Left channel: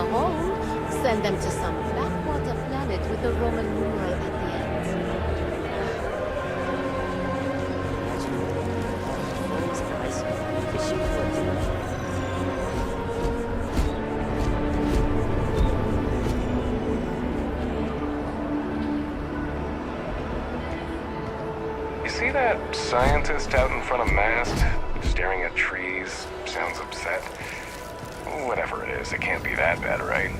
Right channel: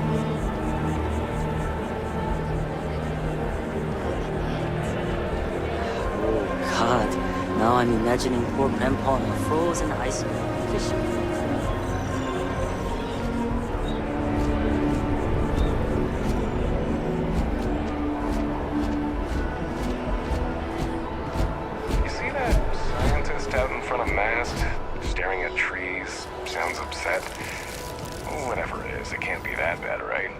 a host, send them to some backwater planet with a Roman numeral at the end. God, now I'm imagining poor Grandpa on a frozen iceberg, fishing for a treasure. You see that scientist out in front of mast, staring at trees, sounds upset? Whatever it is, it can't be that bad, right?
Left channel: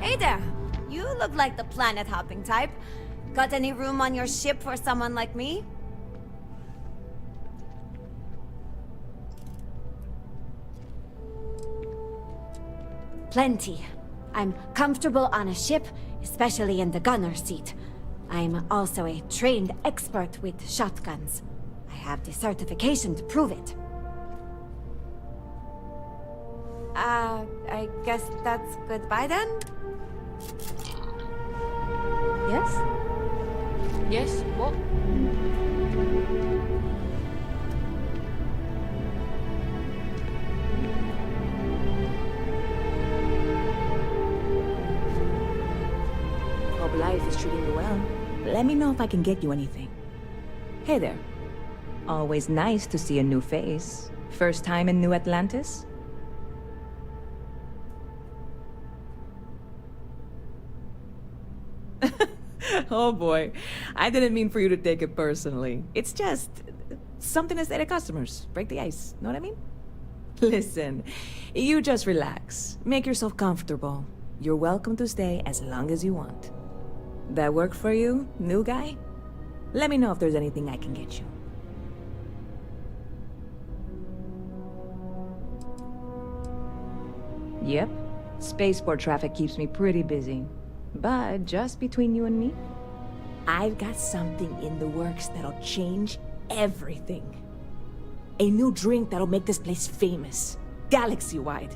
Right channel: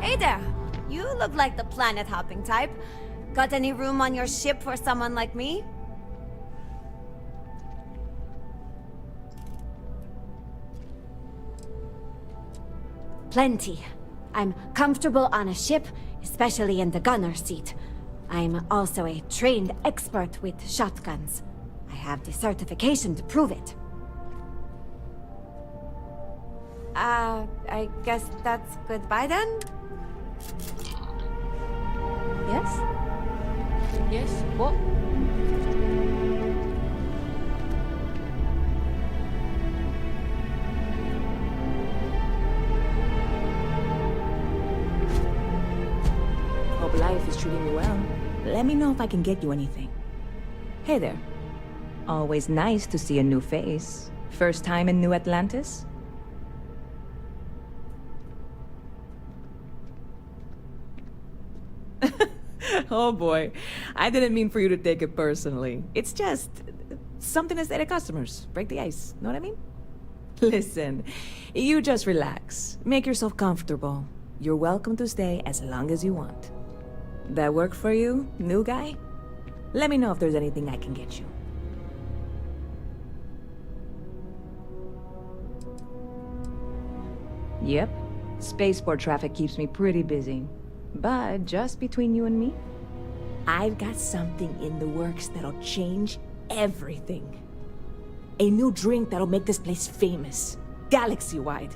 Hey there! You look like the planet-hopping type. Got any room on your ship for someone like me? Plenty. I'm comfortable on a ship, especially in the gunner seat. I'm also a trained expert with shotguns. I have the certification to prove it. I guess that's goodbye then? Yes? Yes? What? Hope life is treating you well. Let me know if I can get you anything. Hey there. Always nice to see a new face. First time in New Atlantis? Oh boy. I didn't mean for you to take it personally. It's just something to say to customers. Break the ice. Know what I mean? Listen, you just relax. Make yourself comfortable. You're welcome to stay as long as you want. That work for you, new guy? Let me know if there's anything I can get you. Yep. Spaceport traffic keeps me pretty busy. But just between you and me, I've got something in the works that'll change everything. A new drink that'll make this place famous, galaxy-wide.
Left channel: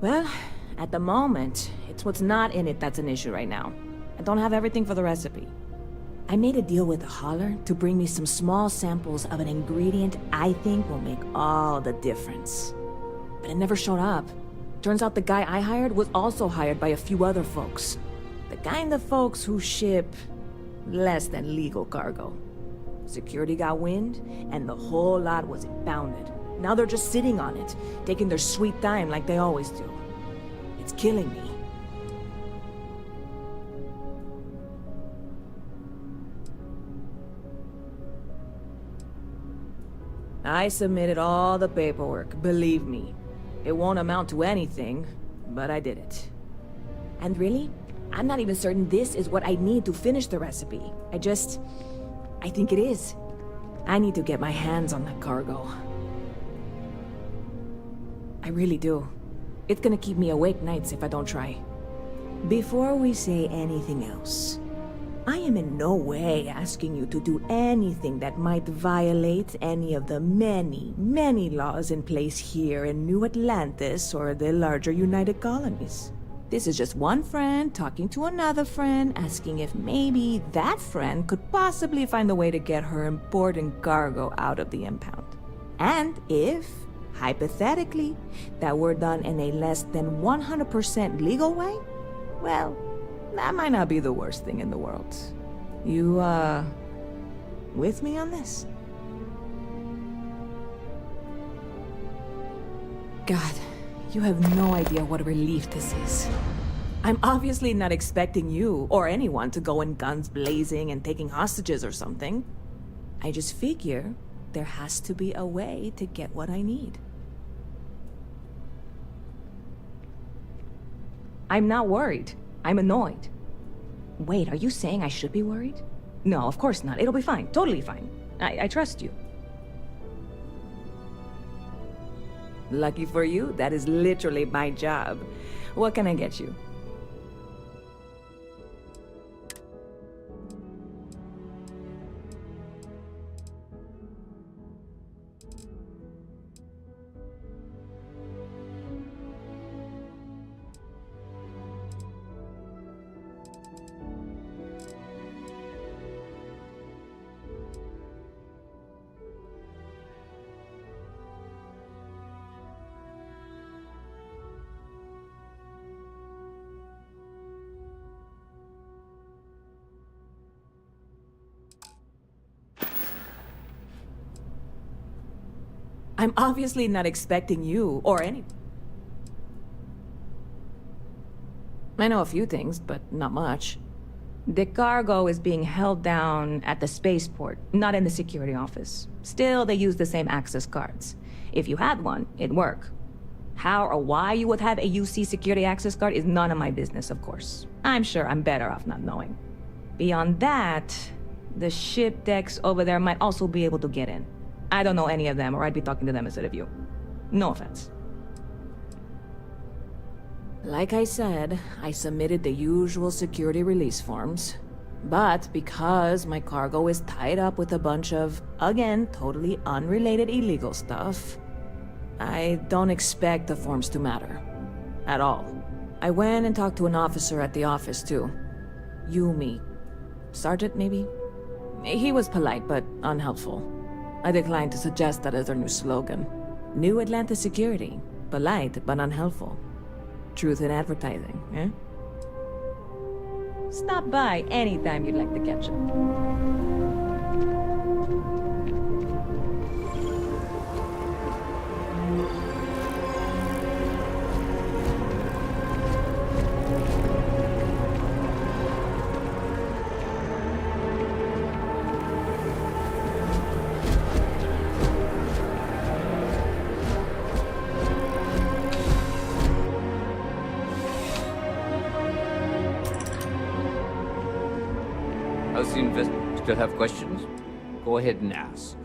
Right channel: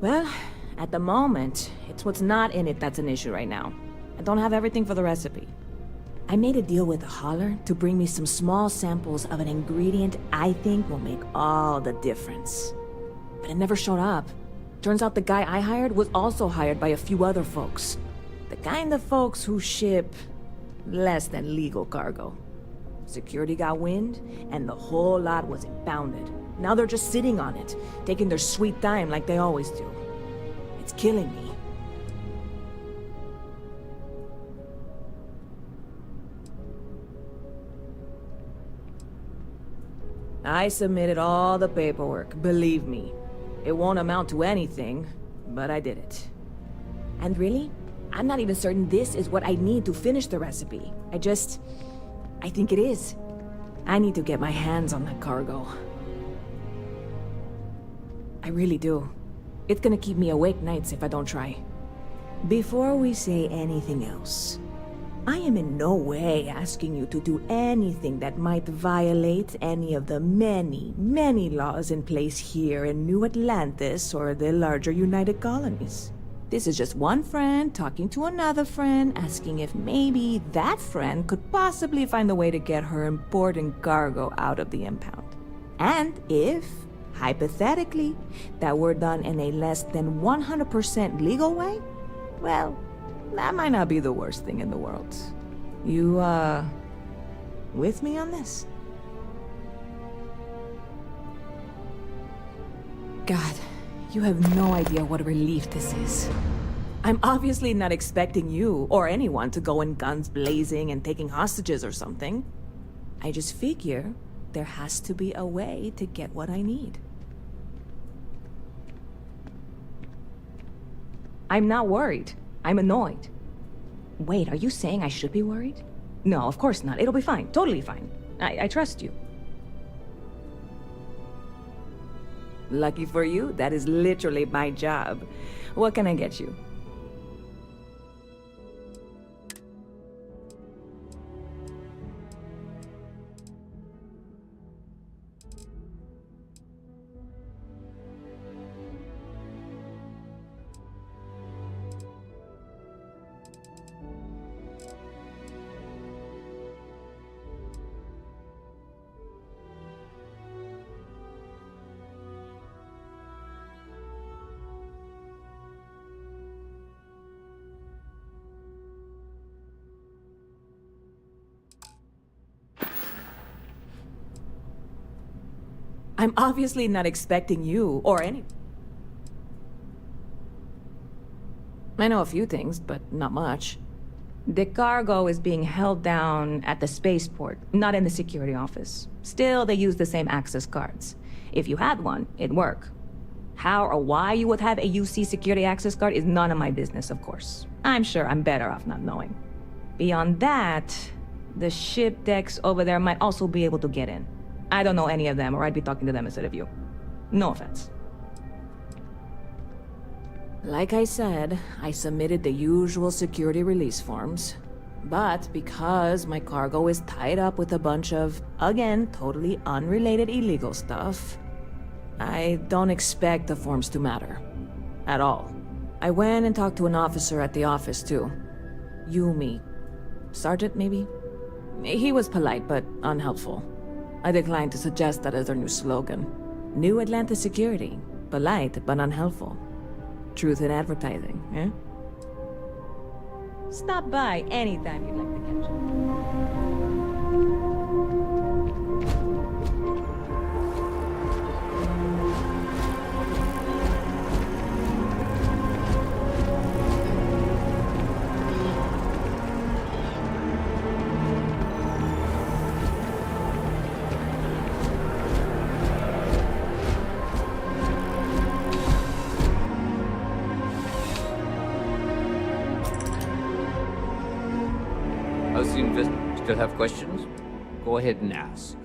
Well, at the moment, it's what's not in it that's an issue right now. I don't have everything for the recipe. I made a deal with a hauler to bring me some small samples of an ingredient I think will make all the difference. But it never showed up. Turns out the guy I hired was also hired by a few other folks. The kind of folks who ship less than legal cargo. Security got wind, and the whole lot was impounded. Now they're just sitting on it, taking their sweet time like they always do. It's killing me. I submitted all the paperwork, believe me. It won't amount to anything, but I did it. And really, I'm not even certain this is what I need to finish the recipe. I think it is. I need to get my hands on that cargo. I really do. It's gonna keep me awake nights if I don't try. Before we say anything else, I am in no way asking you to do anything that might violate any of the many, many laws in place here in New Atlantis or the larger United Colonies. This is just one friend talking to another friend, asking if maybe that friend could possibly find a way to get her important cargo out of the impound. And if, hypothetically, that were done in a less than 100% legal way, well, that might not be the worst thing in the world. You, with me on this? God, you have no idea what a relief this is. I'm obviously not expecting you or anyone to go in guns blazing and taking hostages or something. I just figure there has to be a way to get what I need. I'm not worried. I'm annoyed. Wait, are you saying I should be worried? No, of course not. It'll be fine. Totally fine. I trust you. Lucky for you, that is literally my job. What can I get you? I'm obviously not expecting you or any... I know a few things, but not much. The cargo is being held down at the spaceport, not in the security office. Still, they use the same access cards. If you had one, it'd work. How or why you would have a UC security access card is none of my business, of course. I'm sure I'm better off not knowing. Beyond that, the ship decks over there might also be able to get in. I don't know any of them, or I'd be talking to them instead of you. No offense. Like I said, I submitted the usual security release forms. But because my cargo is tied up with a bunch of, again, totally unrelated illegal stuff, I don't expect the forms to matter. At all. I went and talked to an officer at the office, too. Yumi. Sergeant, maybe? He was polite, but unhelpful. I declined to suggest that as their new slogan. New Atlanta Security. Polite, but unhelpful. Truth in advertising, eh? Stop by anytime you'd like to catch up. How's the invest? Still have questions? Go ahead and ask.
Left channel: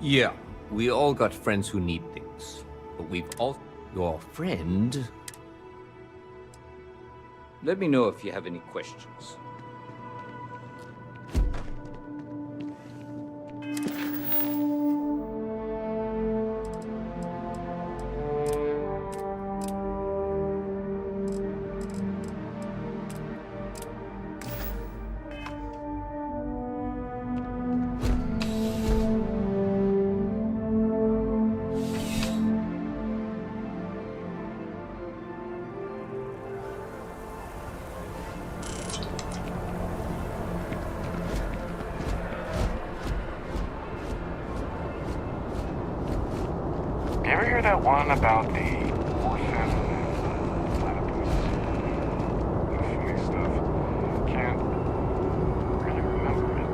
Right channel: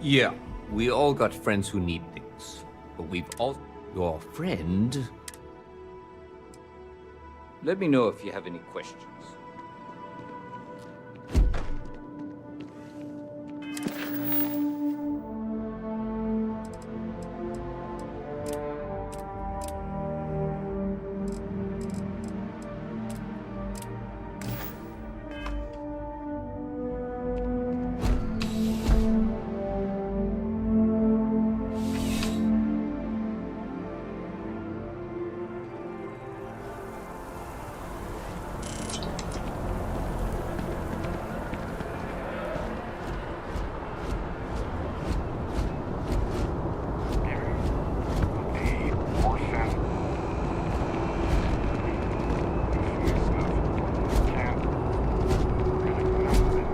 Yeah, we all got friends who need things. But we've all... Your friend... Let me know if you have any questions. You ever hear that one about the orphan? Funny stuff. Can't really remember it.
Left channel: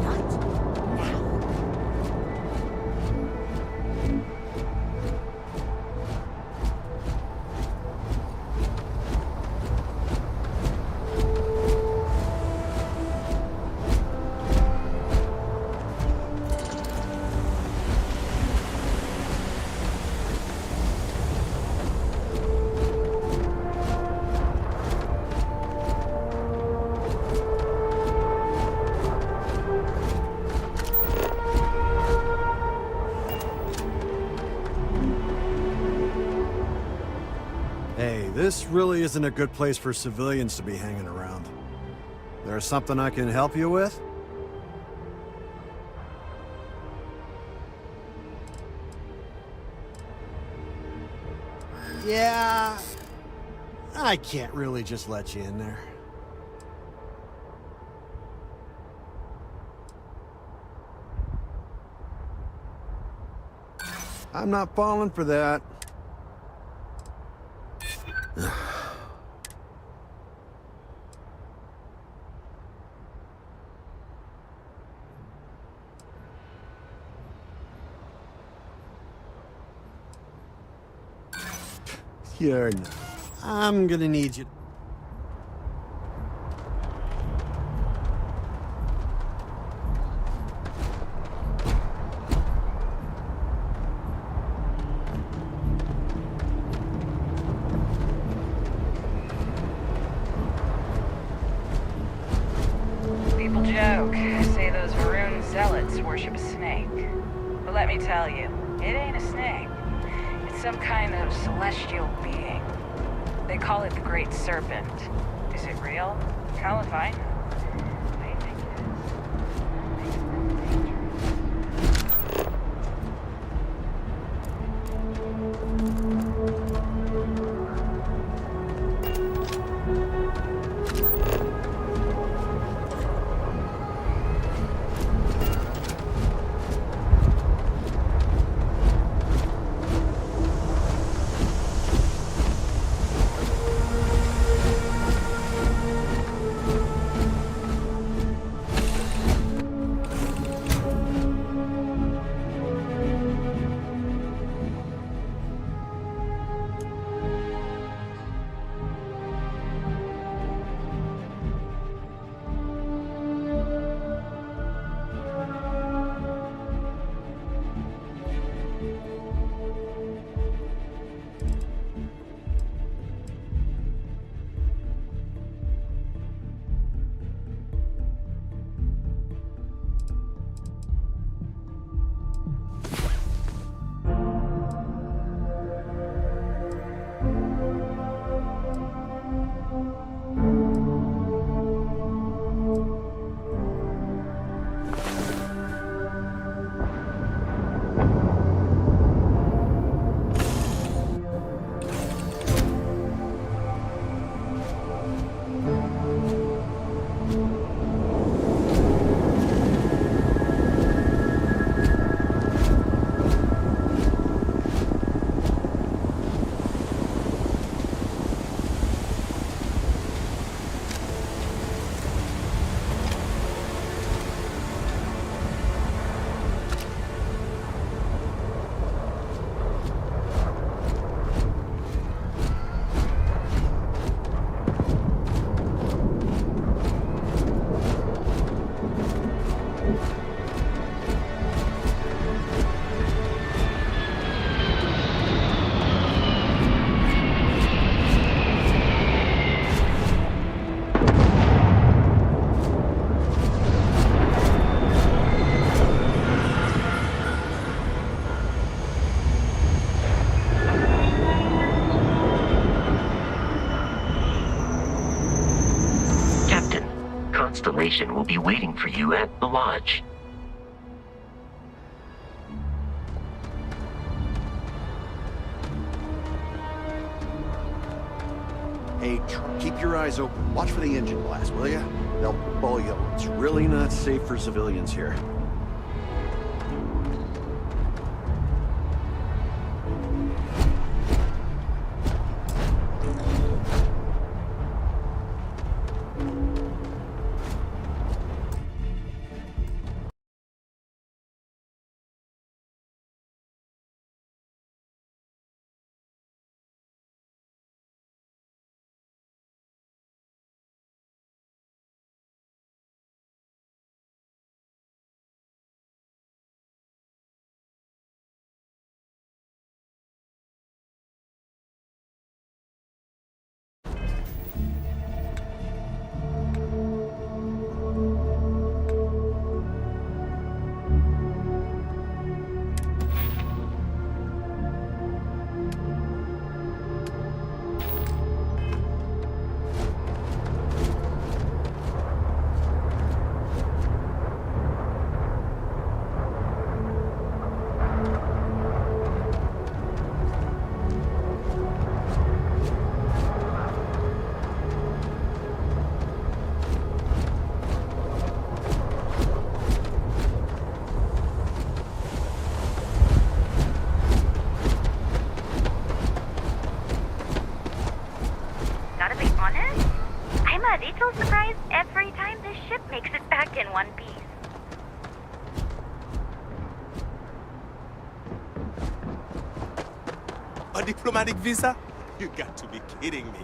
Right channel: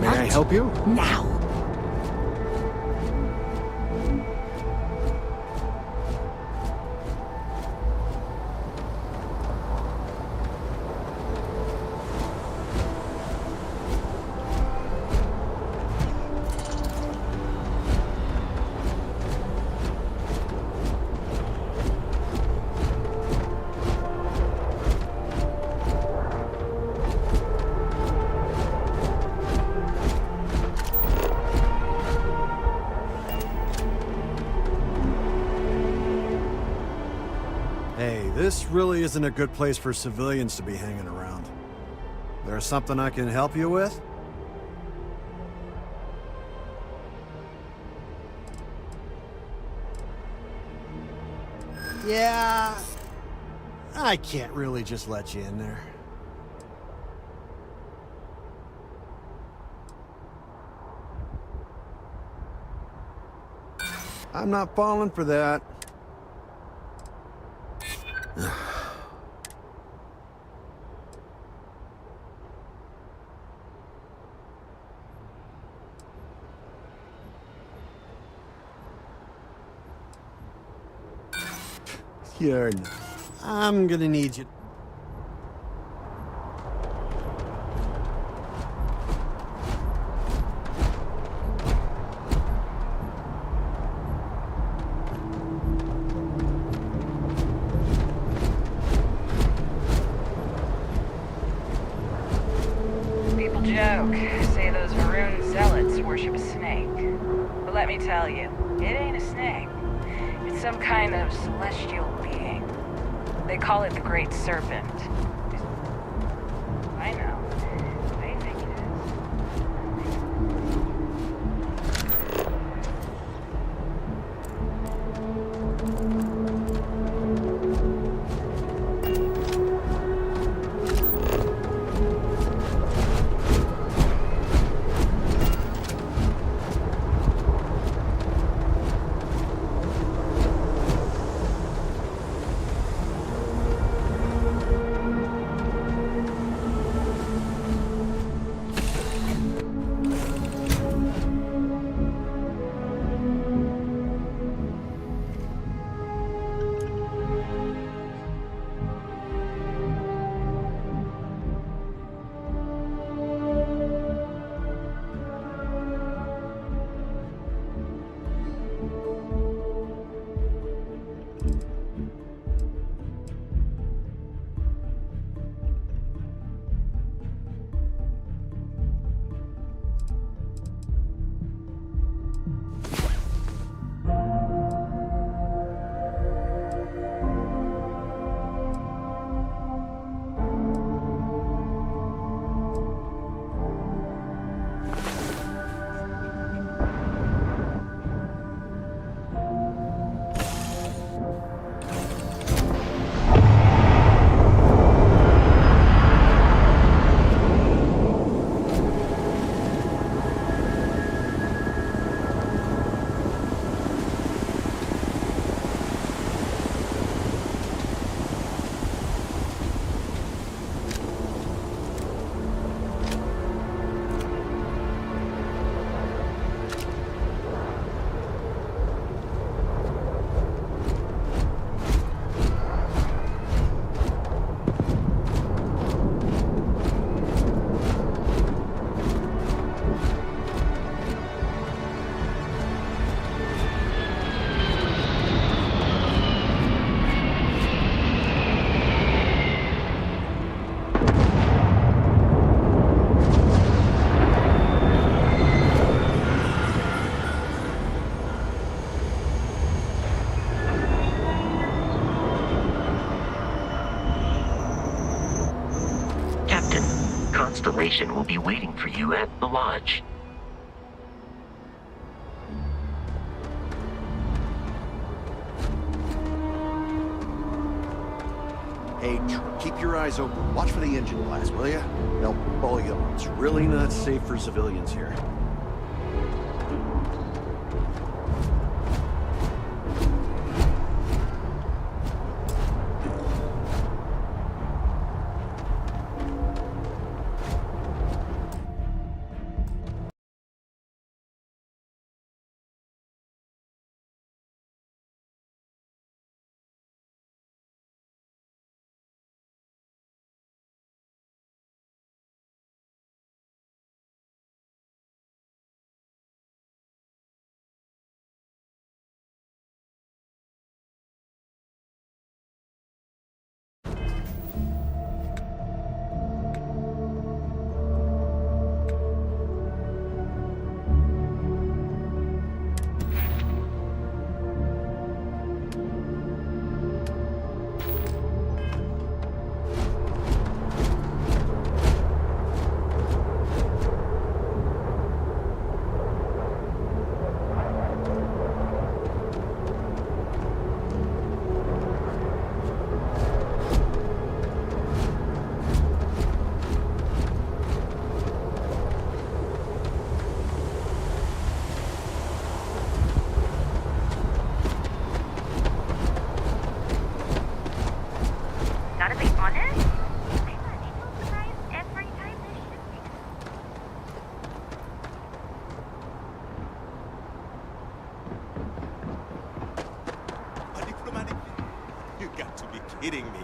May I help you? Now. Hey, this really isn't a good place for civilians to be hanging around. There's something I can help you with? Yeah, I can't really just let you in there. I'm not falling for that. You're not. I'm gonna need you. People joke, say those maroon zealots worship a snake. But let me tell you, it ain't a snake. It's some kind of celestial being. They call it the Great Serpent. Is it real? Hell if I know. They think it is. That makes them dangerous. Captain, Constellation will be waiting for you at the lodge. Hey, keep your eyes open. Watch for the engine blast, will ya? They'll bully you. It's really not safe for civilians here. diplomatic visa? You got to be kidding me.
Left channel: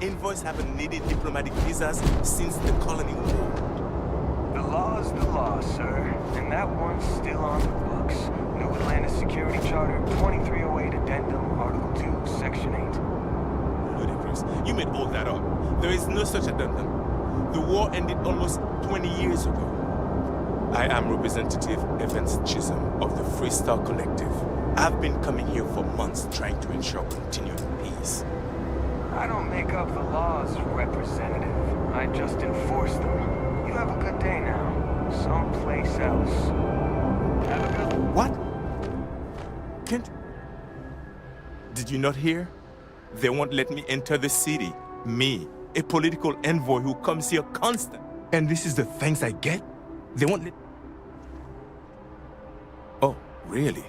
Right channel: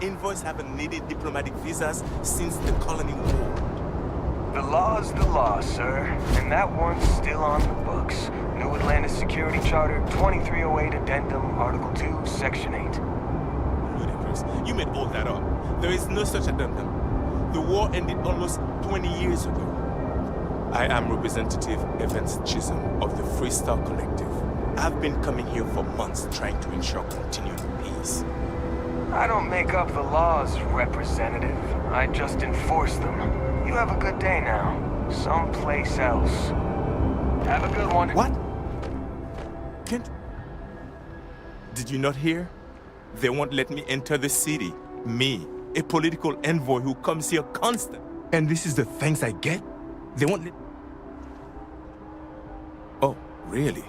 Envoys haven't needed diplomatic visas since the colony war. The law's the law, sir, and that one's still on the books. New Atlantis Security Charter 2308 Addendum, Article 2, Section 8. Ludicrous. You made all that up. There is no such addendum. The war ended almost 20 years ago. I am Representative Evans Chisholm of the Freestar Collective. I've been coming here for months trying to ensure continued peace. I don't make up the laws, Representative. I just enforce them. You have a good day now. Someplace else. Have a good one. What? Can't... Did you not hear? They won't let me enter the city. Me, a political envoy who comes here constant. And this is the thanks I get? They won't let... Oh, really?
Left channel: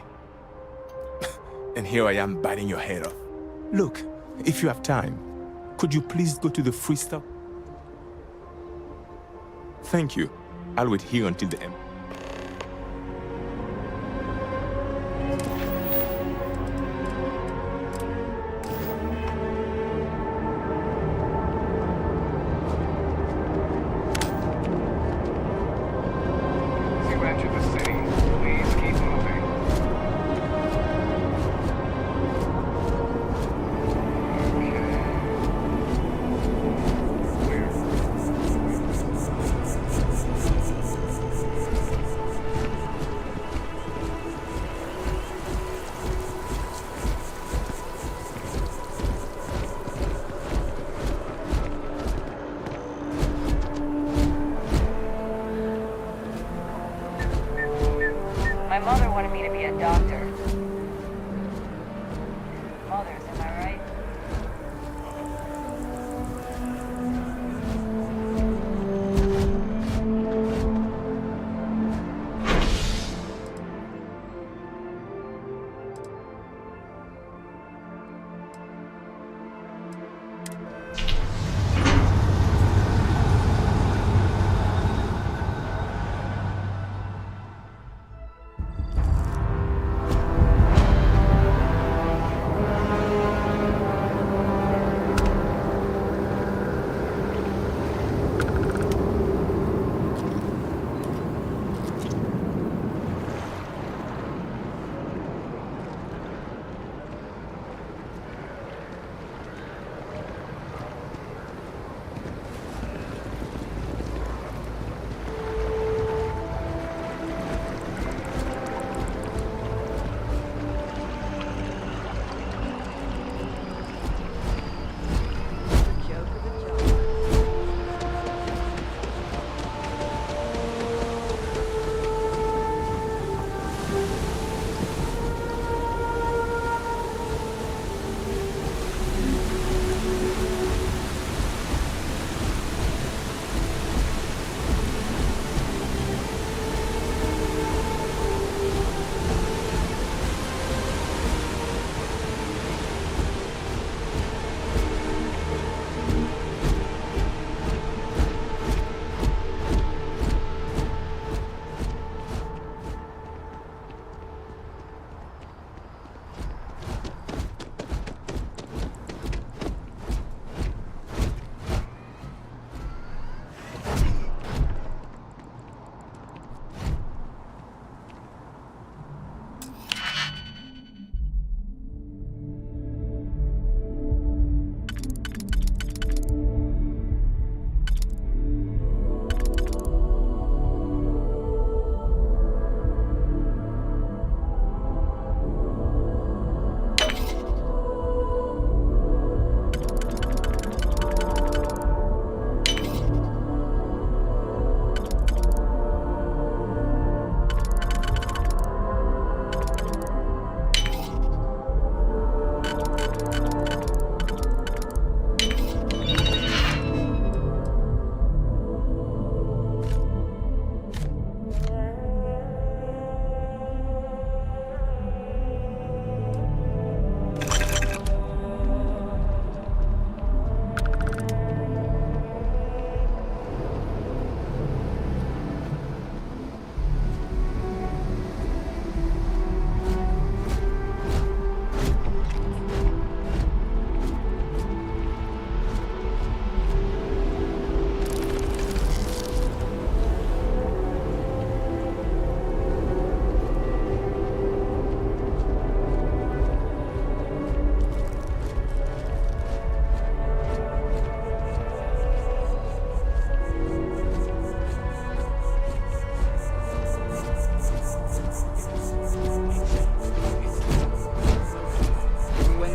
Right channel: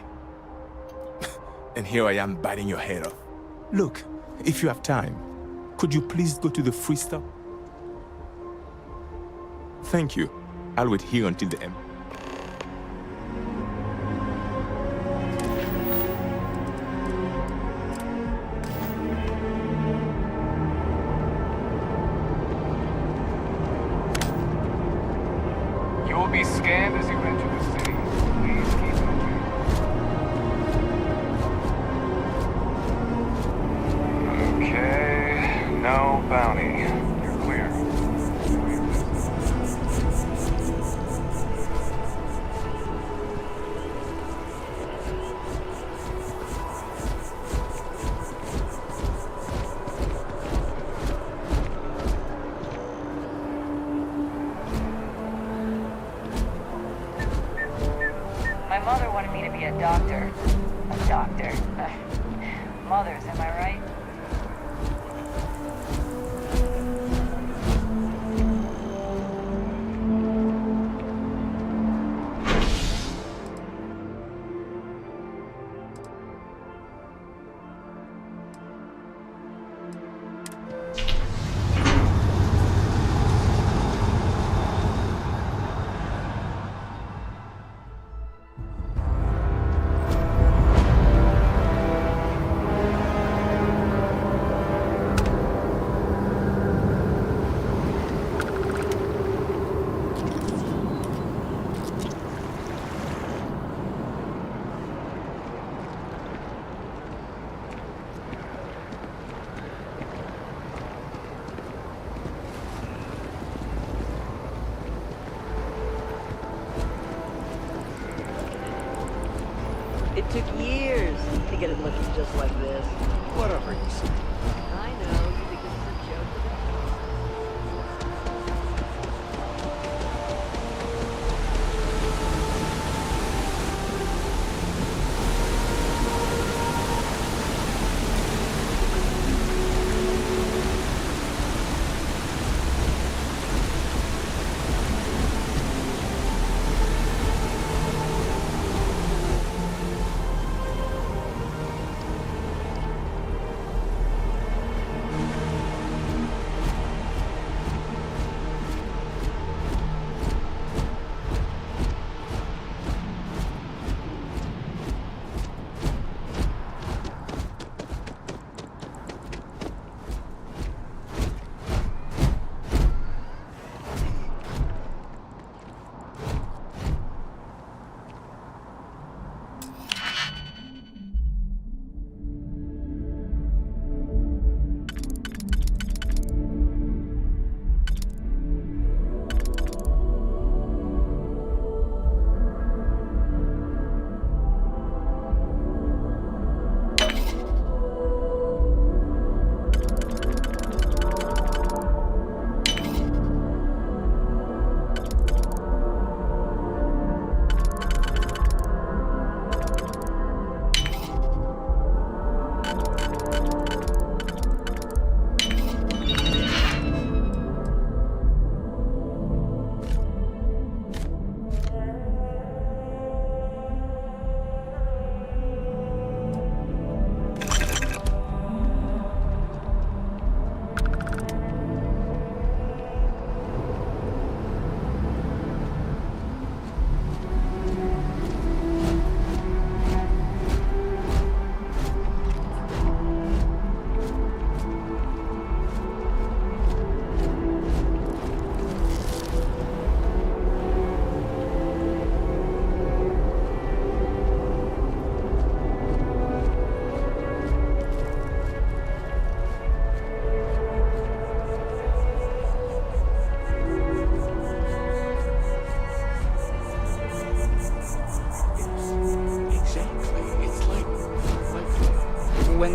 And here I am biting your head off. Look, if you have time, could you please go to the Freestar? Thank you. I'll wait here until the end. You will be scanned as you enter the city. Please keep moving. Okay, no bounty. You're clear. My mother wanted me to be a doctor. A doctor. Mothers, am I right?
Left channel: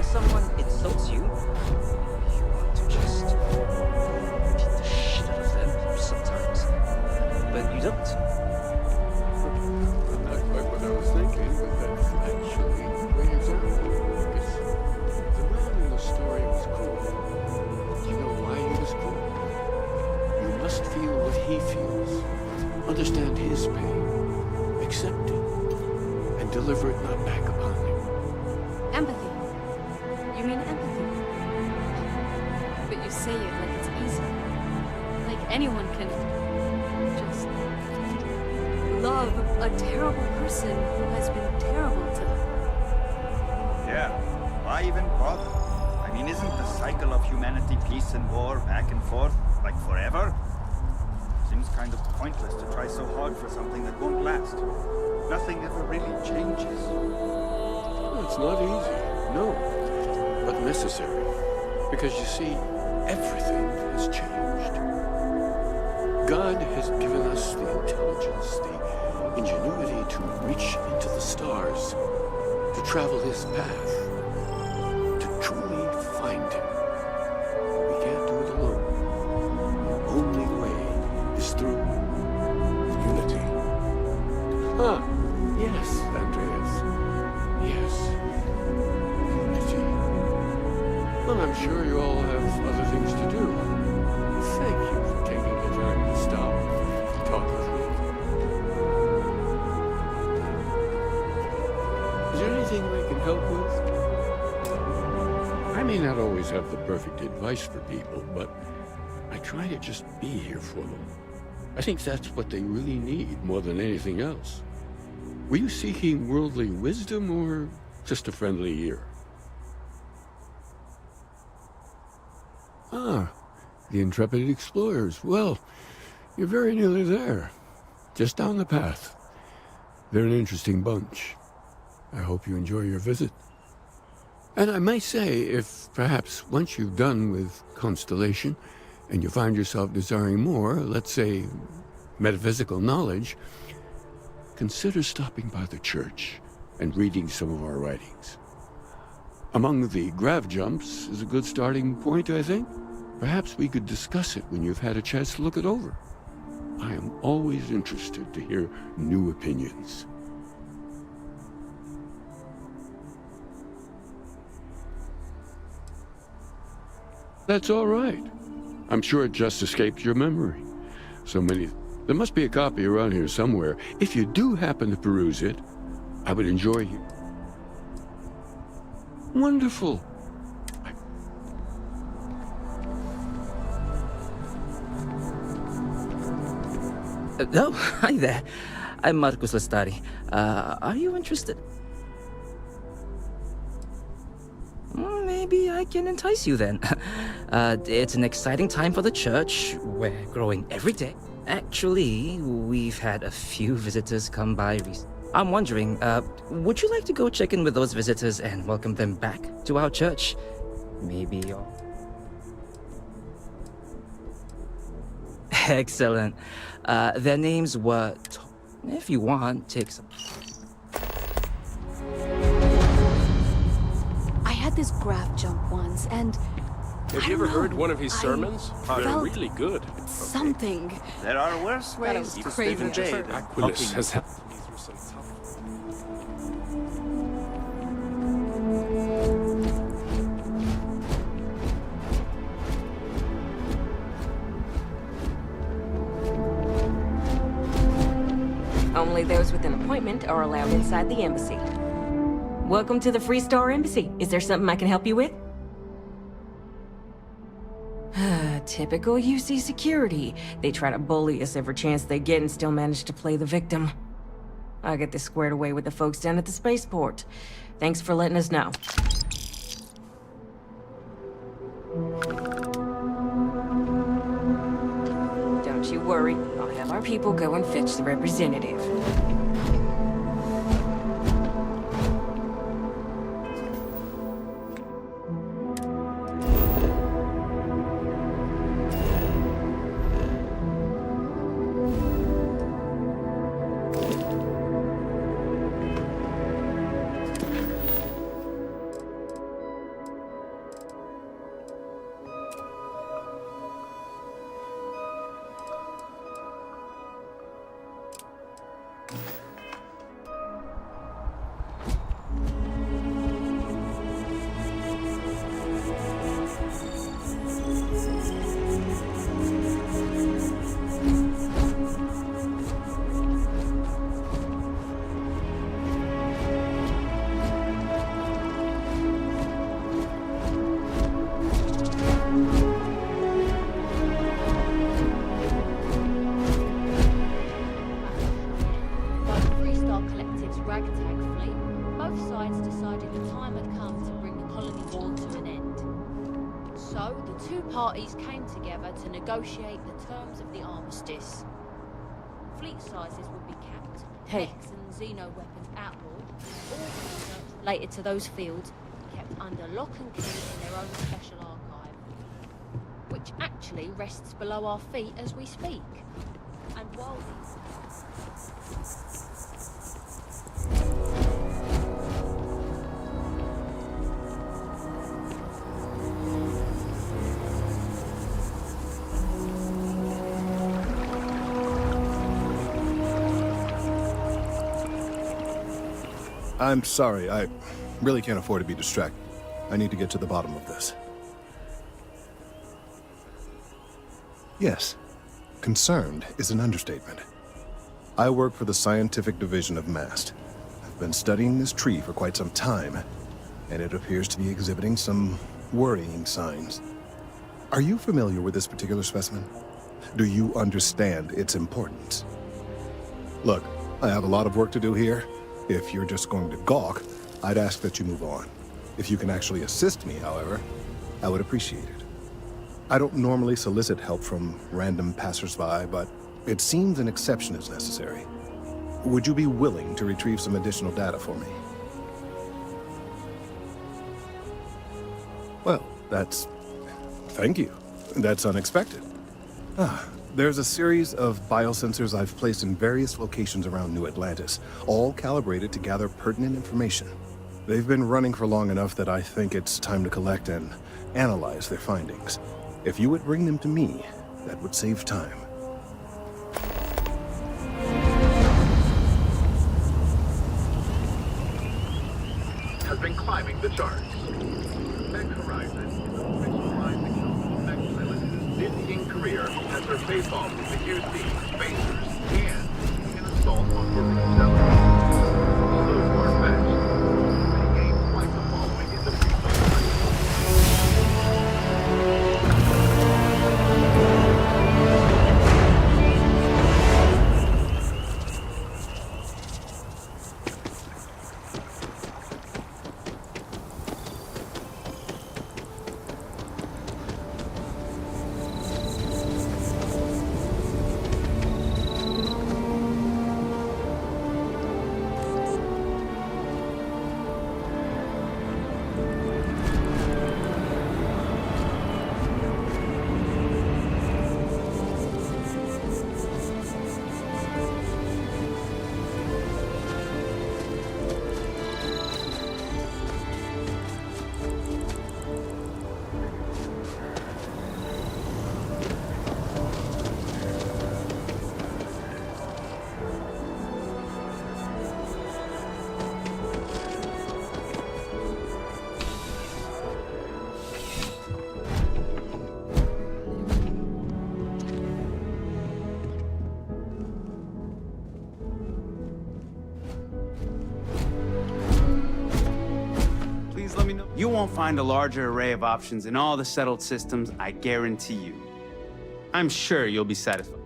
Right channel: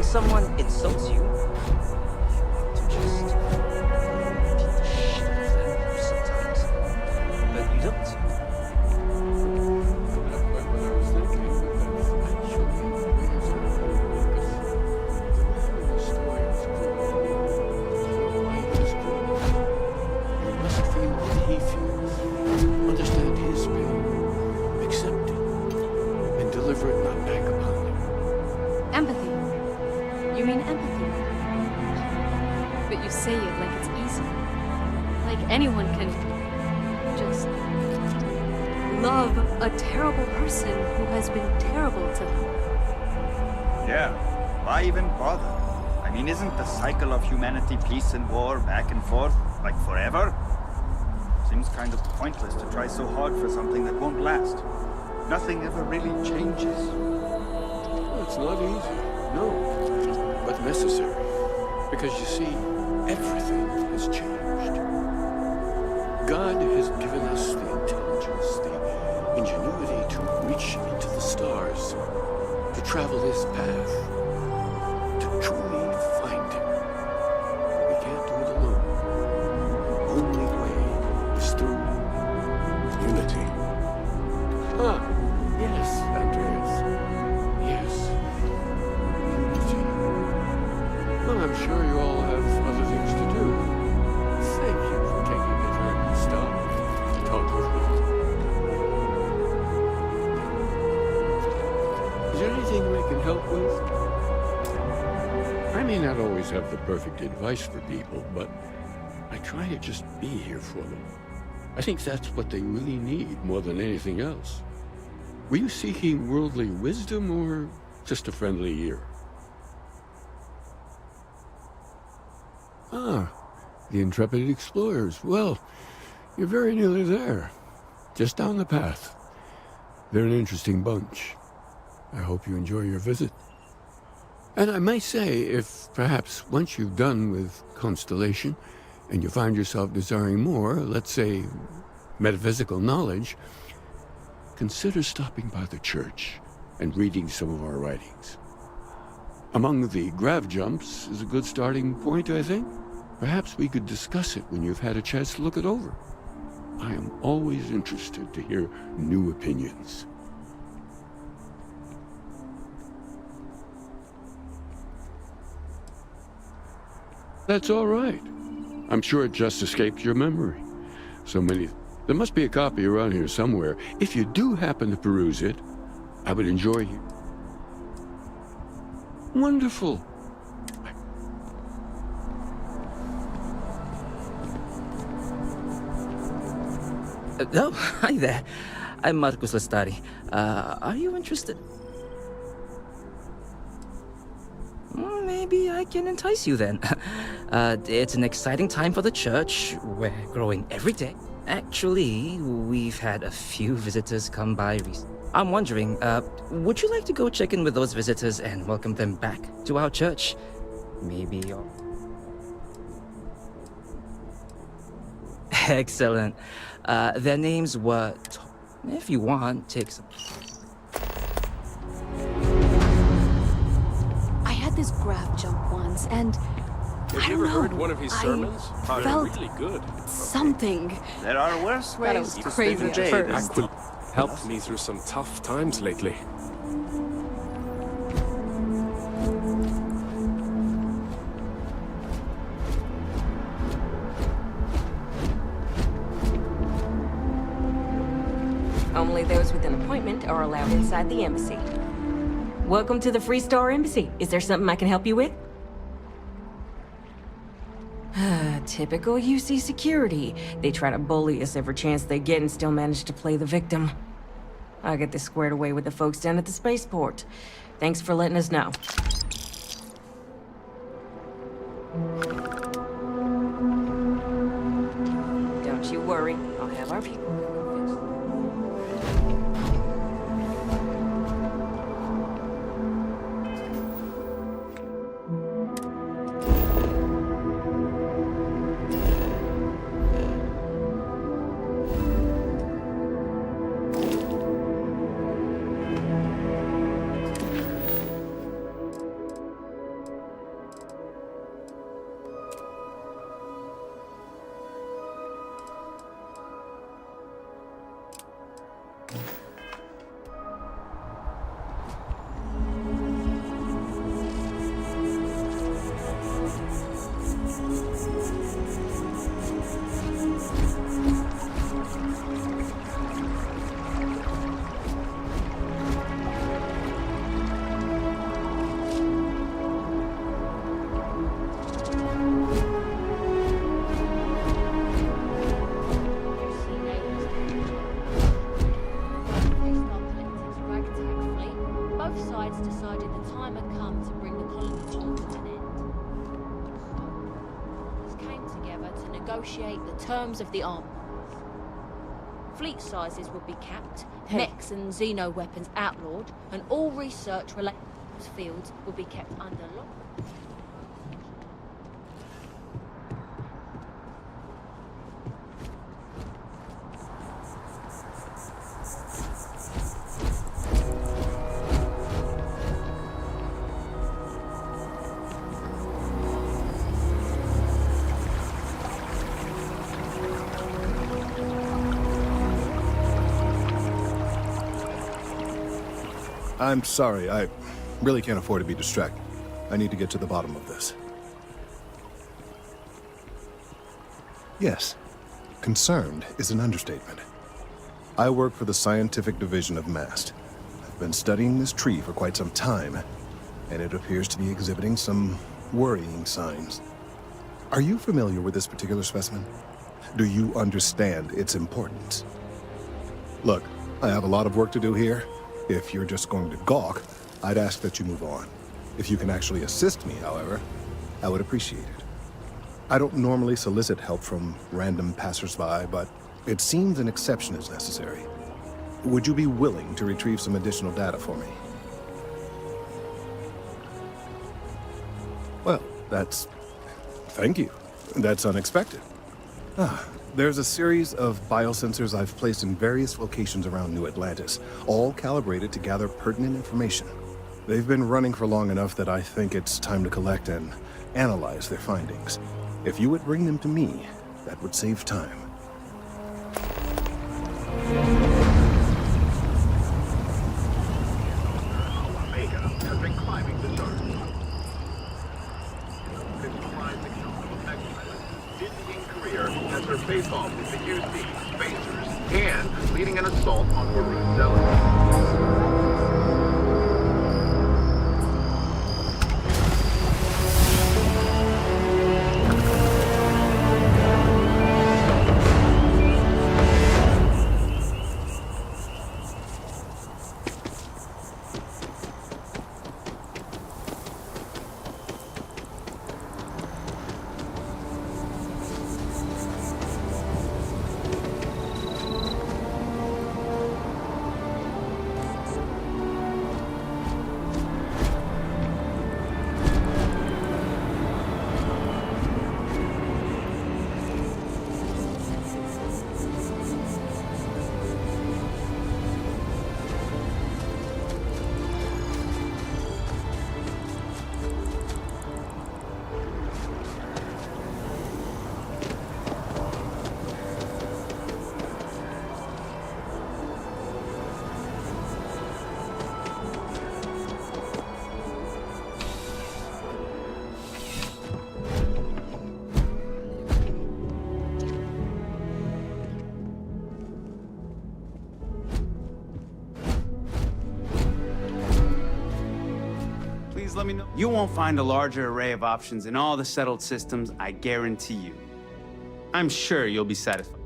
someone insults you, you want to just beat the shit out of them sometimes. But you don't. Not quite what I was thinking, but that's actually the way it's because the man in the story was cruel. You know why he was cruel? You must feel what he feels, understand his pain, accept it, and deliver it not back upon him. Empathy. You mean empathy? But you say it like it's easy. Like anyone can just love a terrible person who has been terrible to them. Yeah, why even bother? I mean, isn't the cycle of humanity peace and war back and forth, like forever? Seems kind of pointless to try so hard for something that won't last. Nothing ever really changes. Well, it's not easy, no, but necessary. Because you see, everything has changed. God has given us the intelligence, the ingenuity to reach into the stars, to travel his path, to truly find him. But we can't do it alone. The only way is through unity. Ah, yes, Andreas. Yes. Unity. Well, I'm sure you all have other things to do. Thank you for taking the time to stop and talk with me. Is there anything I can help with? I may not always have the perfect advice for people, but I try to just be here for them. I think that's what they really need more than anything else. Were you seeking worldly wisdom or just a friendly ear? Ah, the intrepid explorers. Well, you're very nearly there. Just down the path. They're an interesting bunch. I hope you enjoy your visit. And I might say, if perhaps once you've done with Constellation, and you find yourself desiring more, let's say, metaphysical knowledge, consider stopping by the church and reading some of our writings. Among the grav jumps is a good starting point, I think. Perhaps we could discuss it when you've had a chance to look it over. I am always interested to hear new opinions. That's all right. I'm sure it just escaped your memory. So many... There must be a copy around here somewhere. If you do happen to peruse it, I would enjoy you. Wonderful. Oh, hi there. I'm Marcus Lestari. Are you interested? Maybe I can entice you then. It's an exciting time for the church. We're growing every day. Actually, we've had a few visitors come by recently. I'm wondering, would you like to go check in with those visitors and welcome them back to our church? Maybe you're... Excellent. Their names were... If you want, take some... I had this grav jump once, and Have you ever heard one of his sermons? They're felt really good. something. There are worse Thought it ways was to crazy spend at a day first. than Aquilus talking. has helped me through some tough times lately. Only those with an appointment are allowed inside the embassy. Welcome to the Free Star Embassy. Is there something I can help you with? Typical UC security. They try to bully us every chance they get and still manage to play the victim. I'll get this squared away with the folks down at the spaceport. Thanks for letting us know. Don't you worry. I'll have our people go and fetch the representative. sides decided the time had come to bring the colony war to an end. So, the two parties came together to negotiate the terms of the armistice. Fleet sizes would be capped, mechs and xeno weapons outlawed, and all research related to those fields would be kept under lock and key in their own special archive, which actually rests below our feet as we speak. And while I'm sorry, I really can't afford to be distracted. I need to get to the bottom of this. Yes, concerned is an understatement. I work for the scientific division of MAST. I've been studying this tree for quite some time, and it appears to be exhibiting some worrying signs. Are you familiar with this particular specimen? Do you understand its importance? Look, I have a lot of work to do here. If you're just going to gawk, I'd ask that you move on. If you can actually assist me, however, I would appreciate it. I don't normally solicit help from random passersby, but it seems an exception is necessary. Would you be willing to retrieve some additional data for me? Well, thank you. That's unexpected. There's a series of biosensors I've placed in various locations around New Atlantis, all calibrated to gather pertinent information. They've been running for long enough that I think it's time to collect and analyze their findings. If you would bring them to me, that would save time. Has been climbing the charts. Dizzying career has her face-off with the UC, Spacers, and leading an assault on Maroon Zealot. Let me know. You won't find a larger array of options in all the settled systems, I guarantee you. I'm sure you'll be satisfied.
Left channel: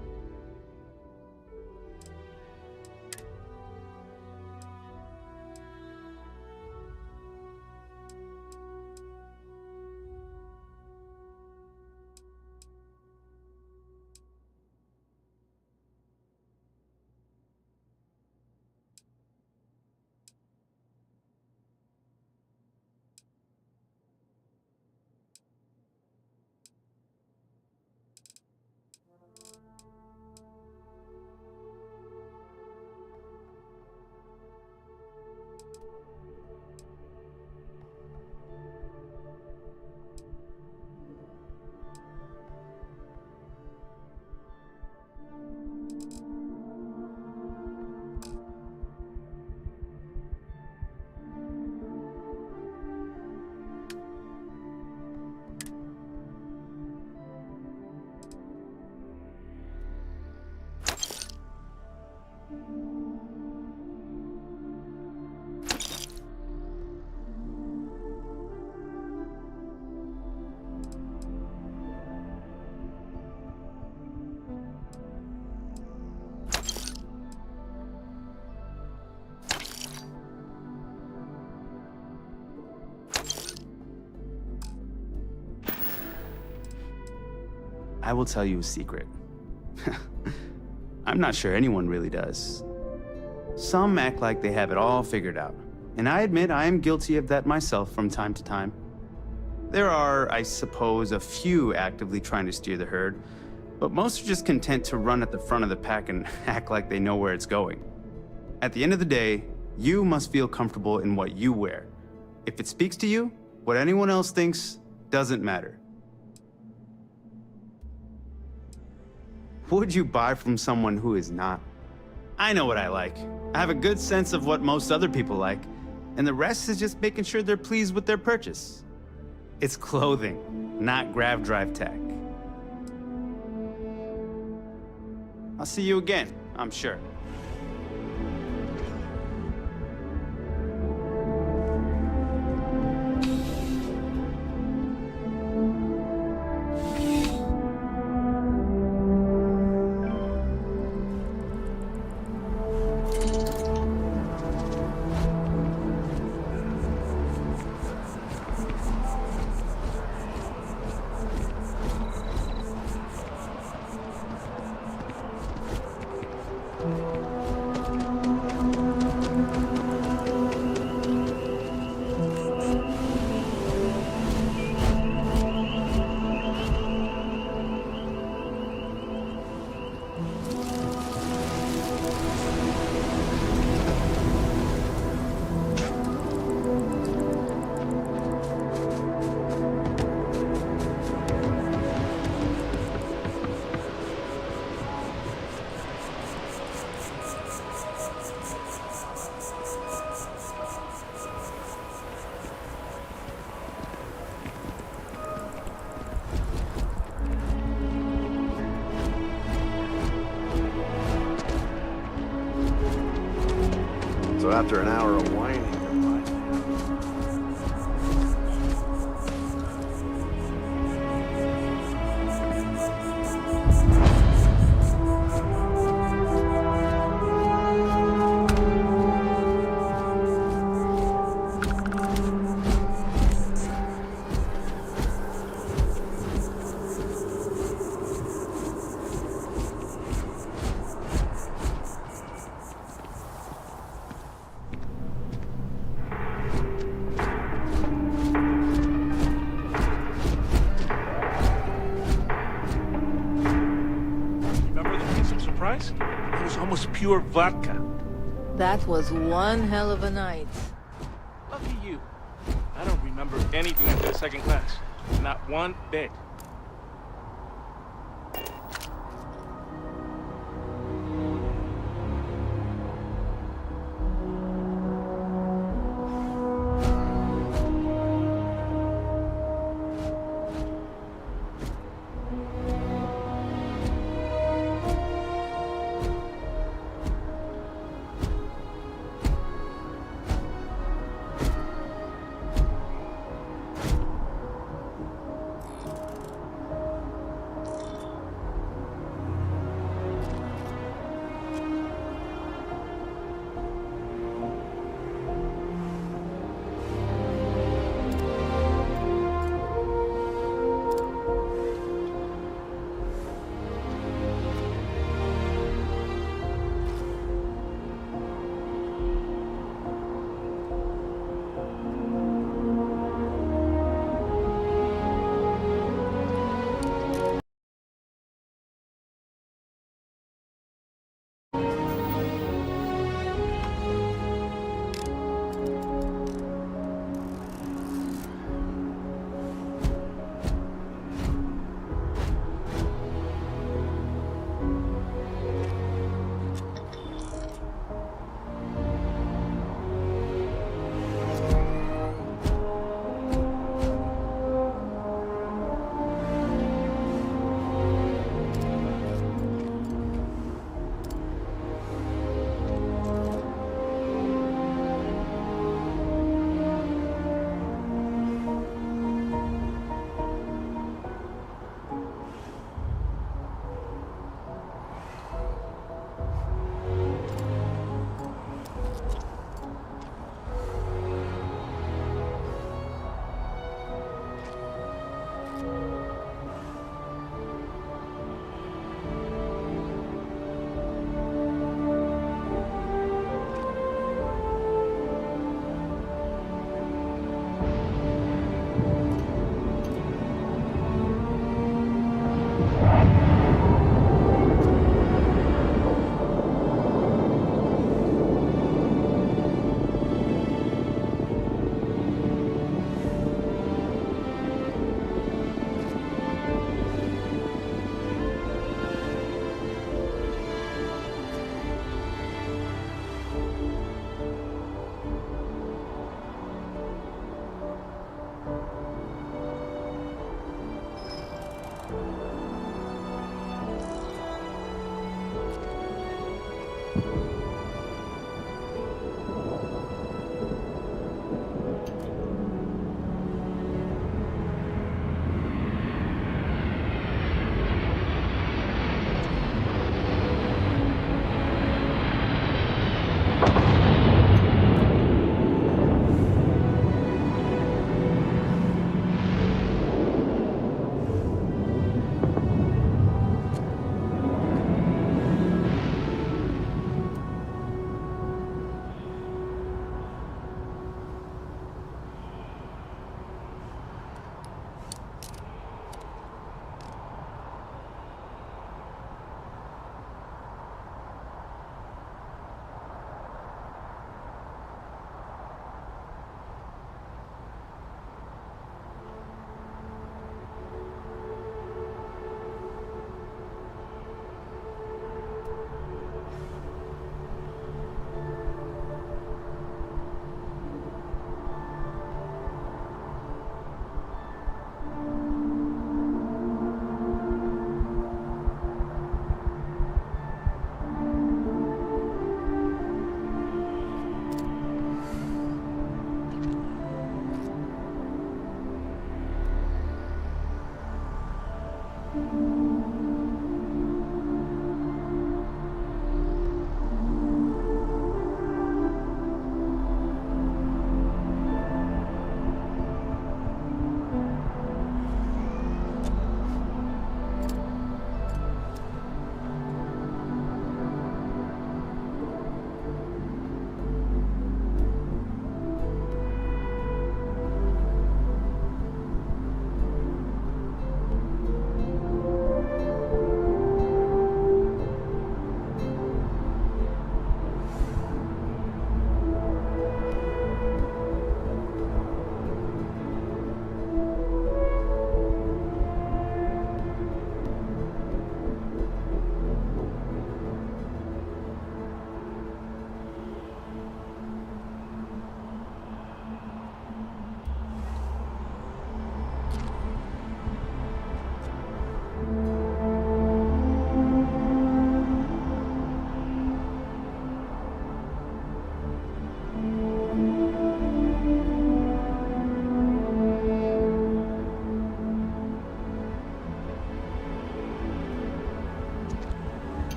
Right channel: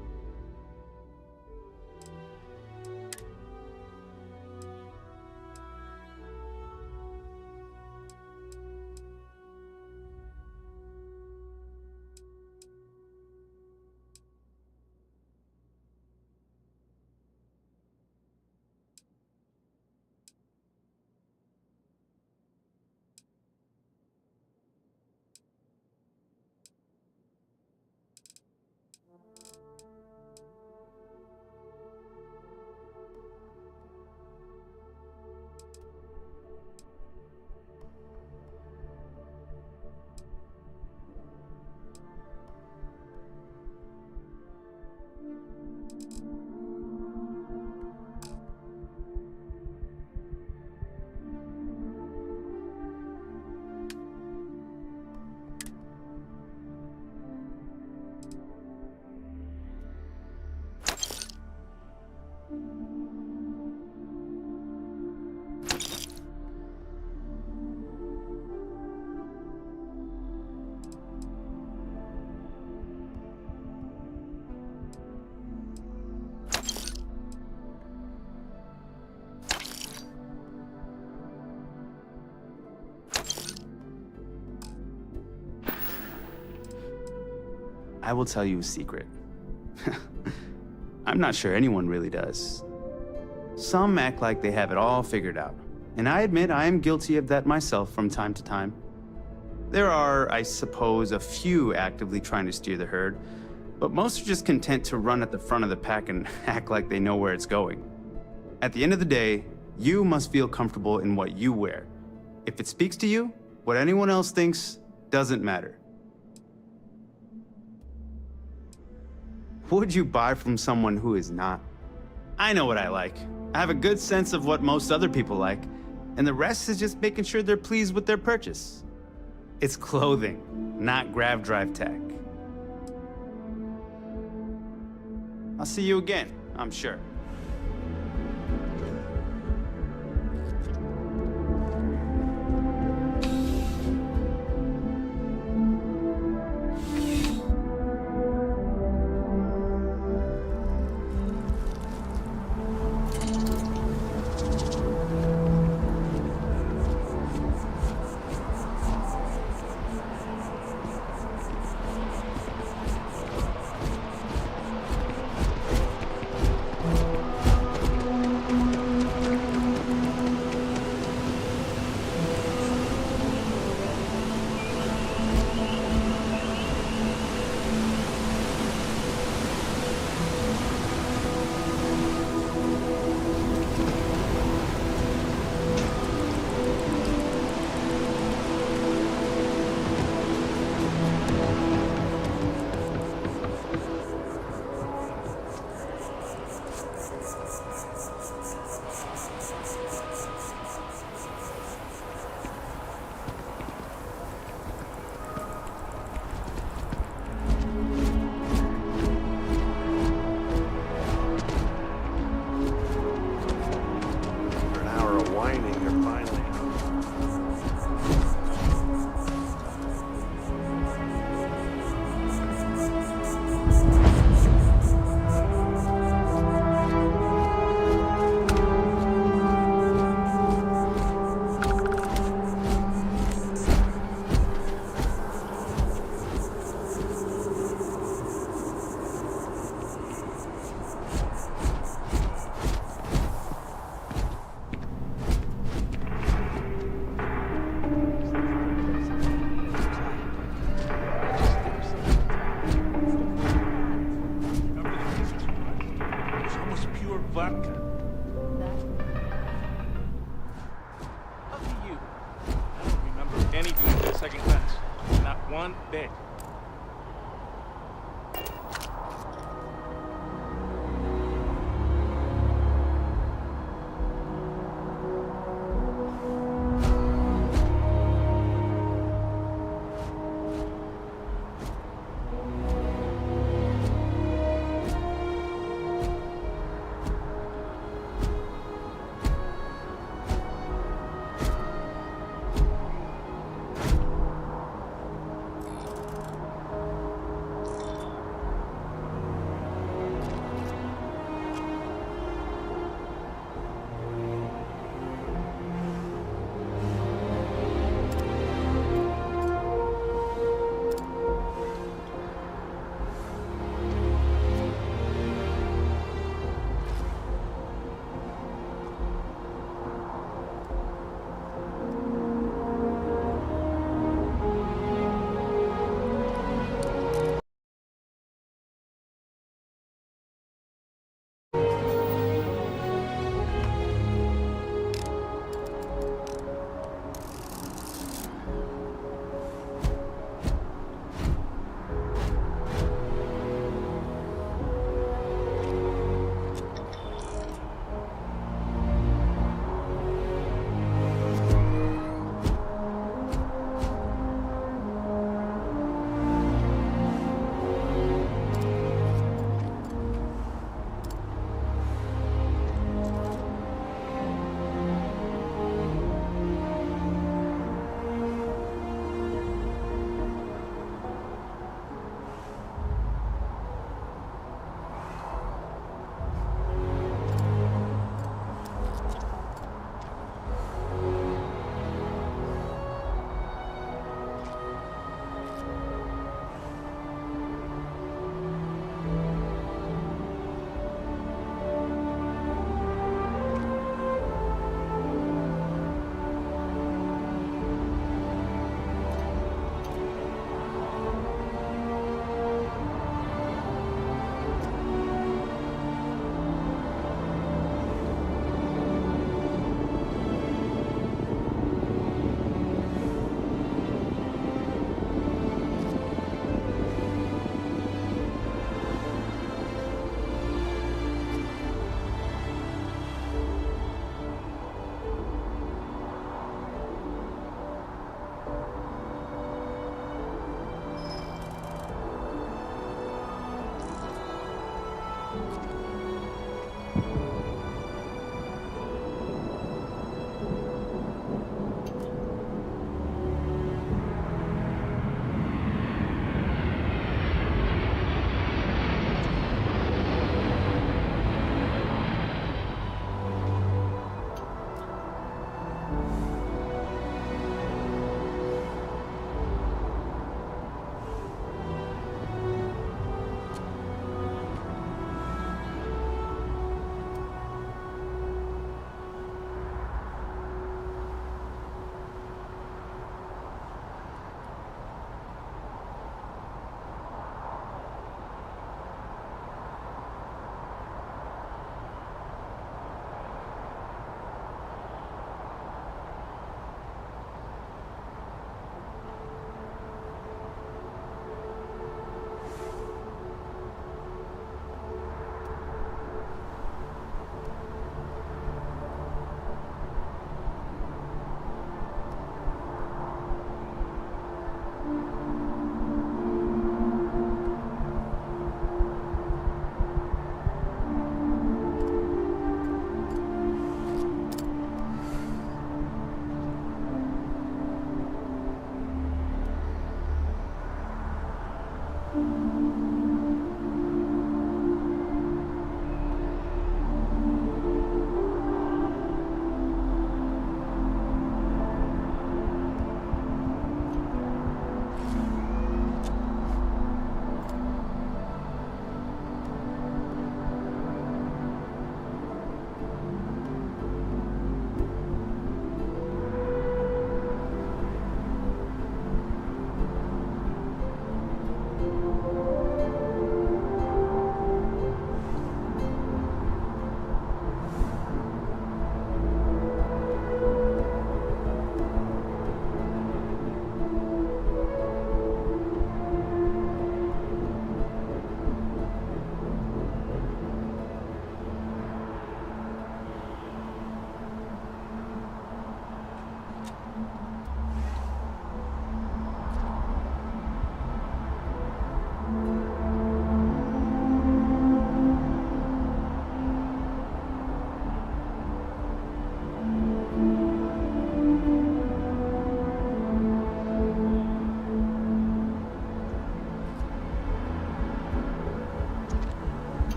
I will tell you a secret. I'm not sure anyone really does. Some act like they have it all figured out, and I admit I am guilty of that myself from time to time. There are, I suppose, a few actively trying to steer the herd, but most are just content to run at the front of the pack and act like they know where it's going. At the end of the day, you must feel comfortable in what you wear. If it speaks to you, what anyone else thinks doesn't matter. Would you buy from someone who is not? I know what I like. I have a good sense of what most other people like, and the rest is just making sure they're pleased with their purchase. It's clothing, not grav drive tech. I'll see you again, I'm sure. After an hour of whining, they're finally out. It was almost pure vodka. That was one hell of a night. Lucky you. I don't remember anything after the second class. Not one bit.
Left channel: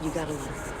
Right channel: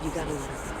You gotta let her go.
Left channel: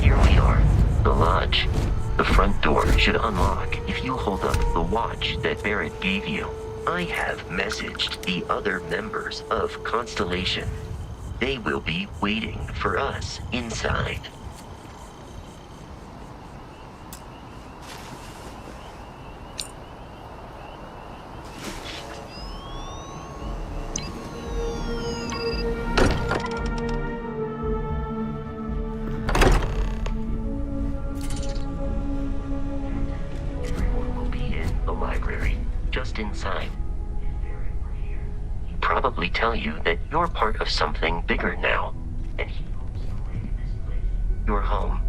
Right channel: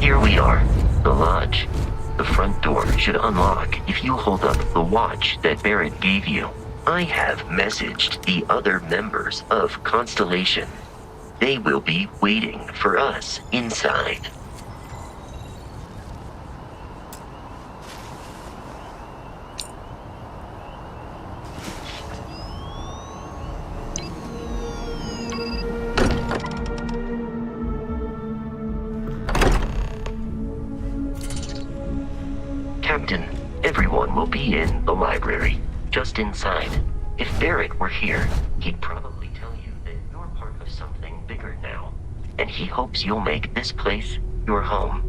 Here we are, the lodge. The front door should unlock if you hold up the watch that Barrett gave you. I have messaged the other members of Constellation. They will be waiting for us inside. Captain, everyone will be in the library, just inside. If Barrett were here, he'd probably tell you that you're part of something bigger now, and he hopes you'll make this place your home.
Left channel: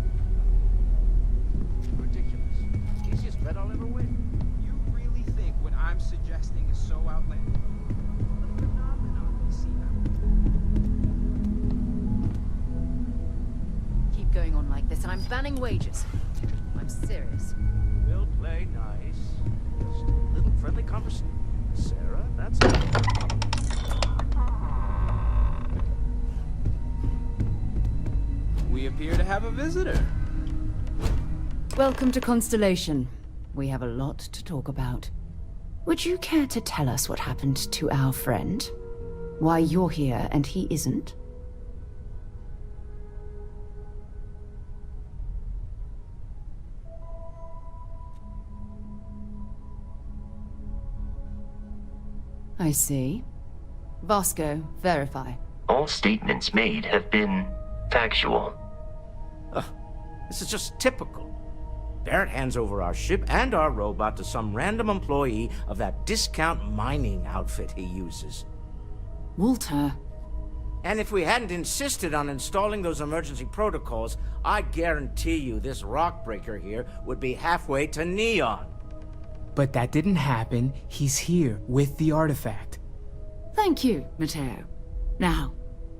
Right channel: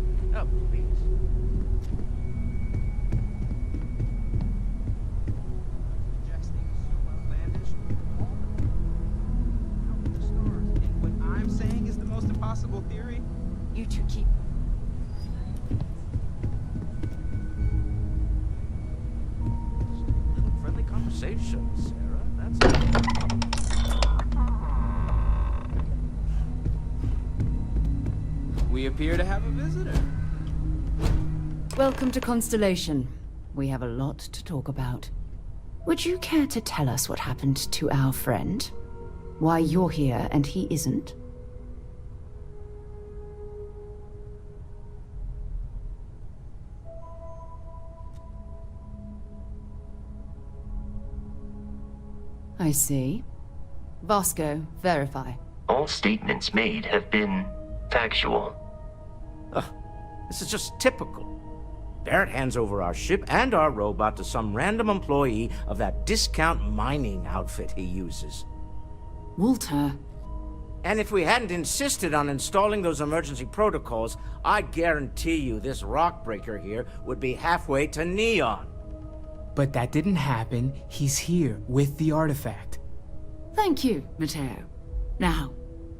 You two keep going on like this, and I'm banning wages. I'm serious. We'll play nice. Just a little friendly conversation, Sarah. That's We appear to have a visitor. Welcome to Constellation. We have a lot to talk about. Would you care to tell us what happened to our friend? Why you're here and he isn't? I see. Vasco, verify. All statements made have been factual. This is just typical. Barrett hands over our ship and our robot to some random employee of that discount mining outfit he uses. Walter. And if we hadn't insisted on installing those emergency protocols, I guarantee you this rock breaker here would be halfway to Neon. But that didn't happen. He's here with the artifact. Thank you, Matteo. Now,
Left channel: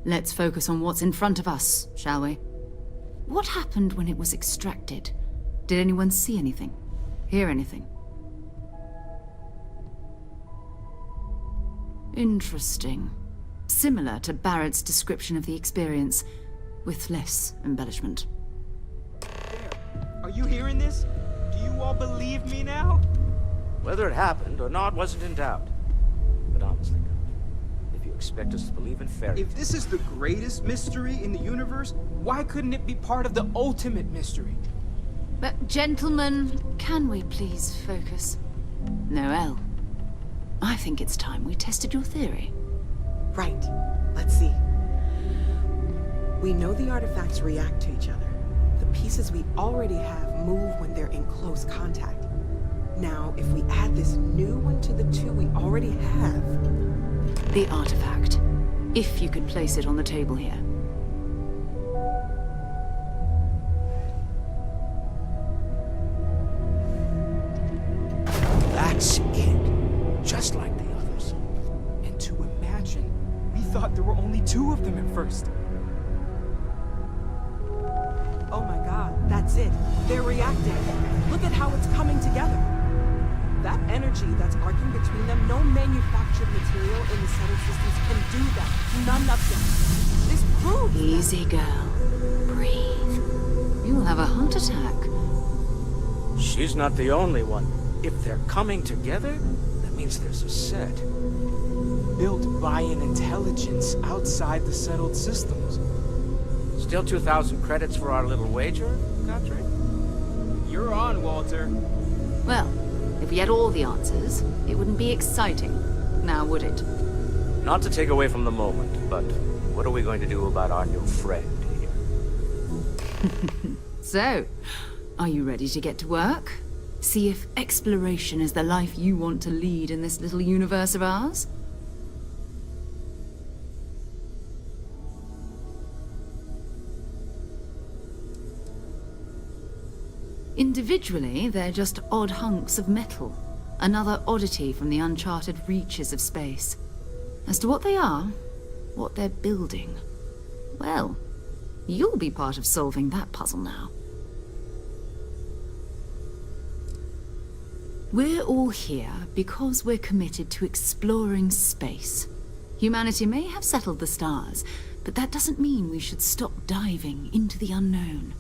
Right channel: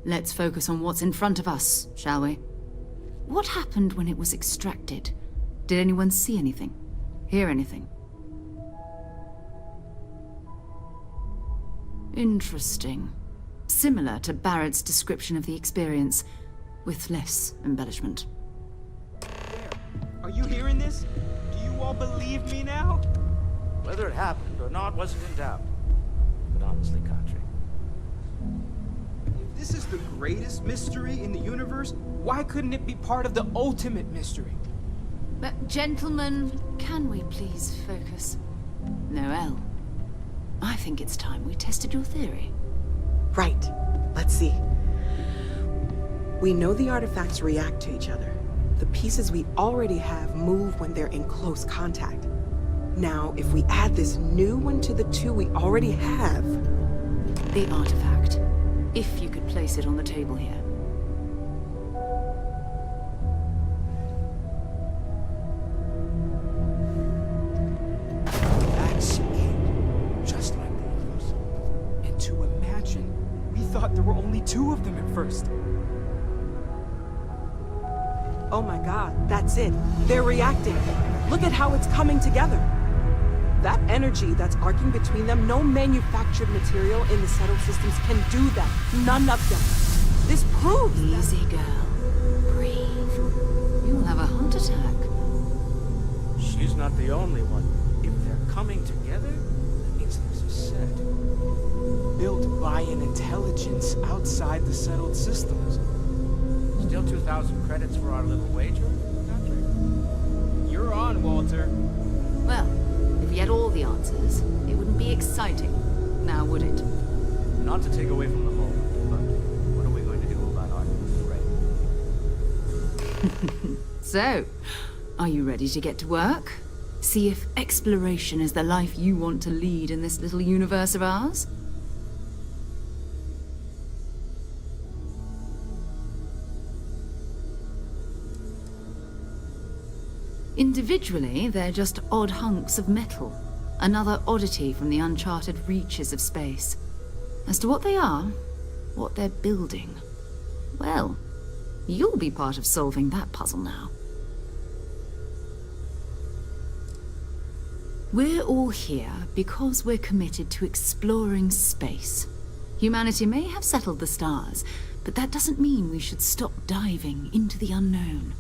let's focus on what's in front of us, shall we? What happened when it was extracted? Did anyone see anything? Hear anything? Interesting. Similar to Barrett's description of the experience, with less embellishment. Are you hearing this? Do you all believe me now? Whether it happened or not wasn't in doubt. But honestly, Country, if you expect us to believe in fairy If this is the greatest mystery in the universe, why couldn't it be part of the ultimate mystery? But gentlemen, can we please focus? Noelle, I think it's time we tested your theory. Right. Let's see. We know the artifacts react to each other. The pieces we already have move when they're in close contact. Now, if we add this new one to the two we already have... The artifact. If you could place it on the table here. That's it. Just like the others. And to imagine, we thought there were only two of them at first. Oh my god, that's it. They're reacting. Look at how it's coming together. That energy that's arcing between them, no manufactured material in the settled systems can do that. None of them. This proves Easy, girl. Breathe. You'll have a heart attack. She's not the only one. If they're coming together, that means there's a set. built by an intelligence outside the settled systems. Still 2,000 credits for our little wager, Patrick? You're on, Walter. Well, if we had all the answers, it wouldn't be exciting. Now, would it? Not to take away from the moment, but what are we going to do about our new friend here? So, are you ready to get to work? See if exploration is the life you want to lead in this little universe of ours? Individually, they're just odd hunks of metal. Another oddity from the uncharted reaches of space. As to what they are, what they're building, well, you'll be part of solving that puzzle now. We're all here because we're committed to exploring space. Humanity may have settled the stars, but that doesn't mean we should stop diving into the unknown.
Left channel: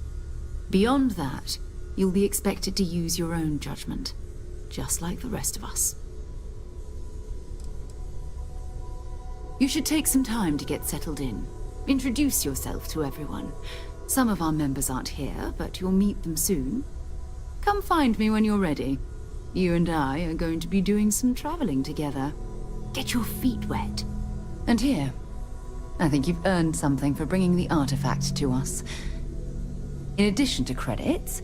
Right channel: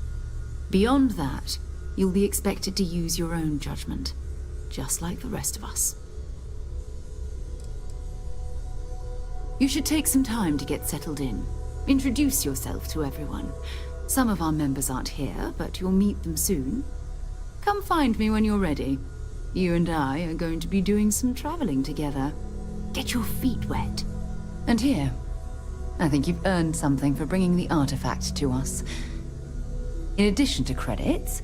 Beyond that, you'll be expected to use your own judgment, just like the rest of us. You should take some time to get settled in. Introduce yourself to everyone. Some of our members aren't here, but you'll meet them soon. Come find me when you're ready. You and I are going to be doing some traveling together. Get your feet wet. And here, I think you've earned something for bringing the artifact to us. In addition to credits,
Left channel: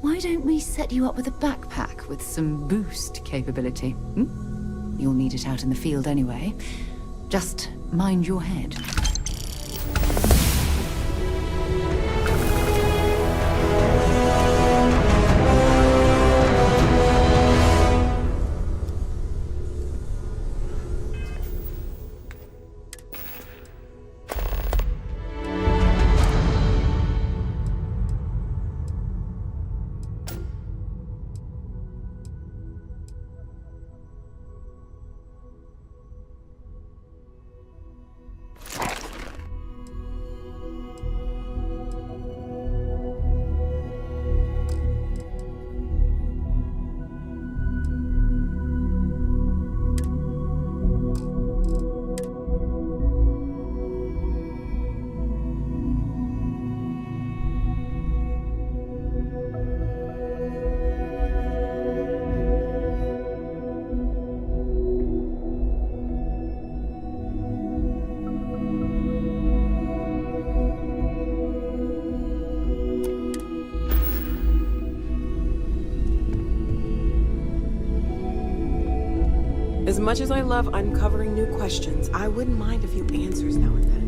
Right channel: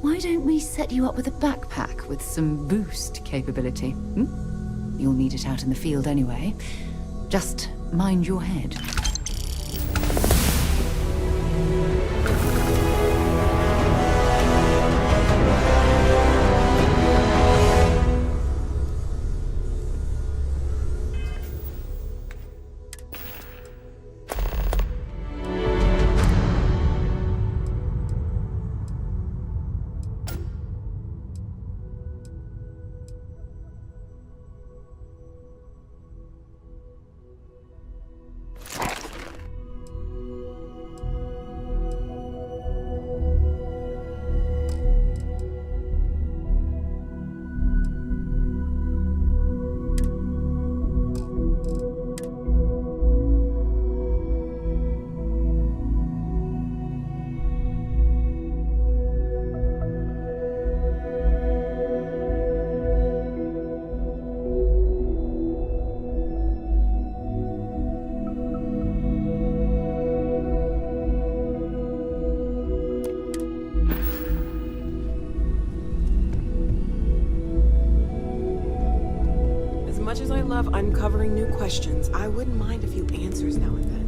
why don't we set you up with a backpack with some boost capability? You'll need it out in the field anyway. Just mind your head. As much as I love uncovering new questions, I wouldn't mind a few answers now and then.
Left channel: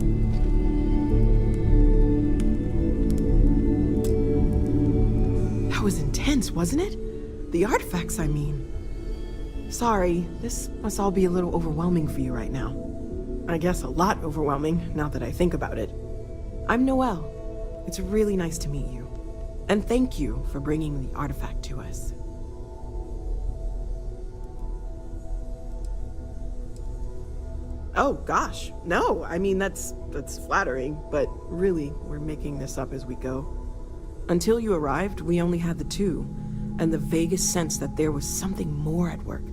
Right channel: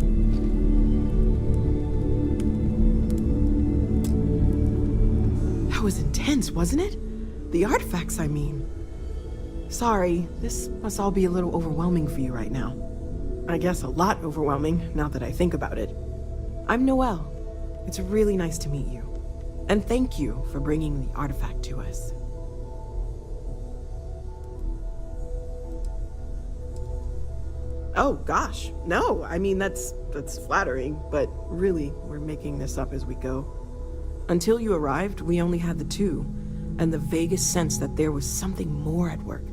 That was intense, wasn't it? The artifacts, I mean. Sorry, this must all be a little overwhelming for you right now. I guess a lot overwhelming, now that I think about it. I'm Noelle. It's really nice to meet you. And thank you for bringing the artifact to us. Oh, gosh. No, I mean, that's flattering, but really, we're making this up as we go. Until you arrived, we only had the two, and the vaguest sense that there was something more at work.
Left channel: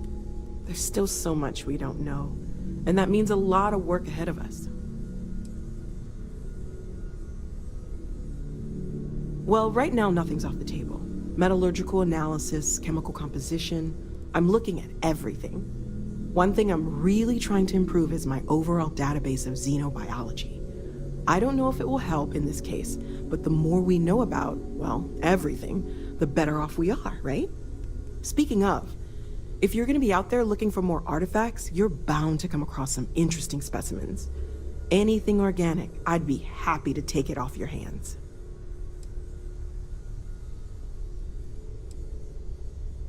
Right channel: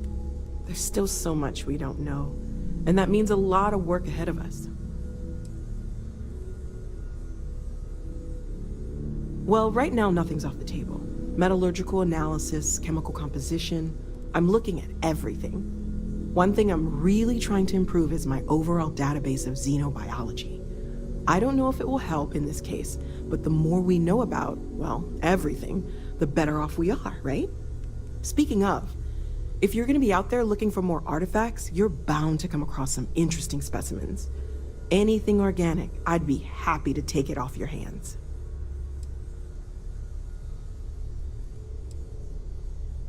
There's still so much we don't know, and that means a lot of work ahead of us. Well, right now, nothing's off the table. Metallurgical analysis, chemical composition, I'm looking at everything. One thing I'm really trying to improve is my overall database of xenobiology. I don't know if it will help in this case, but the more we know about, well, everything, the better off we are, right? Speaking of, if you're gonna be out there looking for more artifacts, you're bound to come across some interesting specimens. Anything organic, I'd be happy to take it off your hands.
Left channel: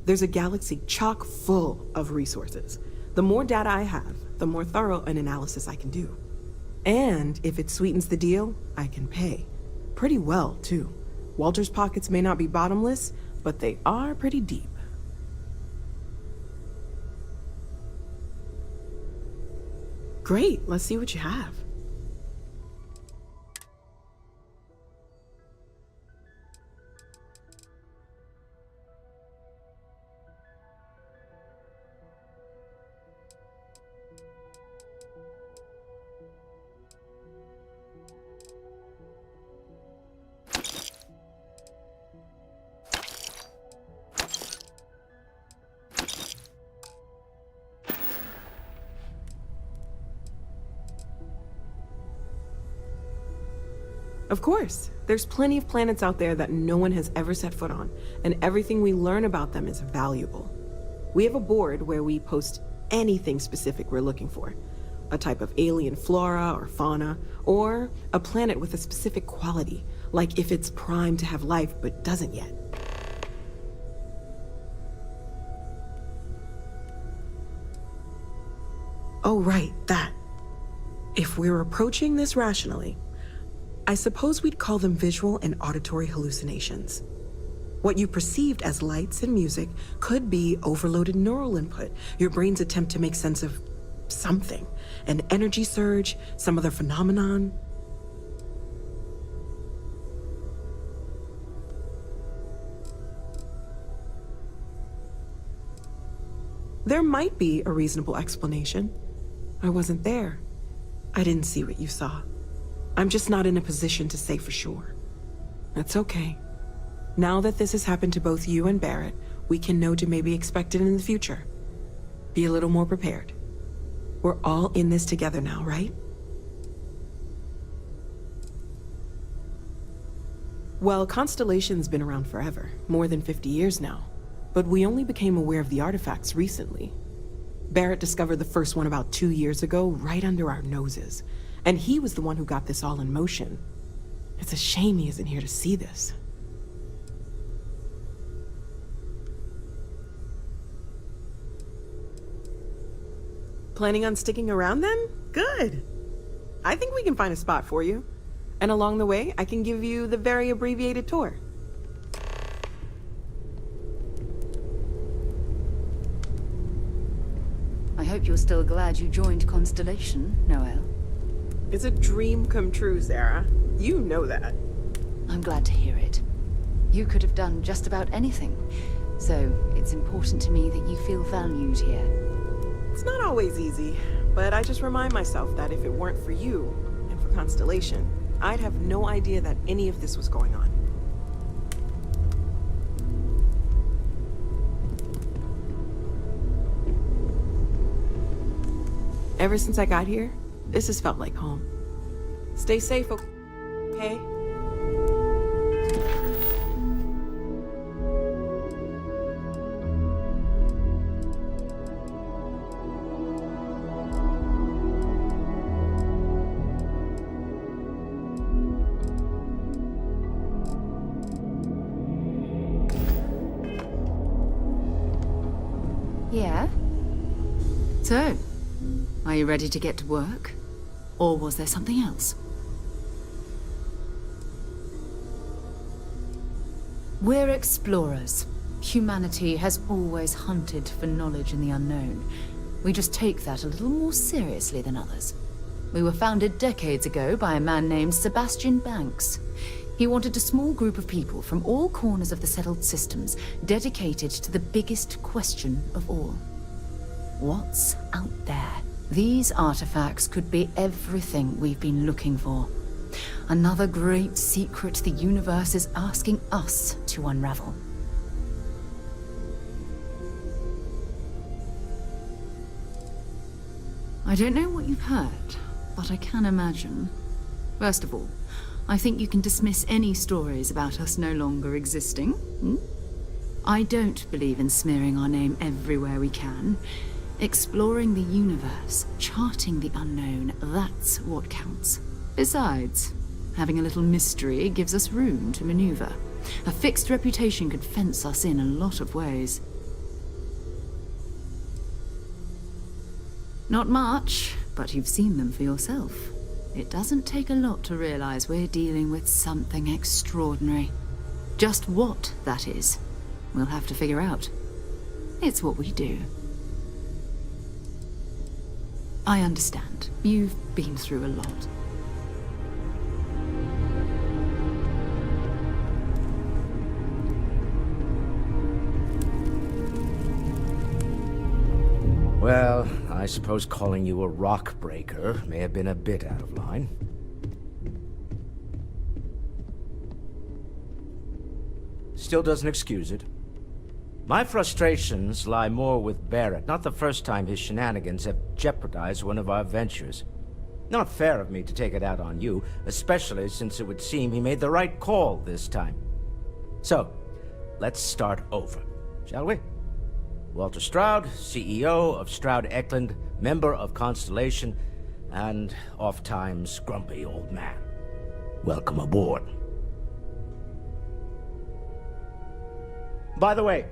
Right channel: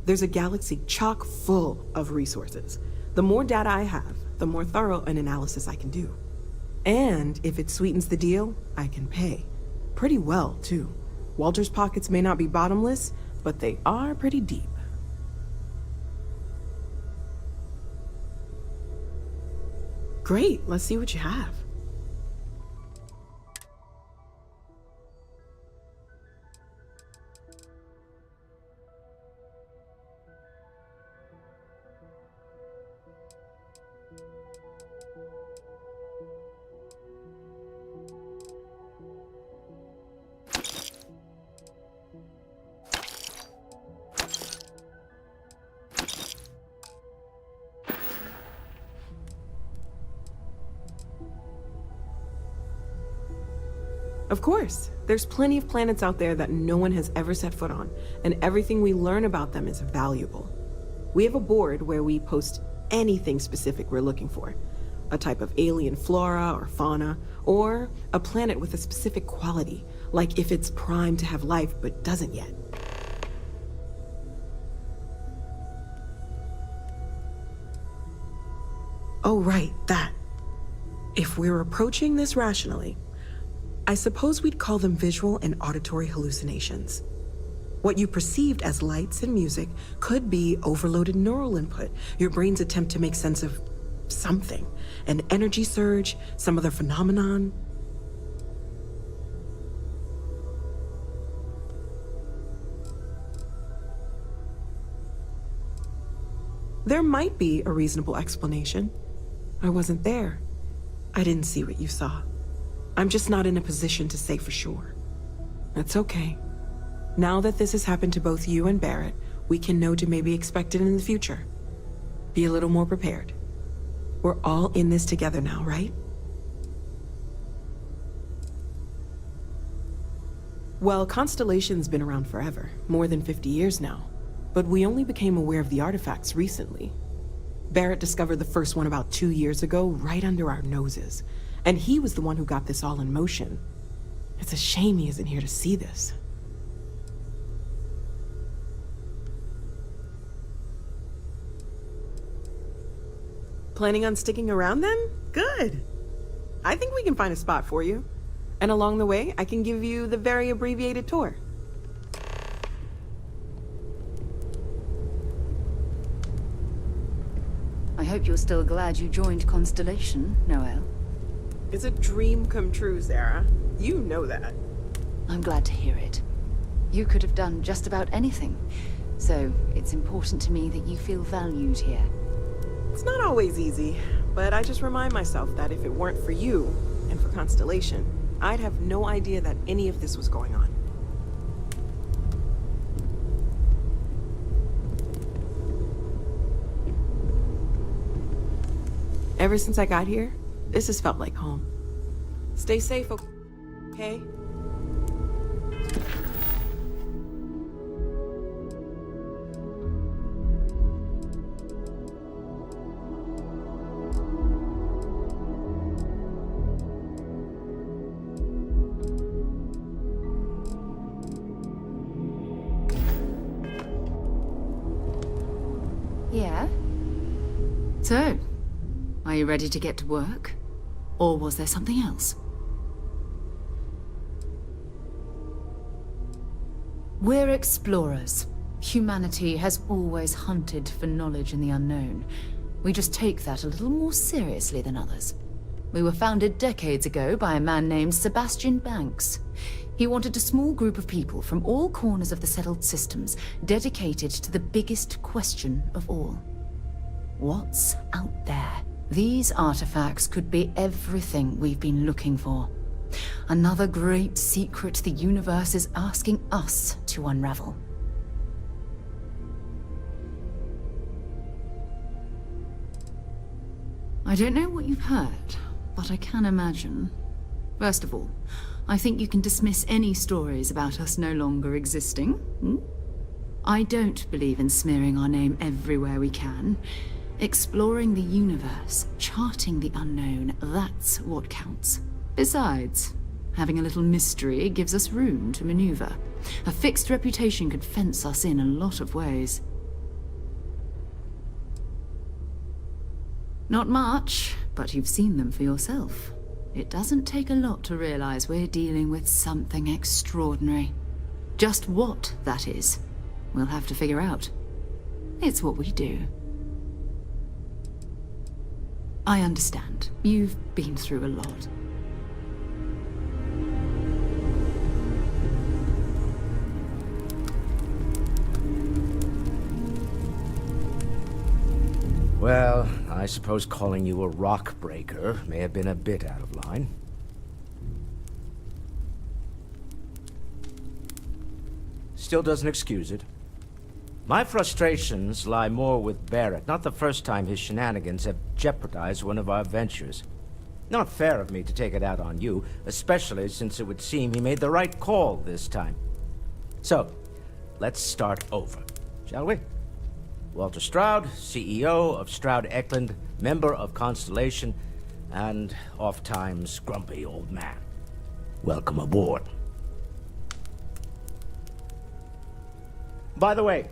There's a galaxy chock full of resources. The more data I have, the more thorough an analysis I can do. And if it sweetens the deal, I can pay. Pretty well, too. Walter's pockets may not be bottomless, but they are pretty deep. Great, let's see what you have. Of course. There's plenty of planets out there that no one has ever set foot on, and everything we learn about them is valuable. We have a board where we post anything specific we're looking for. A type of alien flora or fauna, or a planet with a specific quality, like if it's primed to have life but doesn't yet. Oh, right, that. If we're approaching this rationally, I suppose we'd call them visual and auditory hallucinations. What you perceived as lights and music could be overloaded neural input, your brain's attempt to make sense of something, an energy surge, some other phenomenon. There might be a reasonable explanation. I wasn't there. I didn't see what you saw. I'm just not in a position to say for sure. That's okay. Now that this has happened to both you and Barrett, we can know to maybe expect it in the future. Be a little more prepared. We're all in this together now, right? Well, Constellation's been around forever, more than 50 years now. But we only became aware of the artifacts recently. Barrett discovered the first one about 2 years ago, right under our noses. And he was the one who got this all in motion. It's a shame he isn't here to see this. Planning on sticking around then? Good. I think we can find a spot for you. And along the way, I can give you the very abbreviated tour. I hope you're still glad you joined Constellation, Noel. It's a dream come true, Sarah. You know that. I'm glad to hear it. You could have done just about anything, so it's important to me that you feel valued here. It's not always easy, but I just remind myself that if it weren't for you, and for Constellation, I'd have no idea that any of this was going on. Ever since I got here, this has felt like home. Stay safe, okay? Yeah? So, are you ready to get to work? Or was there something else? We're explorers. Humanity has always hunted for knowledge in the unknown. We just take that a little more seriously than others. We were founded decades ago by a man named Sebastian Banks. He wanted a small group of people from all corners of the settled systems dedicated to the biggest question of all. What's out there? These artifacts could be everything we've been looking for. Another great secret the universe is asking us to unravel. I don't know what you've heard, but I can imagine. First of all, I think you can dismiss any stories about us no longer existing. I don't believe in smearing our name everywhere we can. Exploring the universe, charting the unknown, that's what counts. Besides, having a little mystery gives us room to maneuver. A fixed reputation could fence us in a lot of ways. Not much, but you've seen them for yourself. It doesn't take a lot to realize we're dealing with something extraordinary. Just what that is, we'll have to figure out. It's what we do. I understand. You've been through a lot. Well, I suppose calling you a rock breaker may have been a bit out of line. Still doesn't excuse it. My frustrations lie more with Barrett, not the first time his shenanigans have jeopardized one of our ventures. Not fair of me to take it out on you, especially since it would seem he made the right call this time. So, let's start over, shall we? Walter Stroud, CEO of Stroud Eklund, member of Constellation, and oft-times grumpy old man. Welcome aboard. By the way,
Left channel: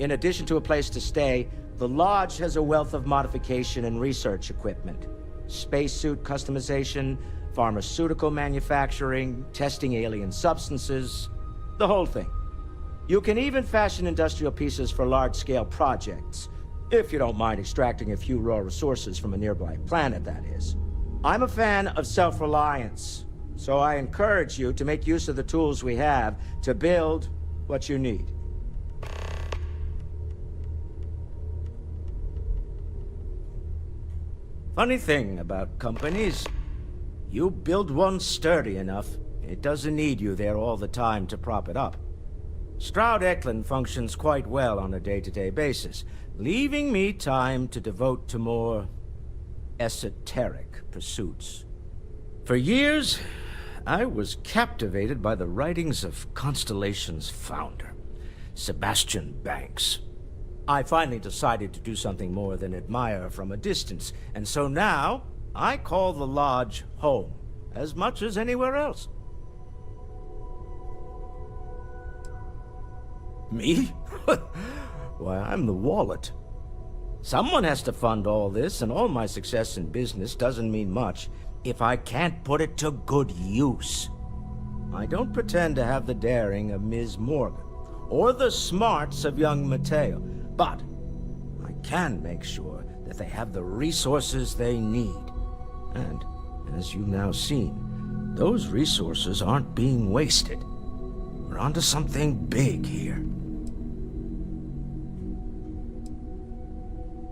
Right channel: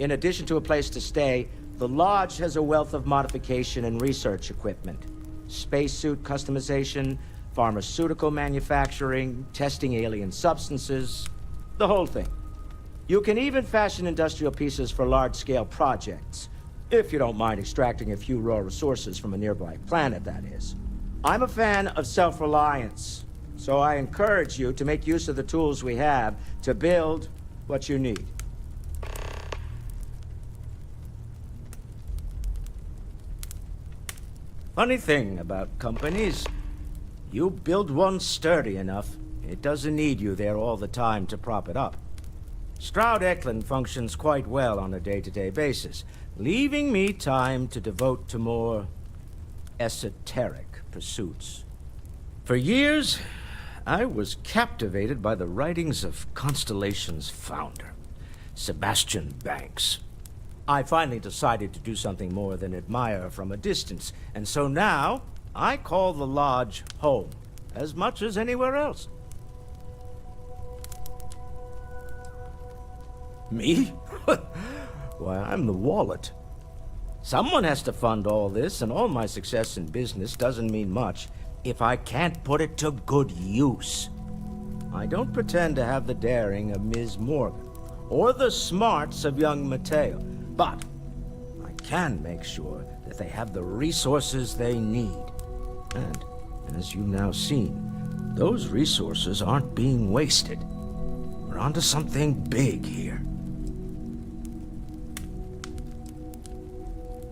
in addition to a place to stay, the Lodge has a wealth of modification and research equipment. Spacesuit customization, pharmaceutical manufacturing, testing alien substances, the whole thing. You can even fashion industrial pieces for large-scale projects, if you don't mind extracting a few raw resources from a nearby planet, that is. I'm a fan of self-reliance, so I encourage you to make use of the tools we have to build what you need. Funny thing about companies, you build one sturdy enough, it doesn't need you there all the time to prop it up. Stroud Eklund functions quite well on a day-to-day basis, leaving me time to devote to more esoteric pursuits. For years, I was captivated by the writings of Constellation's founder, Sebastian Banks. I finally decided to do something more than admire from a distance, and so now I call the Lodge home, as much as anywhere else. Me? Why, I'm the wallet. Someone has to fund all this, and all my success in business doesn't mean much if I can't put it to good use. I don't pretend to have the daring of Ms. Morgan, or the smarts of young Mateo, but I can make sure that they have the resources they need. And, as you've now seen, those resources aren't being wasted. We're onto something big here.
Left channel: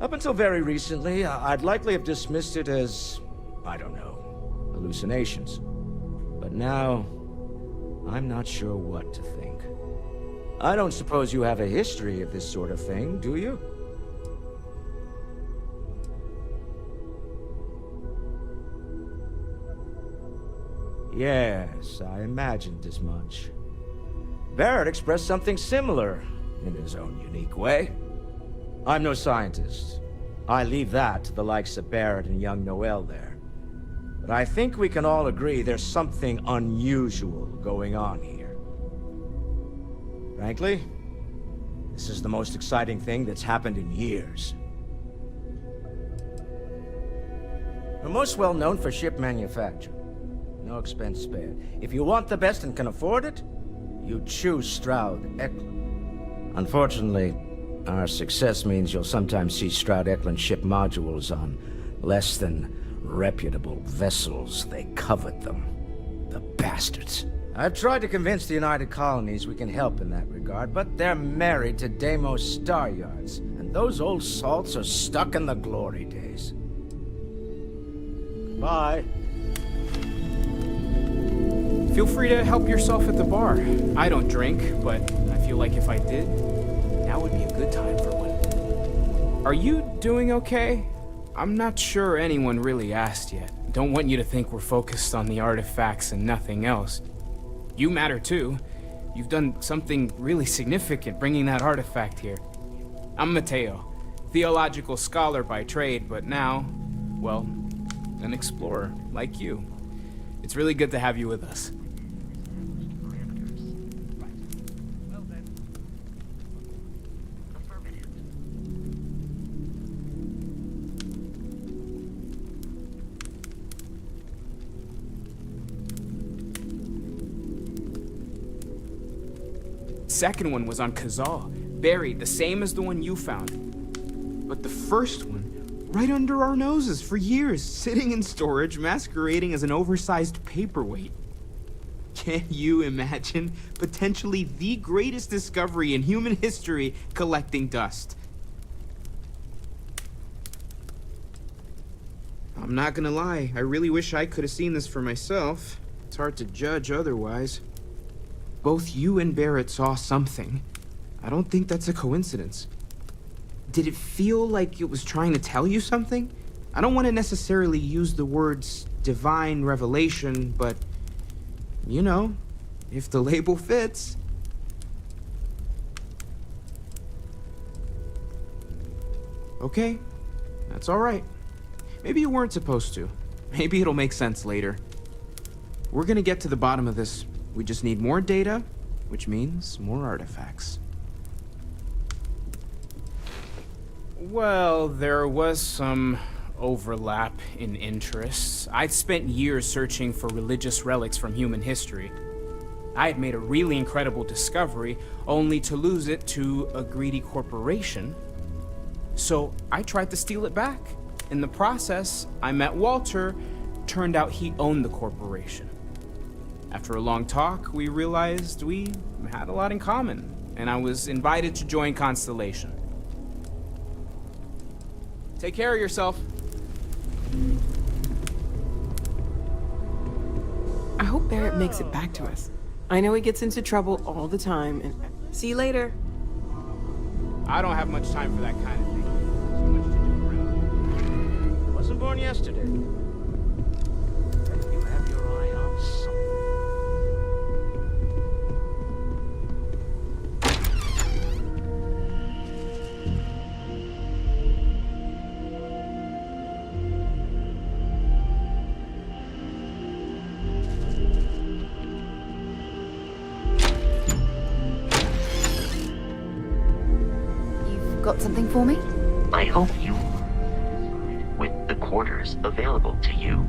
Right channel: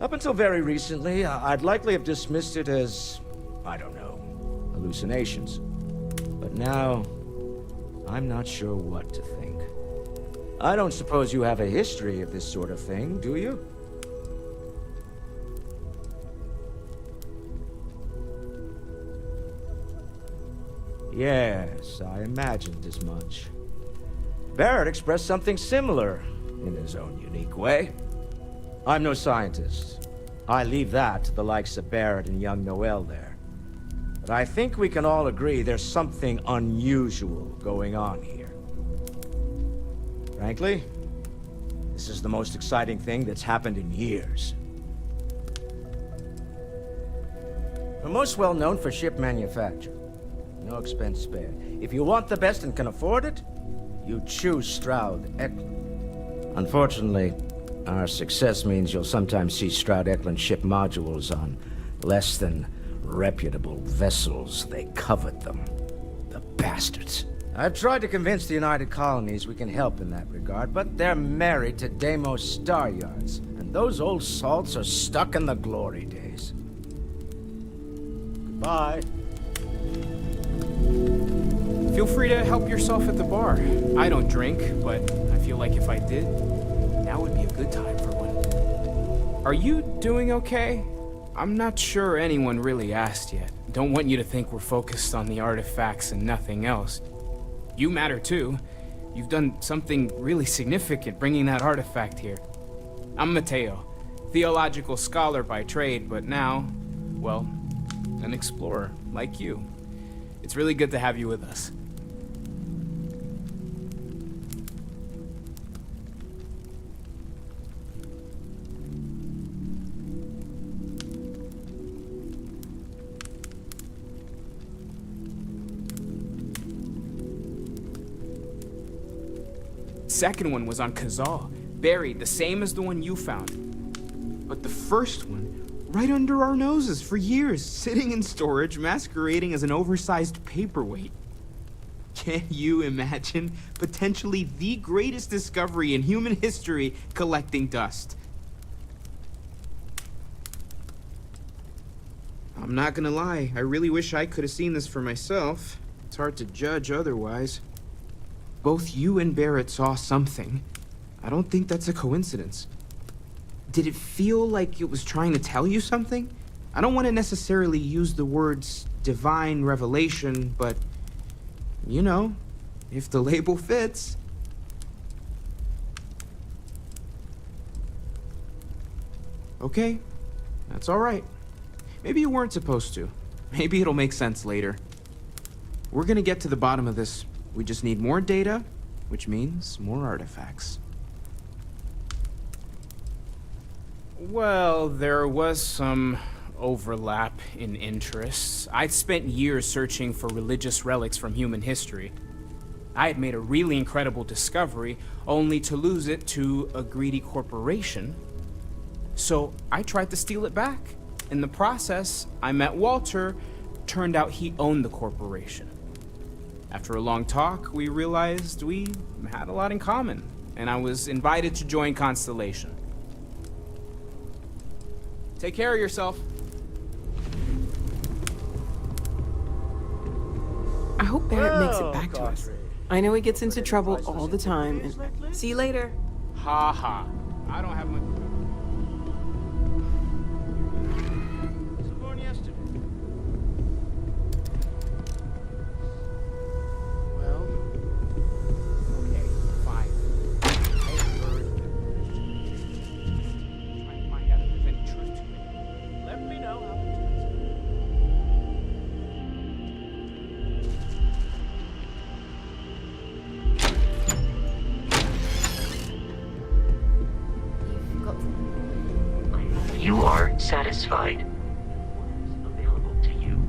Up until very recently, I'd likely have dismissed it as, I don't know, hallucinations. But now, I'm not sure what to think. I don't suppose you have a history of this sort of thing, do you? Yes, I imagined as much. Barrett expressed something similar, in his own unique way. I'm no scientist. I leave that to the likes of Barrett and young Noel there. But I think we can all agree there's something unusual going on here. Frankly, this is the most exciting thing that's happened in years. We're most well known for ship manufacture. No expense spared. If you want the best and can afford it, you choose Stroud Eklund. Unfortunately, our success means you'll sometimes see Stroud Eklund ship modules on less than reputable vessels. They covet them. The bastards. I've tried to convince the United Colonies we can help in that regard, but they're married to Deimos Star Yards, and those old salts are stuck in the glory days. Goodbye. Feel free to help yourself at the bar. I don't drink, but I feel like if I did, now would be a good time for one. Are you doing okay? I'm not sure anyone really asked yet. Don't want you to think we're focused on the artifacts and nothing else. You matter too. You've done something really significant bringing that artifact here. I'm Mateo, theological scholar by trade, but now, well, an explorer like you. It's really good to have you with us. Second one was on Kazal, buried, the same as the one you found. But the first one, right under our noses for years, sitting in storage, masquerading as an oversized paperweight. Can you imagine potentially the greatest discovery in human history collecting dust? I'm not gonna lie, I really wish I could have seen this for myself. It's hard to judge otherwise. Both you and Barrett saw something. I don't think that's a coincidence. Did it feel like it was trying to tell you something? I don't want to necessarily use the words divine revelation, but, you know, if the label fits. Okay, that's all right. Maybe you weren't supposed to. Maybe it'll make sense later. We're gonna get to the bottom of this. We just need more data, which means more artifacts. Well, there was some overlap in interests. I'd spent years searching for religious relics from human history. I had made a really incredible discovery, only to lose it to a greedy corporation. So I tried to steal it back. In the process, I met Walter. Turned out he owned the corporation. After a long talk, we realized we had a lot in common, and I was invited to join Constellation. Take care of yourself. I hope Barrett makes it back to us. I know he gets into trouble all the time, and see you later. Ha ha. I don't have much time for that kind of thing. Wasn't born yesterday. You have your eye on something. Got something for me? I hope you are satisfied with the quarters available to you.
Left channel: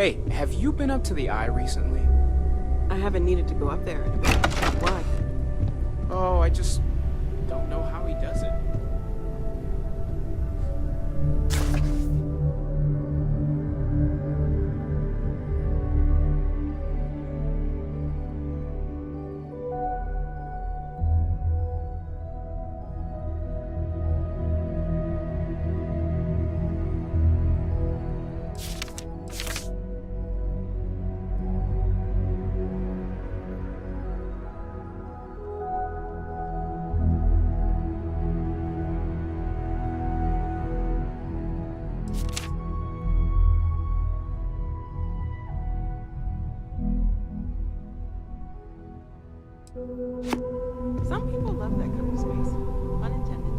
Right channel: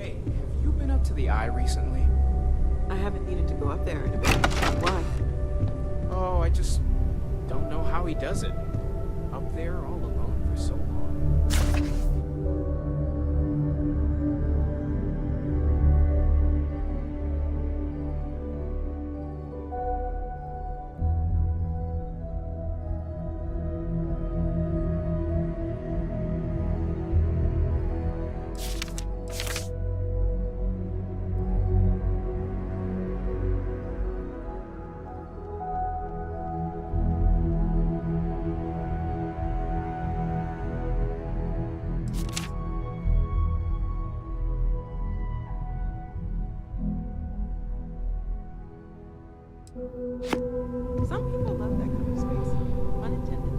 Hey, have you been up to the Eye recently? I haven't needed to go up there in a bit. Why? Oh, I just don't know how he does it. Up there all alone for so long. Some people love that kind of space. Pun intended.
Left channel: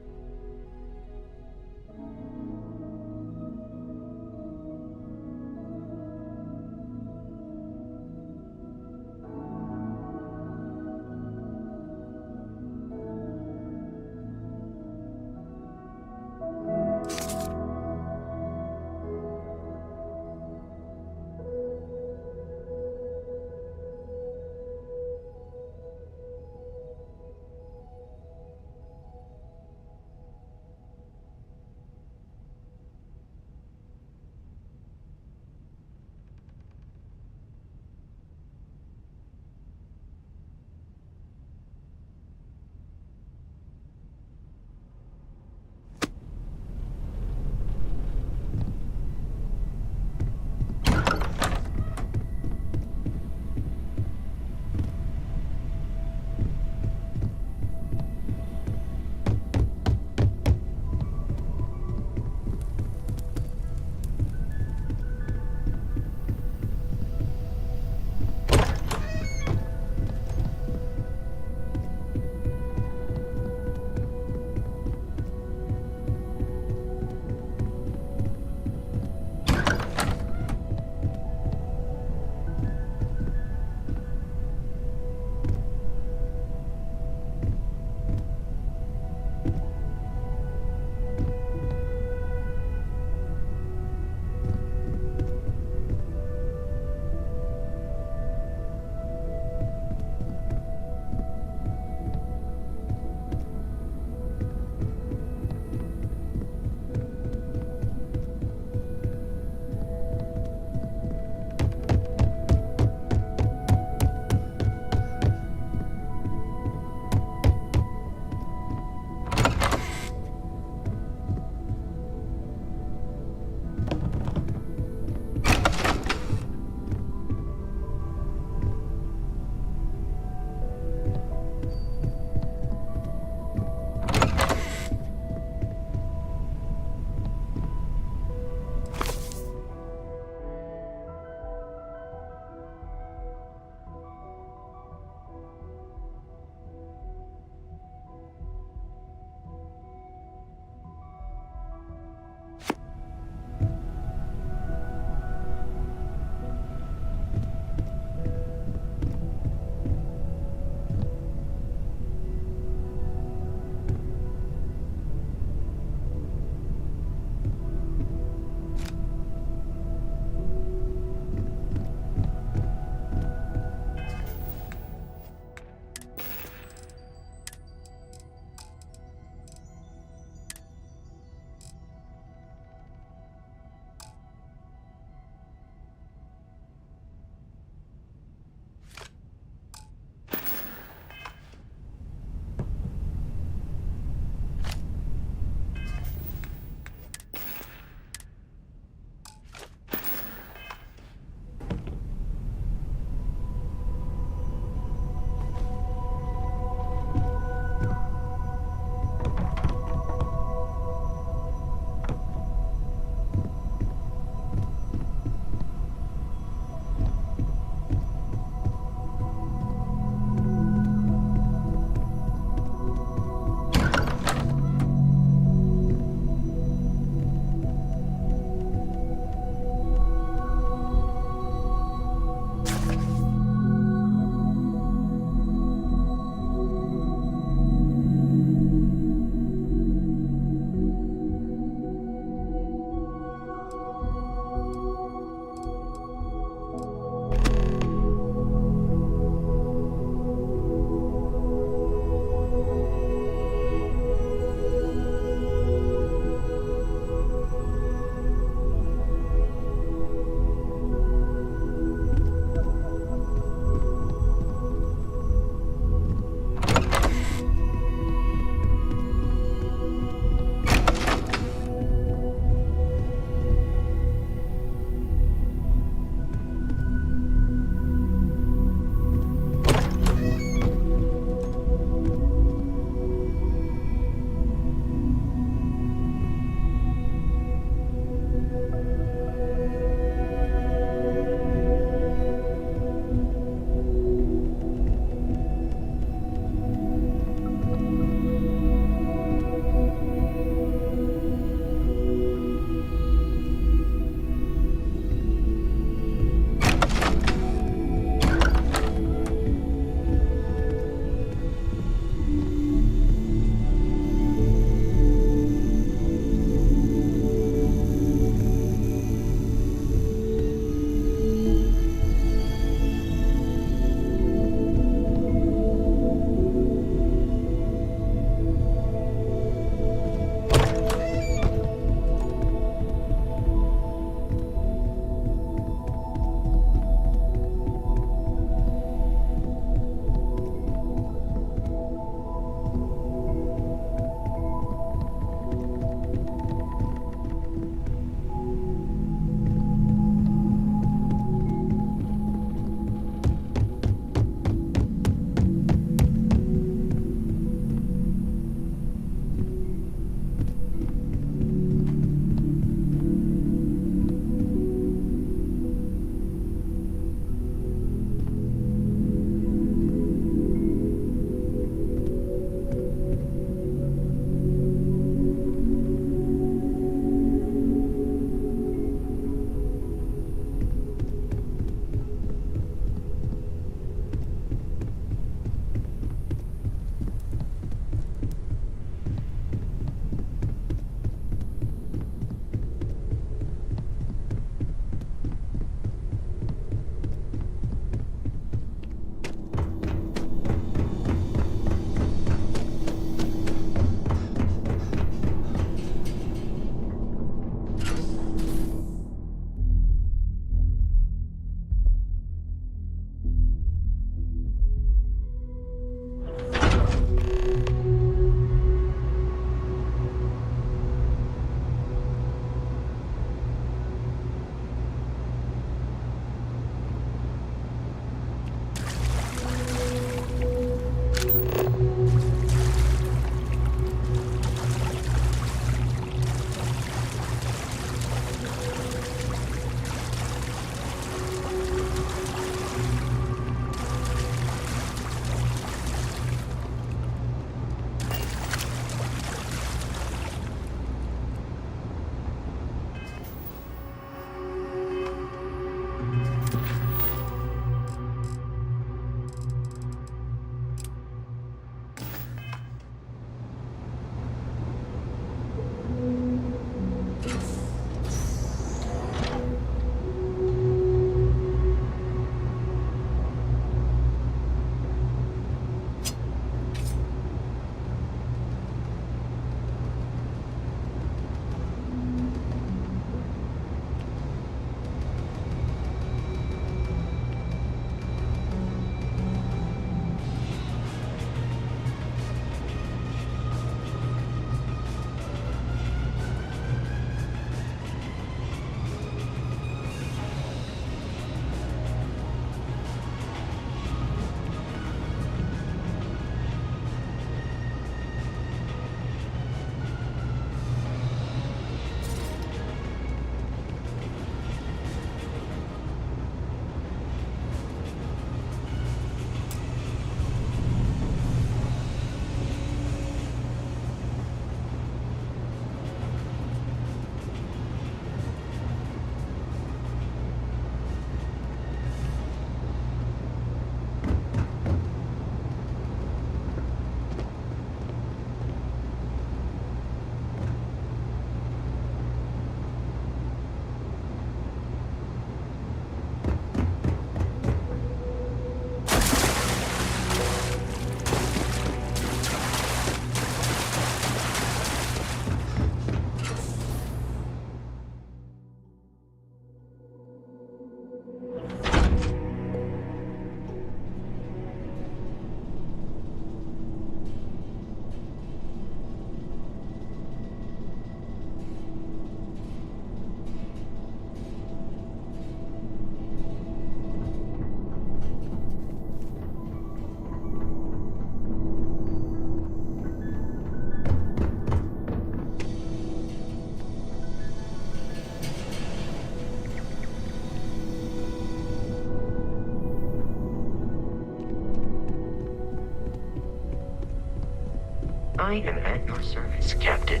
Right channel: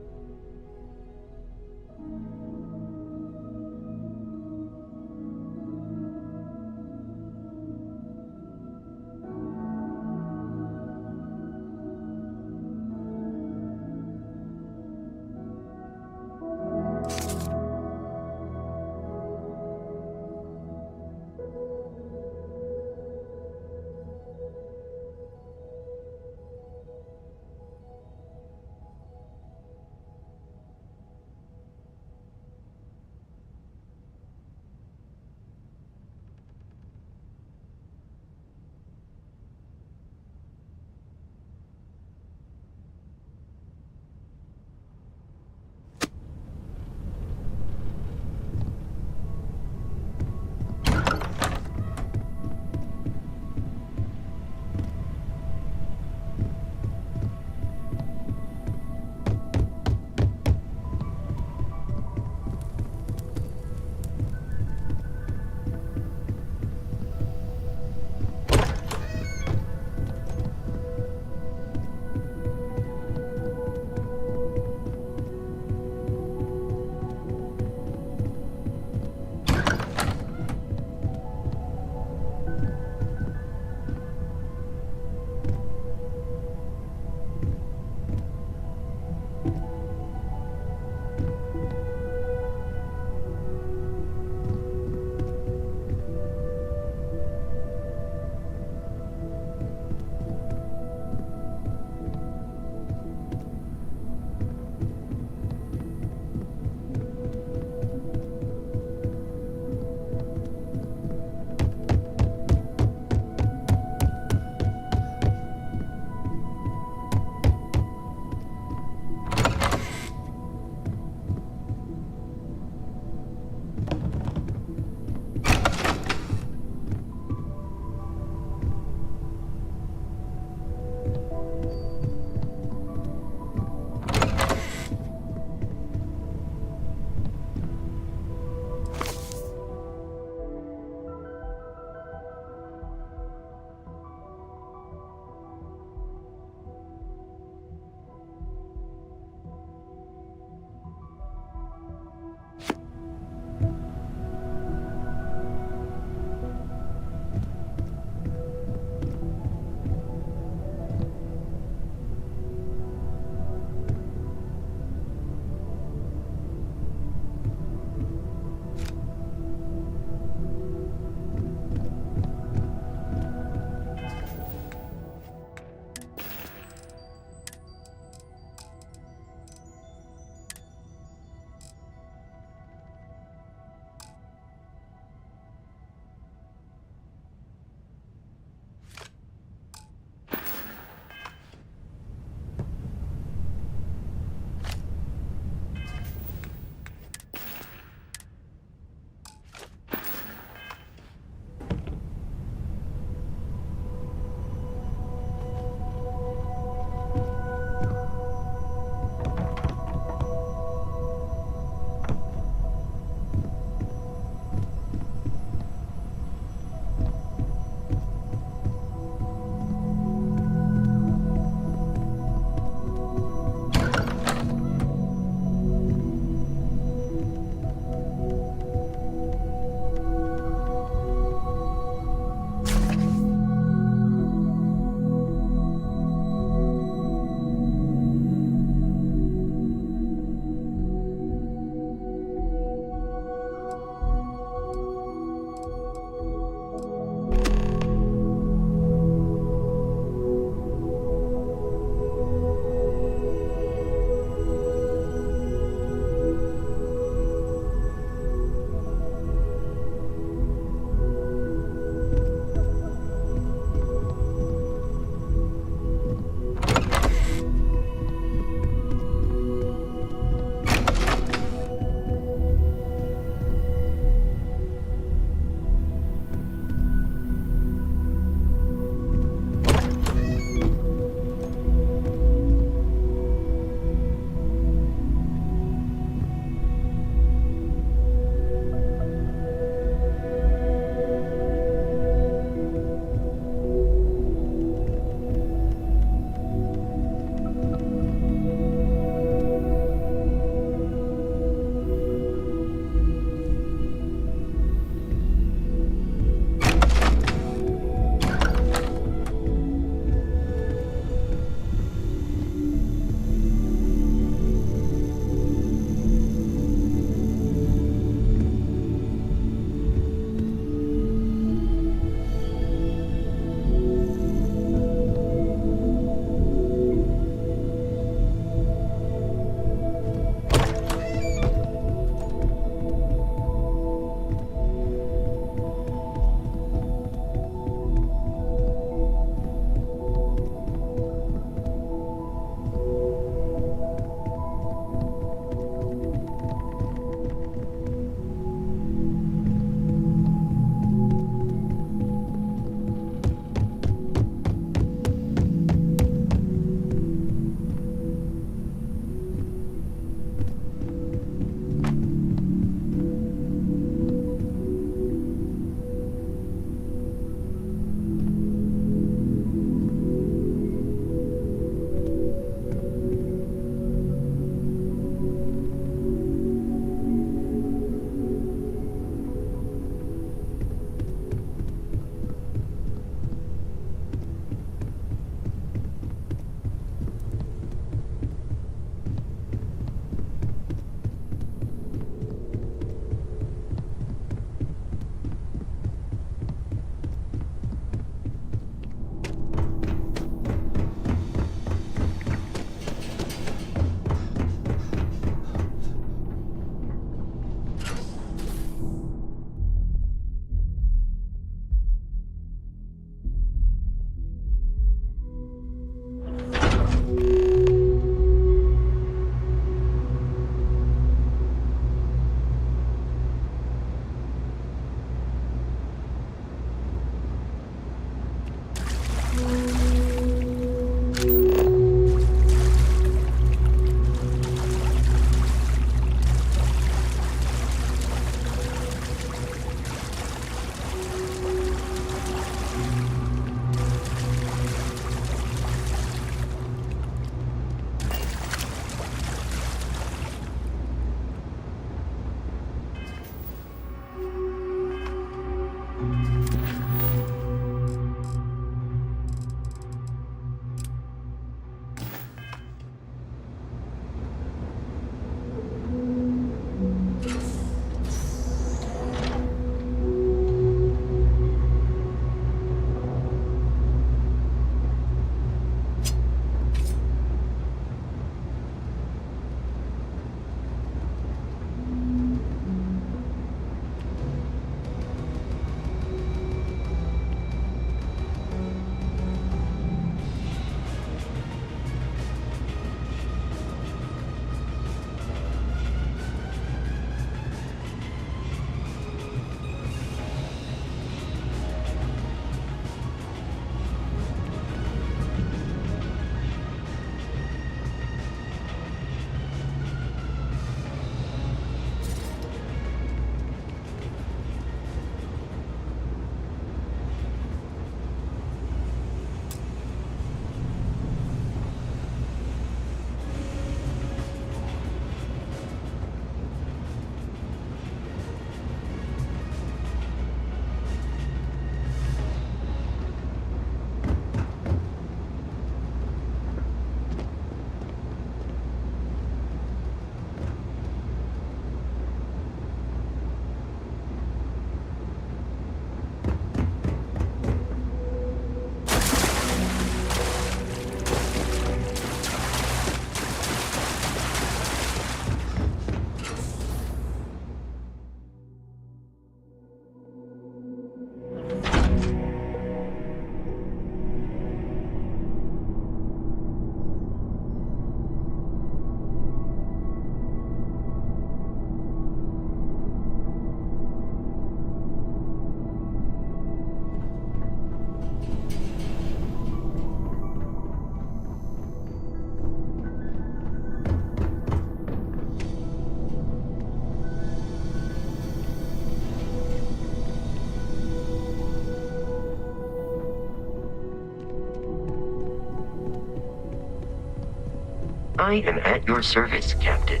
I am at your service, Captain.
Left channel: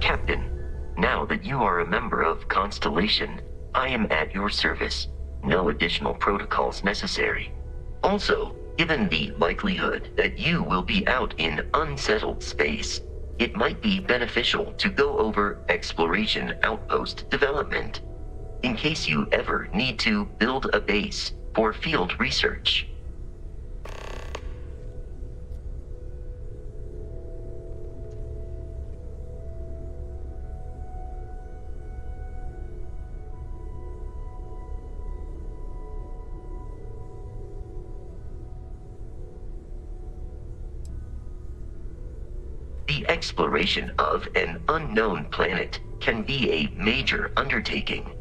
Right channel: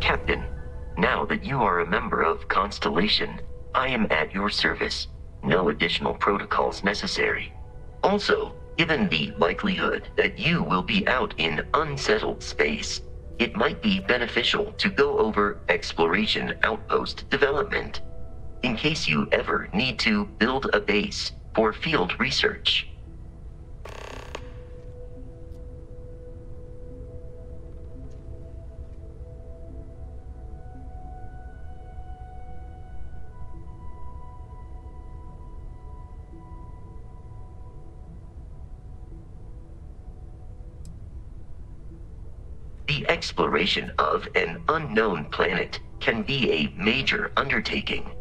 Captain, now that you are a member of Constellation, I am at your service. No additional protocols necessary. Also, given the likelihood that you will be out in unsettled space, it might be beneficial to go over exploration outpost development, in case you ever need to build a base for field research. The exploration of an unknown planet can be a major undertaking.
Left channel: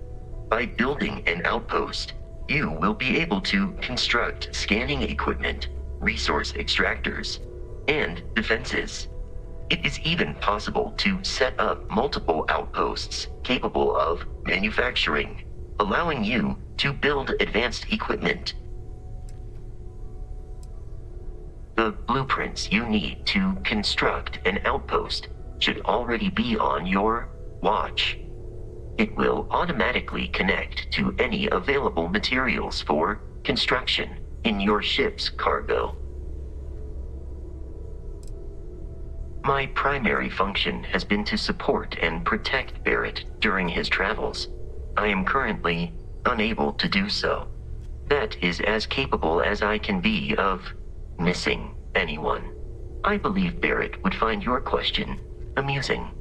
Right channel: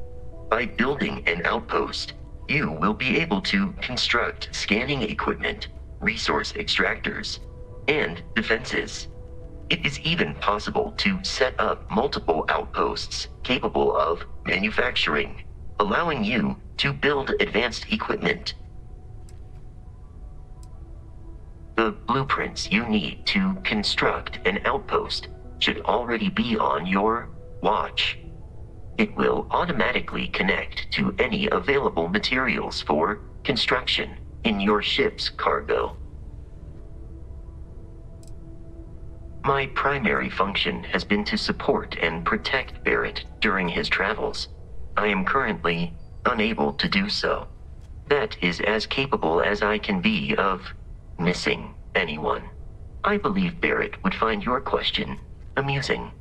By building an outpost, you will be able to construct scanning equipment, resource extractors, and defenses. It is even possible to set up multiple outposts capable of manufacturing, allowing you to build advanced equipment. The blueprints you need to construct an outpost should already be on your watch. It will automatically connect to any available materials for construction in your ship's cargo. My primary function has been to support and protect Barrett during his travels. I am currently unable to do so. That is as capable as I can be of missing anyone. I believe Barrett would find your question amusing.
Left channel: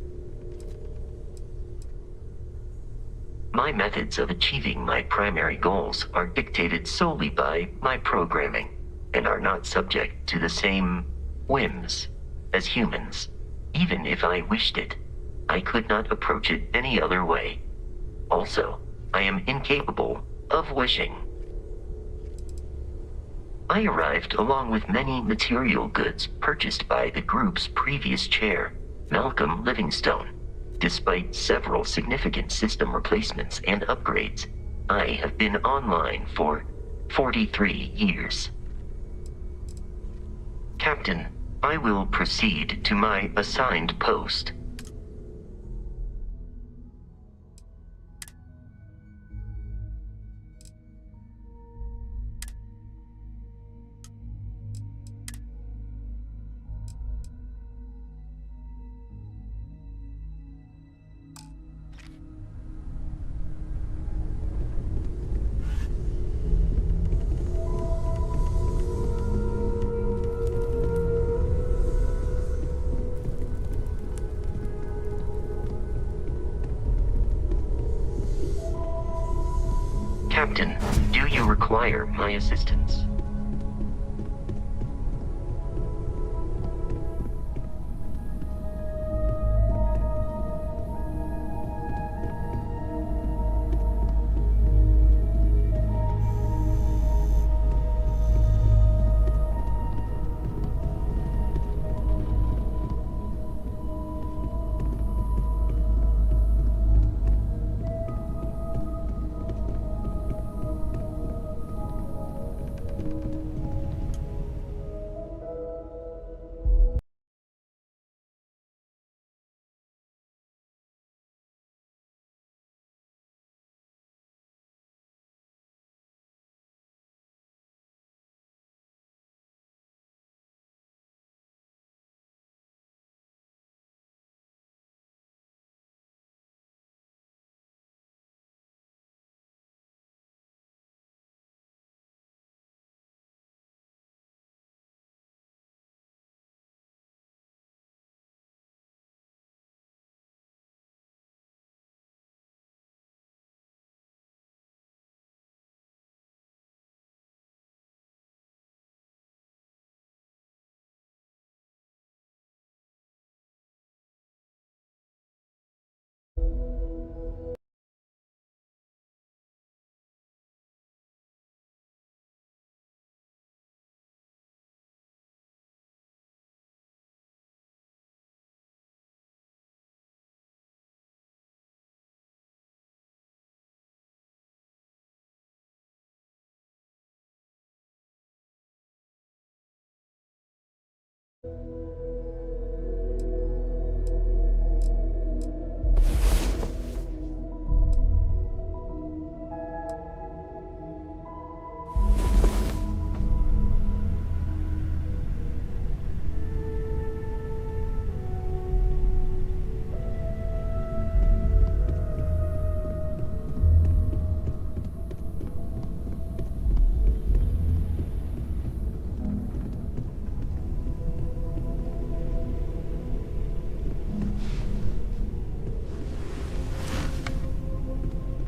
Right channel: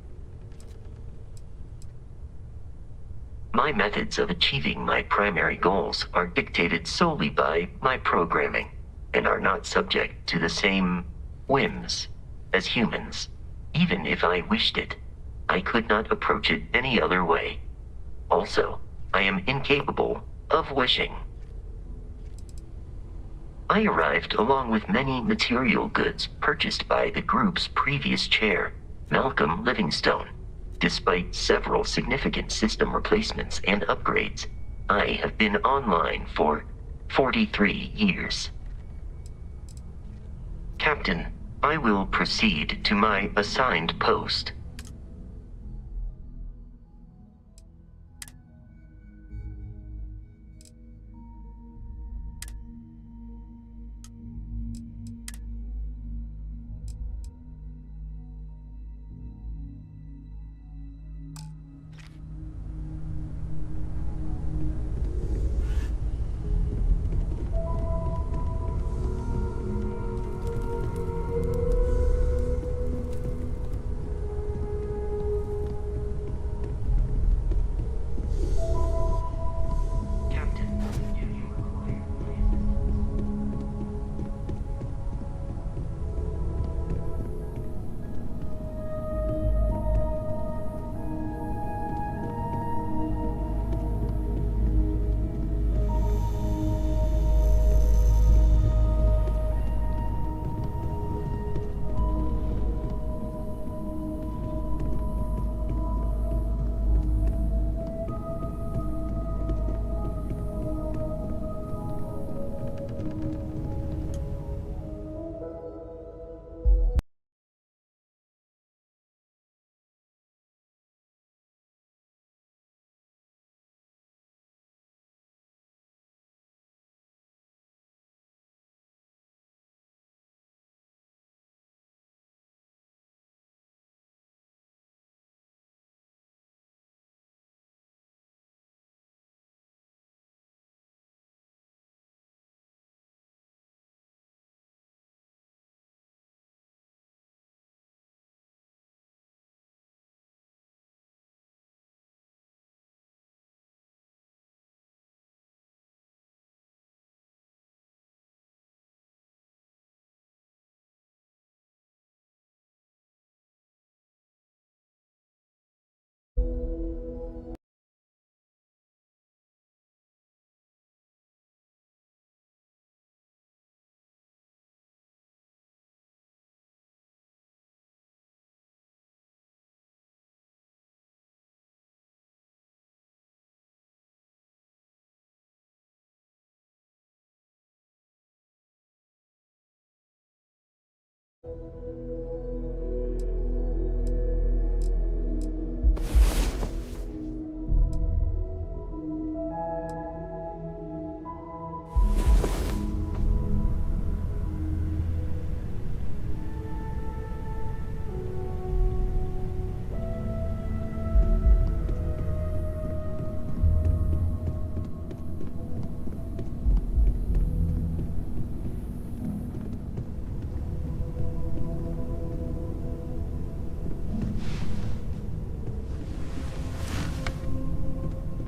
My methods of achieving my primary goals are dictated solely by my programming and are not subject to the same whims as humans. Even if I wished it, I could not approach it any other way. Also, I am incapable of wishing. I arrived along with many material goods purchased by the group's previous chair, Malcolm Livingstone. Despite several significant system replacements and upgrades, I have been online for 43 years. Captain, I will proceed to my assigned post. Captain, do you require my assistance?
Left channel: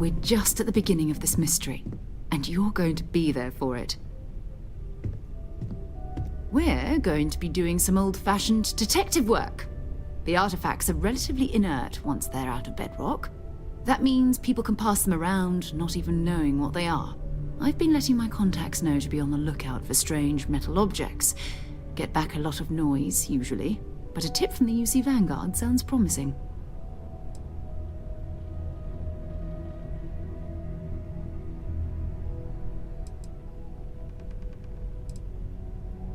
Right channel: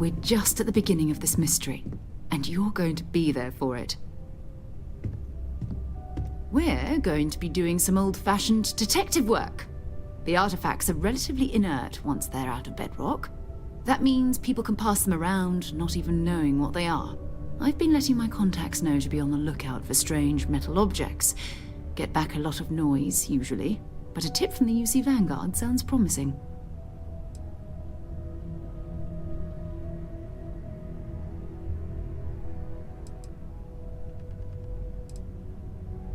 We're just at the beginning of this mystery, and you're going to be there for it. We're going to be doing some old-fashioned detective work. The artifacts are relatively inert once they're out of bedrock. That means people can pass them around, not even knowing what they are. I've been letting my contacts know to be on the lookout for strange metal objects. Get back a lot of noise, usually, but a tip from the UC Vanguard sounds promising.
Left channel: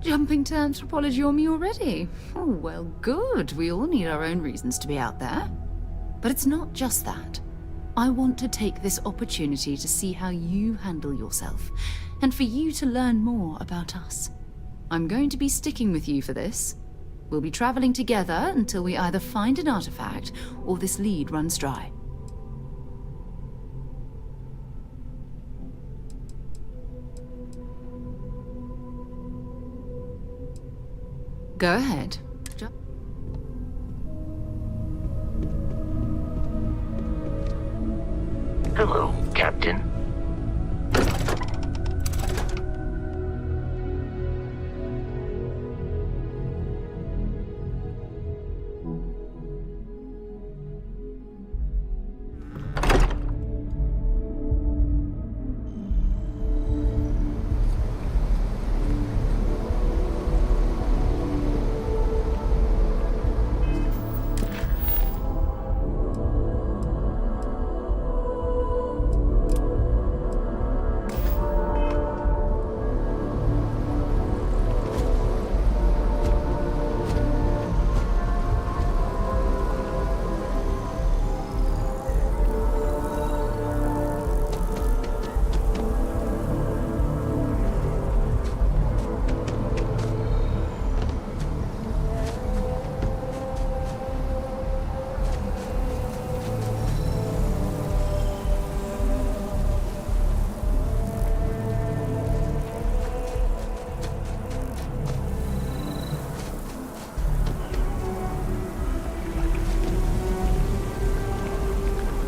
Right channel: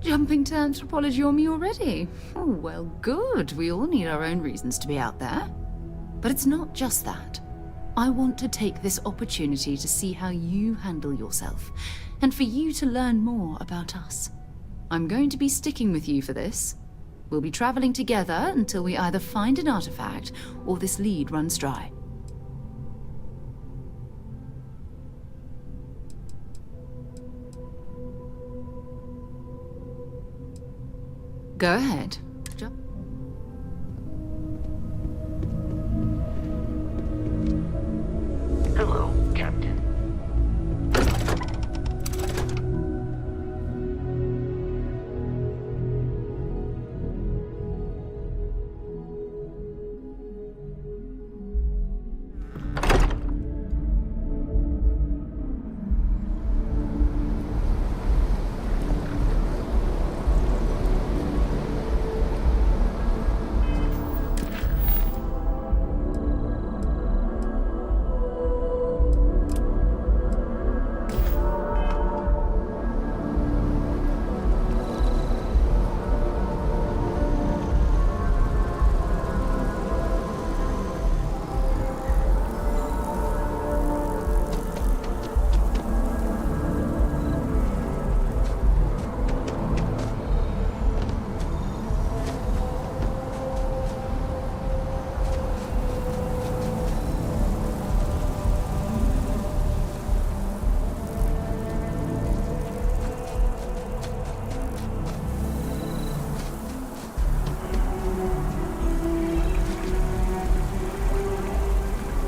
Jumping to anthropology on me already? Oh, well, good. We all need our own reasons to be out there. But it's not just that. I want to take this opportunity to see how you handle yourself, and for you to learn more about us. I'm going to be sticking with you for this. We'll be traveling together until we either find an artifact or this lead runs dry. Go ahead. Hello, Captain.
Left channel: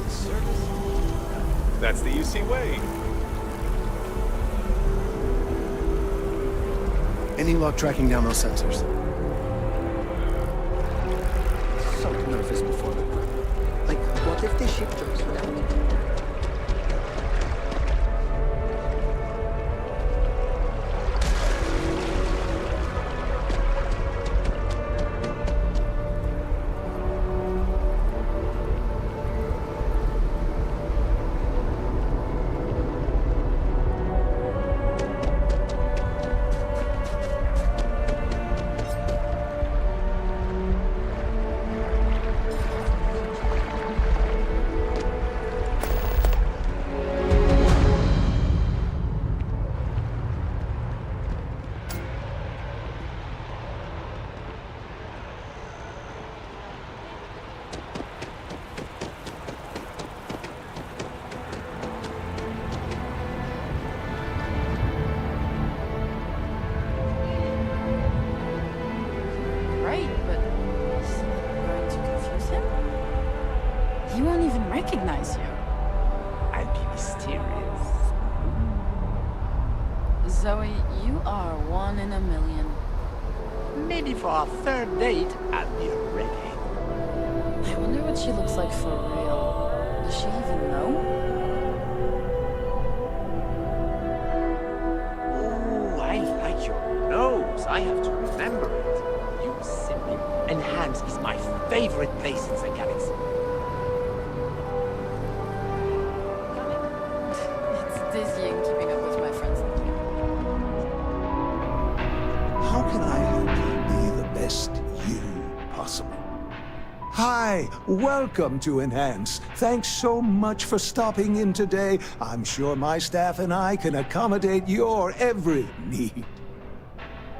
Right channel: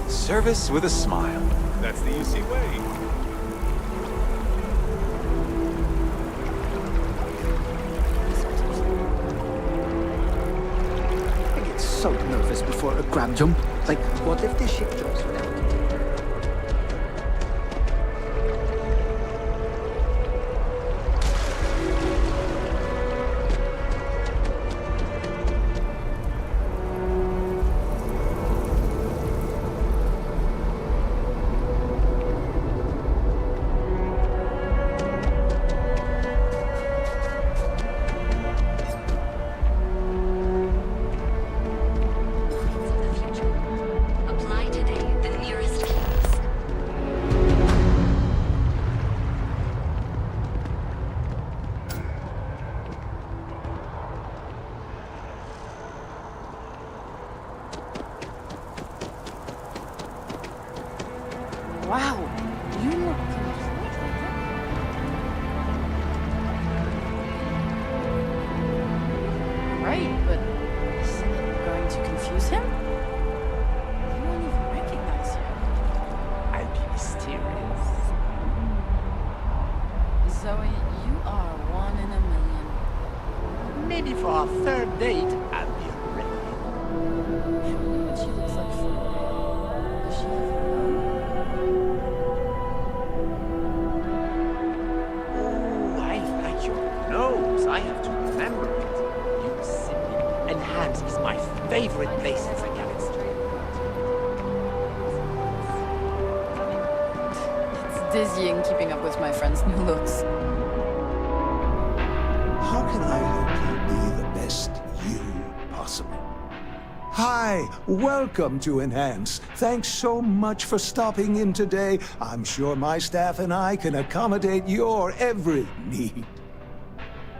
Service with a smile. That's the UC way. Any luck tracking down those sensors? I get so nervous before a grab jump. Like, what if the ship jumps without it? Right, but isn't it going to confuse him? He won't even recognize you. I'll be mysterious. Zoe, you are one in a million. Maybe for our third date, I'll be ready. I wonder what she looks like for real. Does she even know? Oh, I like your nose. I have to remember it. You simply... Enhance is my favorite place in the galaxy. It's dizzying keeping up with my friend's new looks. How can I help you be the best you possible? Hi, welcome to Enhance. Thanks so much for stopping in today. I'm sure my staff and I can accommodate your every need.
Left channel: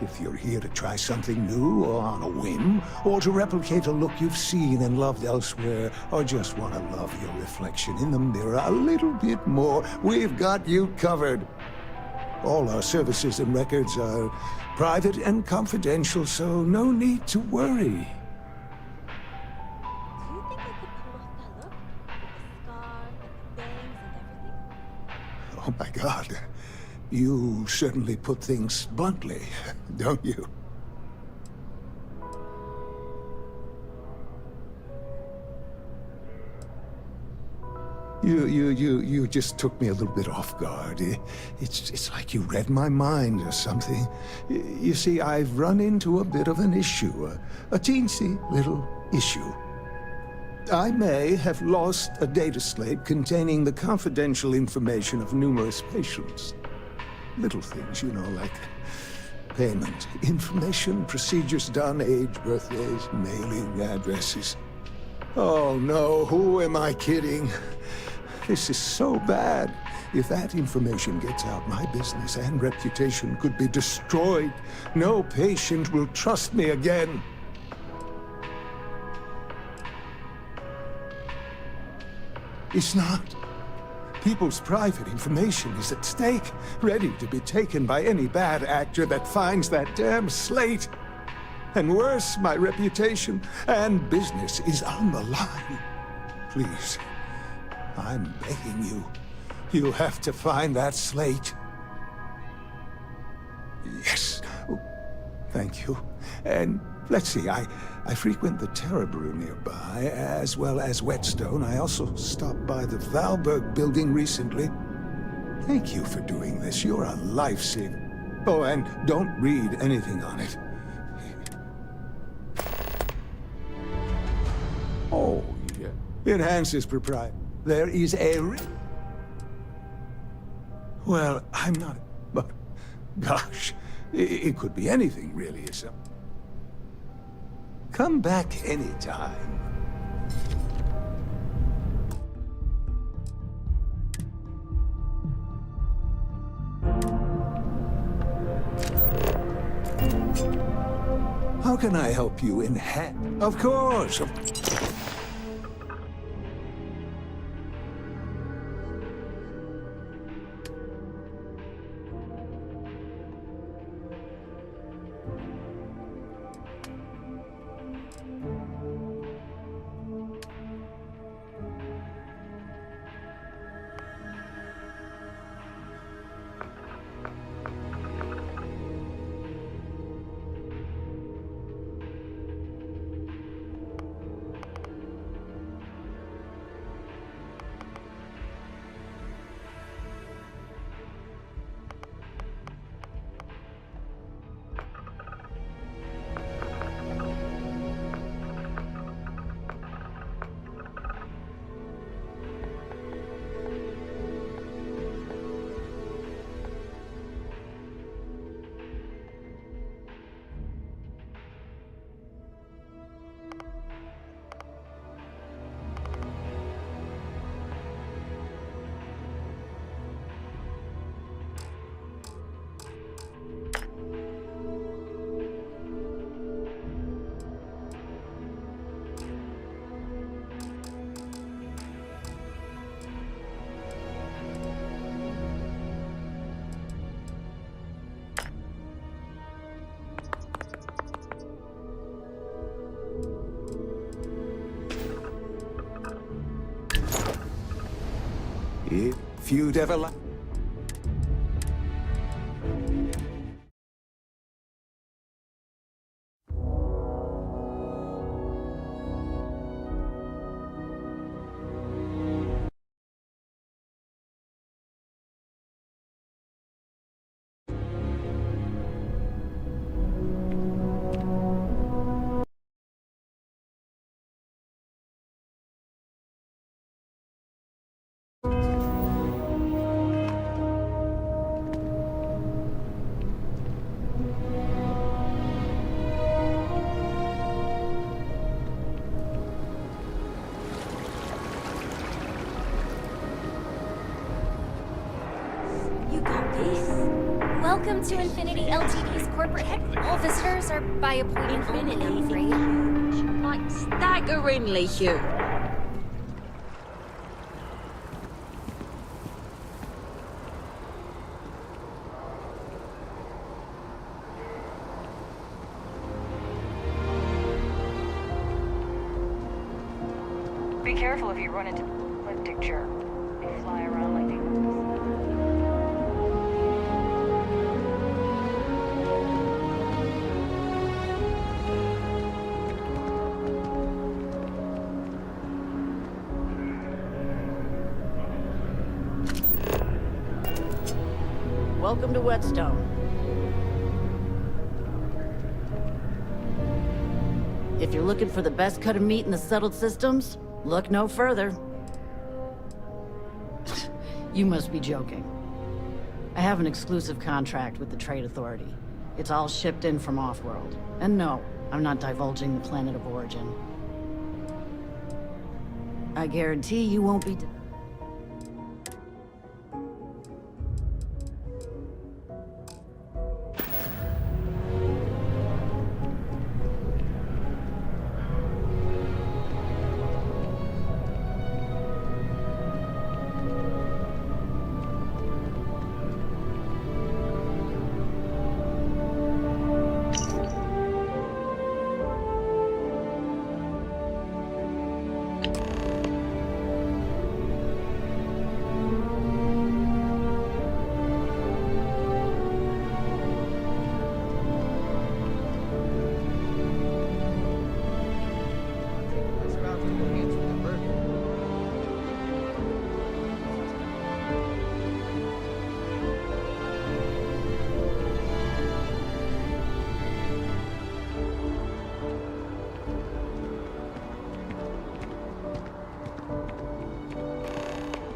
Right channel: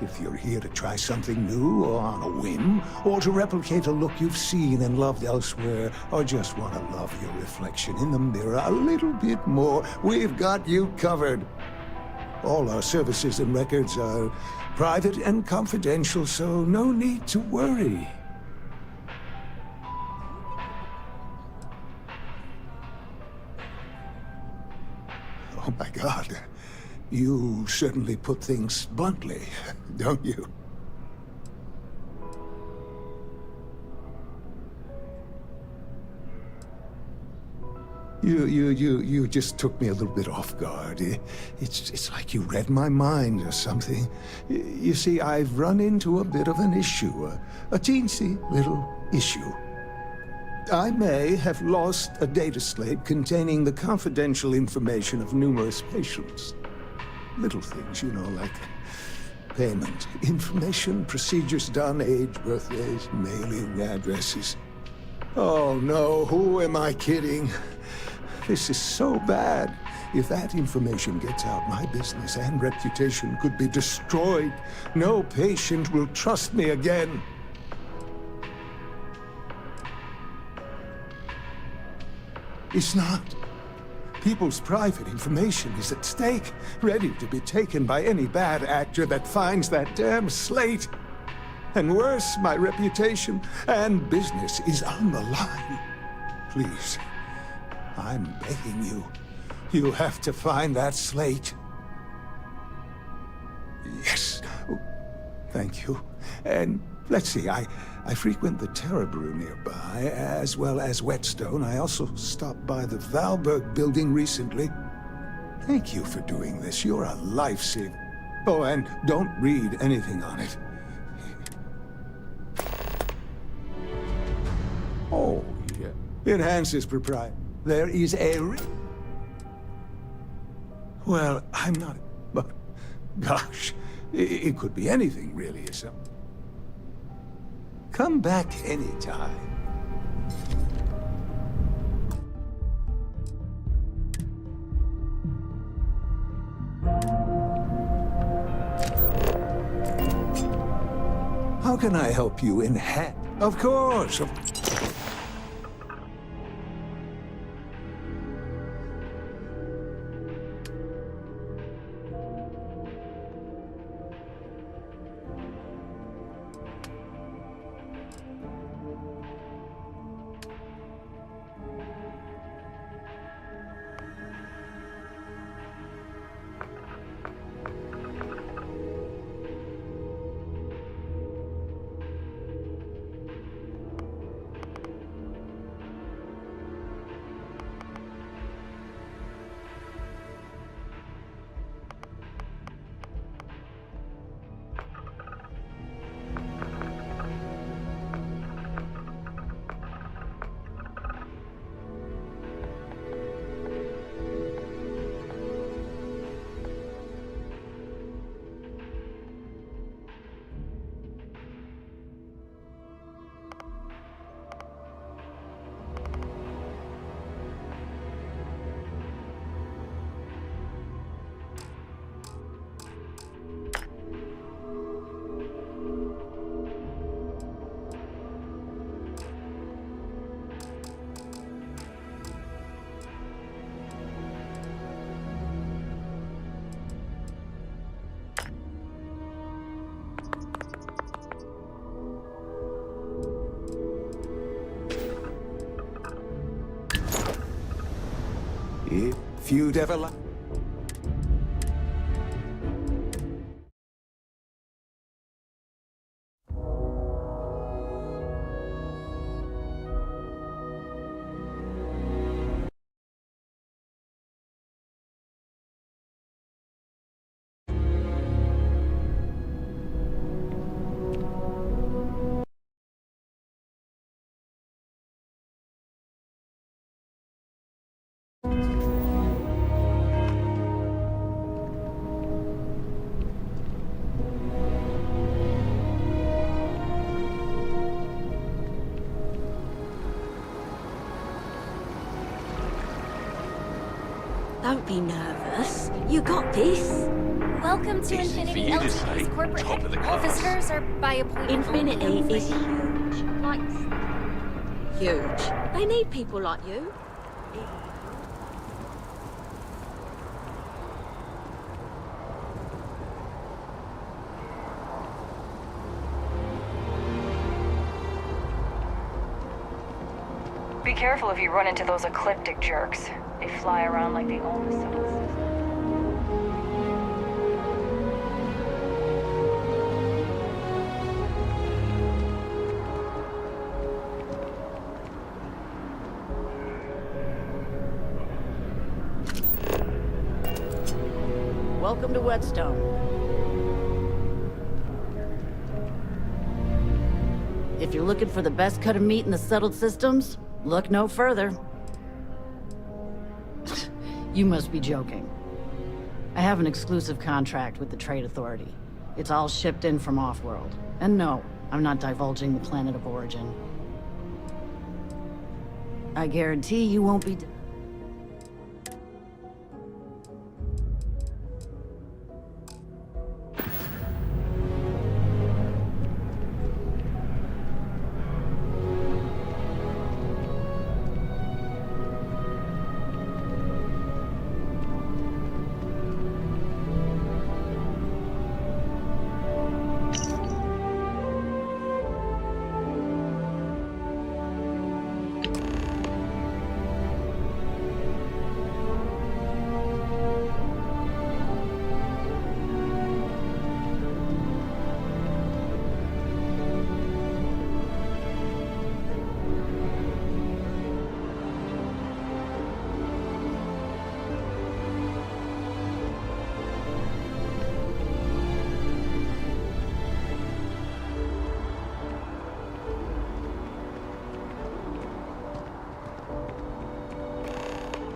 If you're here to try something new or on a whim, or to replicate a look you've seen and loved elsewhere, or just want to love your reflection in the mirror a little bit more, we've got you covered. All our services and records are private and confidential, so no need to worry. My God, you certainly put things bluntly, don't you? You just took me a little bit off guard. It's like you read my mind or something. You see, I've run into a bit of an issue, a teensy little issue. I may have lost a data slate containing the confidential information of numerous patients. Little things, you know, like payment, information, procedures done, age, birthdays, mailing addresses. Oh no, who am I kidding? This is so bad. If that information gets out, my business and reputation could be destroyed. No patient will trust me again. It's not. People's private information is at stake, ready to be taken by any bad actor that finds that damn slate. And worse, my reputation and business is on the line. Please, I'm begging you. You have to find that slate. Yes. Oh, thank you. And let's see, I frequent the Terror Brew nearby, as well as Whetstone. I also stopped by the Valberg building recently. Thank you for doing this. You're a lifesaver. Oh, and don't read anything on it. Oh, yeah. Enhances propriety. There is a Well, I'm not... But, gosh, it could be anything, really, isn't it? Come back anytime. How can I help you in Of course. If you'd ever like... Don't be nervous. You got this. Welcome to Infinity LTD's corporate headquarters. All visitors are by appointment. Infinity is huge. Like, staggeringly huge. They need people like you. Be careful if you run into those ecliptic jerks. They fly around like they own the Welcome to Whetstone. If you're looking for the best cut of meat in the settled systems, look no further. You must be joking. I have an exclusive contract with the Trade Authority. It's all shipped in from off-world. And no, I'm not divulging the planet of origin. I guarantee you won't be...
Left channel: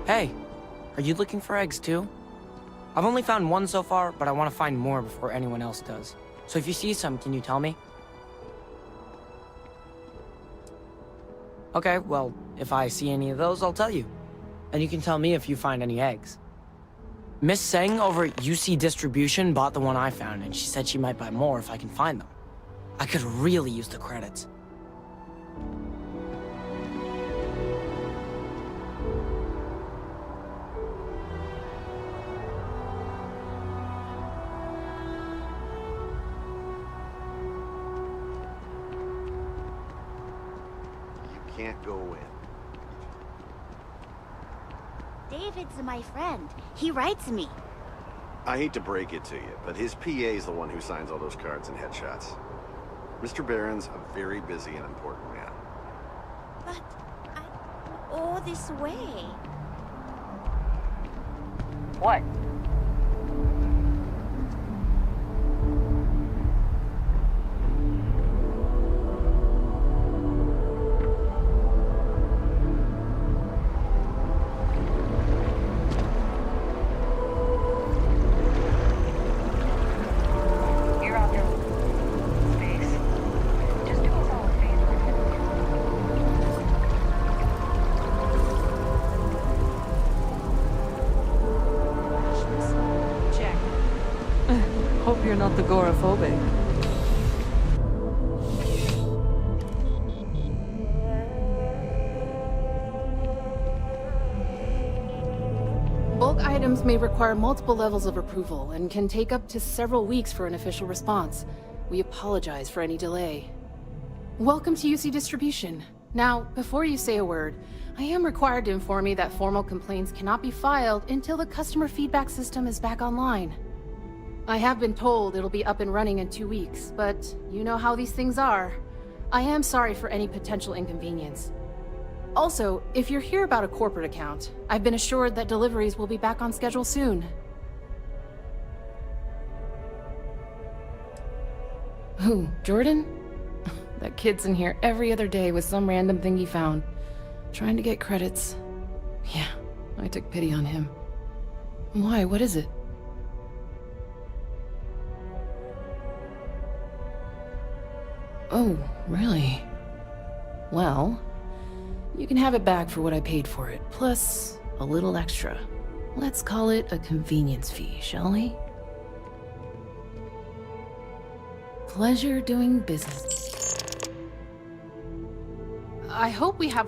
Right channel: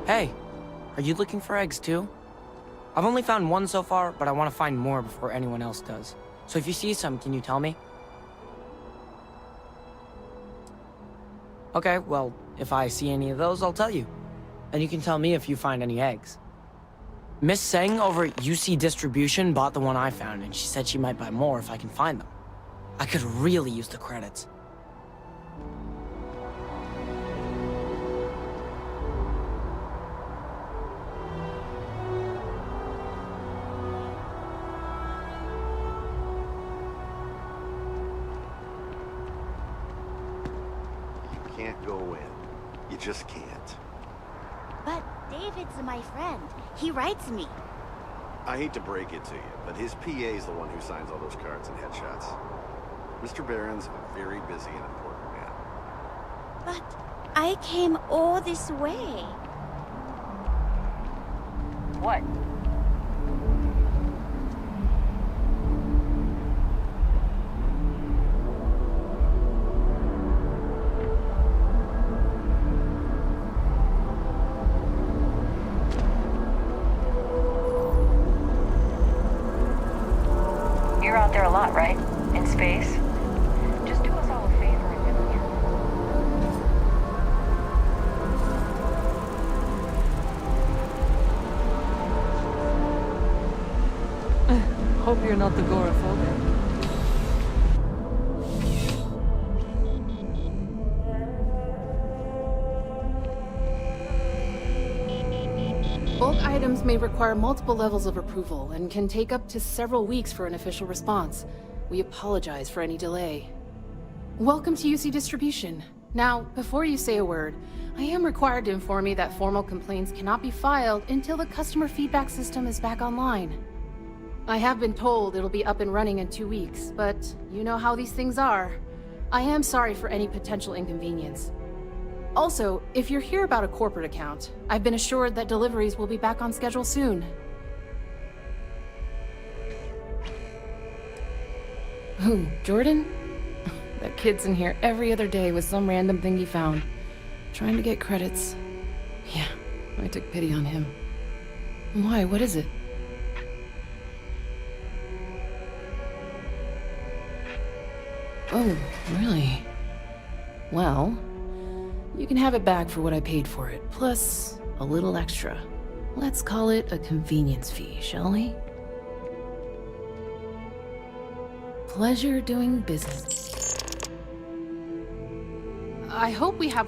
Hey, are you looking for eggs too? I've only found one so far, but I want to find more before anyone else does. So if you see some, can you tell me? Okay, well, if I see any of those, I'll tell you. And you can tell me if you find any eggs. Miss Seng over at UC Distribution bought the one I found, and she said she might buy more if I can find them. I could really use the credits. Can't go in. You just can't. But David's my friend. He writes me. I hate to break it to you, but his PA's the one who signs all those cards and headshots. Mr. Barron's a very busy and important man. But I came all this way. What? You're out there a lot, right? In space? Just do us all a favor and head here. Hope you're not agoraphobic. Bulk items may require multiple levels of approval and can take up to several weeks for an official response. We apologize for any delay. Welcome to UC Distribution. Now, before you say a word, I am required to inform you that formal complaints cannot be filed until the customer feedback system is back online. I have been told it'll be up and running in 2 weeks, but you know how these things are. I am sorry for any potential inconvenience. Also, if you're here about a corporate account, I've been assured that deliveries will be back on schedule soon. Who, Jordan? That kid's in here every other day with some random thing he found. Trying to get credits. Yeah, I took pity on him. Why, what is it? Oh, really? Well, you can have it back for what I paid for it, plus a little extra. Let's call it a convenience fee, shall we? Pleasure doing business. I hope we have...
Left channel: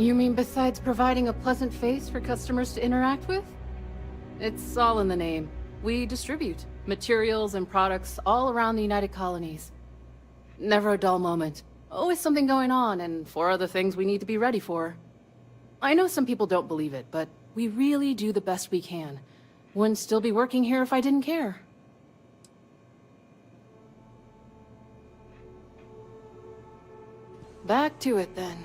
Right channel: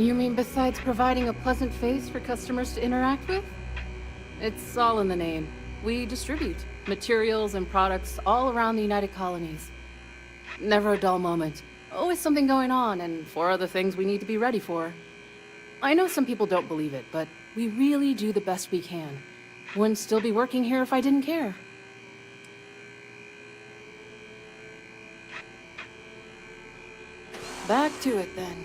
You mean besides providing a pleasant face for customers to interact with? It's all in the name. We distribute materials and products all around the United Colonies. Never a dull moment. Always something going on, and 4 other things we need to be ready for. I know some people don't believe it, but we really do the best we can. Wouldn't still be working here if I didn't care. Back to it, then.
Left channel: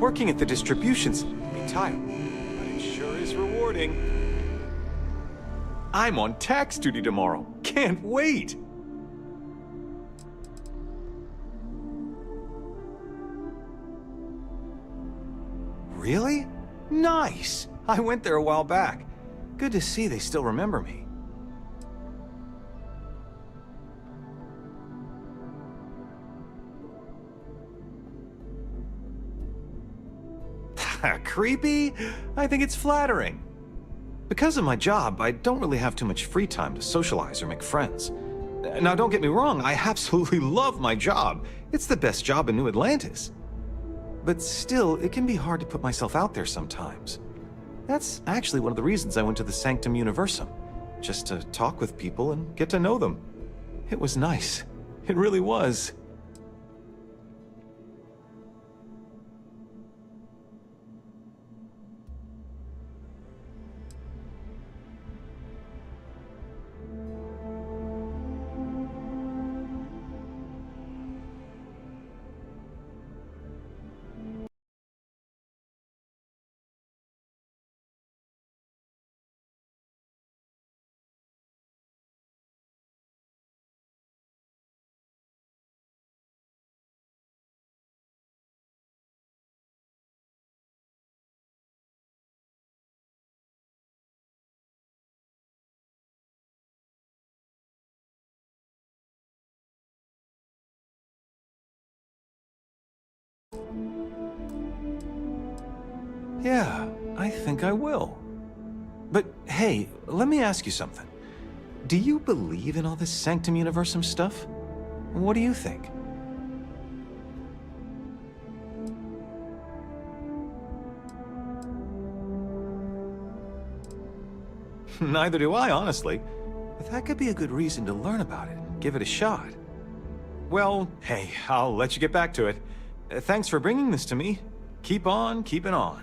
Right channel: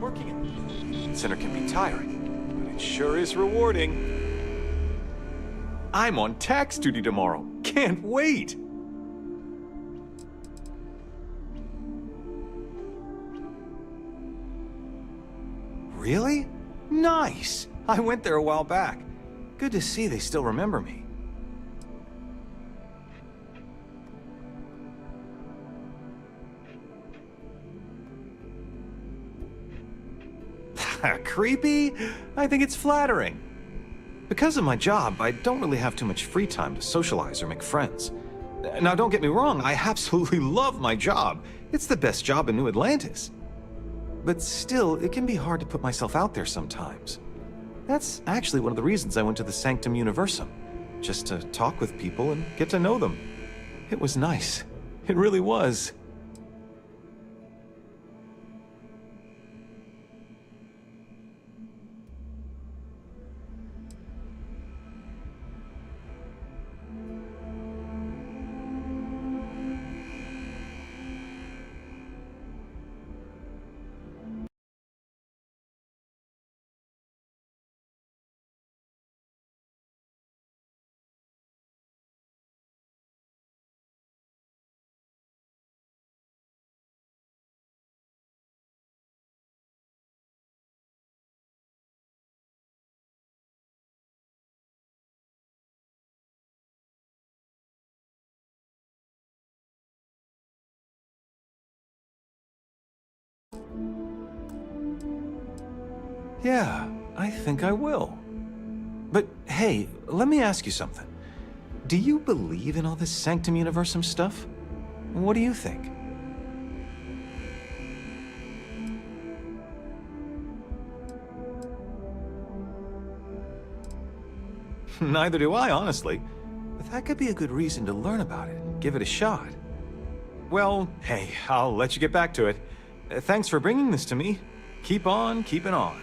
Working at the distribution center can be tiring, but it sure is rewarding. I'm on tax duty tomorrow. Can't wait! Really? Nice! I went there a while back. Good to see they still remember me. Creepy? I think it's flattering. Because of my job, I don't really have too much free time to socialize or make friends. Now, don't get me wrong, I absolutely love my job. It's the best job in New Atlantis. But still, it can be hard to put myself out there sometimes. That's actually one of the reasons I went to the Sanctum Universum, just to talk with people and get to know them. It was nice. It really was. Yeah, I think I will. But hey, let me ask you something. Do you believe in all this Sanctum Universum stuff? What do you think? Neither do I, honestly. But that could be a good reason to learn about it and give it a shot. Well, hey, I'll let you get back to it. Thanks for bringing this to me. Keep on keeping on.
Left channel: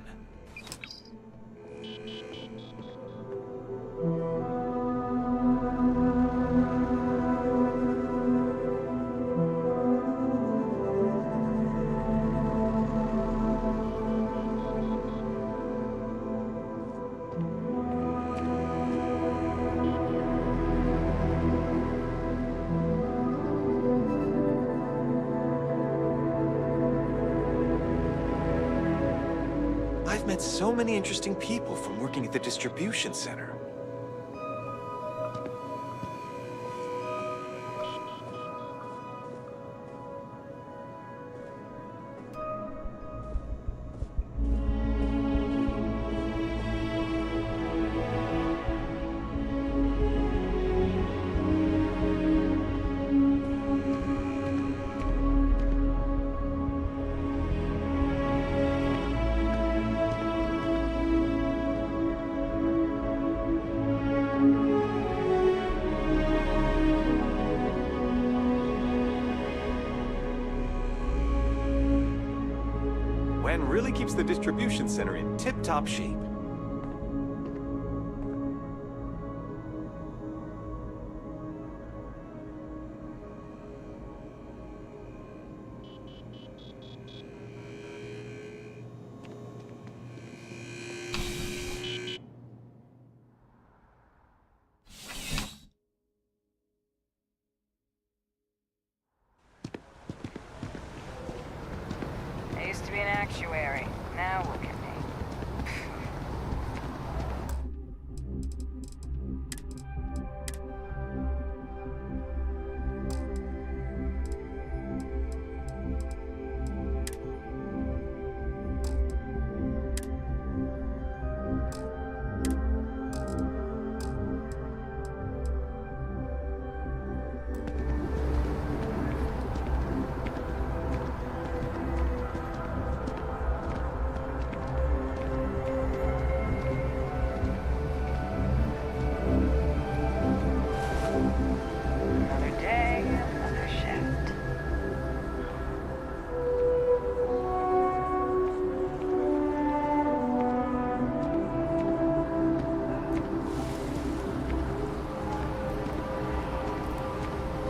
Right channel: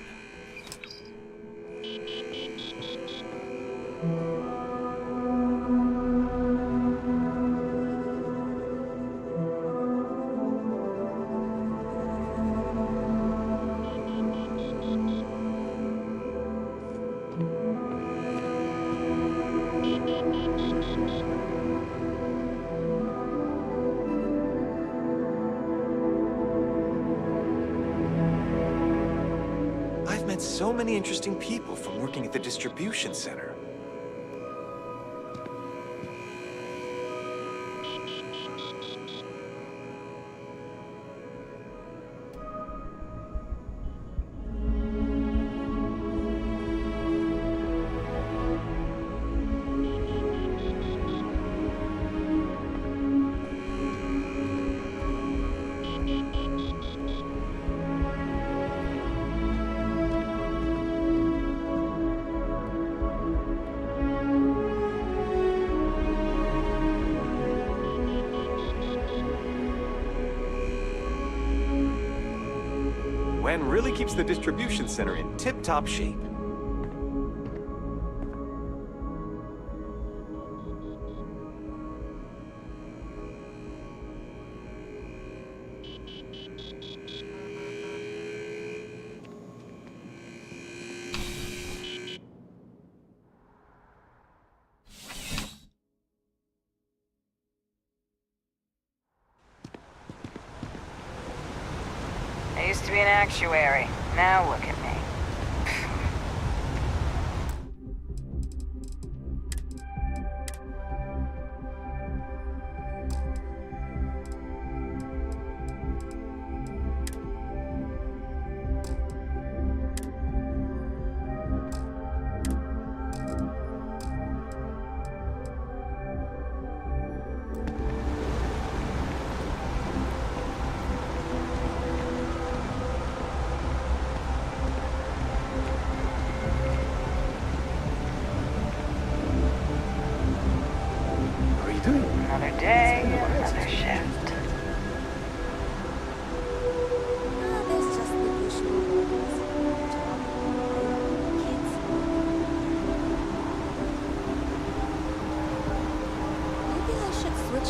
I've met so many interesting people from working at the distribution center. Wen really keeps the distribution center in tip-top shape. I used to be an actuary. Now look at me.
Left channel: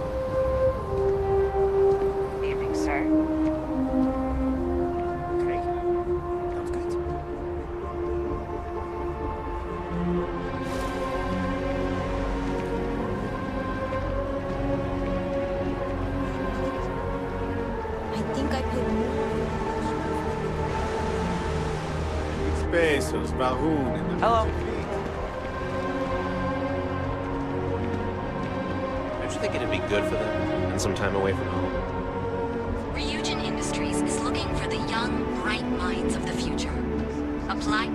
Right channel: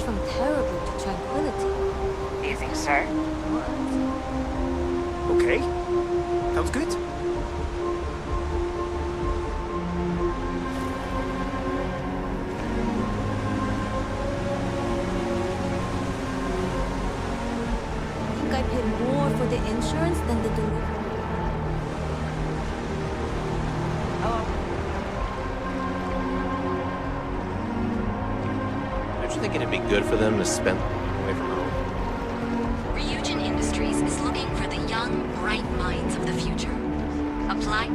from terrible to tranquility. Do you think so? Okay. Sounds good. I think I paid more for the insurance than the door. Pesos, Bahu. Hello. Don't you think it'd be good for them to spend some time away from home? Ryujin Industries is looking for the young, bright minds of the future. Apply.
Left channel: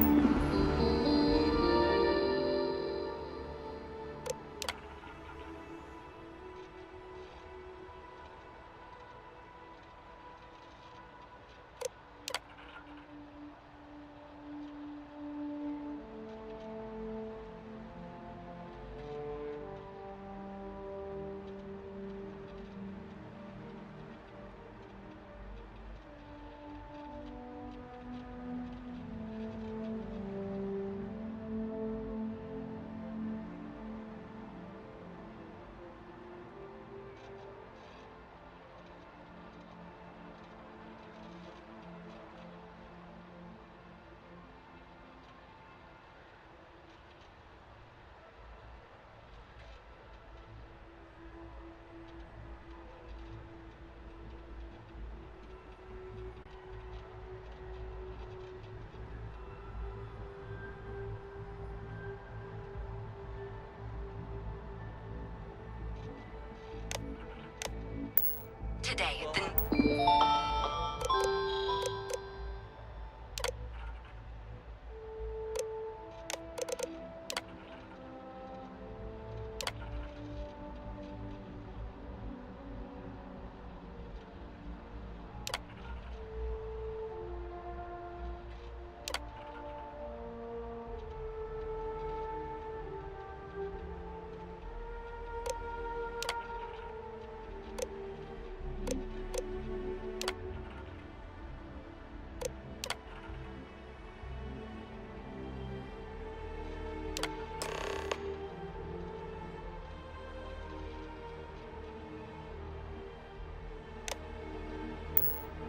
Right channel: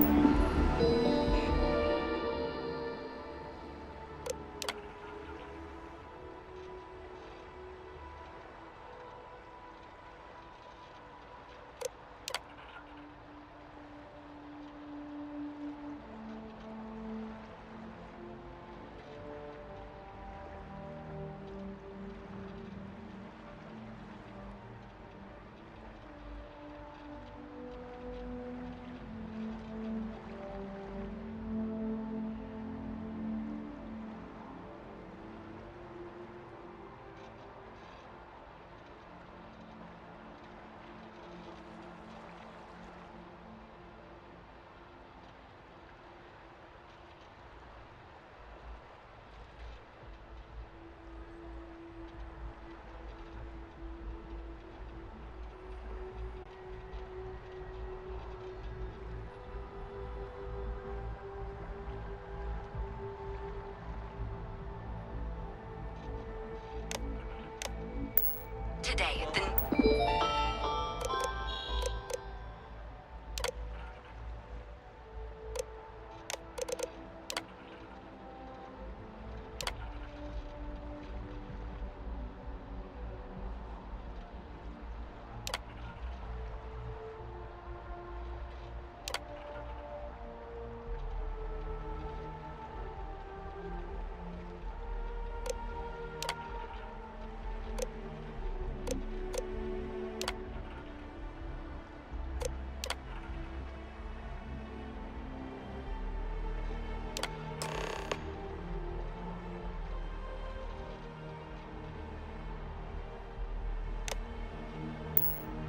Today at the...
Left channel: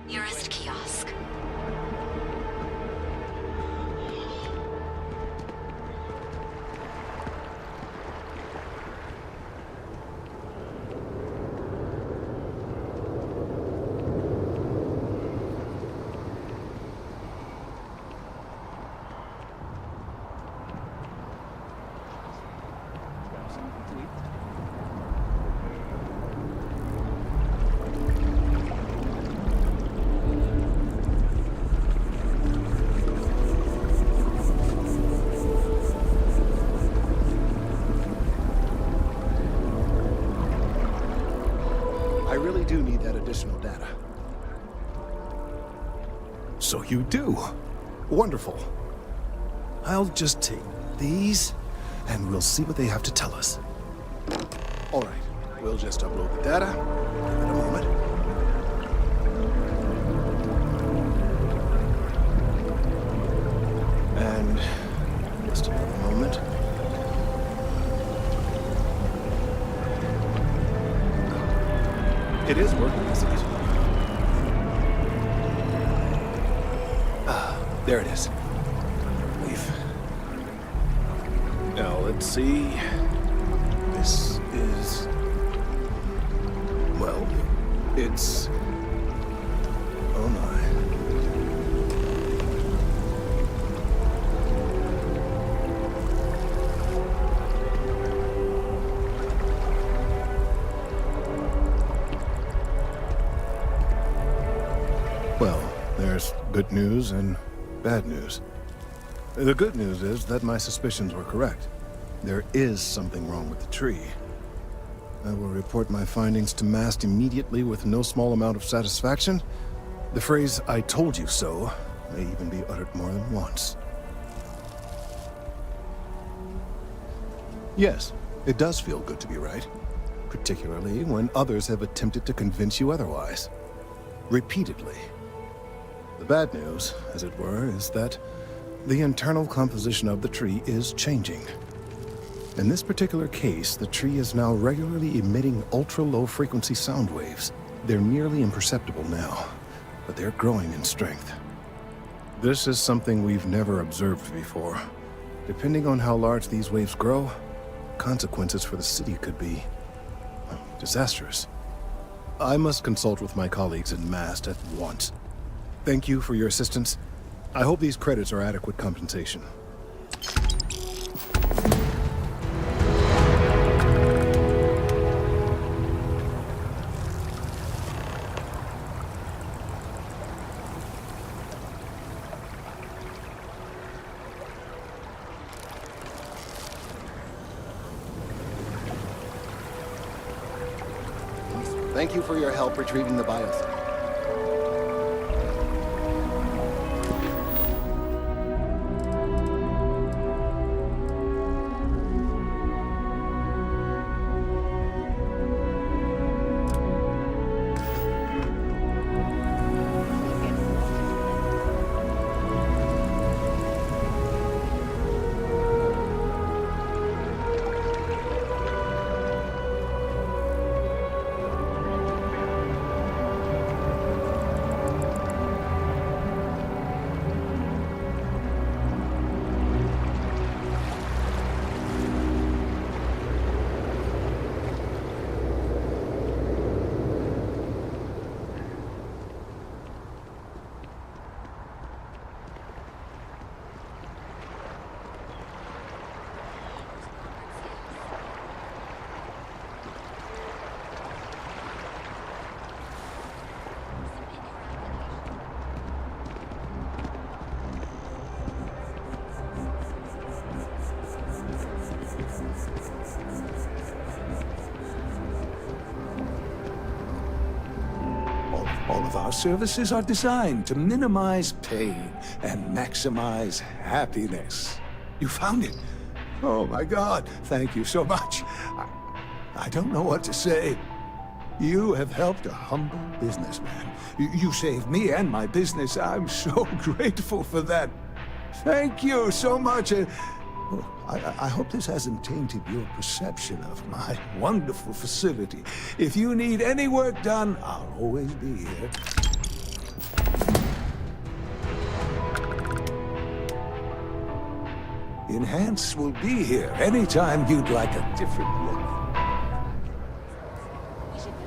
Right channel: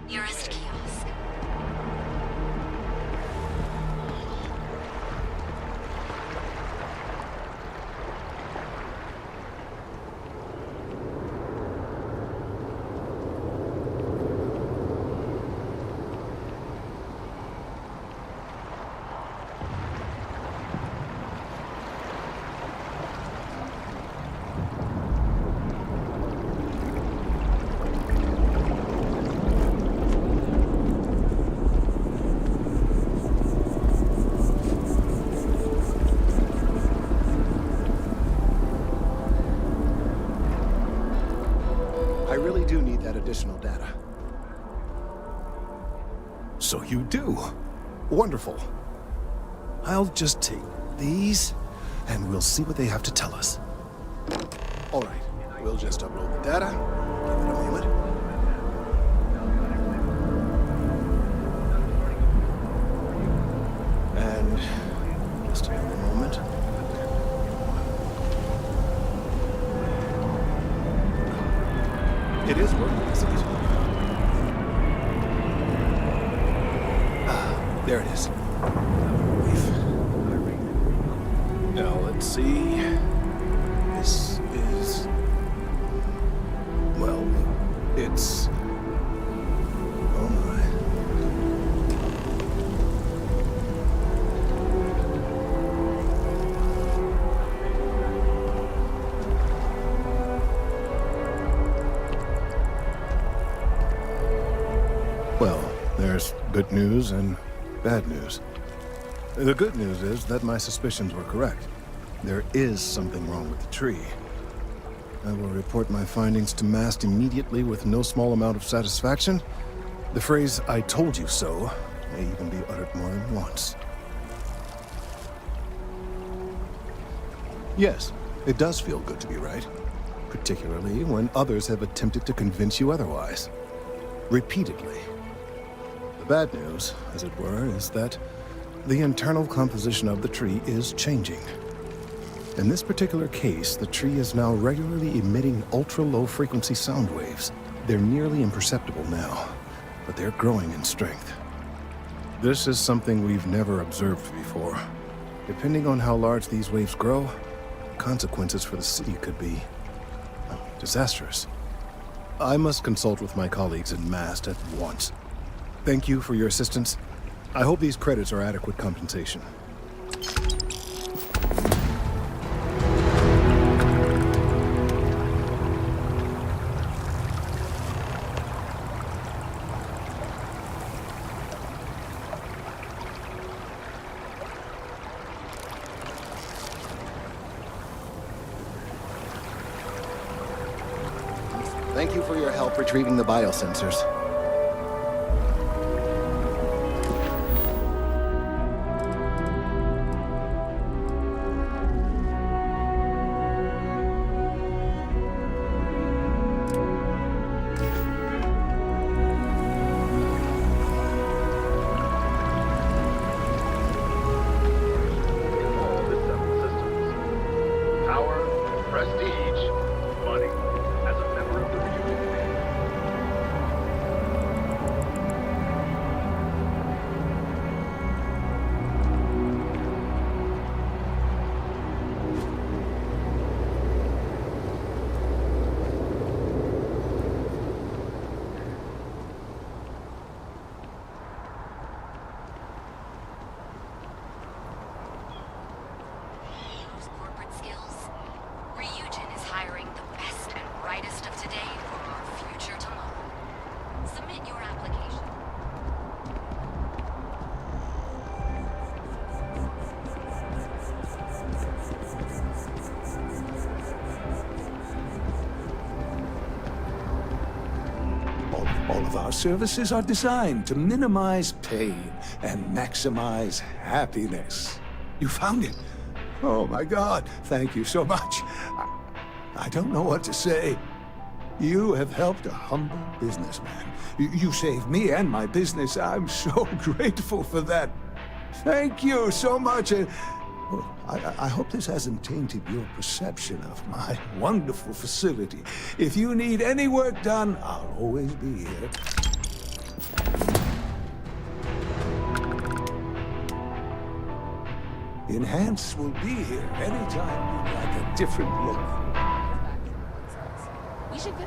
nearest kiosk. I really do need that additional data. So you do. Wonderful. I'll just take these, and we'll see what they have to tell us. All right, we'll just upload the data. Give it a moment. And just another moment. It is working, isn't it? Ah, there it is. Relief. Now, let's see. This is... well, it's... oh my. Well, there's good news and bad news. The good news is that my suspicions were correct. There is something wrong with the tree. I will report my findings to Mast immediately with no small amount of satisfaction. The phrase, "I told you so," may even be uttered more than once. Yes, it does feel good to be right. Particularly when others have attempted to convince you otherwise. Repeatedly. The bad news, as it were, is that the internal composition of the tree is changing. In this particular case, the tree is now regularly emitting ultra-low frequency sound waves. They're nearly imperceptible now, but they're growing in strength. This is something we've never observed before. Depending on how large these waves grow, consequences for the city could be disastrous. I must consult with my colleagues in Mast at once. Thank you for your assistance. I hope these credits are adequate compensation. Thank you for your help retrieving the biosensors. All of our services are designed to minimize pain and maximize happiness. You found it. Oh my God, thank you so much. I don't know what to say. You have helped a humble businessman. You saved me and my business. I'm so grateful for that. Thank you so much. I hope this hasn't tainted your perception of my wonderful facility. If you need any work done, I'll always be here. Enhance will be here anytime you'd like a different look. We should go.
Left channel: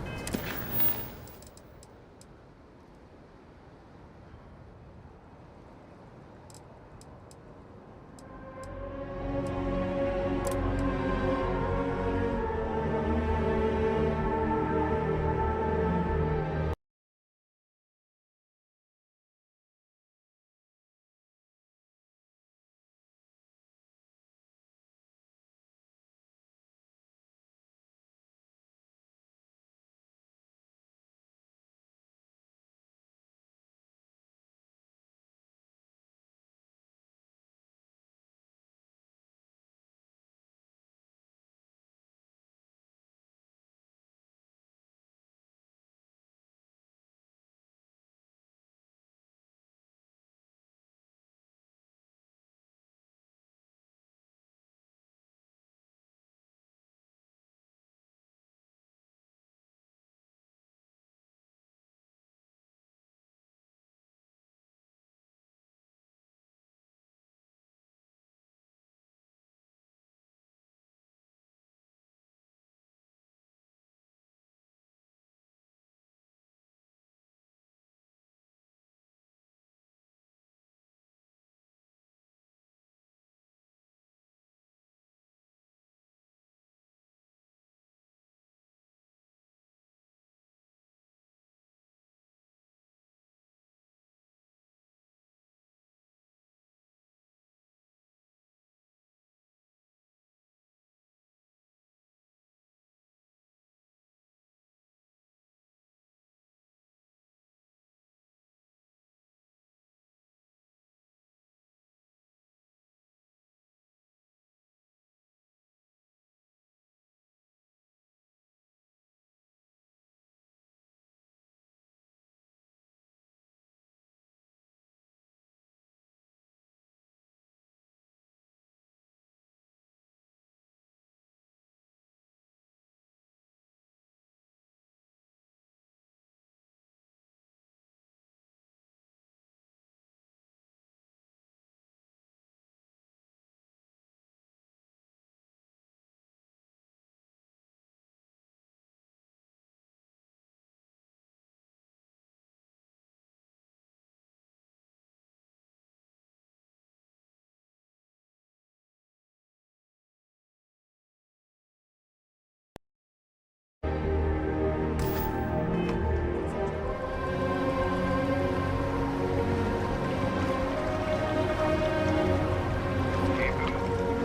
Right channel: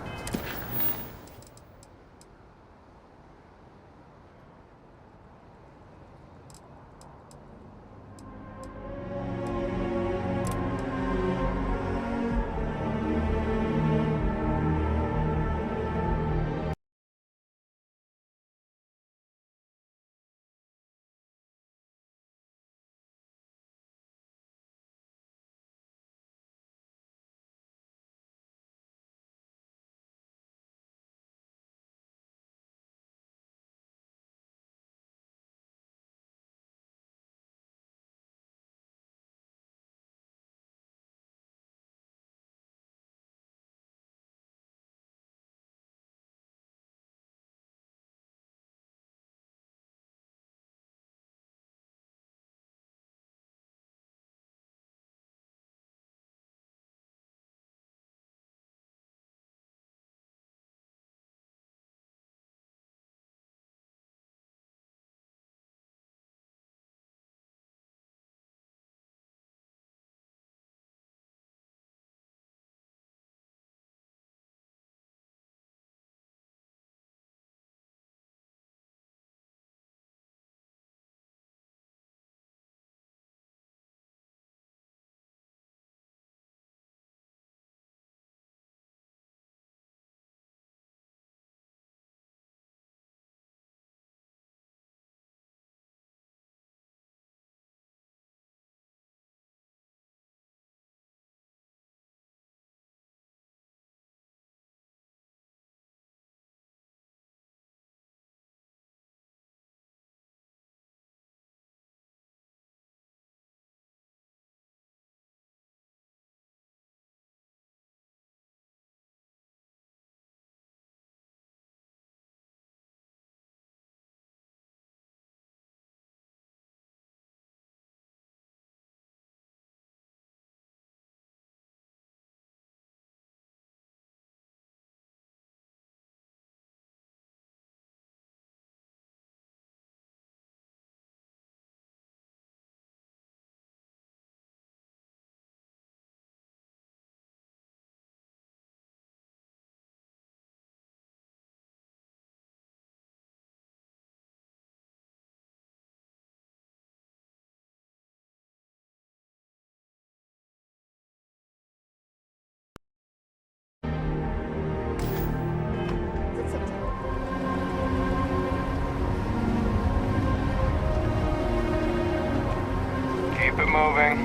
moving.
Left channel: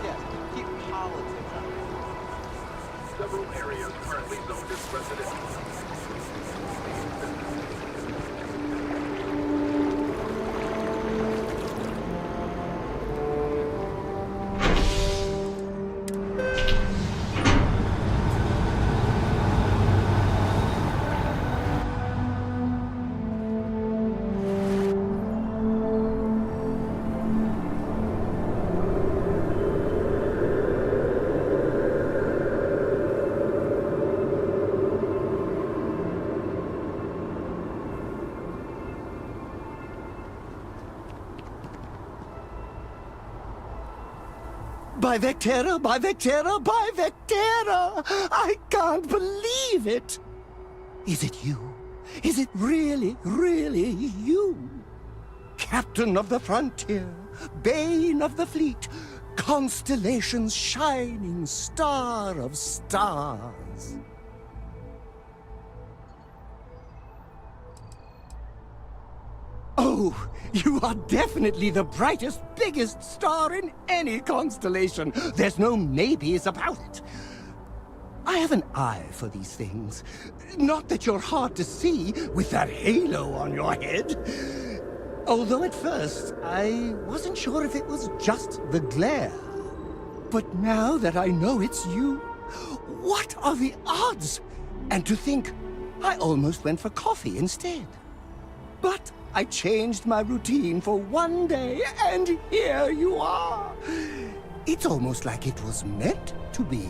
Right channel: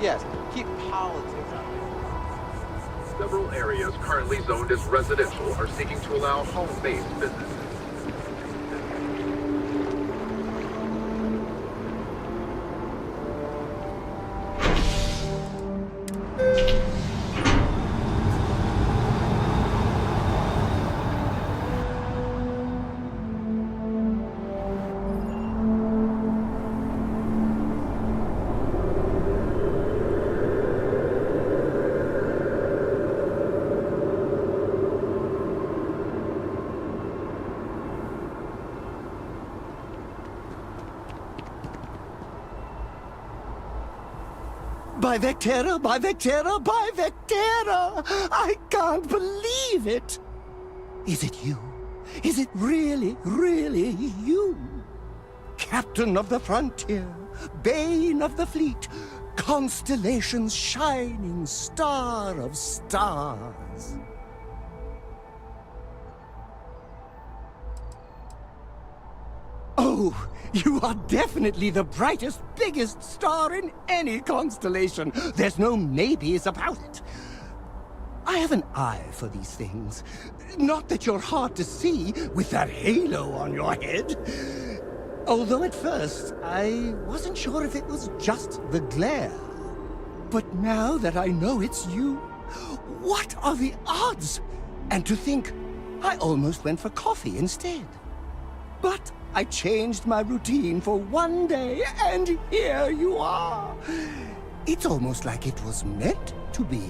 Yes, keep politics out of it. Several areas currently zoned as residential are seeking to allow home-based businesses. By Vectera, by Vectera, by Vectera! I can't believe it! Is it you? Is it really, really you? Captain of the frontier, bane of the fleet, constellation's shining star of stars. Oh, you are definitely the brightest, biggest star in any constellation. There's no maybes about it. I have an eye for these things. Not that you're hard to see with that halo on your head. Although at first, I wasn't sure if it was just the glare. But now that I know it's you, what are the odds? And to think, I almost went for coffee instead. But I changed my routine for one day, and here you are. It's almost like it was meant to be.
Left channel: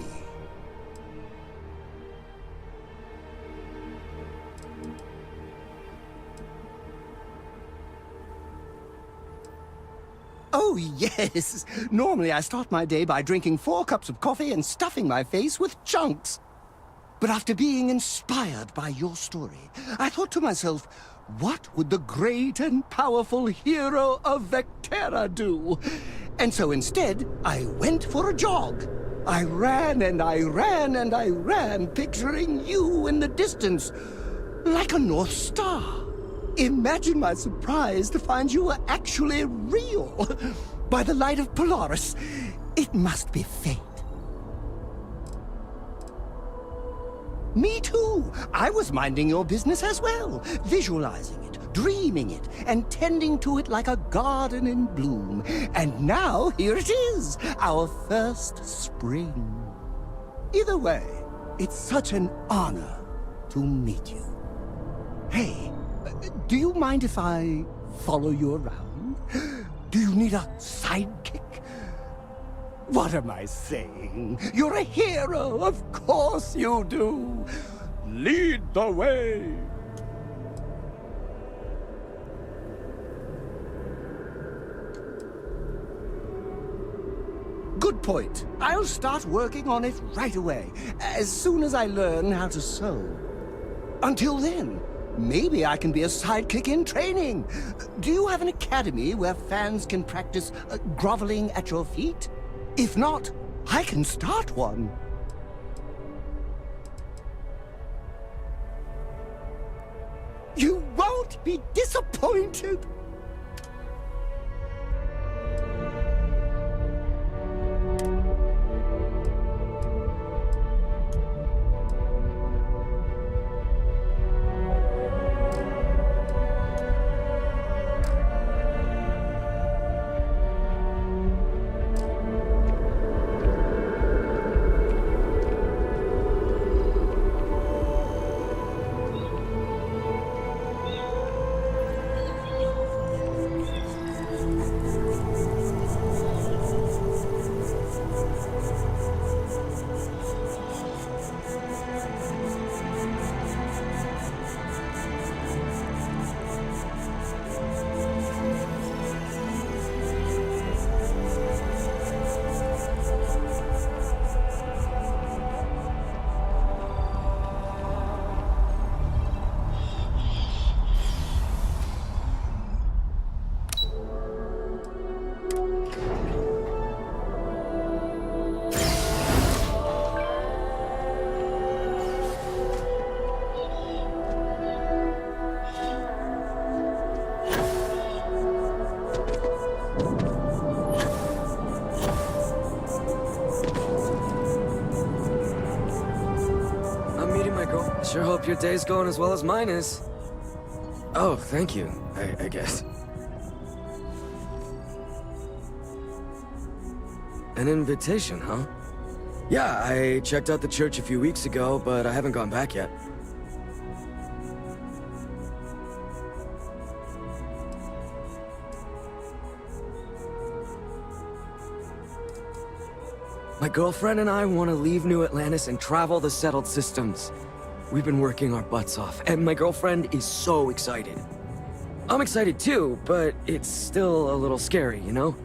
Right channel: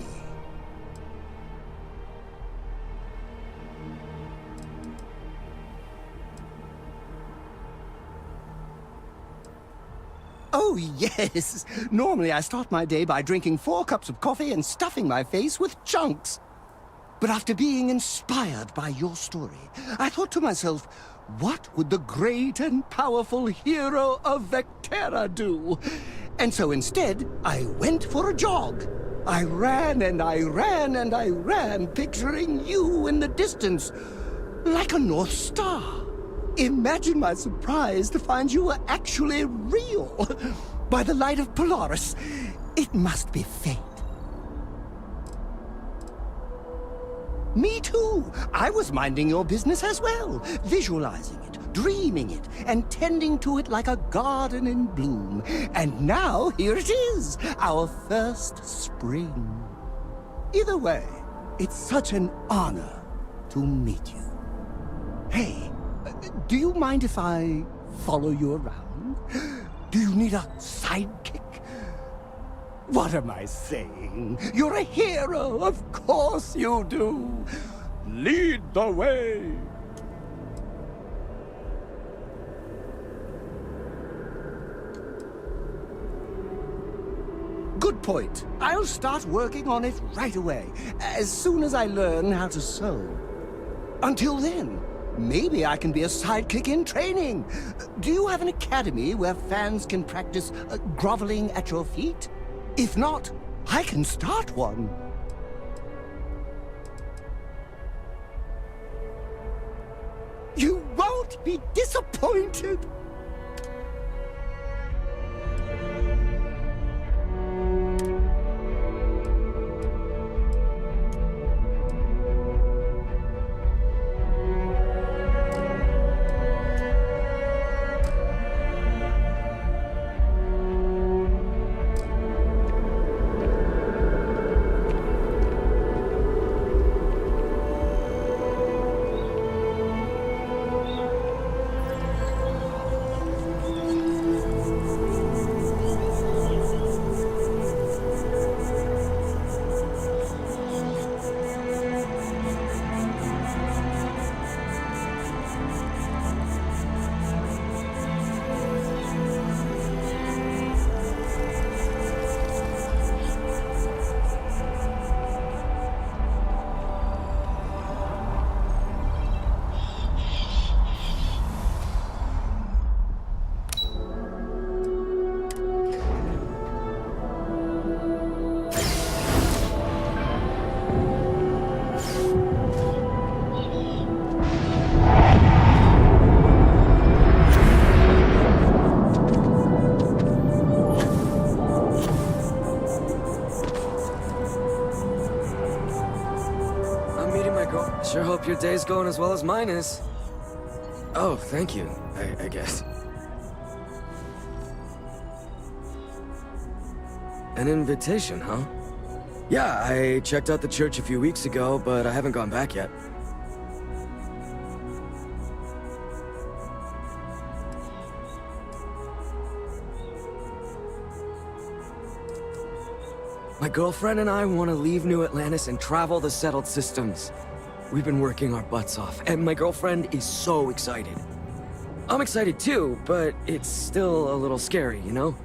Oh, yes. Normally I start my day by drinking 4 cups of coffee and stuffing my face with chunks. But after being inspired by your story, I thought to myself, what would the great and powerful hero of Vectera do? And so instead, I went for a jog. I ran and I ran and I ran, picturing you in the distance, like a North Star. Imagine my surprise to find you were actually real. By the light of Polaris, it must be fate. Me too. I was minding your business as well, visualizing it, dreaming it, and tending to it like a garden in bloom. And now, here it is, our first spring. Either way, it's such an honor to meet you. Hey, do you mind if I follow you around? Do you need a sidekick? What am I saying? You're a hero, of course you do. Lead the way. Good point. I'll start working on it right away, as soon as I learn how to sew. Until then, maybe I can be a sidekick in training. Do you have an academy where fans can practice groveling at your feet? If not, I can start one. You won't be disappointed. sure hope your day's going as well as mine is. Oh, thank you, I guess. An invitation, huh? Yeah, I checked out the church a few weeks ago, but I haven't gone back yet. My girlfriend and I want to leave New Atlantis and travel the settled systems. We've been working our butts off, and my girlfriend is so excited. I'm excited too, but it's still a little scary, you know?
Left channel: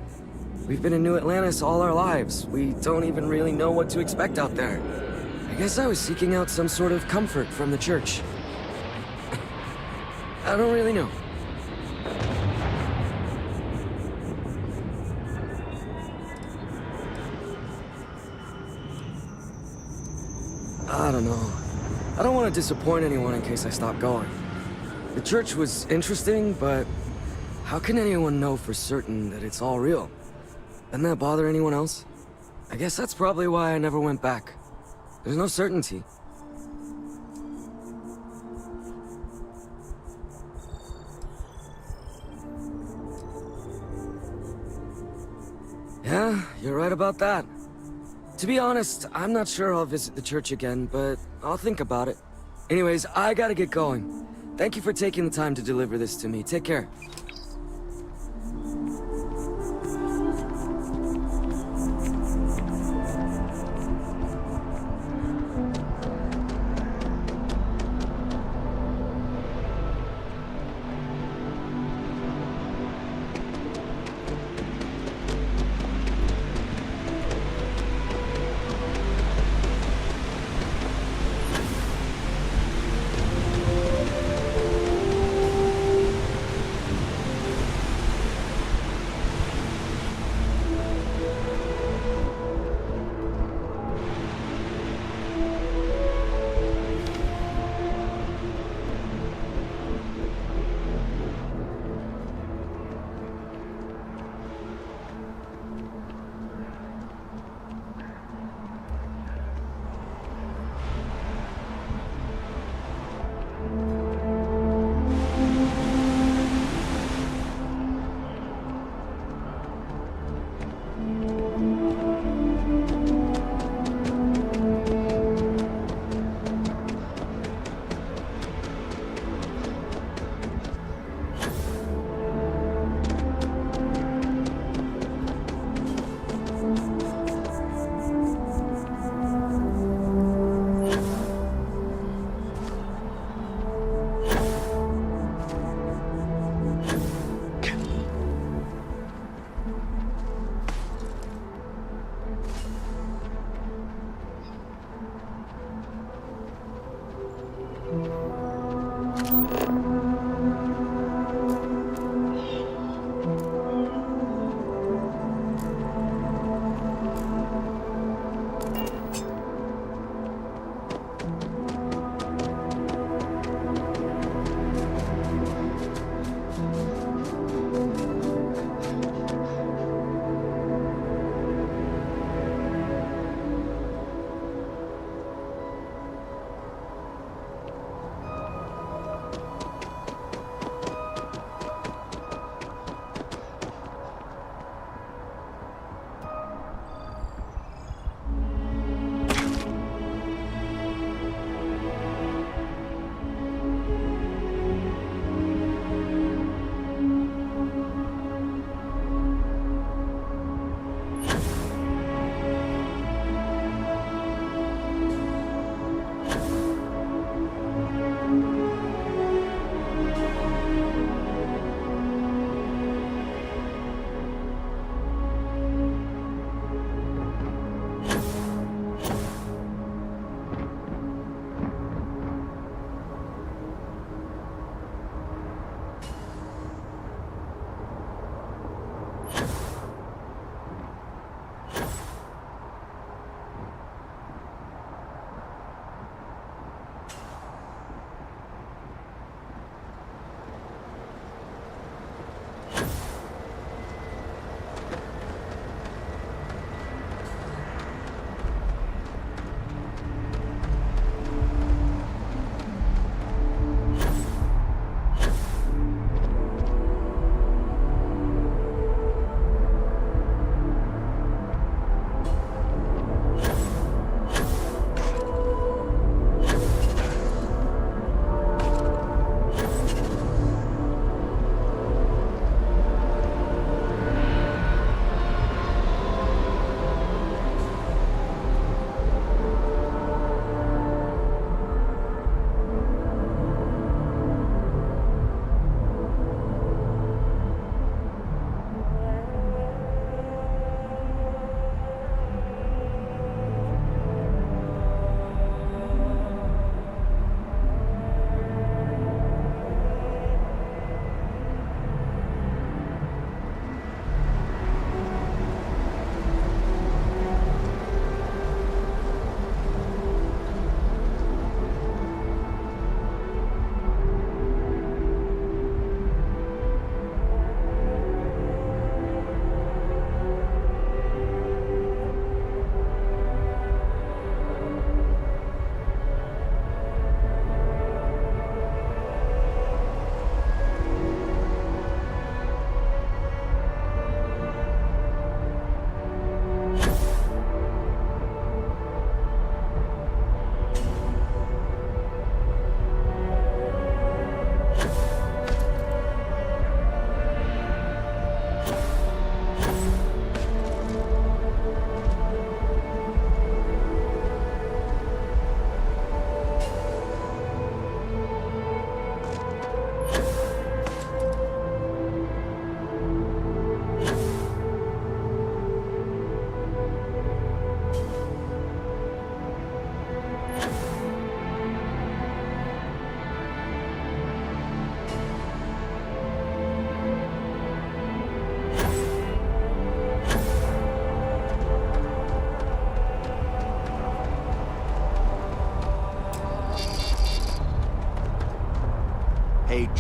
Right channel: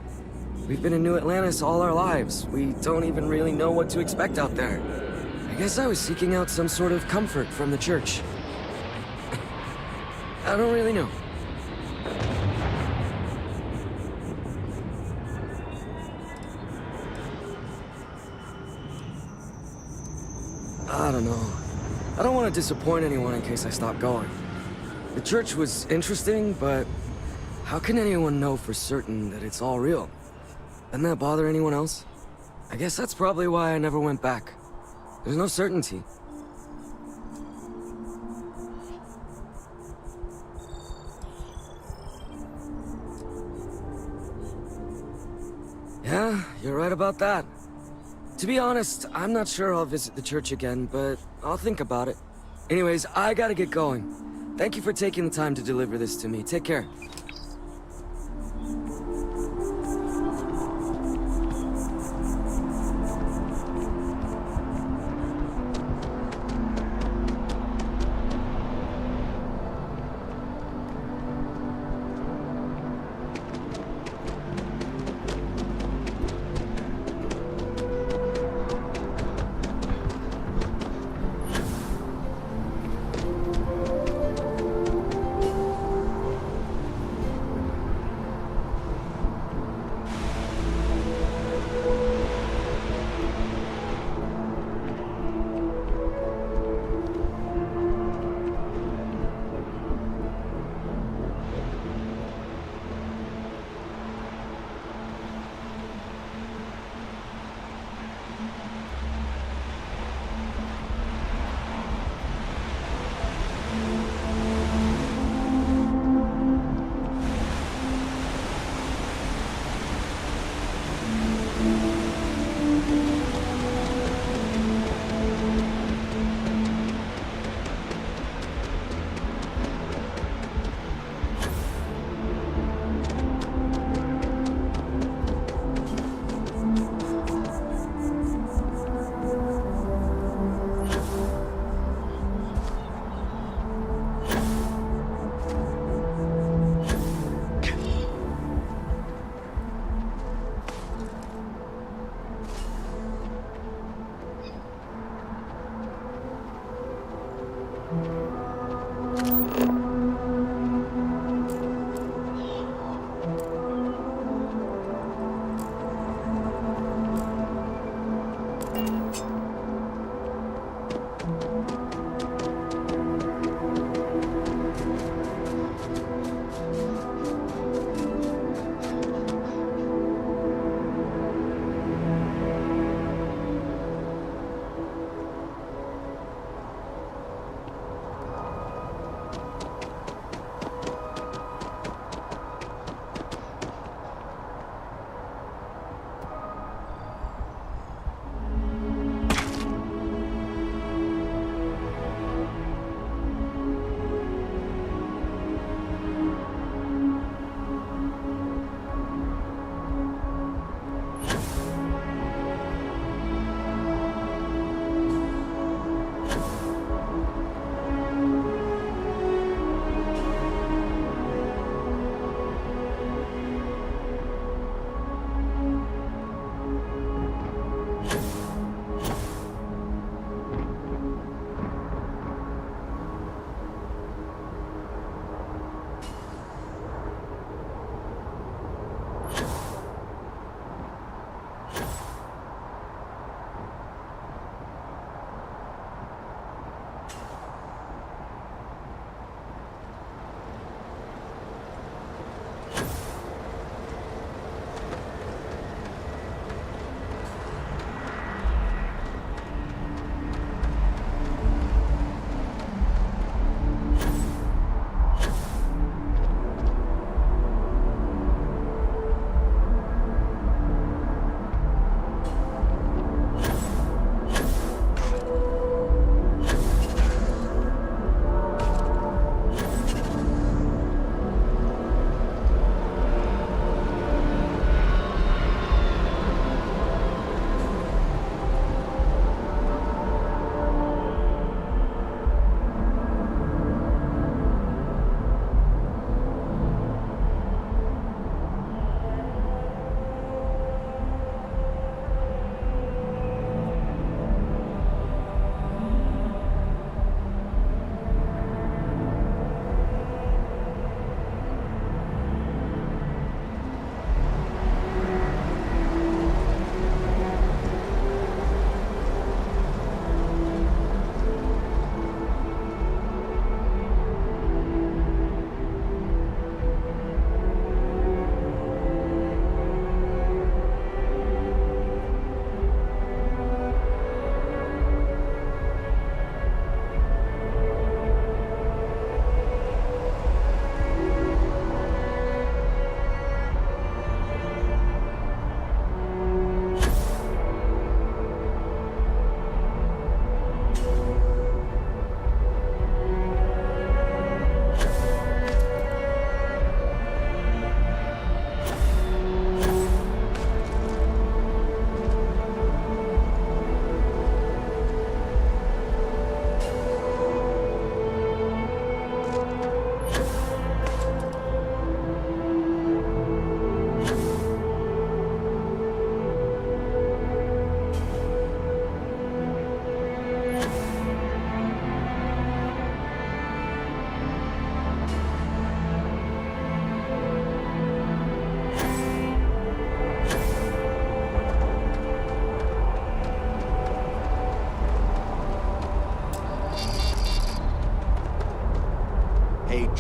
We've been in New Atlantis all our lives. We don't even really know what to expect out there. I guess I was seeking out some sort of comfort from the church. I don't really know. I don't know. I don't want to disappoint anyone in case I stop going. The church was interesting, but how can anyone know for certain that it's all real? Doesn't that bother anyone else? I guess that's probably why I never went back. There's no certainty. Yeah, you're right about that. To be honest, I'm not sure I'll visit the church again, but I'll think about it. Anyways, I gotta get going. Thank you for taking the time to deliver this to me. Take care.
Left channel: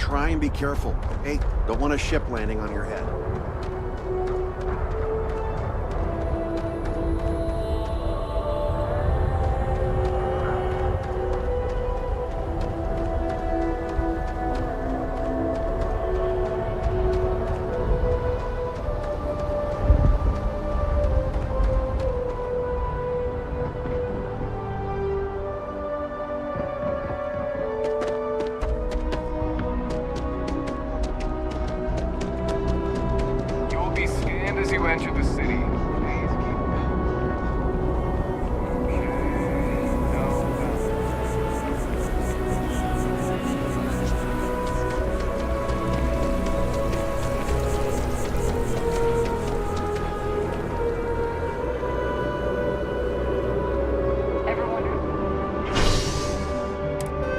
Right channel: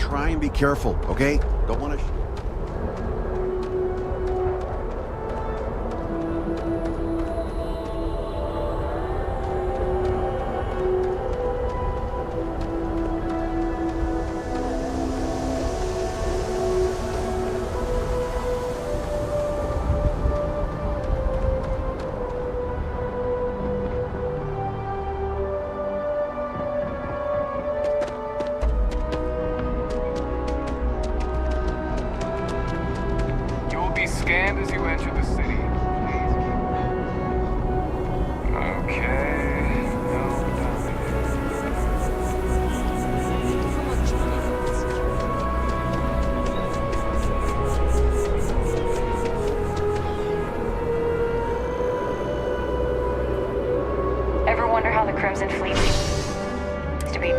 try and be careful, okay? Don't want a ship landing on your head. You will be scanned as you enter the city. Please keep Okay. No. Ever wonder how the Crimson Fleet used to be?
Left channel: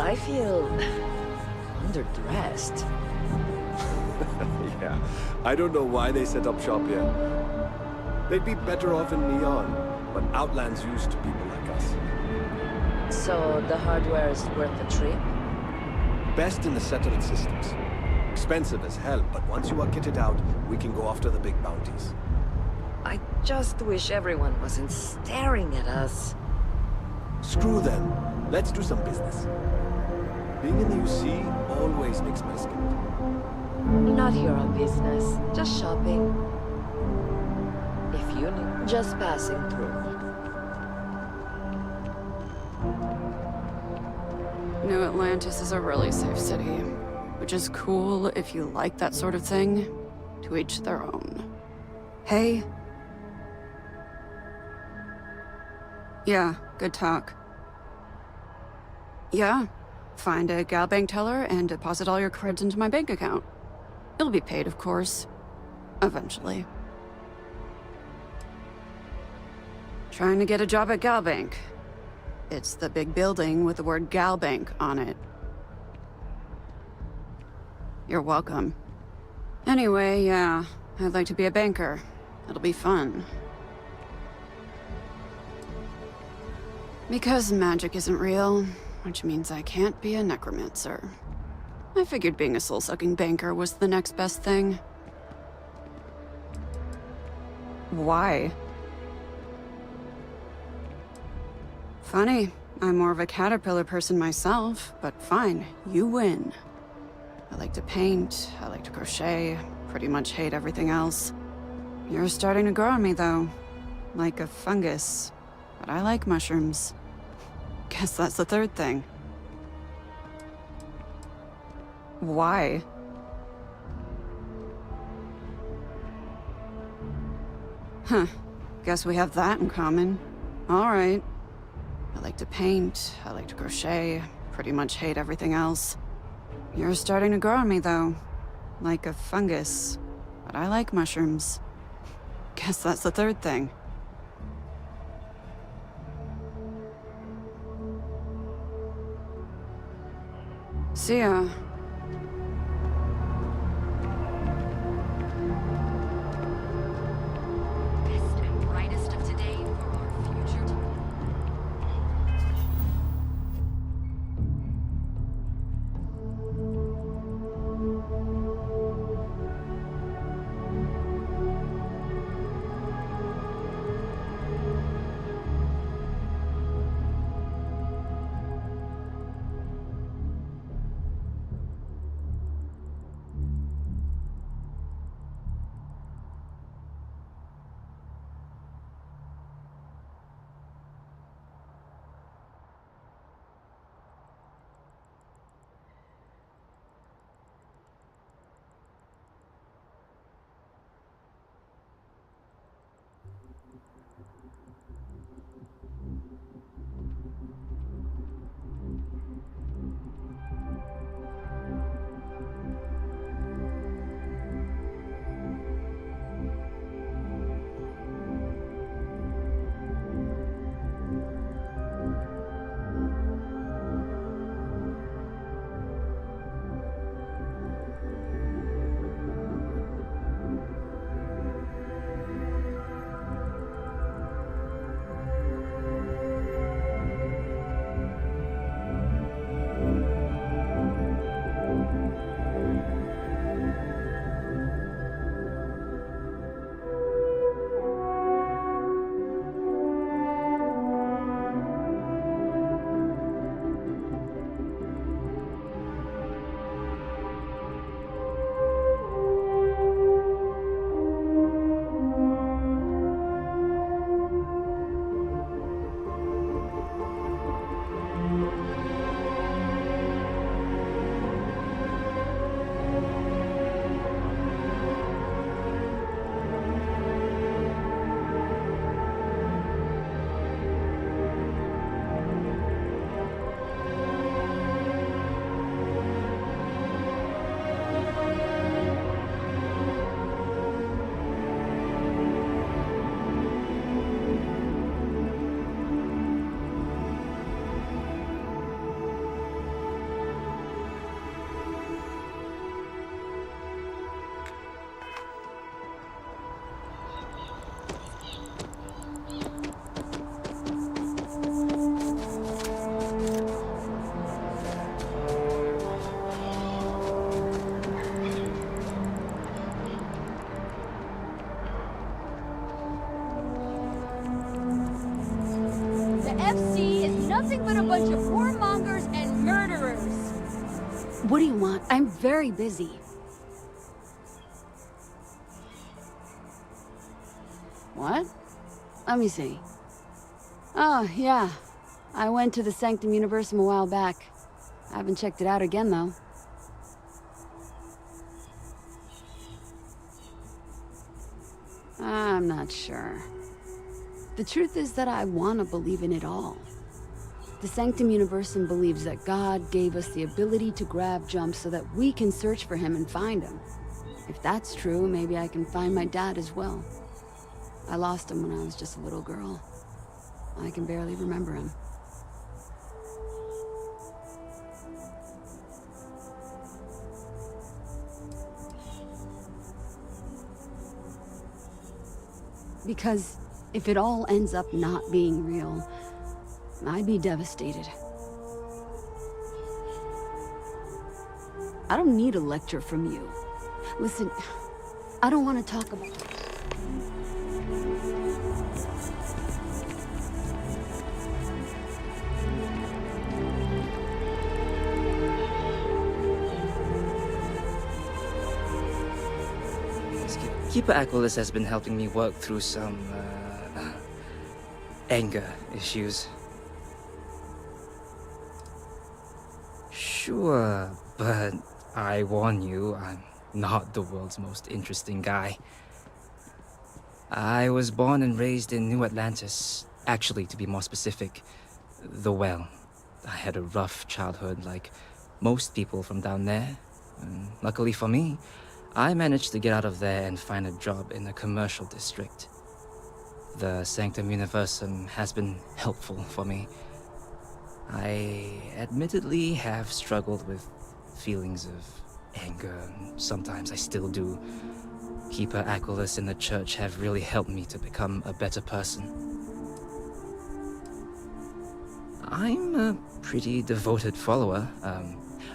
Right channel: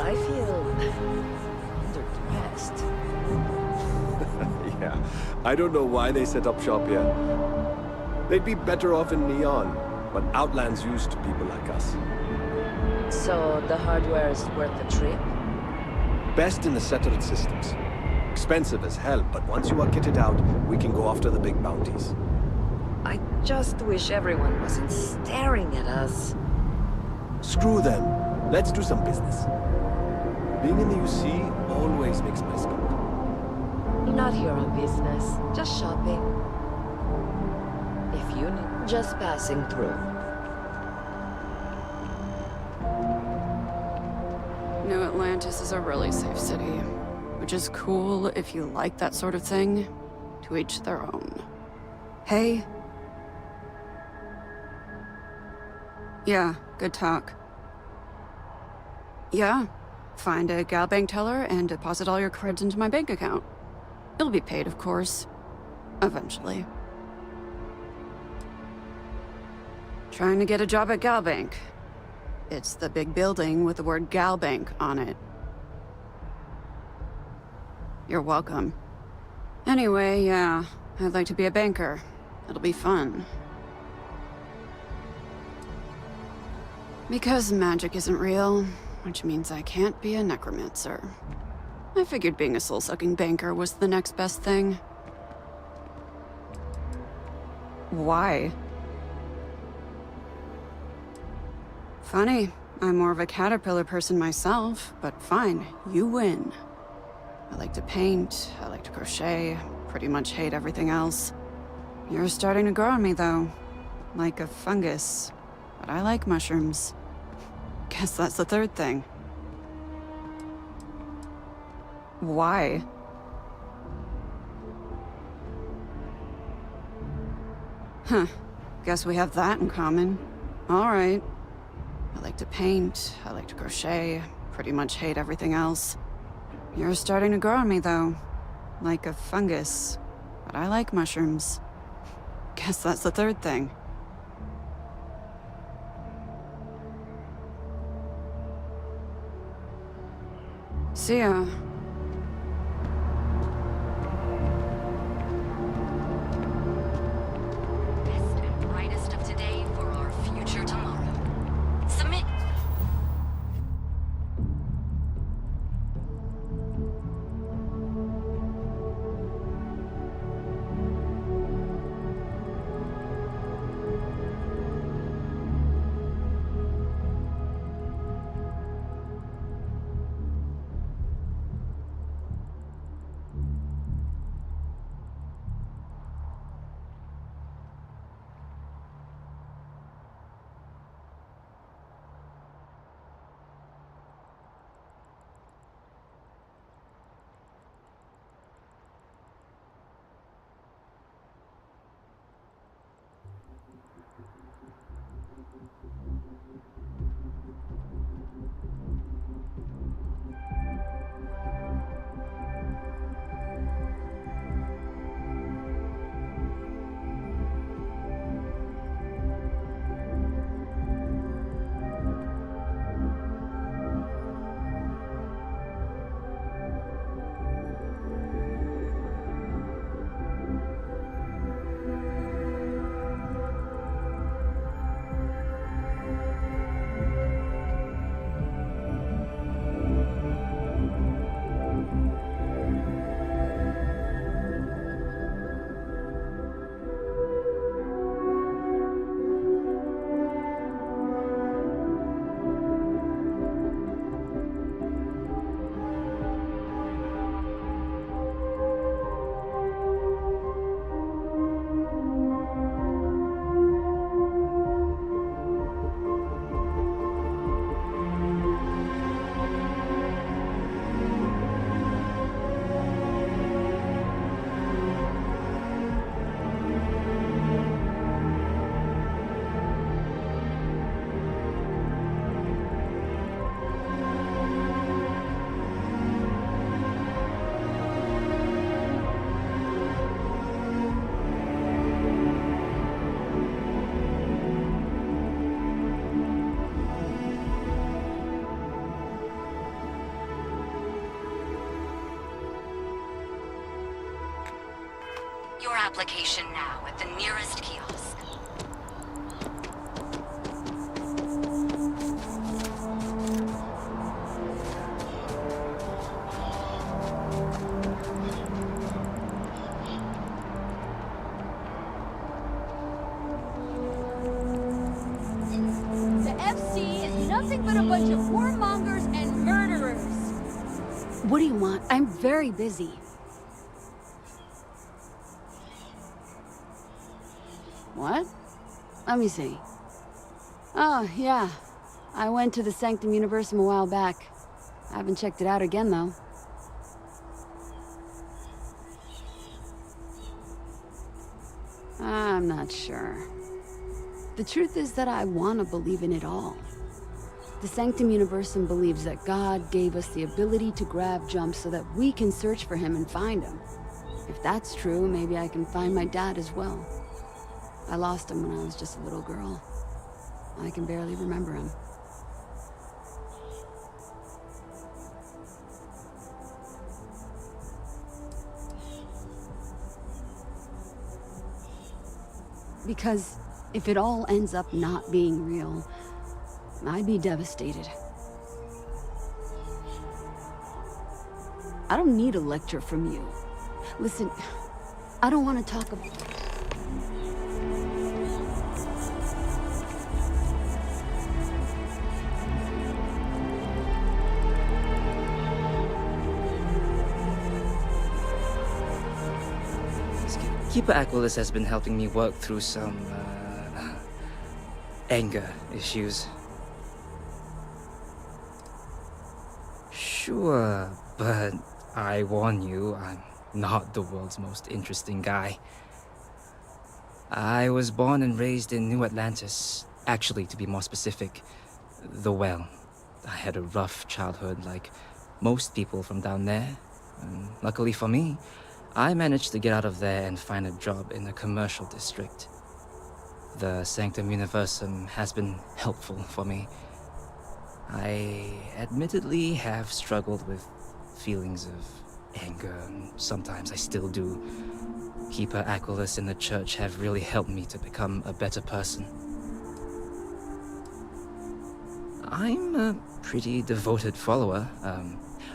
I feel underdressed. Yeah, I don't know why they set up shop here. They'd be better off in Neon, but Outland's used to people like us. So the hardware is worth the trip? Best in the settled systems. Expensive as hell, but once you are kitted out, we can go after the big bounties. I just wish everyone wasn't staring at us. Screw them. Let's do some business. Being in the UC always makes my skin crawl. Not here on business, just shopping. If you need, just passing through. New Atlantis is a really safe city, which is cool if you like that sort of thing. To each their own. Hey? Yeah, good talk. Yeah, find a gal bank teller and deposit all your creds into my bank account. It'll be paid, of course. Eventually. Trying to get a job at Gal Bank. It's the big building with the word Gal Bank on it. You're welcome. Anyway, yeah, I'd like to be a banker. It'll be fun. Because magic isn't real, which means I can't be a necromancer. I figured being a soul-sucking banker was the next best thing. Why? Funny, I'm more of a caterpillar person myself, but fine, you win. I like to paint, I like to crochet, pretty much hate everything else. You're starting to grow on me, though. Like a fungus. But I like mushrooms. Guess that's the third thing. Why? Huh. Guess we have that in common. Alright. I like to paint, I like to crochet, pretty much hate everything else. You're starting to grow on me, though. Like a fungus. But I like mushrooms. Guess that's the third thing. See ya. Best and brightest of today for our future tomorrow. Submit. Your application now at the nearest kiosk. The FC is nothing but a bunch of warmongers and murderers. What do you want? I'm very busy. What? Let me see. Oh, yeah. I went to the Sanctum Universum a while back. I haven't checked it out again, though. I'm not sure. The truth is that I want to believe in it all. The Sanctum Universum believes that God gave us the ability to grab jumps so that we can search for him and find him. If that's true, maybe I can find my dad as well. I lost him when I was just a little girl. I can barely remember him. Because if it all ends up not being real, I'd be devastated. I don't need a lecture from you. Listen, I don't want to talk about... Keeper Aquilus has been helping me work through some, anger issues. Sure, but I warn you, I'm not the world's most interesting guy. I was born and raised in New Atlantis. Actually, to be more specific, the Well. I had a rough childhood like most people from down there. And luckily for me, I managed to get out of there and find a job in a commercial district. The Sanctum Universum has been helpful for me. I admittedly have struggled with feelings of anger, and sometimes I still do. Keeper Aquilus and the church have really helped me to become a better person. I'm a pretty devoted follower.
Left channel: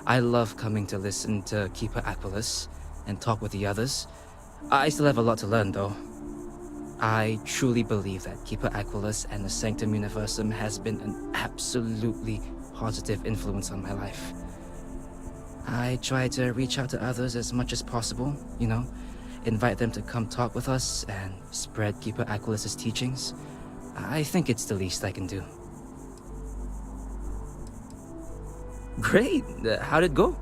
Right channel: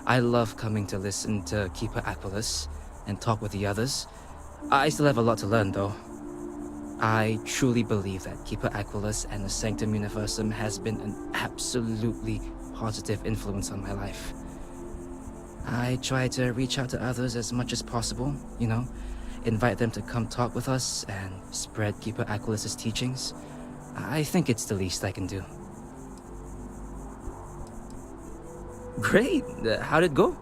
I love coming to listen to Keeper Aquilus and talk with the others. I still have a lot to learn, though. I truly believe that Keeper Aquilus and the Sanctum Universum has been an absolutely positive influence on my life. I try to reach out to others as much as possible, you know, invite them to come talk with us and spread Keeper Aquilus's teachings. I think it's the least I can do. Great! How'd it go?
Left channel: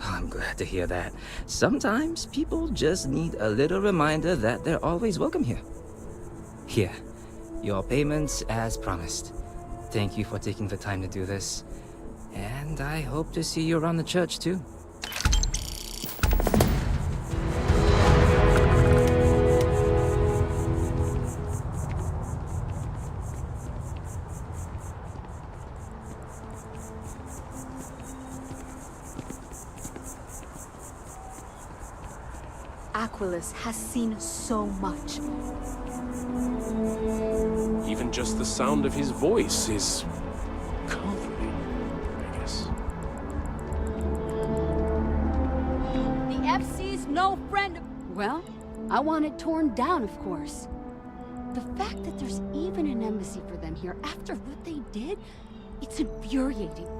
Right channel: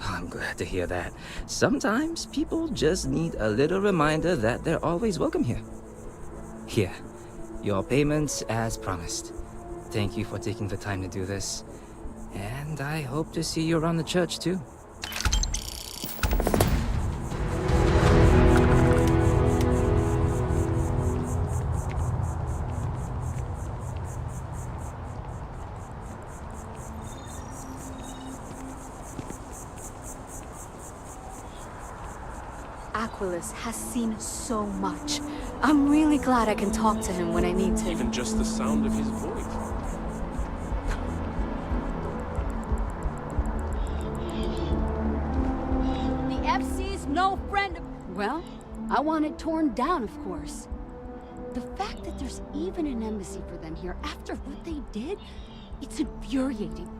I'm glad to hear that. Sometimes people just need a little reminder that they're always welcome here. Here, your payments as promised. Thank you for taking the time to do this. And I hope to see you around the church too. Aquilus has seen so much. I'm really glad I can talk to him when I need to. Even just the sound of his voice is comforting, I guess. The FC's no friend of... Well, I want it torn down, of course. The fact that there's even an embassy for them here after what they did, it's infuriating.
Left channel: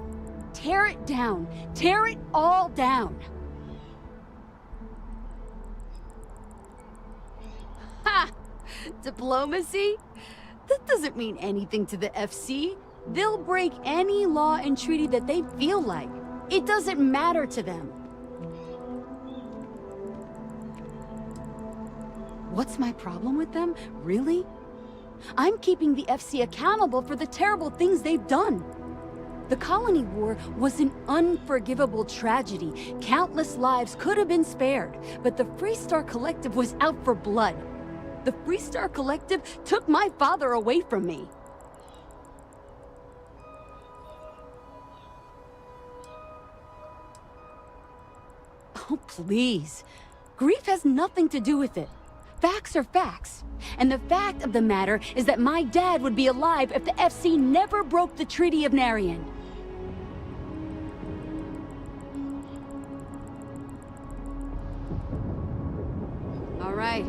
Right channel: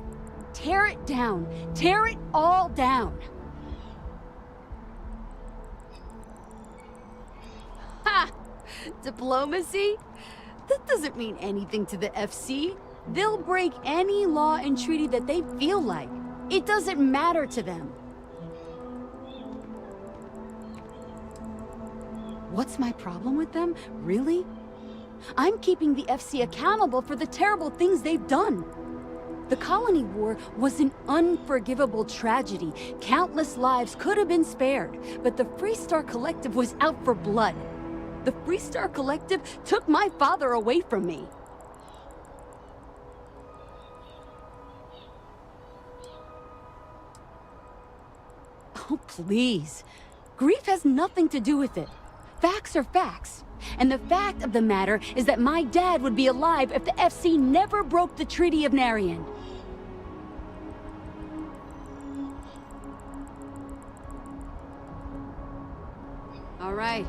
Tear it down. Tear it all down. Ha! Diplomacy? That doesn't mean anything to the FC. They'll break any law and treaty that they feel like. It doesn't matter to them. What's my problem with them? Really? I'm keeping the FC accountable for the terrible things they've done. The Colony War was an unforgivable tragedy. Countless lives could have been spared, but the Freestar Collective was out for blood. The Freestar Collective took my father away from me. Oh, please. Grief has nothing to do with it. Facts are facts. And the fact of the matter is that my dad would be alive if the FC never broke the Treaty of Narian. All right.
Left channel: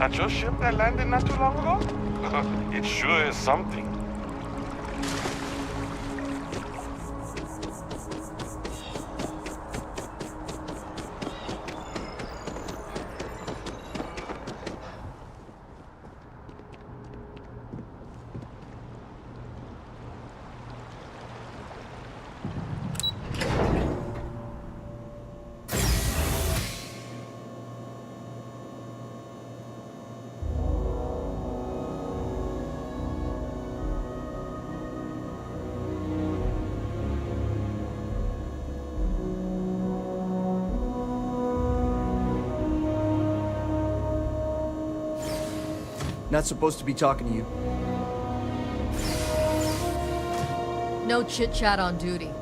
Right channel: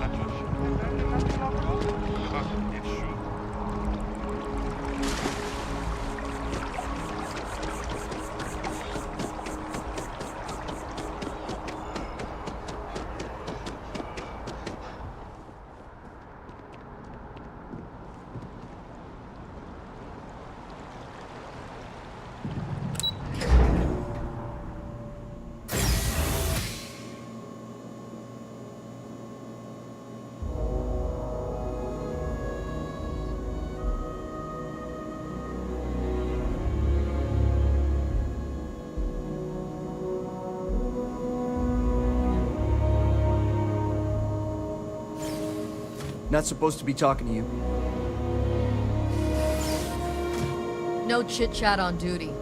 At your ship that landed not too long ago? It sure is something. Not supposed to be talking to you. No chit-chat on duty.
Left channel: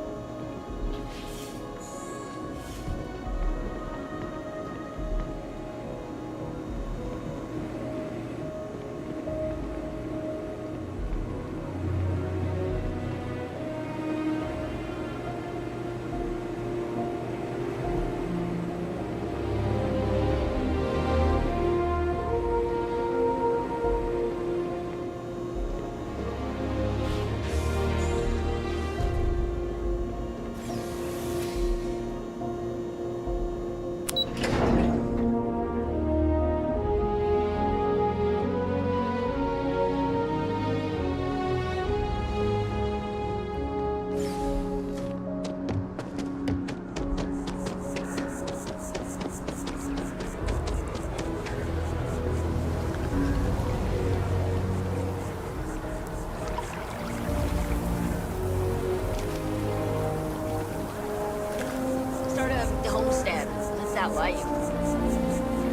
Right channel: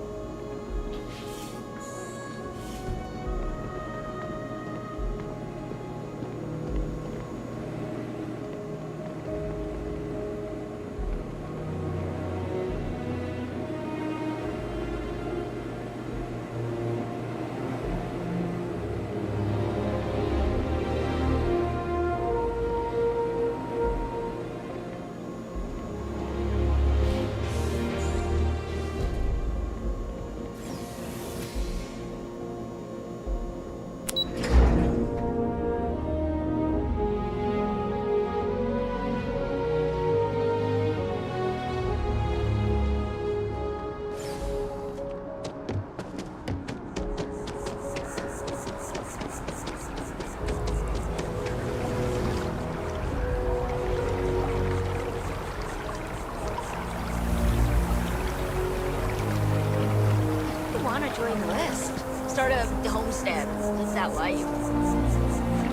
Start a homestead. Live that life.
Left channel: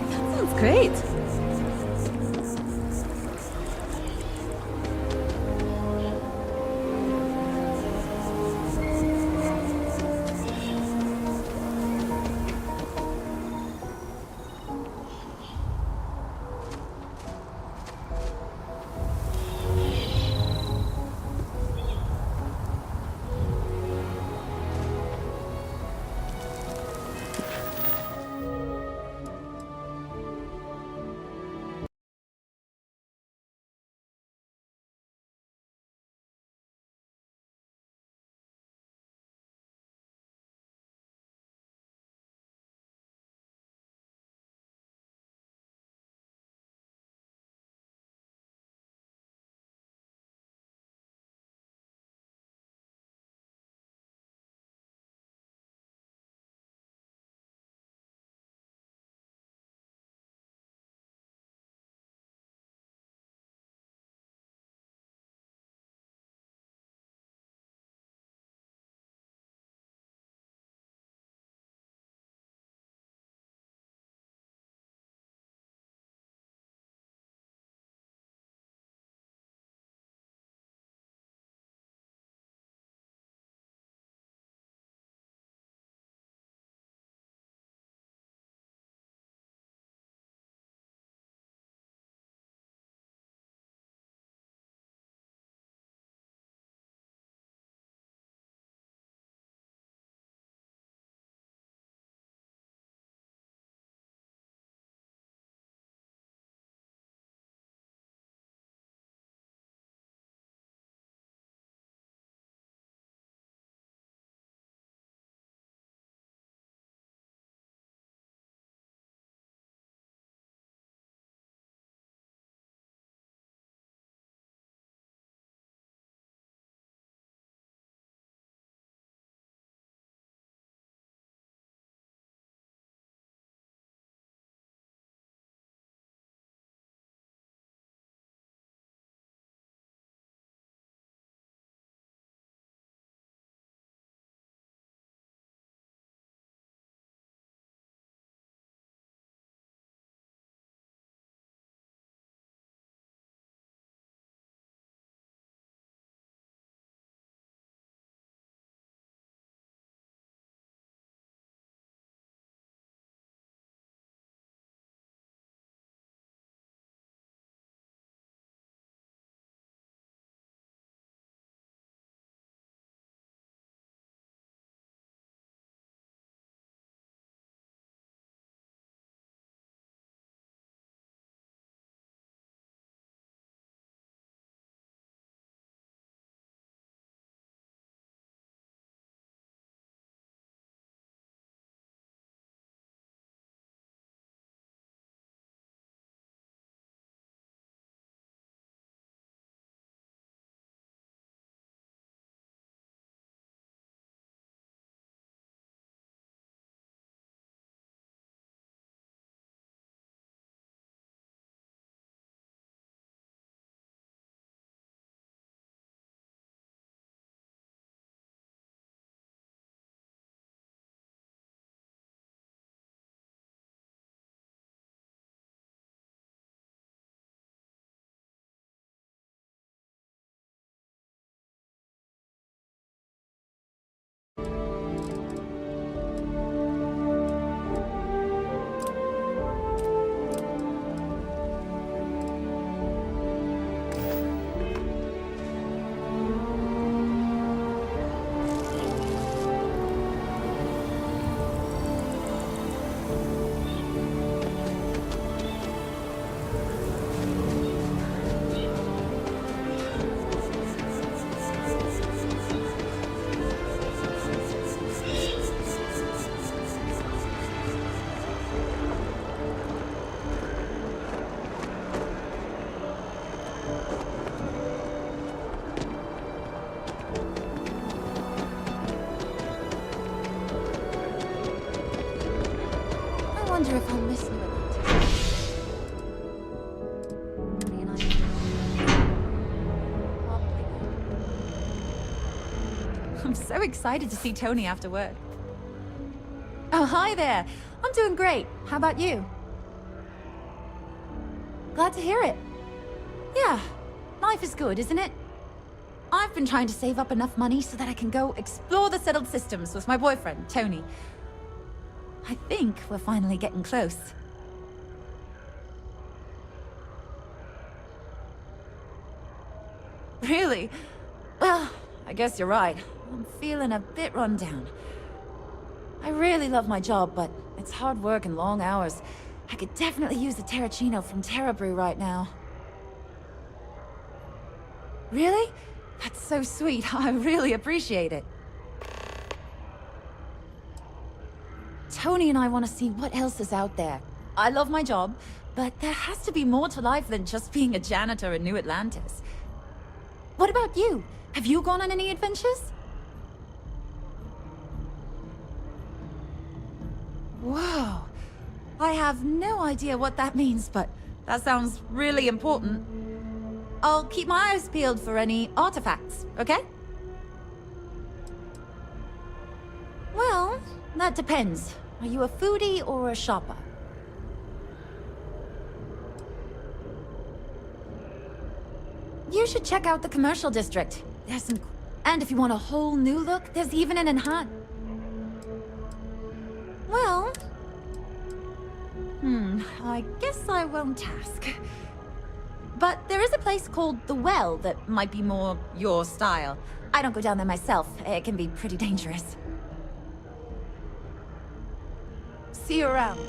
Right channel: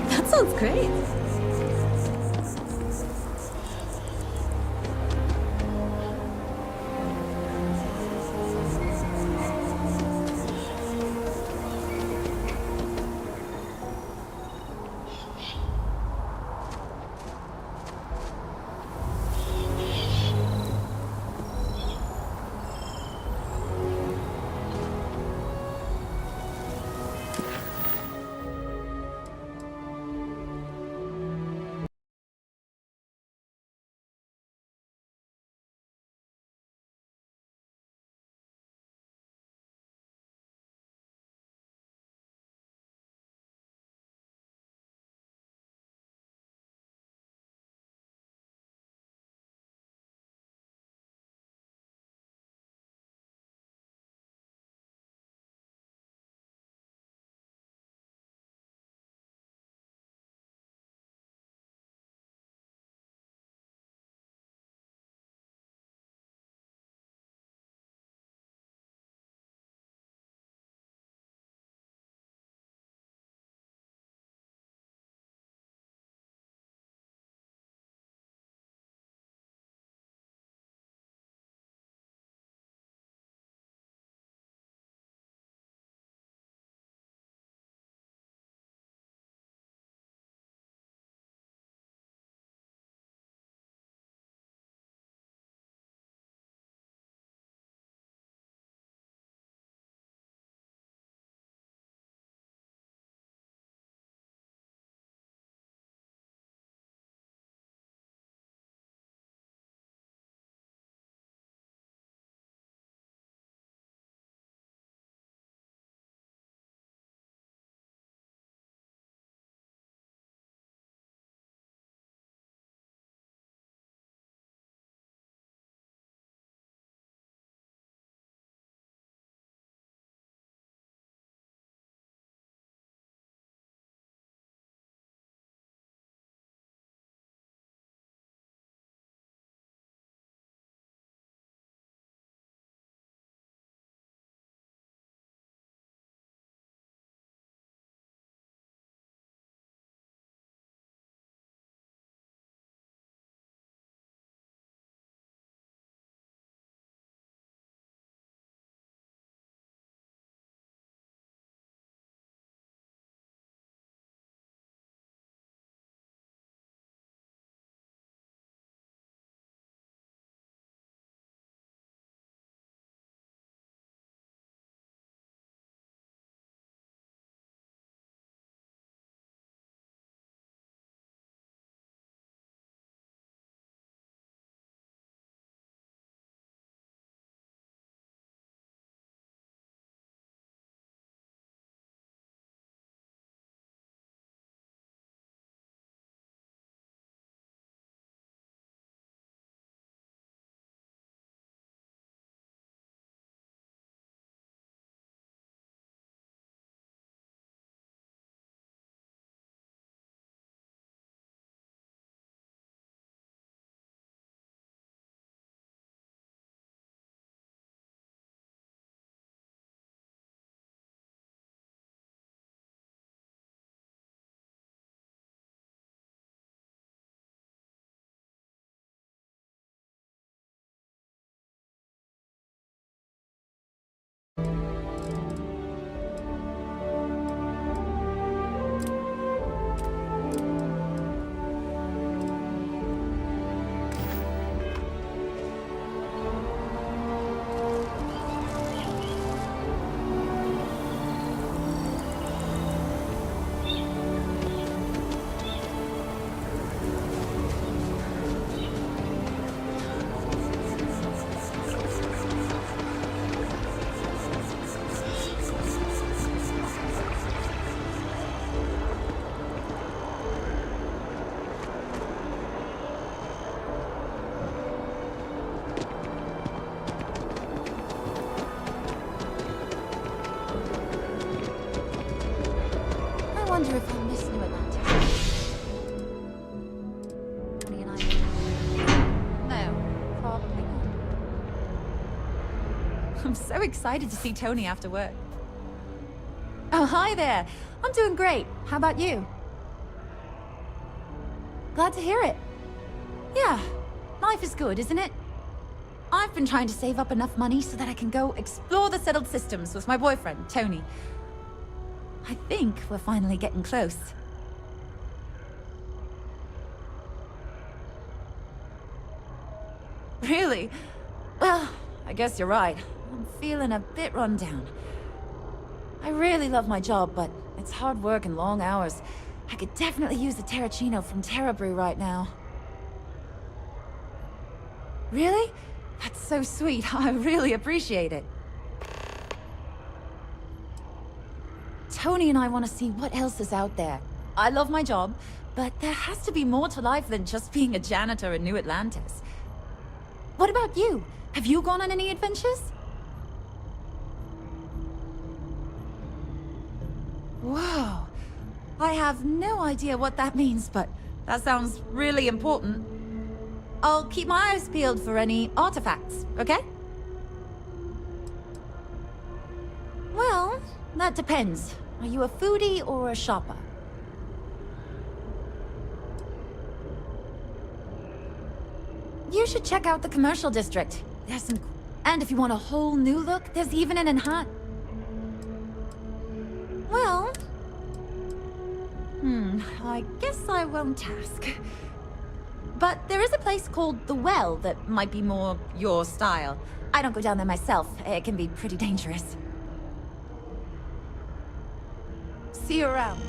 That sounds great. wonder if I'll miss New Atlantis. Tony and I... No, probably not. I'm so excited to see Tony after work. Oh, hi there. I'm doing great. How about you? Glad to hear it. Yeah, life is good, isn't it? I've been trying to save up enough money so that I can go explore the settled systems with my boyfriend, Tony. I think we're finally getting close. Really? Well, I guess you're right. I'm feeling a bit run down. I really love my job, but it's hard work and long hours. I could definitely use a Terracino from Terra Brew right now. Really? That's so sweet. I really appreciate it. Tony and I want to see what else is out there. I love my job, but there has to be more to life than just being a janitor in New Atlantis. What about you? Have you gone on any adventures? Whoa. I have no idea what that means, but that sounds really important. I'll keep my eyes peeled for any artifacts, okay? Well, that depends. Are you a foodie or a shopper? You should check out the commercial district. There's some... And if you want a whole new look, there's even an enhanced... Well... I guess I won't ask. But there is a place called The Well that might be more your style. I don't go down there myself. It can be pretty dangerous. See you around.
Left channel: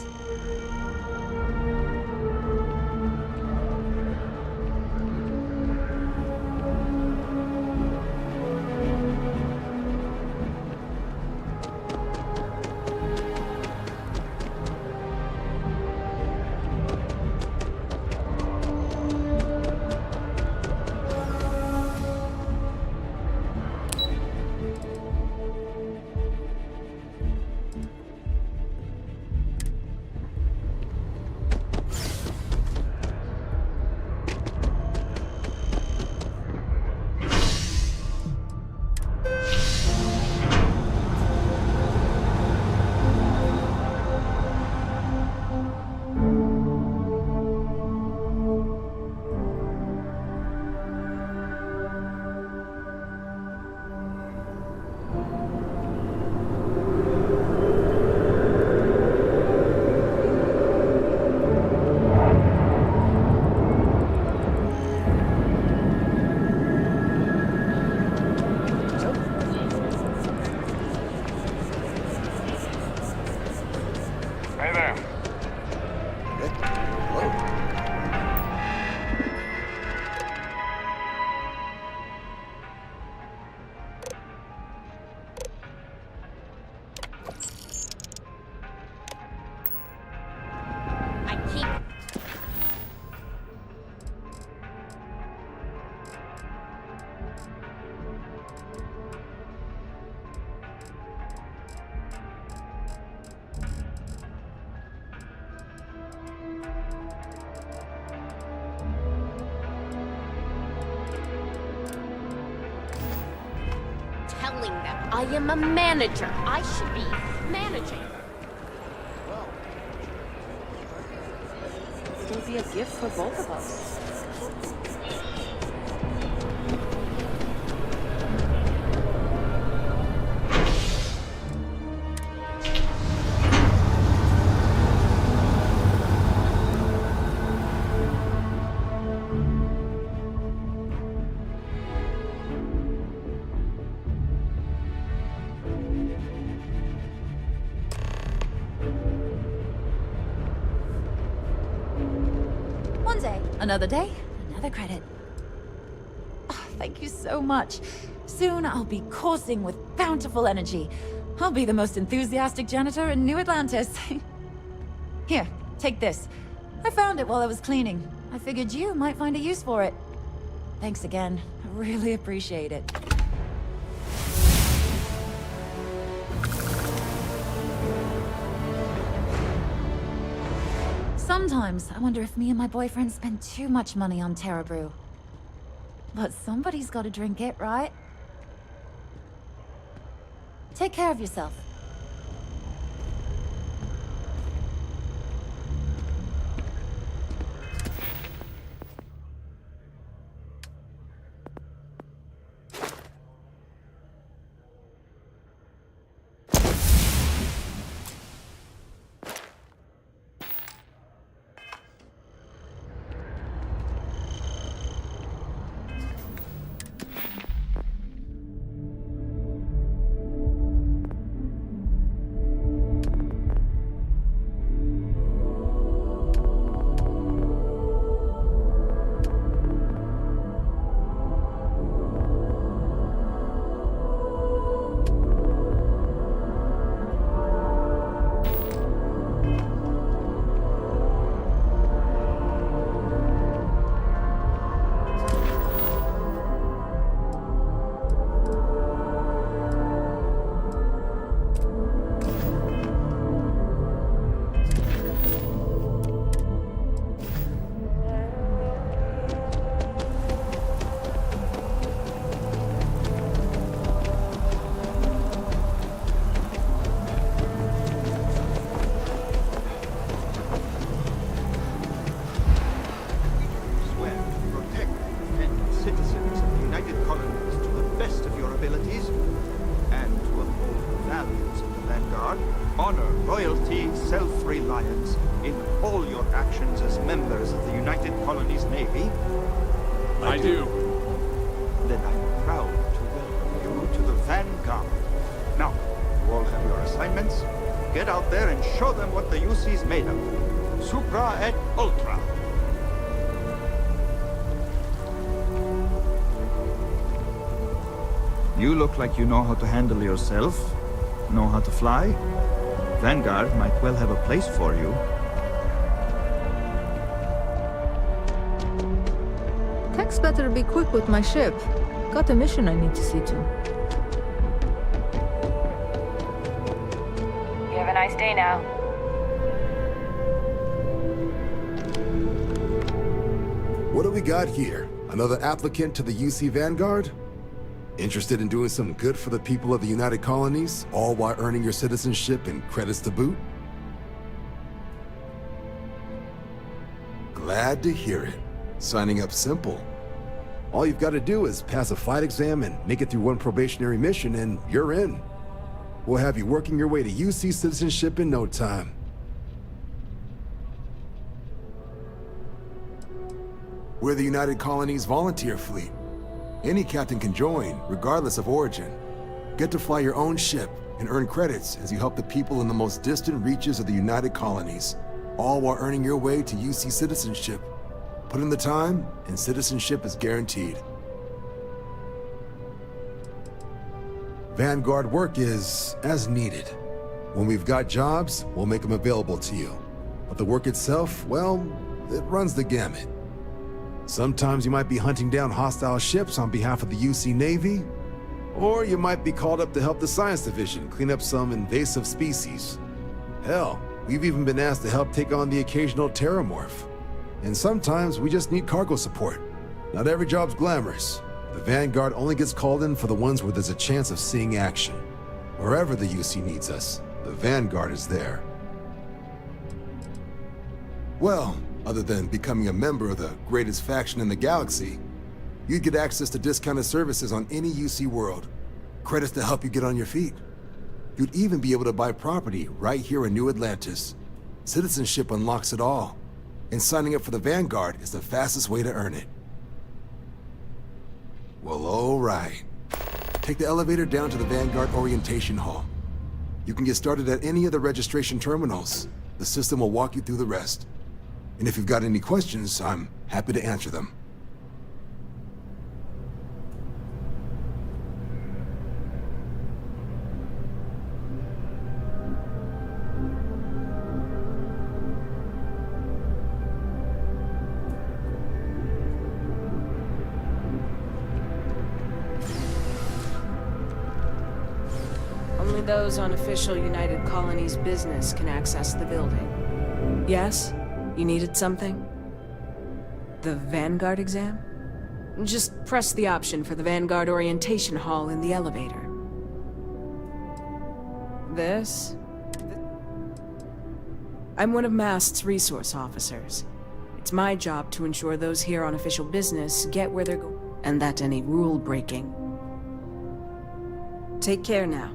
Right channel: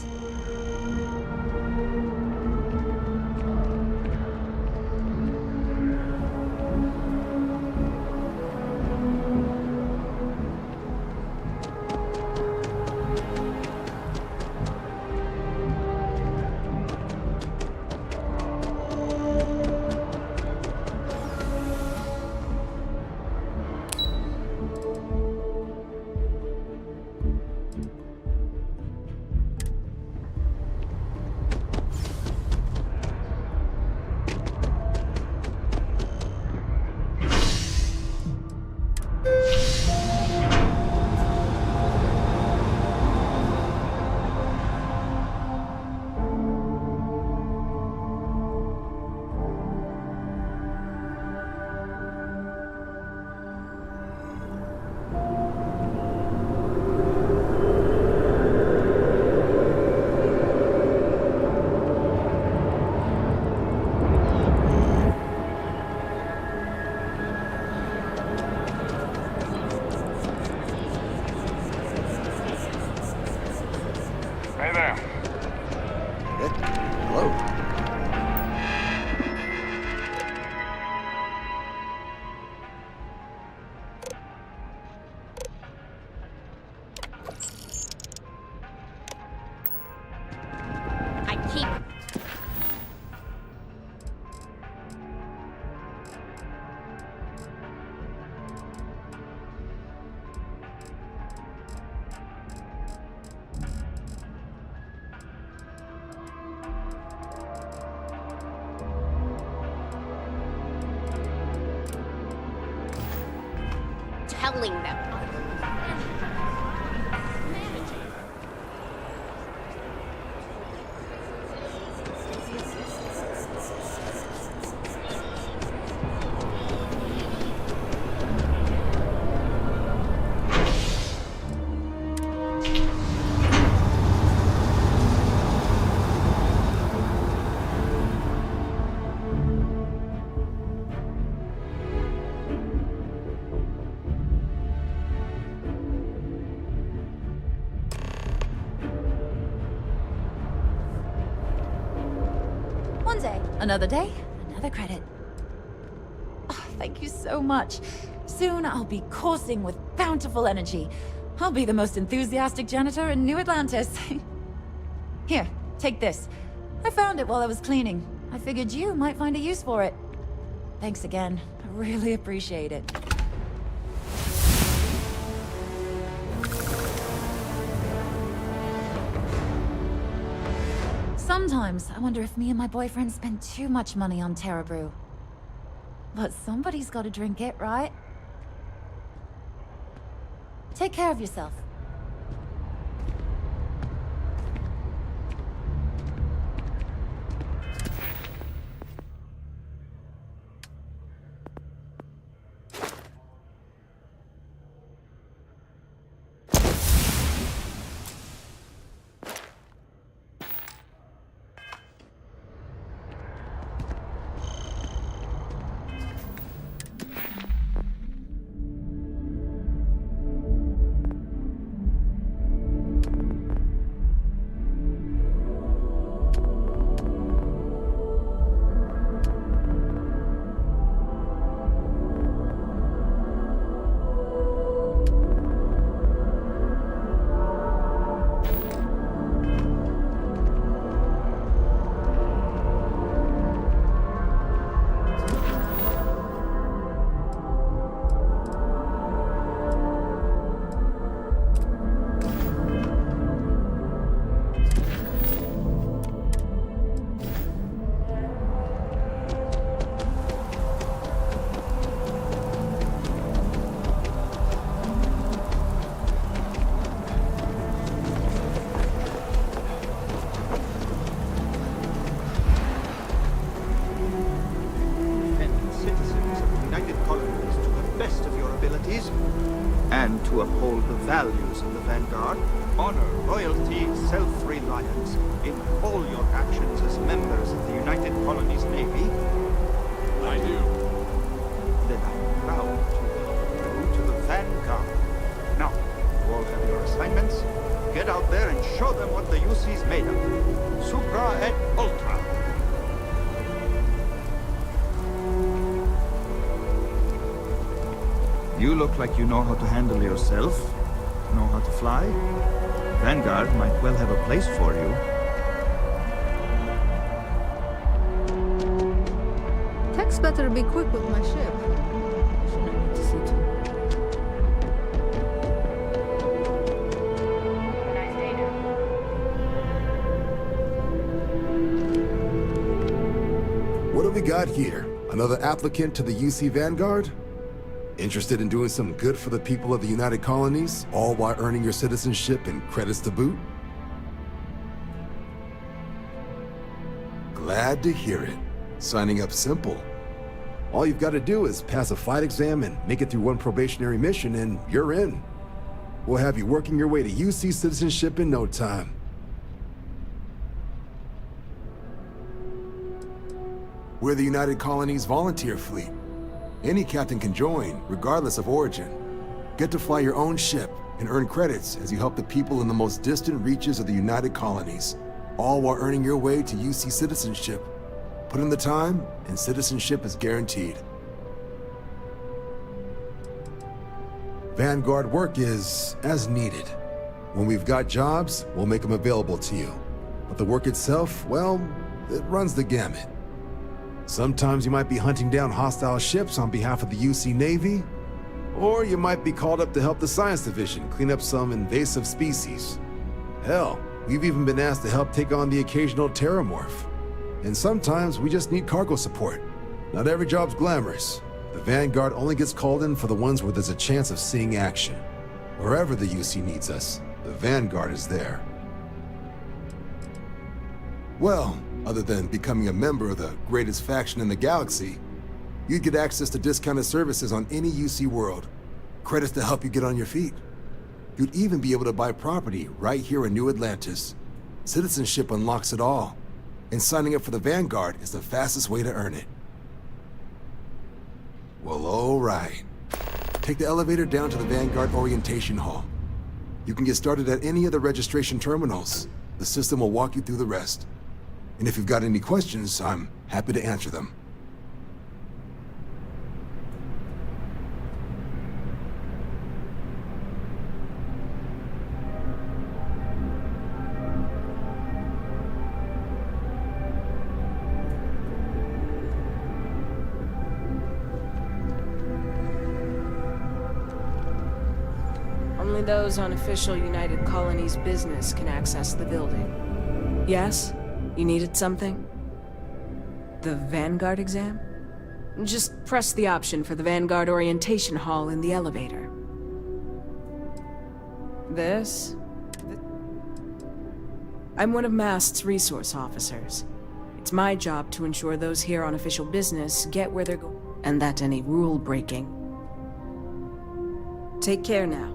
Hey there. Hello. I keep... telling them I am a manager. I should be managing. It'll be a gift for both of us. One day, another day, another credit. Oh, thank you so much. Soon I'll be coursing with bountiful energy. I'll be the most enthusiastic janitor in New Atlantis. Here, take this. I found it while I was cleaning. I figured you might find a use for it. Thanks again. I really appreciate it. Sometimes I wonder if me and my boyfriend spend too much money on Terra Brew. But somebody's gotta drink it, right? Take care of yourself. And to uphold the values of the Vanguard, honor, loyalty, self-reliance in all your actions as members of the United Colonies Navy. I do. Then I'm proud to welcome you to the Vanguard. Now, you all have your assignments. Get out there and show them what the UC's made of. Supra et Ultra. You look like you know how to handle yourself, know how to fly. Vanguard might well have a place for you. Tech's better be quick with my ship. Got a mission I need to see to. You have a nice day now. What do we got here? Another applicant to the UC Vanguard? Interested in doing some good for the people of the United Colonies, all while earning your citizenship and credits to boot? Glad to hear it. Signing up simple. All you've got to do is pass a flight exam and make it through one probationary mission and you're in. We'll have you working your way to UC citizenship in no time. We're the United Colonies Volunteer Fleet. Any captain can join, regardless of origin. Get to fly your own ship and earn credits as you help the people in the most distant reaches of the United Colonies, all while earning your way to UC citizenship. Put in the time, and citizenship is guaranteed. Vanguard work is as needed. When we've got jobs, we'll make them available to you. But the work itself, well, it runs the gamut. Sometimes you might be hunting down hostile ships on behalf of the UC Navy, or you might be called up to help the Science Division clean up some invasive species. Hell, we've even been asked to help take on the occasional terramorph. And sometimes we just need cargo support. Not every job's glamorous. The Vanguard only gets called in for the ones where there's a chance of seeing action. Wherever the UC needs us, the Vanguard is there. Well, other than becoming a member of the greatest faction in the galaxy, you'd get access to discounted services on any UC world, credits to help you get on your feet. You'd even be able to buy property right here in New Atlantis. Citizenship unlocks it all, and signing up for the Vanguard is the fastest way to earn it. Well, all right. Take the elevator down to the Vanguard Orientation Hall. You can get started at any of the registration terminals. The system will walk you through the rest. And if you've got any questions, I'm happy to answer them. Only those on official United Colonies business can access the building. Yes? You needed something? The Vanguard exam? Just press the option for the Vanguard orientation hall in the elevator. This? I'm one of MAST's resource officers. It's my job to ensure those here on official business get where they're going, and that any rule breaking. Take care now.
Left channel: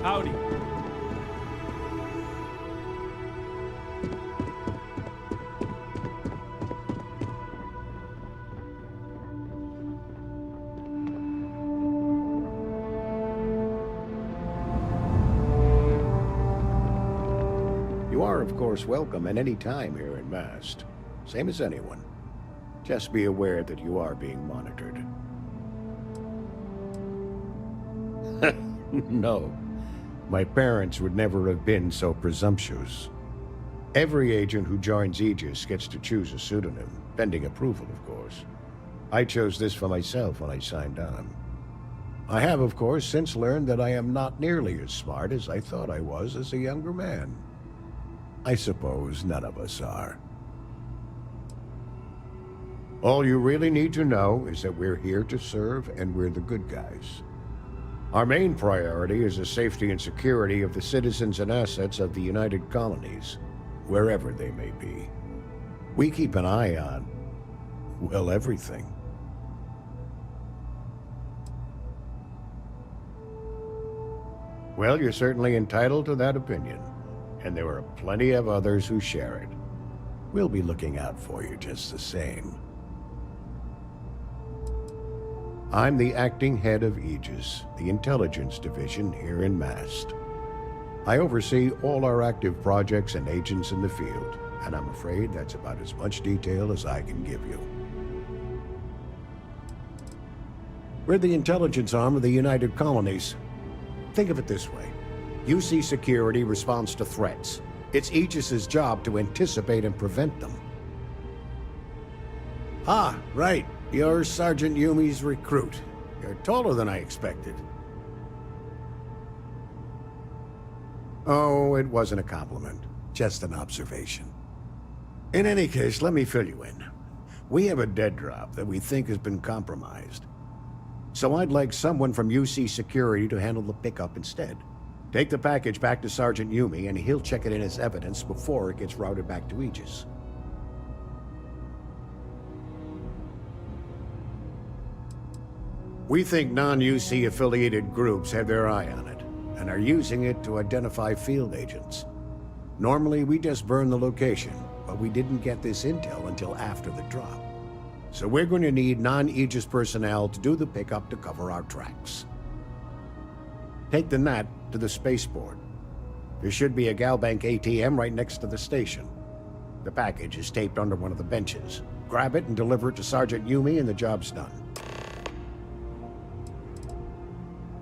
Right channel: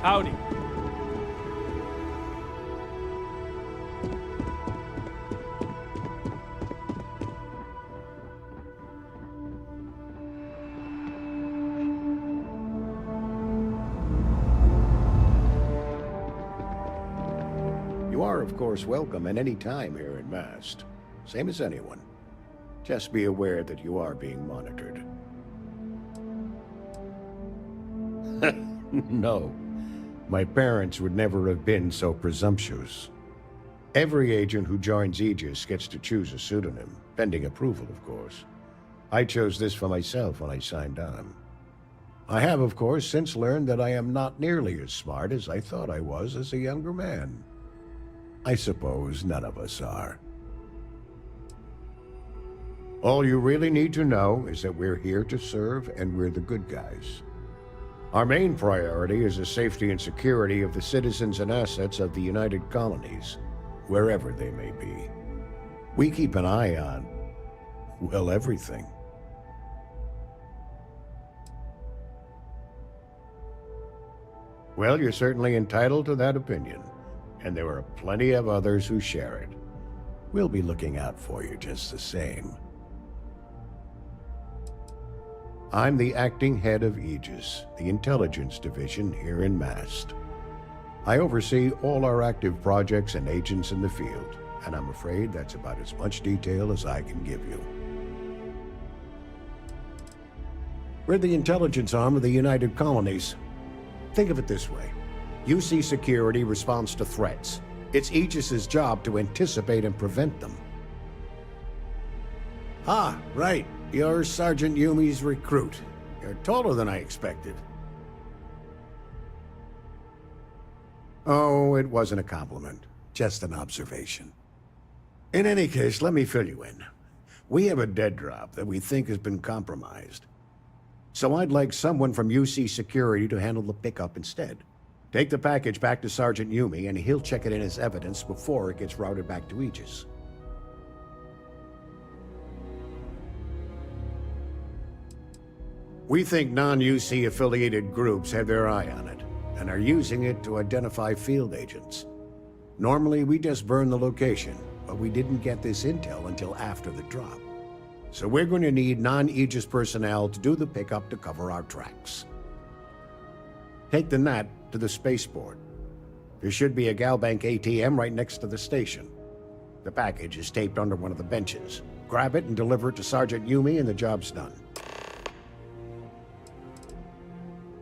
Howdy. You are, of course, welcome at any time here in Mast. Same as anyone. Just be aware that you are being monitored. No. My parents would never have been so presumptuous. Every agent who joins Aegis gets to choose a pseudonym, pending approval, of course. I chose this for myself when I signed on. I have, of course, since learned that I am not nearly as smart as I thought I was as a younger man. I suppose none of us are. All you really need to know is that we're here to serve, and we're the good guys. Our main priority is the safety and security of the citizens and assets of the United Colonies, wherever they may be. We keep an eye on, well, everything. Well, you're certainly entitled to that opinion, and there are plenty of others who share it. We'll be looking out for you just the same. I'm the acting head of Aegis, the intelligence division here in Mast. I oversee all our active projects and agents in the field, and I'm afraid that's about as much detail as I can give you. We're the intelligence arm of the United Colonies. Think of it this way. UC Security responds to threats. It's Aegis's job to anticipate and prevent them. Ah, right. You're Sergeant Yumi's recruit. You're taller than I expected. Oh, it wasn't a compliment. Just an observation. In any case, let me fill you in. We have a dead drop that we think has been compromised. So I'd like someone from UC Security to handle the pickup instead. Take the package back to Sergeant Yumi, and he'll check it in as evidence before it gets routed back to Aegis. We think non-UC affiliated groups have their eye on it, and are using it to identify field agents. Normally, we just burn the location, but we didn't get this intel until after the drop. So we're going to need non-Aegis personnel to do the pickup to cover our tracks. Take the NAT to the spaceport. There should be a Galbank ATM right next to the station. The package is taped under one of the benches. Grab it and deliver it to Sergeant Yumi, and the job's done.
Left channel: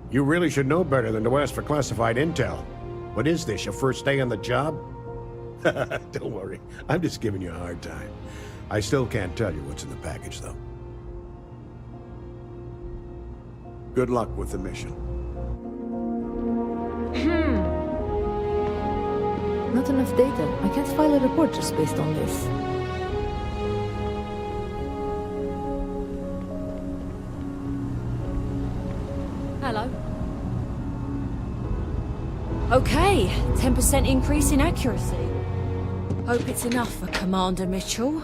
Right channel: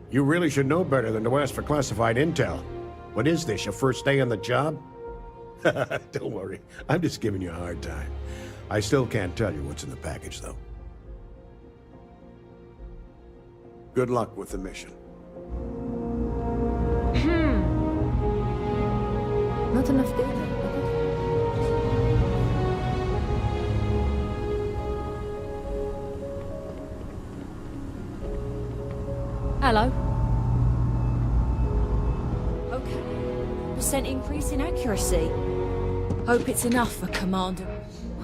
You really should know better than to ask for classified intel. What is this, your first day on the job? Don't worry, I'm just giving you a hard time. I still can't tell you what's in the package, though. Good luck with the mission. Not enough data. I can't file a report just based on this. Hello. Okay, 10% increase in accuracy. Hope it's enough for Commander Mitchell.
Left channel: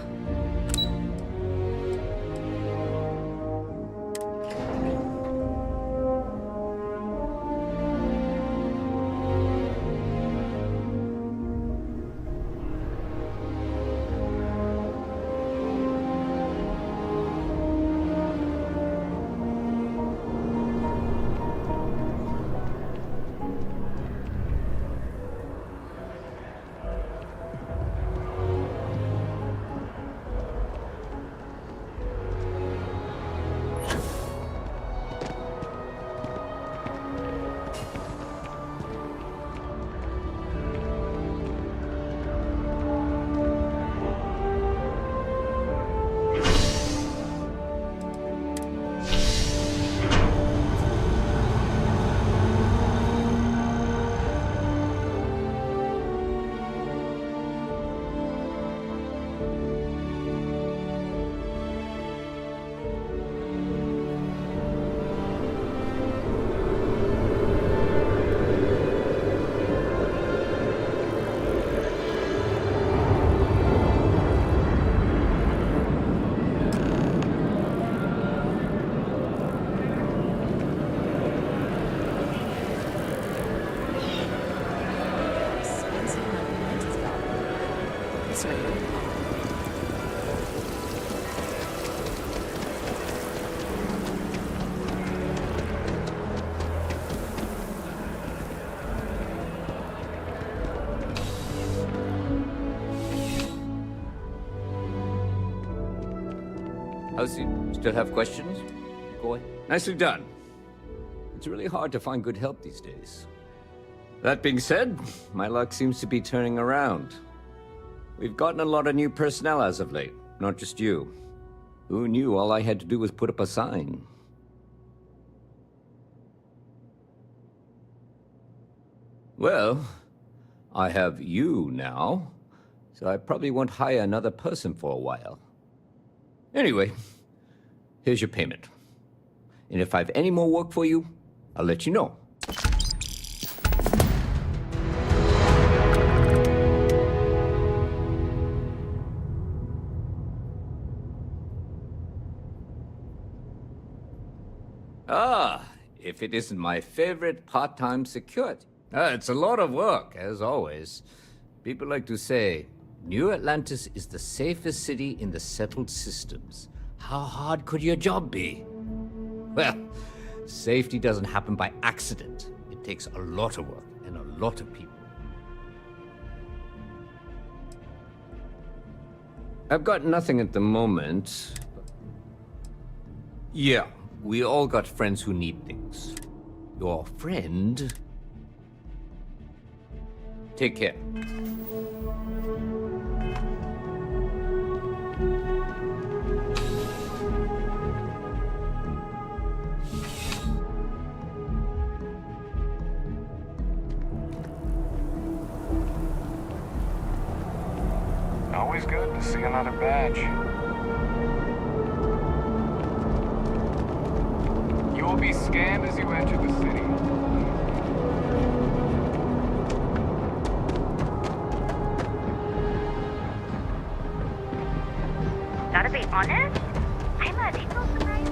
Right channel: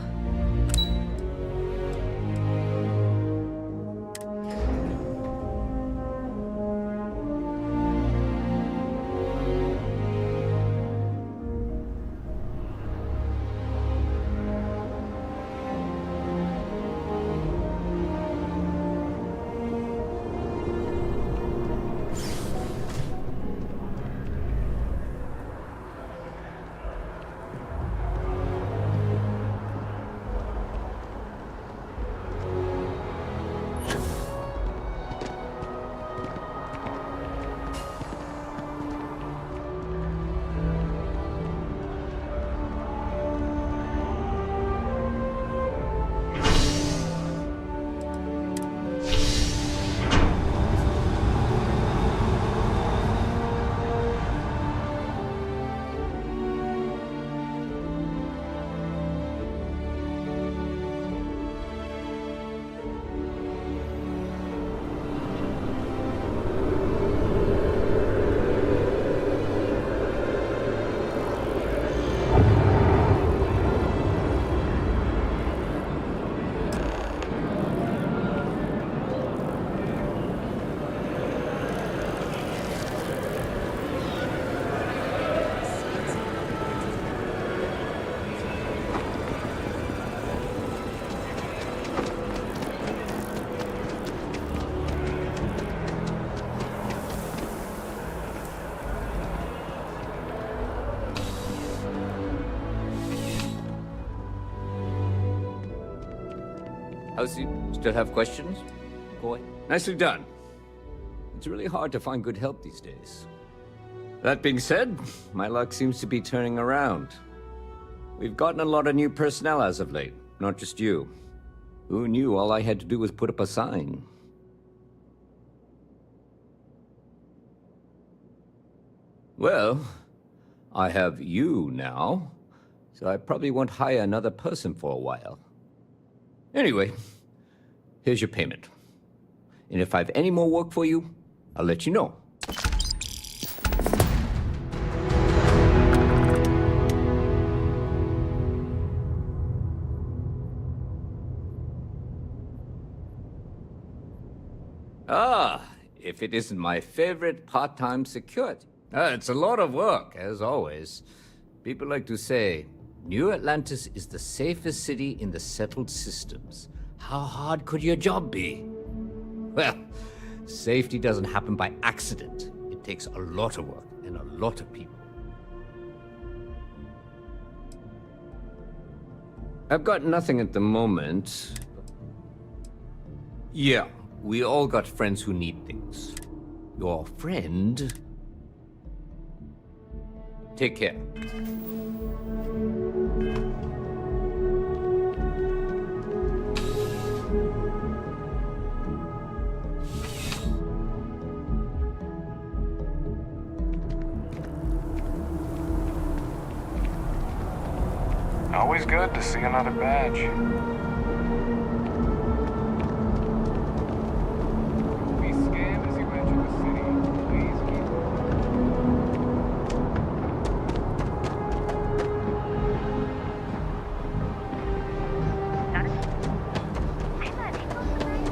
How's you? Still have questions? Go ahead. Nicely done. It's really hard to find good help these days. That being said, my luck seems to be turning around. We've gotten a lot of new personnel as of late, not just you. Who knew all I had to do was put up a sign? Well, I have you now, so I probably won't hire another person for a while. Anyway, here's your payment. And if I have any more work for you, I'll let you know. Ah, if it isn't my favorite part-time security. It's a lot of work, as always. People like to say, New Atlantis is the safest city in the settled systems. How hard could your job be? Well, safety doesn't happen by accident. It takes a lot of work and a lot of people. I've got nothing at the moment. Yeah, we all got friends who need things. Your friend... Take care. Always good to see another badge. You will be scanned as you enter the city. Gotta be honest, I'm a little surprised.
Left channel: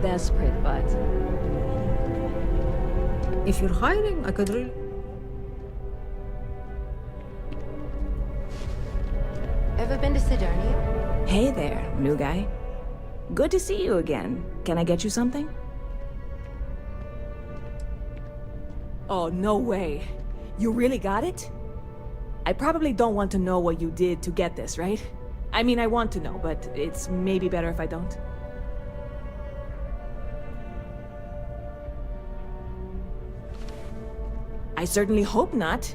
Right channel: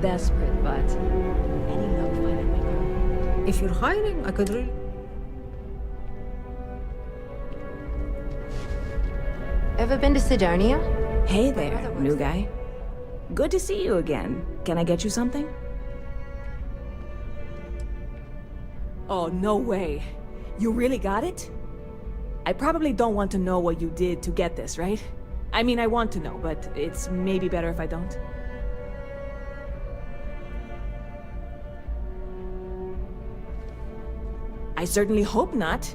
desperate, but any luck finding my girl? If you're hiring, I could really... Ever been to Sidonia? Hey there, new guy. Good to see you again. Can I get you something? Oh, no way. You really got it? I probably don't want to know what you did to get this, right? I mean, I want to know, but it's maybe better if I don't. I certainly hope not.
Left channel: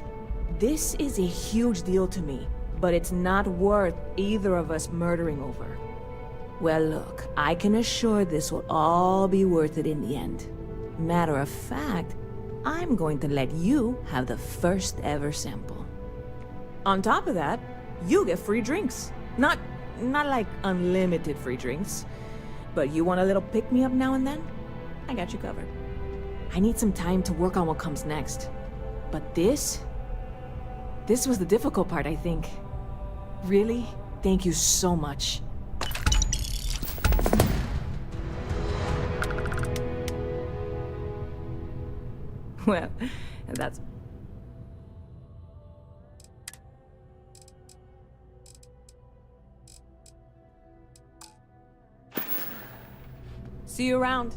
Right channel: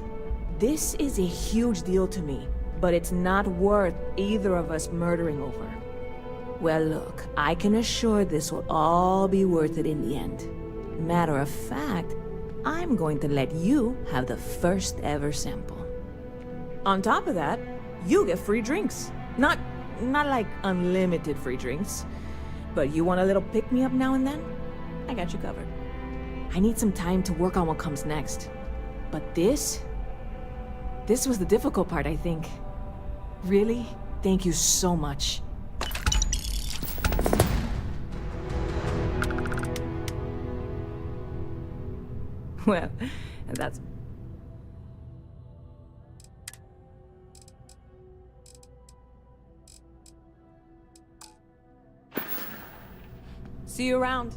This is a huge deal to me, but it's not worth either of us murdering over. Well, look, I can assure this will all be worth it in the end. Matter of fact, I'm going to let you have the first ever sample. On top of that, you get free drinks. Not like unlimited free drinks, but you want a little pick-me-up now and then? I got you covered. I need some time to work on what comes next. But this was the difficult part, I think. Really, thank you so much. Well, that's... See you around.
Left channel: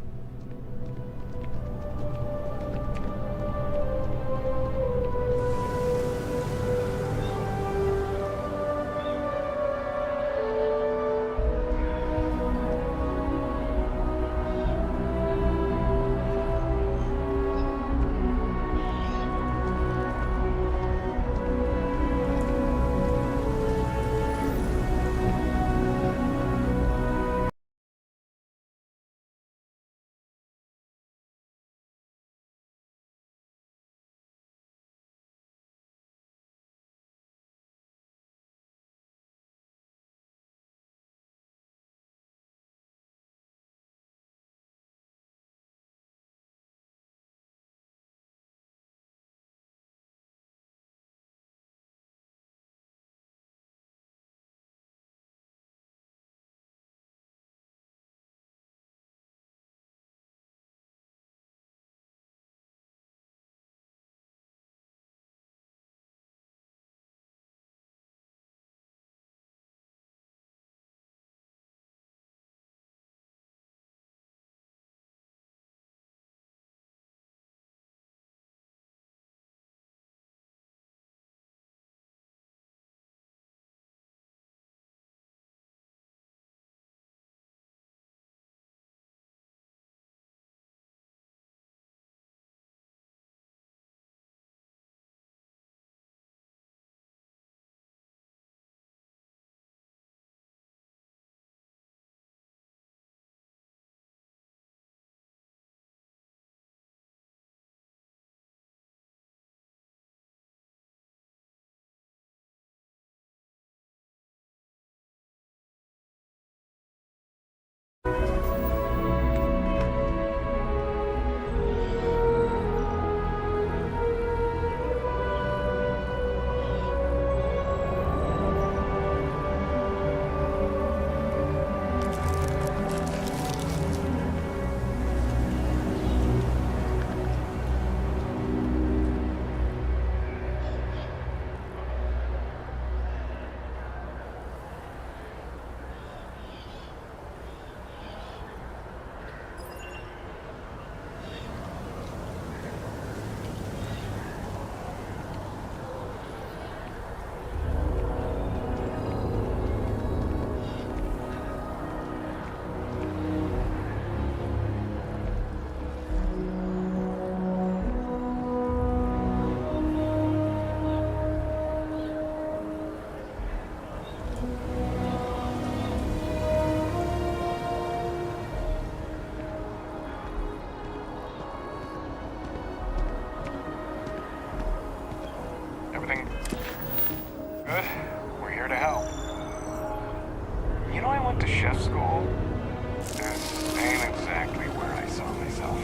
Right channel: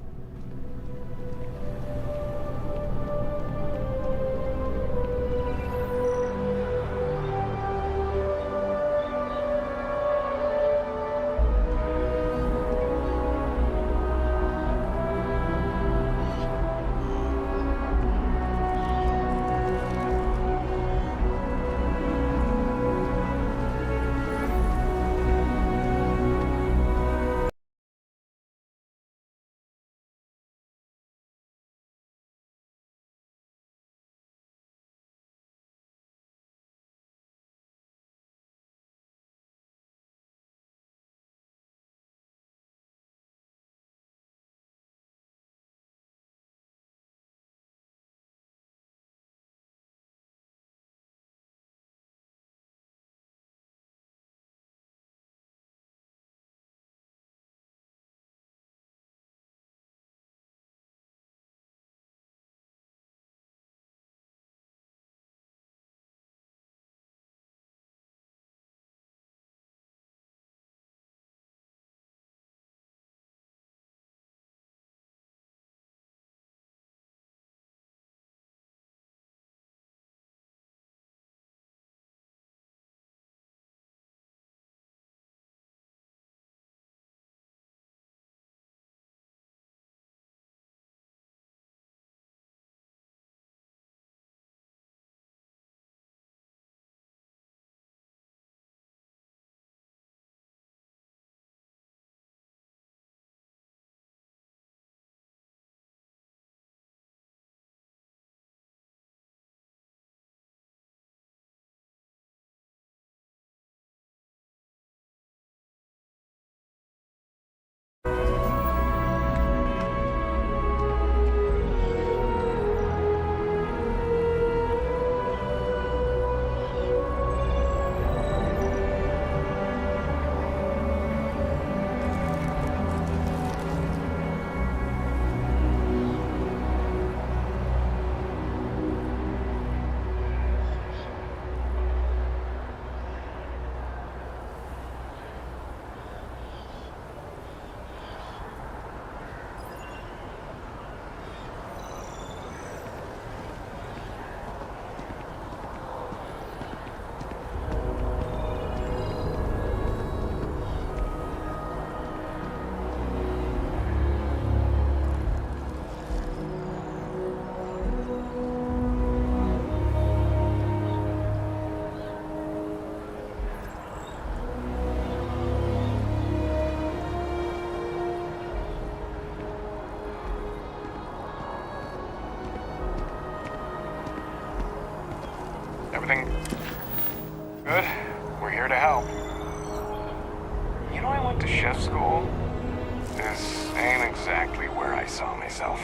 Everything good? We're here to help. You know, I went to chef school. This ain't exactly where I saw myself.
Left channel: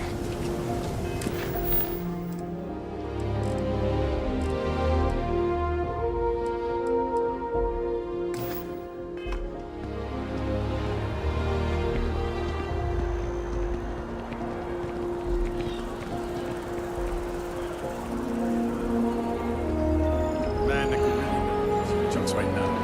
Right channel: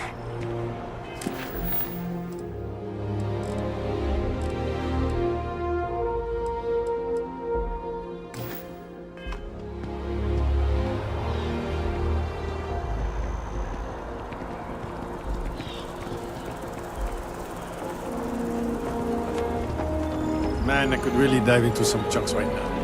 Man, I could really dive into some chunks right now.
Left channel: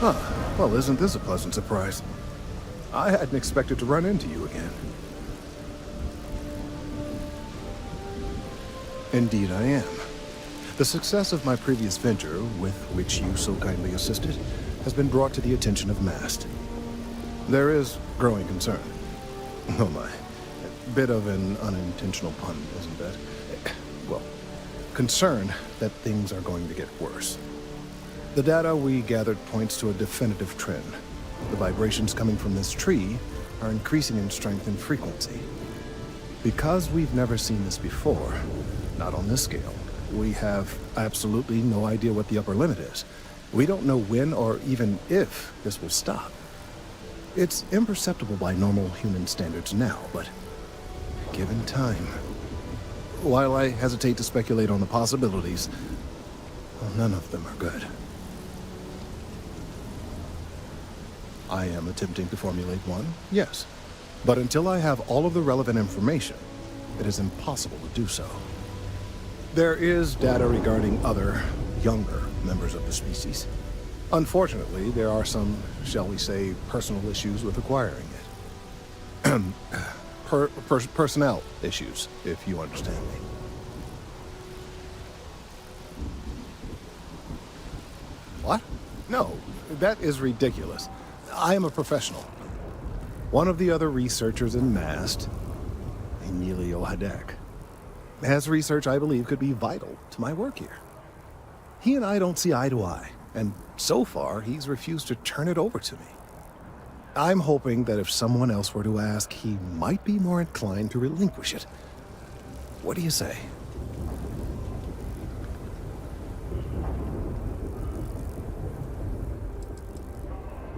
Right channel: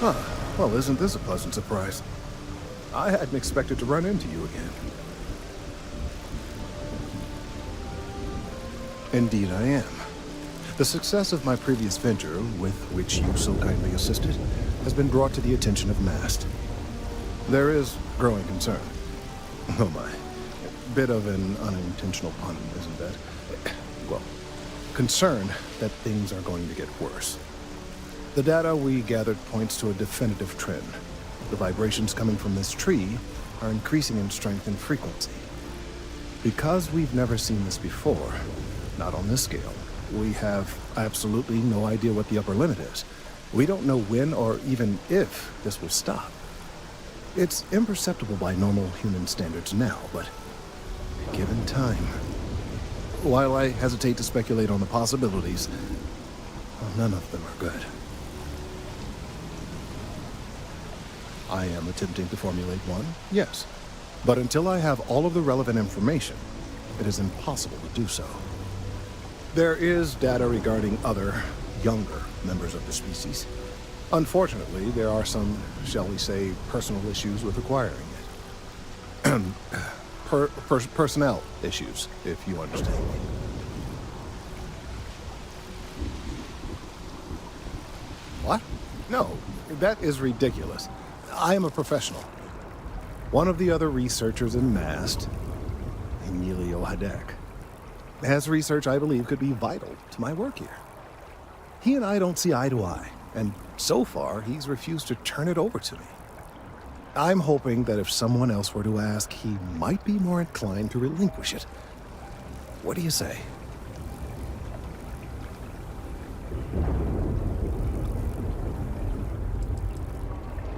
Huh. Well, isn't this a pleasant surprise? I hadn't expected to run into you again. Indeed I am. The success of my previous venture, with which you so kindly assisted, has been brought to the attention of MAST. There is growing concern. Oh my. Bit of an unintentional pun, isn't that? Well, concern that things are going to get worse. The data we gathered points to a definitive trend. The vibrations coming from this tree are increasing in strength and frequency. Because we've never seen this before, not on this scale, we have absolutely no idea what the upper limit is. We don't know when or even if this will stop. It's imperceptible by normal human standards now, but given time. While I hesitate to speculate on the possibilities, well, none of them are good. I am attempting to formulate one, yes. But until I have all of the relevant information, it is impossible to do so. There is data regarding other, younger members of the species. Unfortunately, there are some, shall we say, personal issues with acquiring it. Personnel issues, if you understand me. What? No, that is ridiculous. I am a professional. One of the other researchers in MAST, Emilio Hadek, has research I believe could be vital to my work here. He and I don't see eye to eye, and so far he's refused to turn it over to me. I'm hoping that if someone else were to ask, he might be more inclined to relinquish it. What do you say?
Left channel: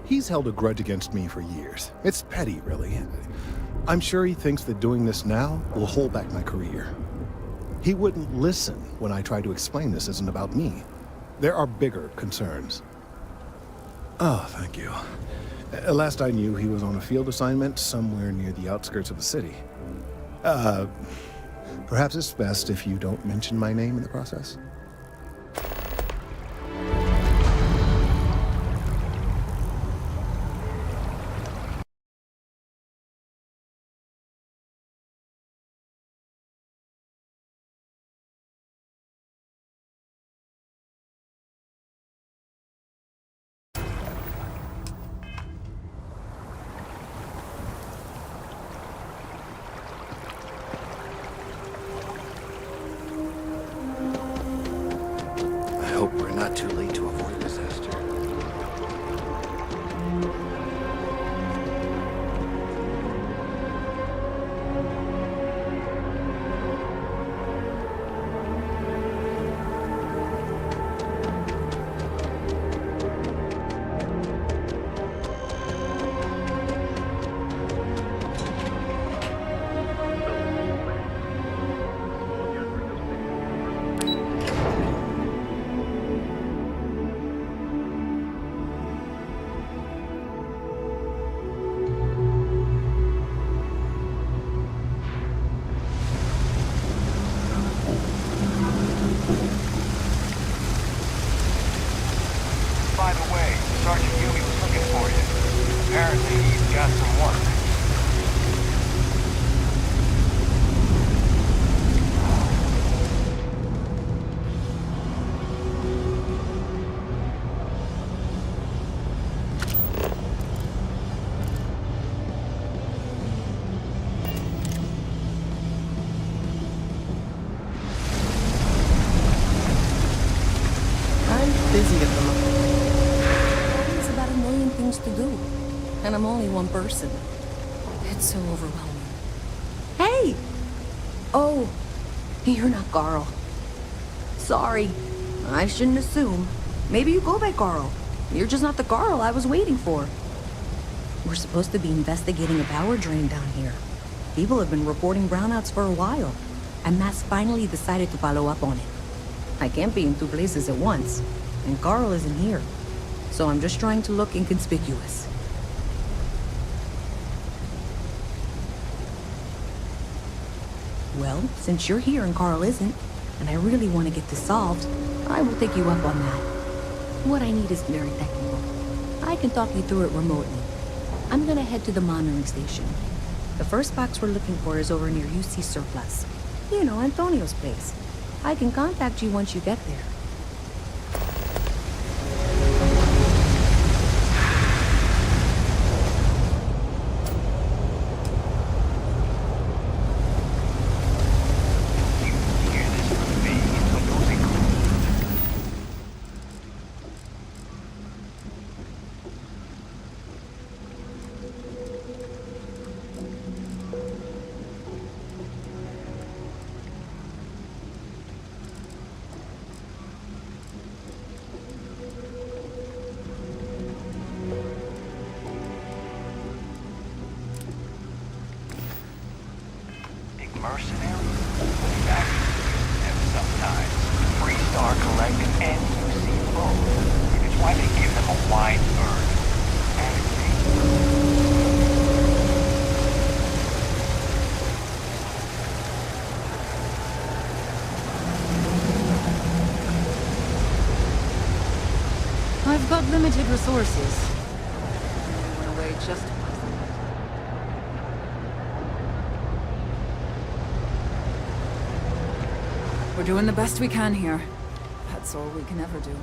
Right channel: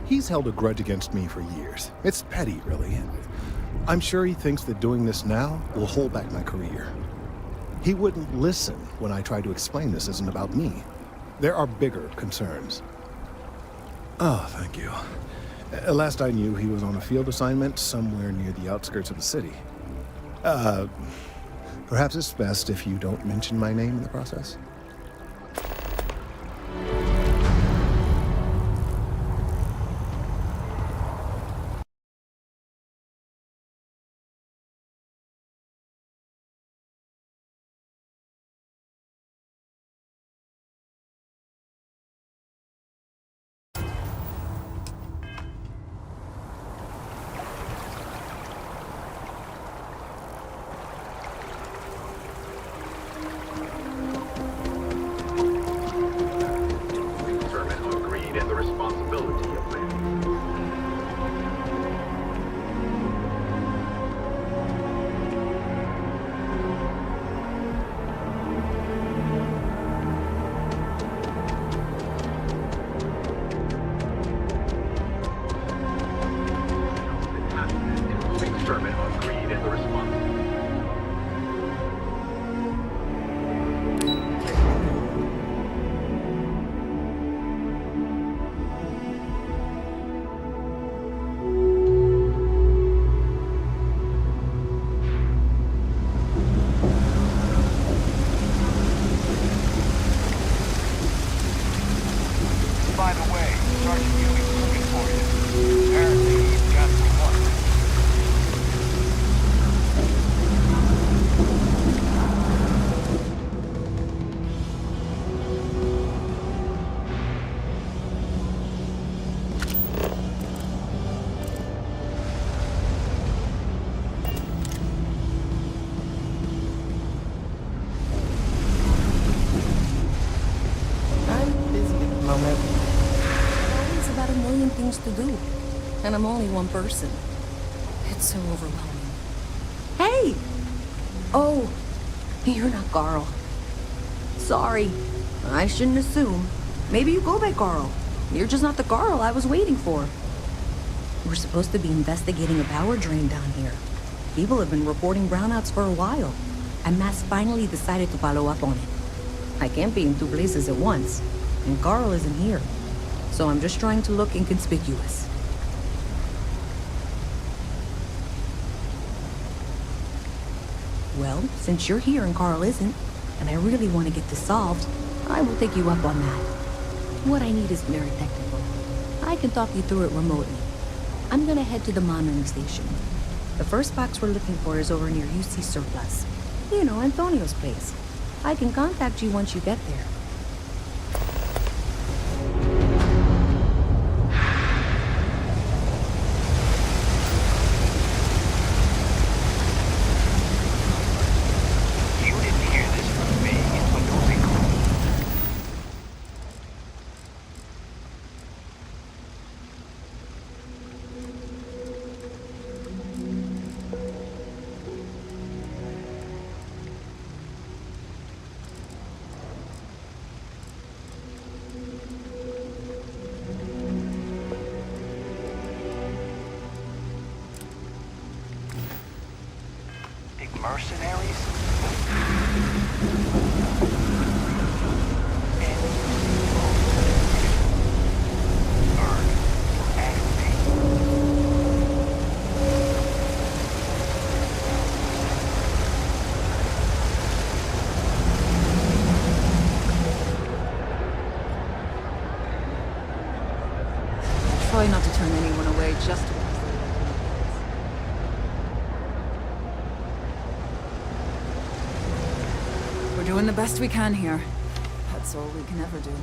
He's held a grudge against me for years. It's petty, really. I'm sure he thinks that doing this now will hold back my career. He wouldn't listen when I tried to explain this isn't about me. There are bigger concerns. Oh, thank you. Last I knew, he was on a field assignment somewhere near the outskirts of the city. Perhaps it's best if you don't mention my name in the process? By the way, Sergeant Yumi was looking for you. Apparently, he's got some work. busy at the moment. There's always about a million things to do. And I'm only one person. It's so overwhelming. Hey! Oh, you're not Carl. Sorry. I shouldn't assume. Maybe you go by Carl. You're just not the Carl I was waiting for. We're supposed to be investigating a power drain down here. People have been reporting brownouts for a while, and Mass finally decided to follow up on it. I can't be in two places at once, and Carl isn't here. So I'm just trying to look inconspicuous. Well, since you're here and Carl isn't, and I really want to get this solved, I will take you up on that. What I need is very technical. I can talk you through it remotely. I'm gonna head to the monitoring station. The first box we're looking for is over near UC Surplus. You know, Antonio's place. I can contact you once you get there. Mercenaries? Sometimes breeds are collected and used both, which is why they give them a wide berth. I've got limited resources. Try not to turn anyone away just because they like me. We're doing the best we can here. That's all we can ever do.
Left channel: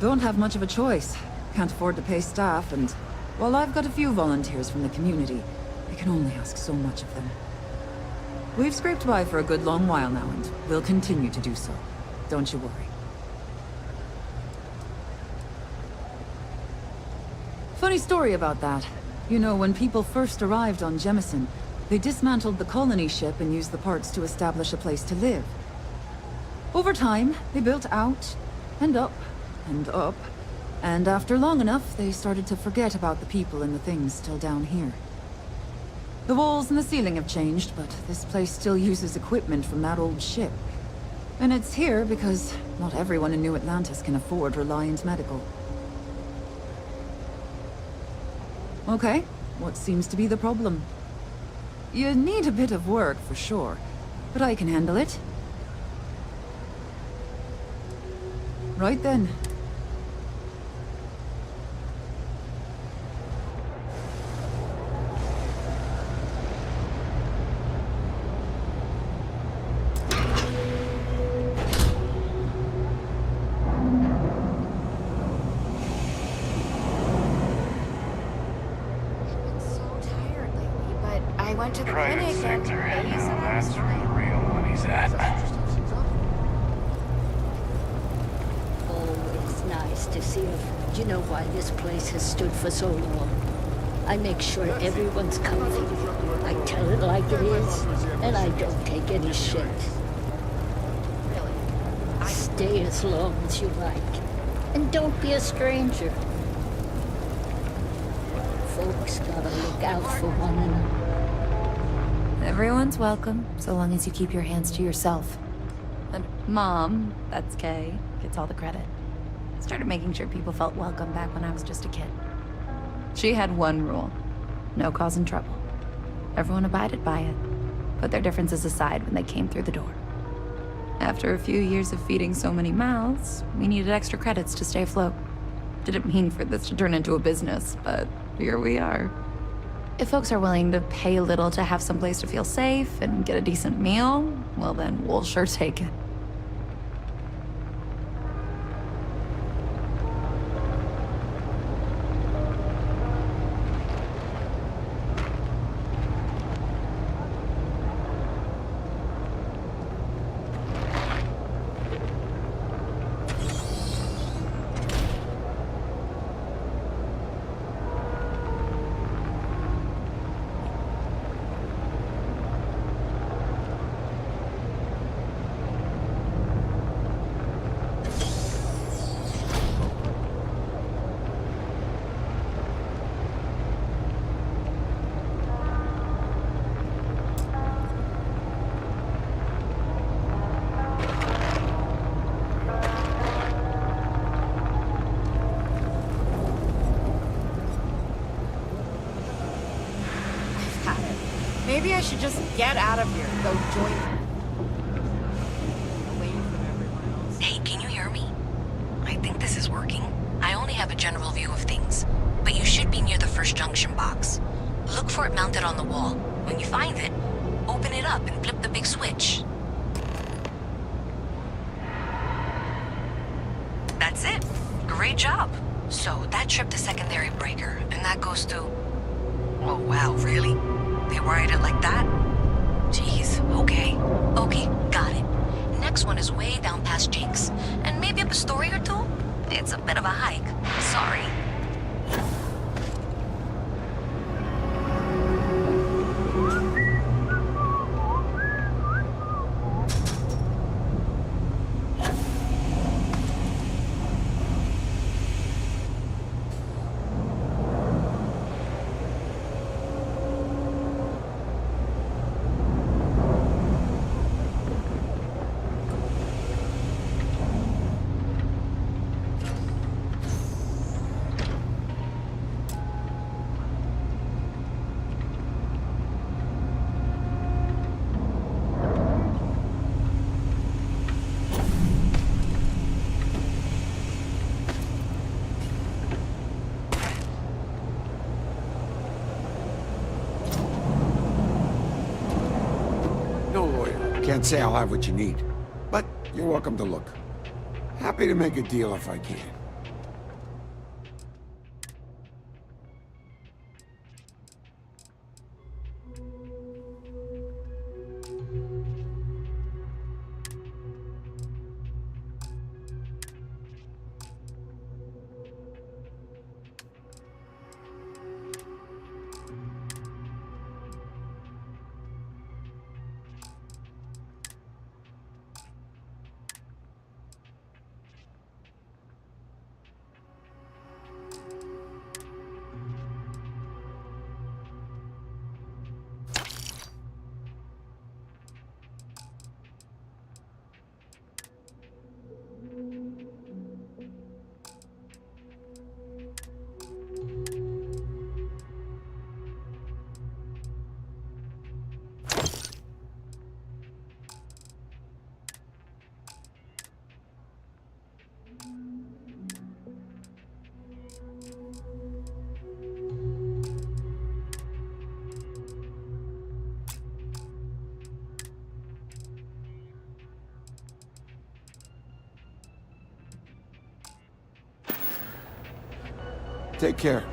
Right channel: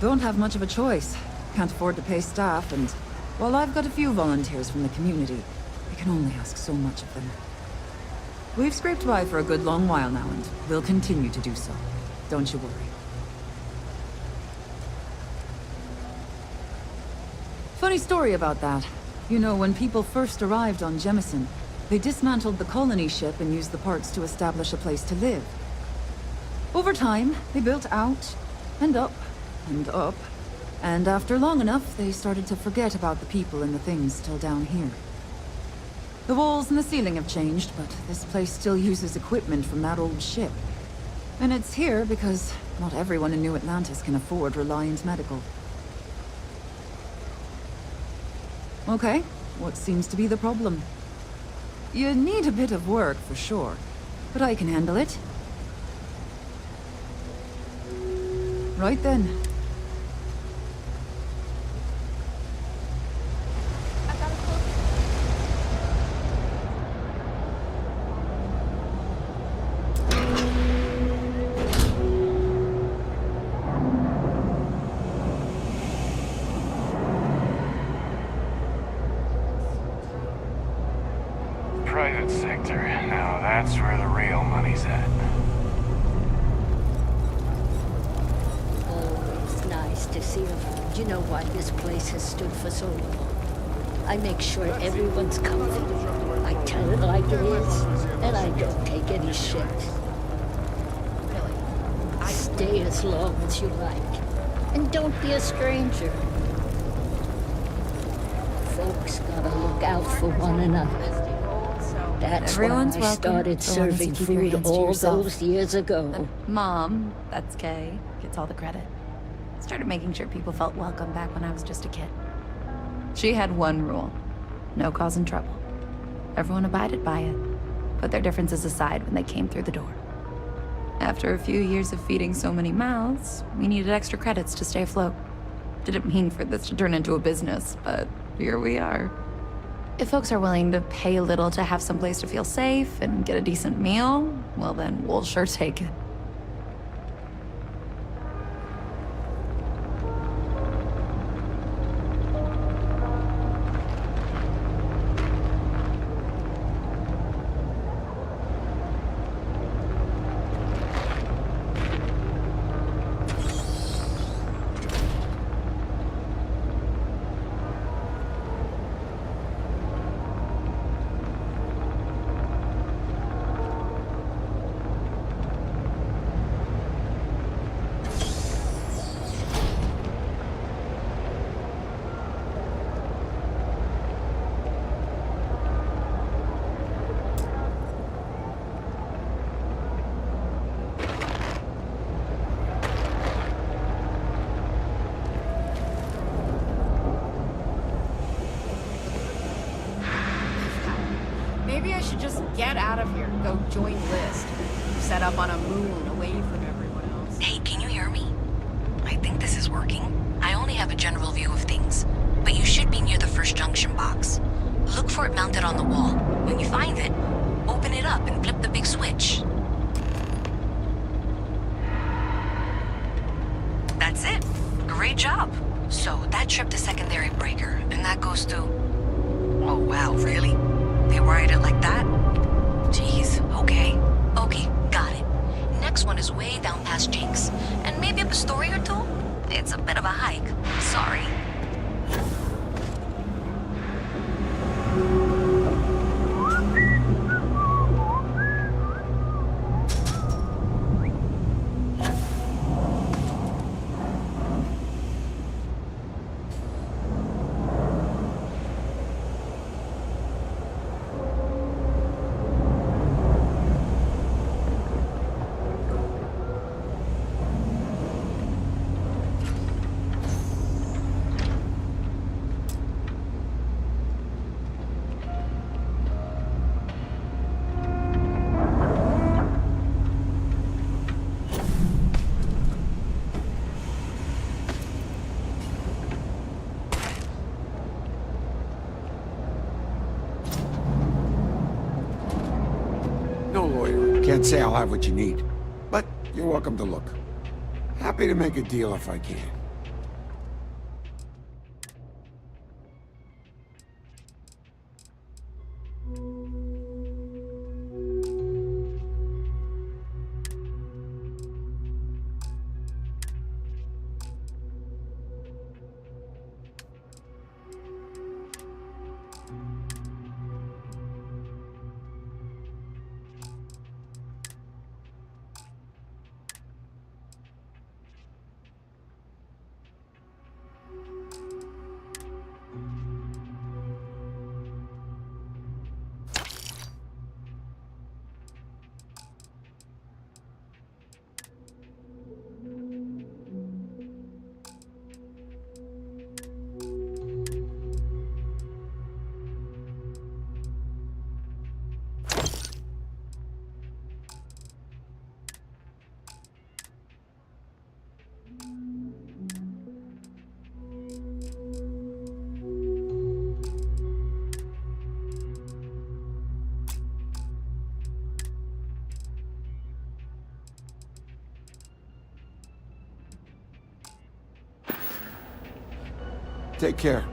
Don't have much of a choice. Can't afford to pay staff, and while I've got a few volunteers from the community, I can only ask so much of them. We've scraped by for a good long while now, and we'll continue to do so. Don't you worry. Funny story about that. You know, when people first arrived on Jemison, they dismantled the colony ship and used the parts to establish a place to live. Over time, they built out, and up, and up, and after long enough, they started to forget about the people and the things still down here. The walls and the ceiling have changed, but this place still uses equipment from that old ship. And it's here because not everyone in New Atlantis can afford Reliant Medical. Okay, what seems to be the problem? You need a bit of work, for sure, but I can handle it. Right then. Private sector. Now that's where the real money's at. Always nice to see a... You know why this place has stood for so long? I make sure everyone's comfy. I tell it like it is, and I don't take any shit. Really? Stay as long as you like. And don't be a stranger. Folks gotta look out for one another. That's Everyone's why I welcome, started so long as you serving keep your food hands to all yourself. those years ago. And Mom, that's Kay, gets all the credit. Started making sure people felt welcome back when I was just a kid. She had one rule: no causing trouble. Everyone abided by it, put their differences aside when they came through the door. After a few years of feeding so many mouths, we needed extra credits to stay afloat. Didn't mean for this to turn into a business, but here we are. If folks are willing to pay a little to have some place to feel safe and get a decent meal, well then, we'll sure take it. Maybe I should just get out of here and go join the list. Set up on a moon away from everyone else. Hey, can you hear me? I think this is working. I only have a general view of things, but you should be near the first junction box. Look for it mounted on the wall. When you find it, open it up and flip the big switch. That's it. Great job. So that tripped the secondary breaker, and that goes to... Oh wow, really? They wired it like that? Jeez, okay. Okay, got it. Next one is way down past Jake's, and maybe up a story or two? It's a bit of a hike. Sorry. No lawyer. Can't say I'll have what you need. But you're welcome to look. Happy to make a deal if I can. Take care.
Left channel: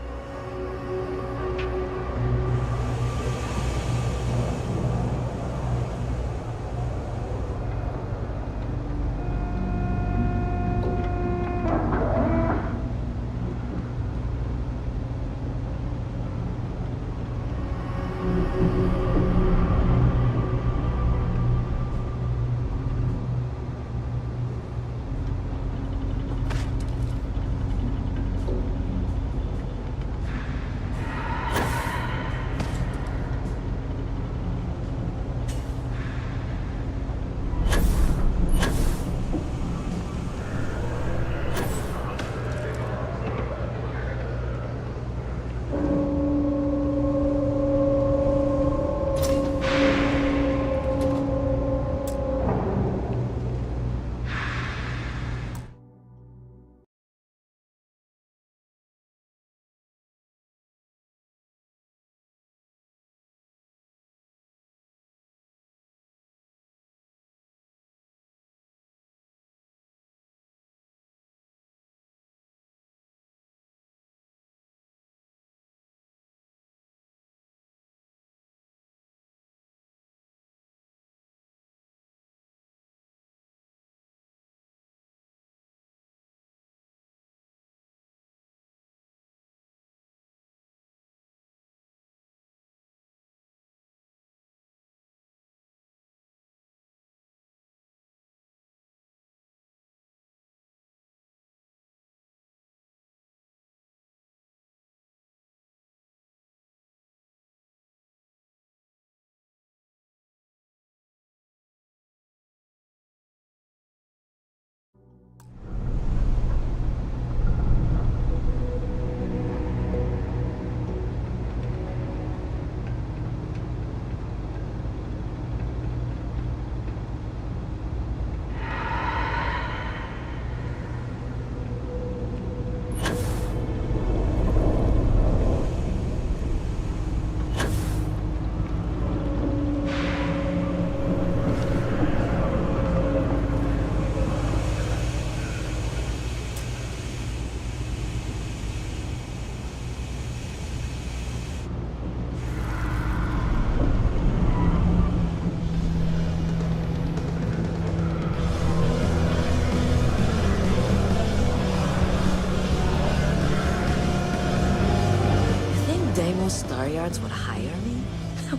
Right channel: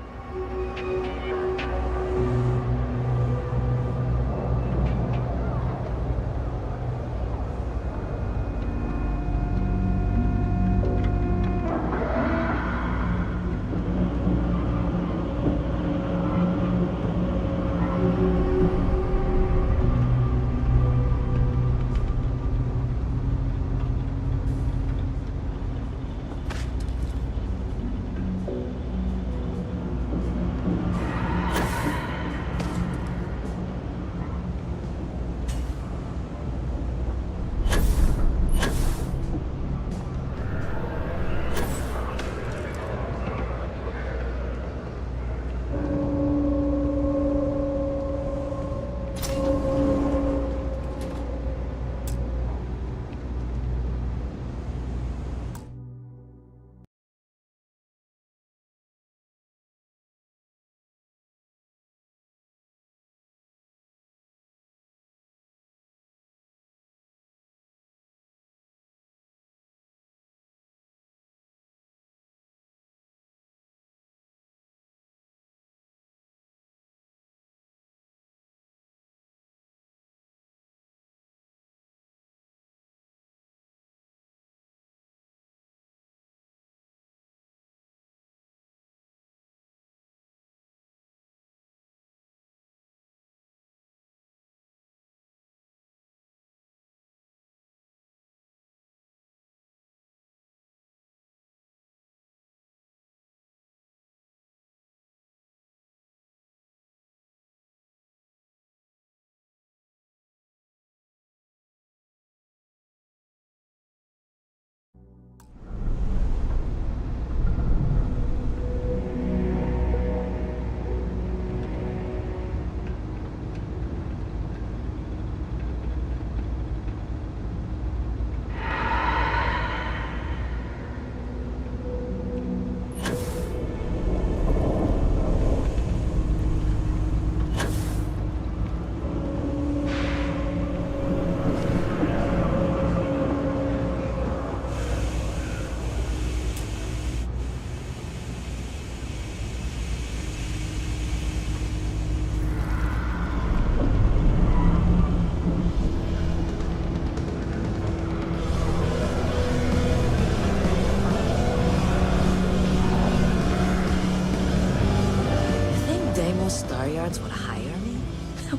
Star Yards would hire me?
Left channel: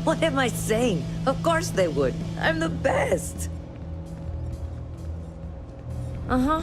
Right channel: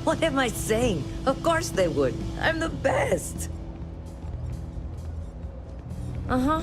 What am I saying? Of course they would. I'm the best. Uh-huh.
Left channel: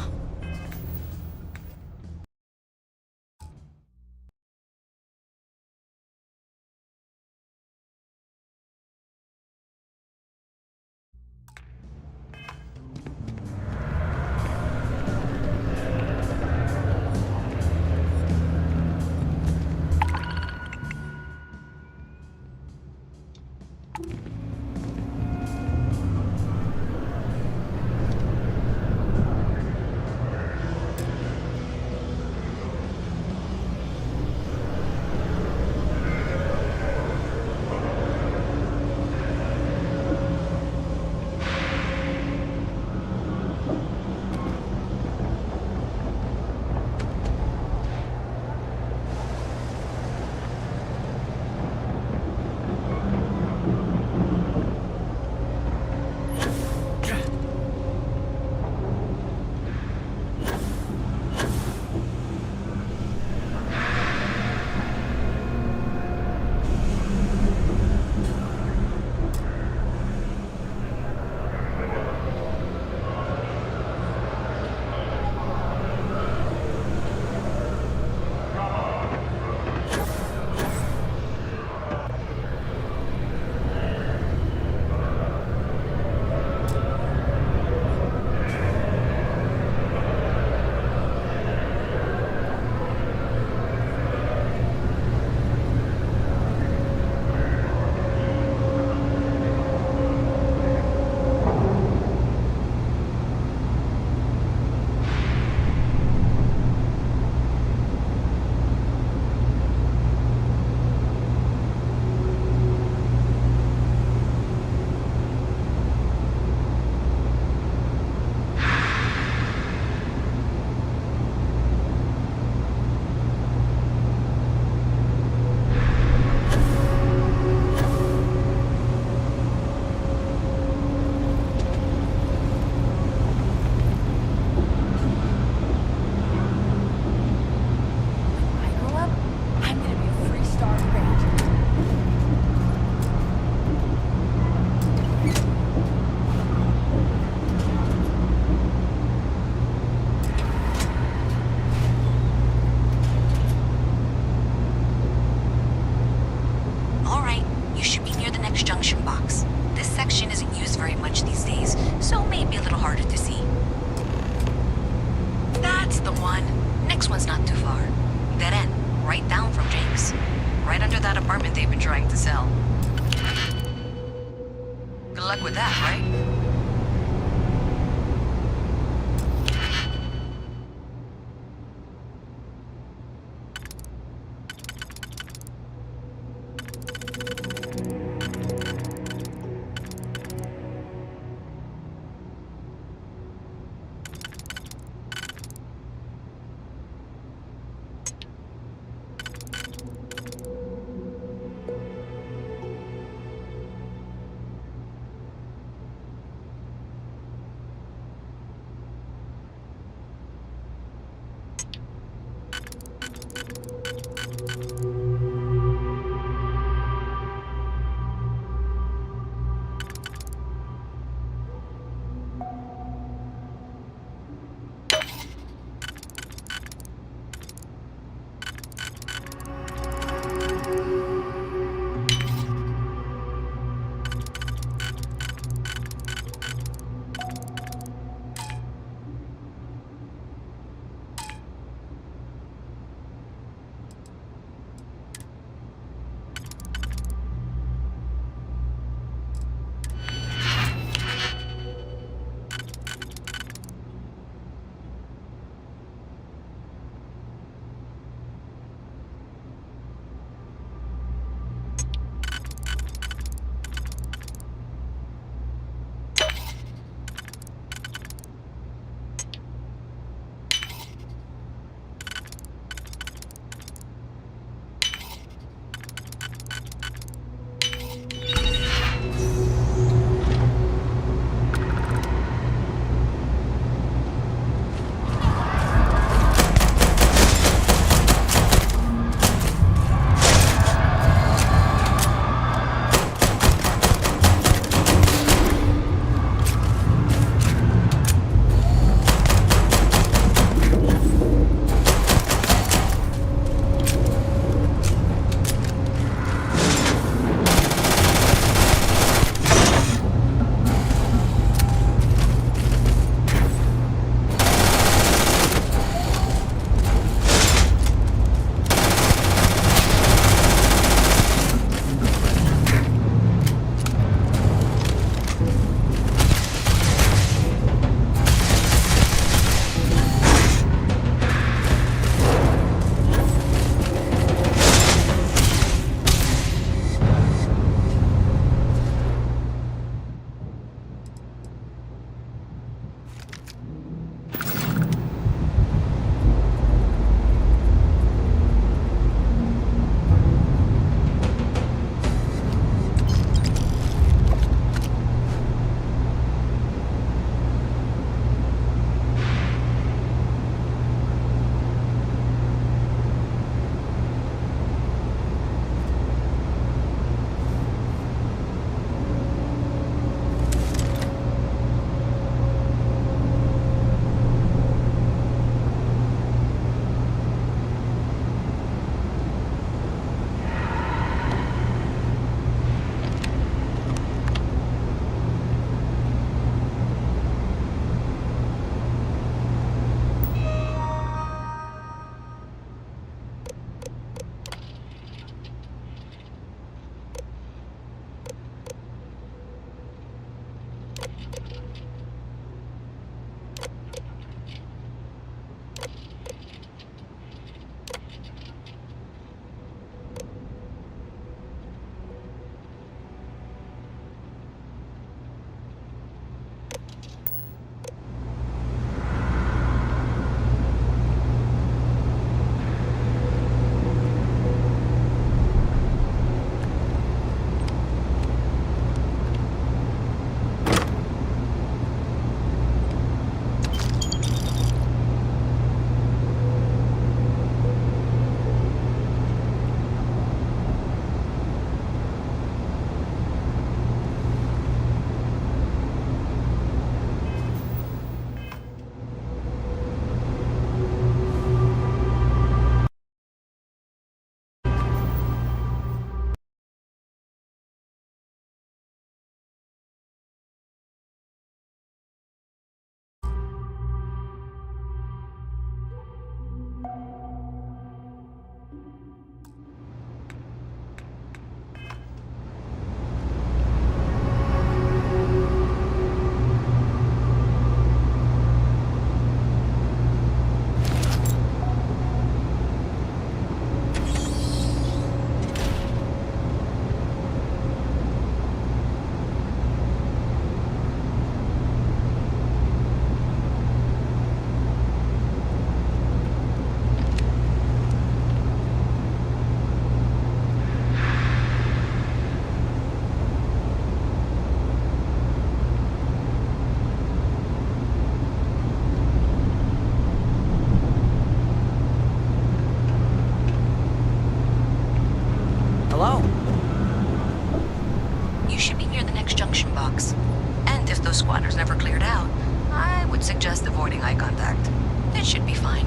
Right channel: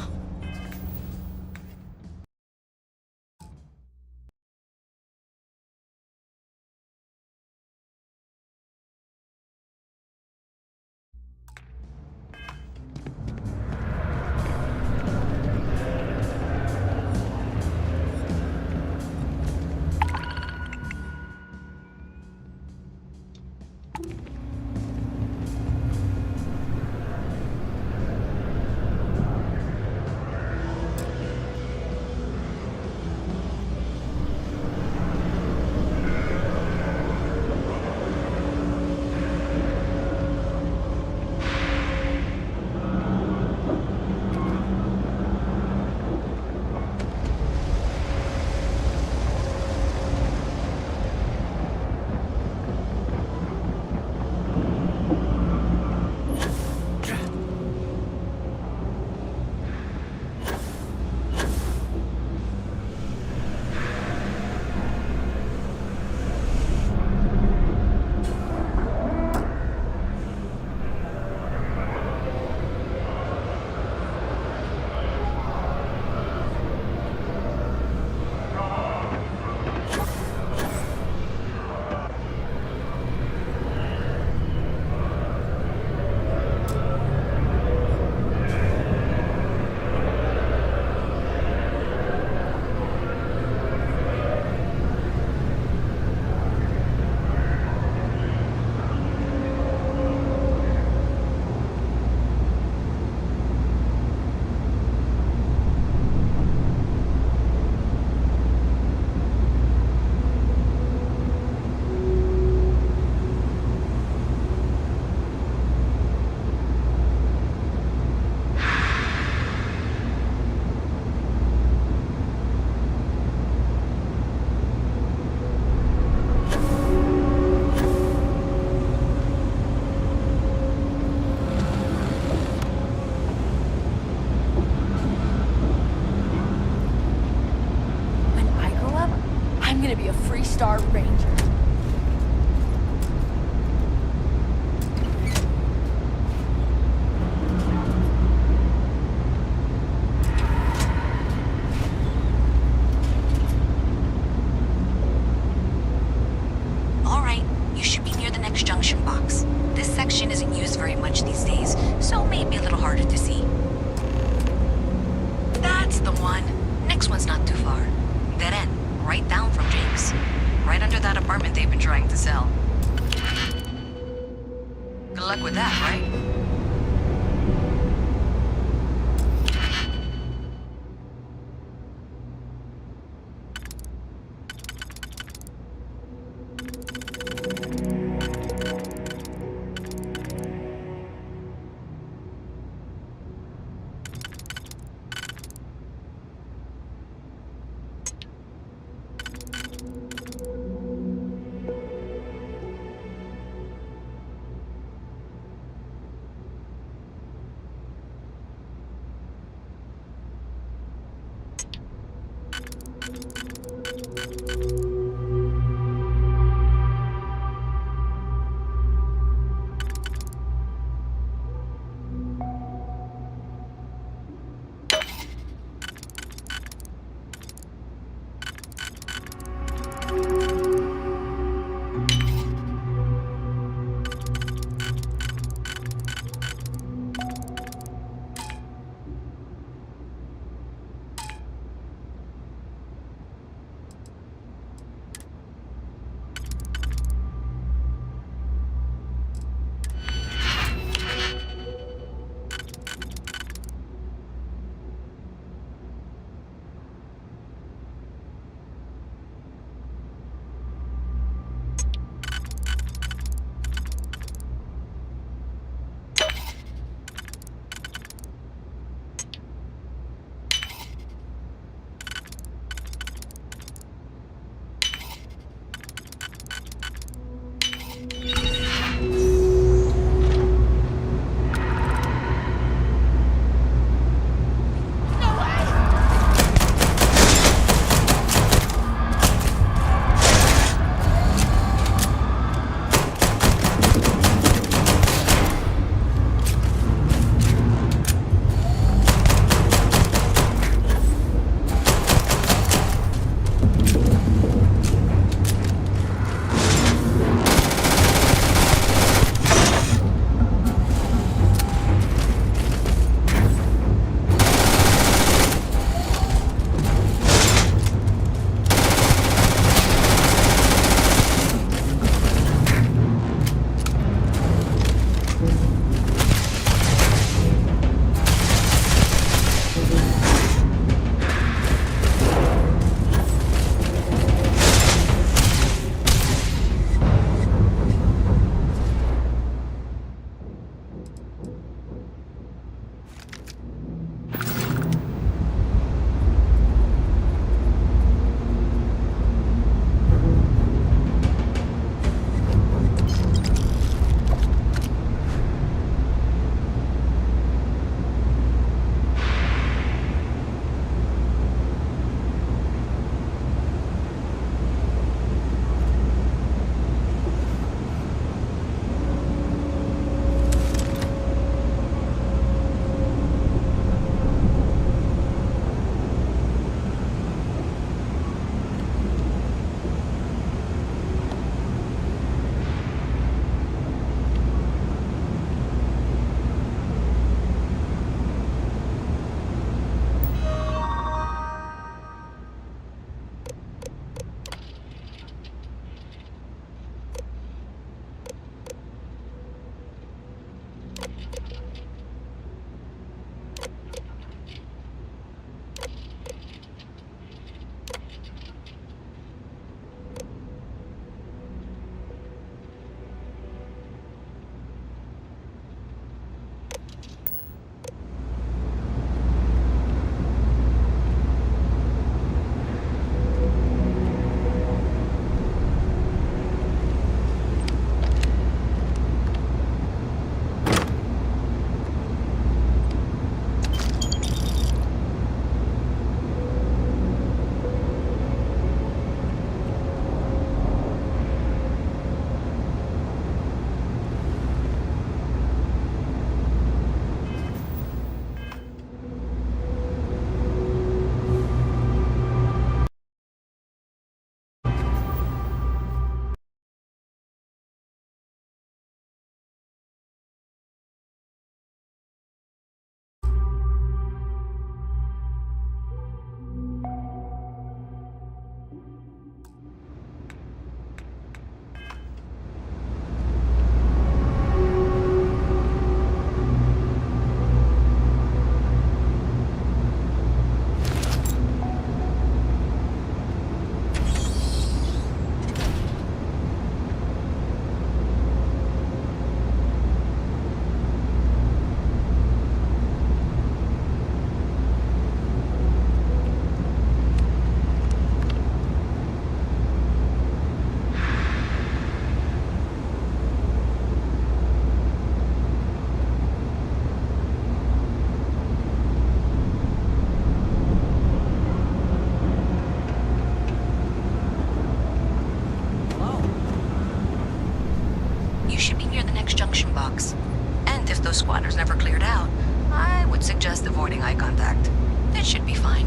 would suggest avoiding eye contact. That should be fine.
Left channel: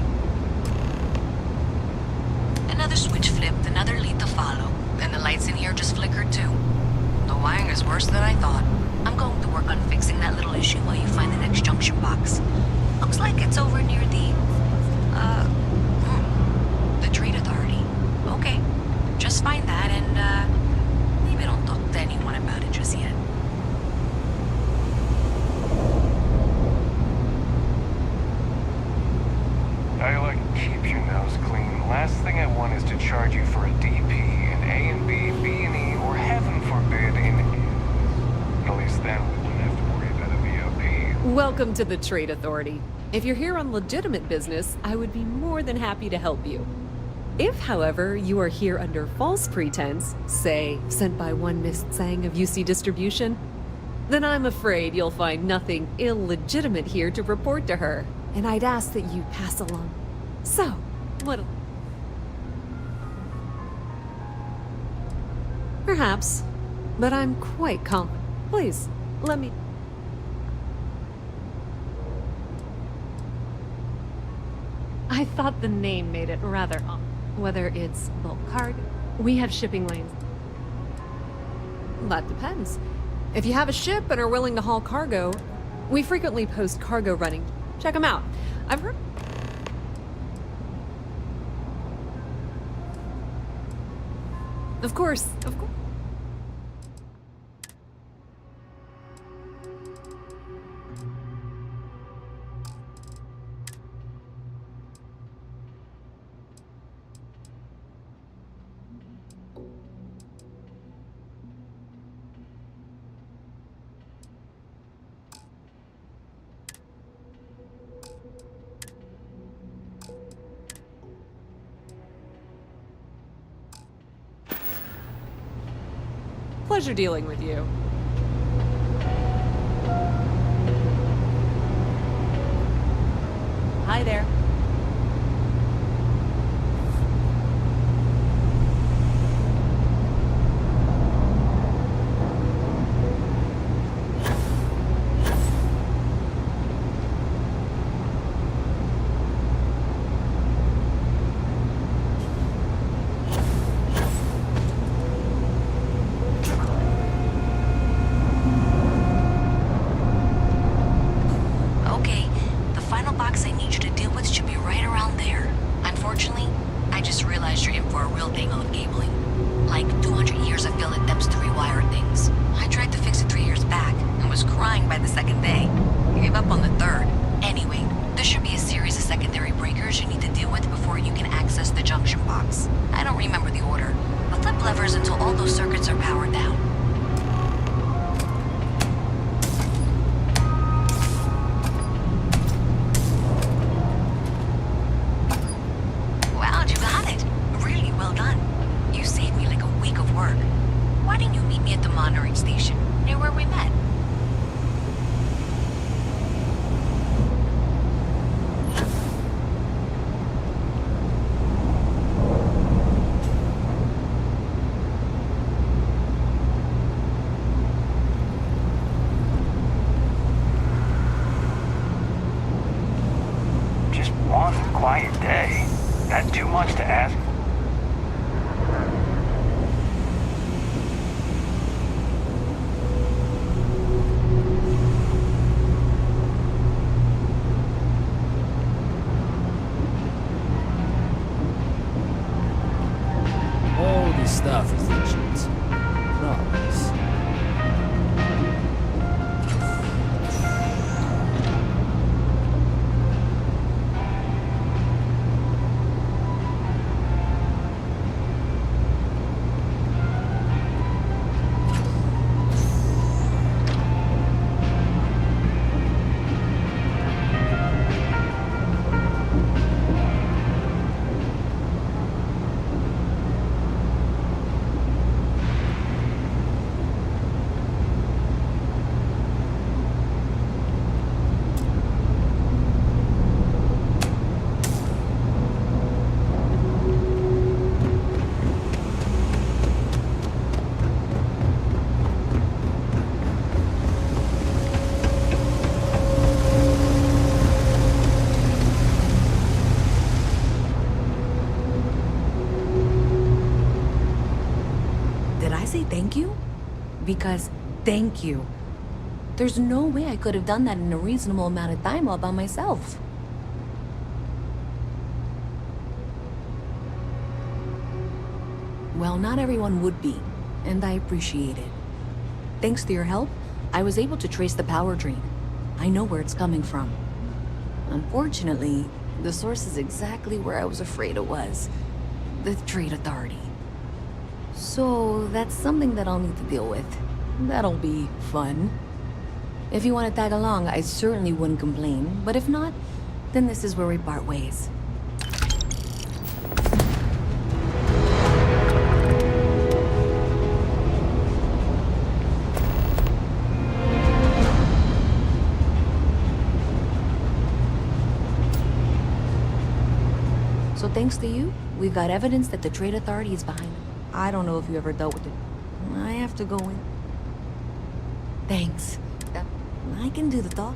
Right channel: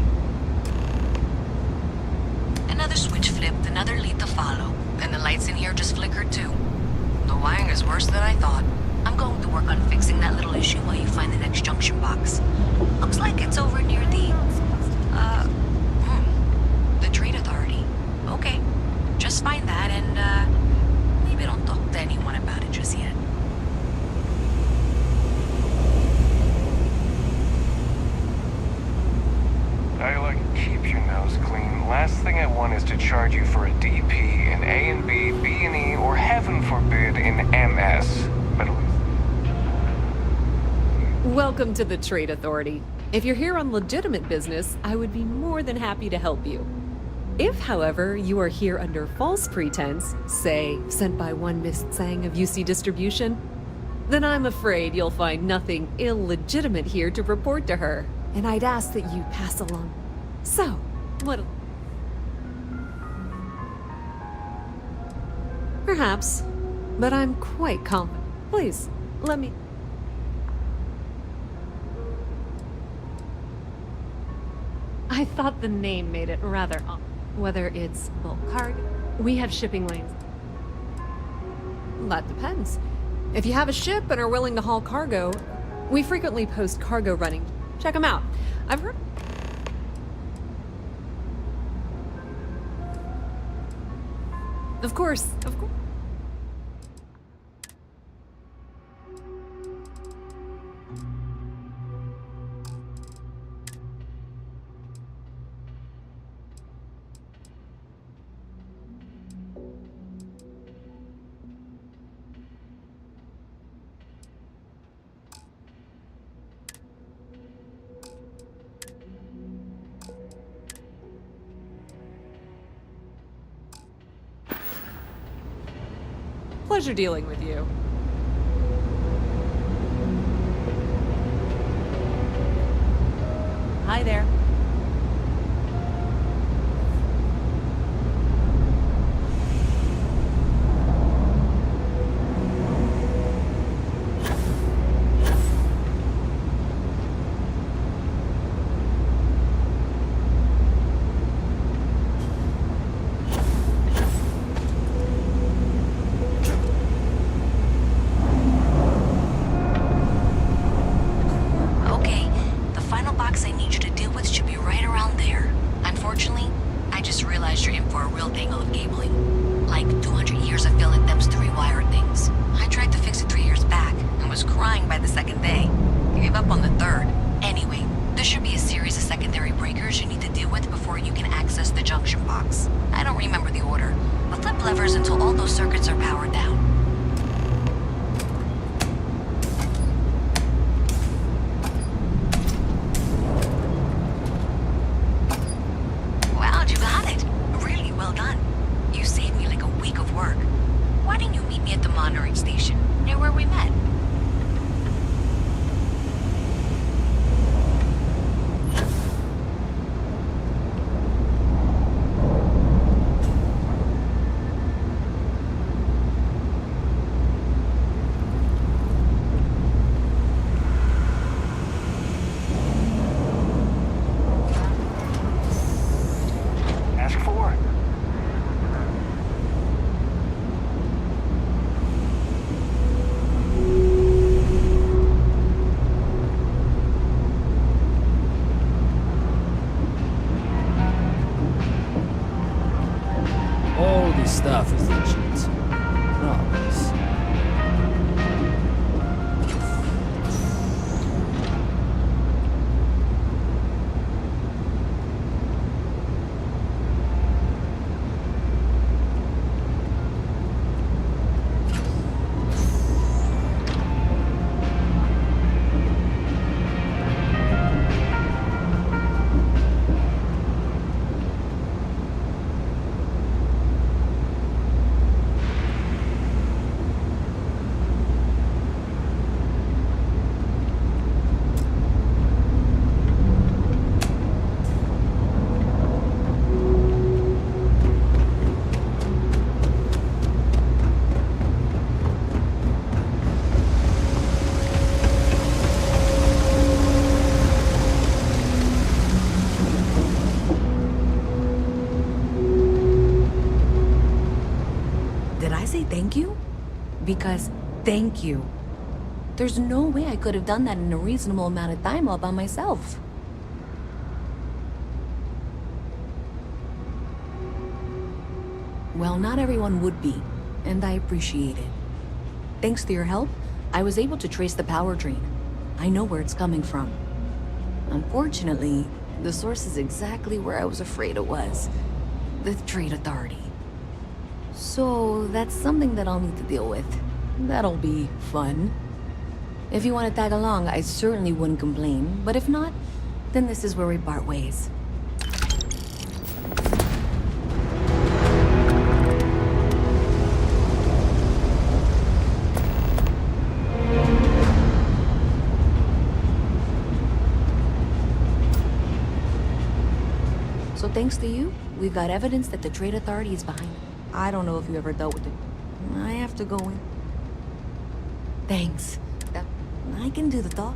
Another switch flipped, another lead to follow, and the lights in here just flickered too. The wiring is worse than I thought. I'm going to work on fixing that little issue while you find the next junction box. Looks like it's over near the Trade Authority. Okay, just find that and, maybe don't talk to anyone about it just yet. I like keep your nose clean. Last thing I want is to charge you for a DP in A and B, B and E, or heaven forbid in MS. But at least then, Welcome to the Trade Authority. If you're here on legitimate business, I would be more than happy to help you. If, however, you are here under false pretense, say, sent by one Miss Tsang of UC Distribution, then I'm afraid you'll find nothing illegitimate here to report to her, and I'd ask that you pass along. So, what... Perhaps, but I'm quite confident. Please, let me... I thought the name made it rather odd. Whether it's bulk cargo, we have shipping lanes. That depends. If you have a ship and are willing to haul cargo, we frequently post cargo running. Check them out. I've heard... Of course, of course. Pleasure dealing with you. Hi there. Stuff is legit. Promise. Because thank you. There's no way I could have done that in a reasonable amount of time all by myself. Well, not everyone would be, and I appreciate it. Thanks to your help, I was able to trace the power drain. I know where it's coming from. Unfortunately, the source is exactly where I was afraid it was. The Trade Authority. So, that's something that I'll need to deal with. That'll be fun. If you want to tag along, I certainly wouldn't complain, but if not, then this is where we part ways. So thanks to you, we've got evidence that the Trade Authority is behind it. I don't know if you ever dealt with it. I have to go in. Thanks. I can do the talk.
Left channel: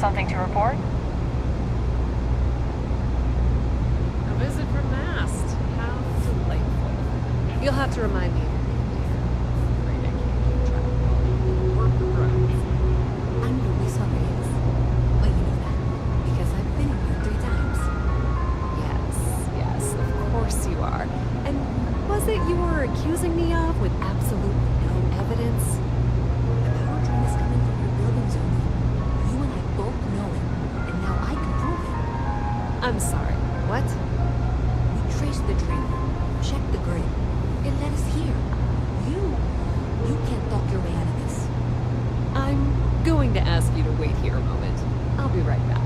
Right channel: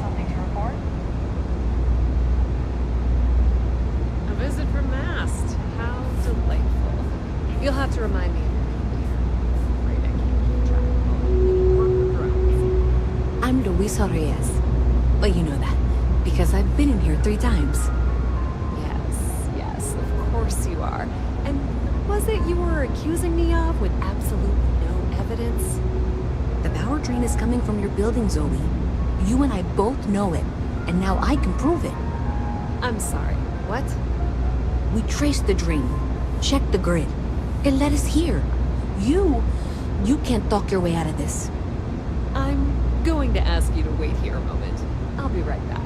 Something to report? A visit from Mast. How delightful. You'll have to remind me of your name, dear. I'm afraid I can't keep track of all your little worker drones. I'm Luisa Reyes. Well, you know that, because I've been in here 3 times. Yes, of course you are. And what was it you were accusing me of with absolutely no evidence? The power drain is coming from your building, Zoe. You and I both know it, and now I can prove it. I'm sorry, what? We traced the drain, checked the grid. It led us here. You can't talk your way out of this. I'm going to ask you to wait here a moment. I'll be right back.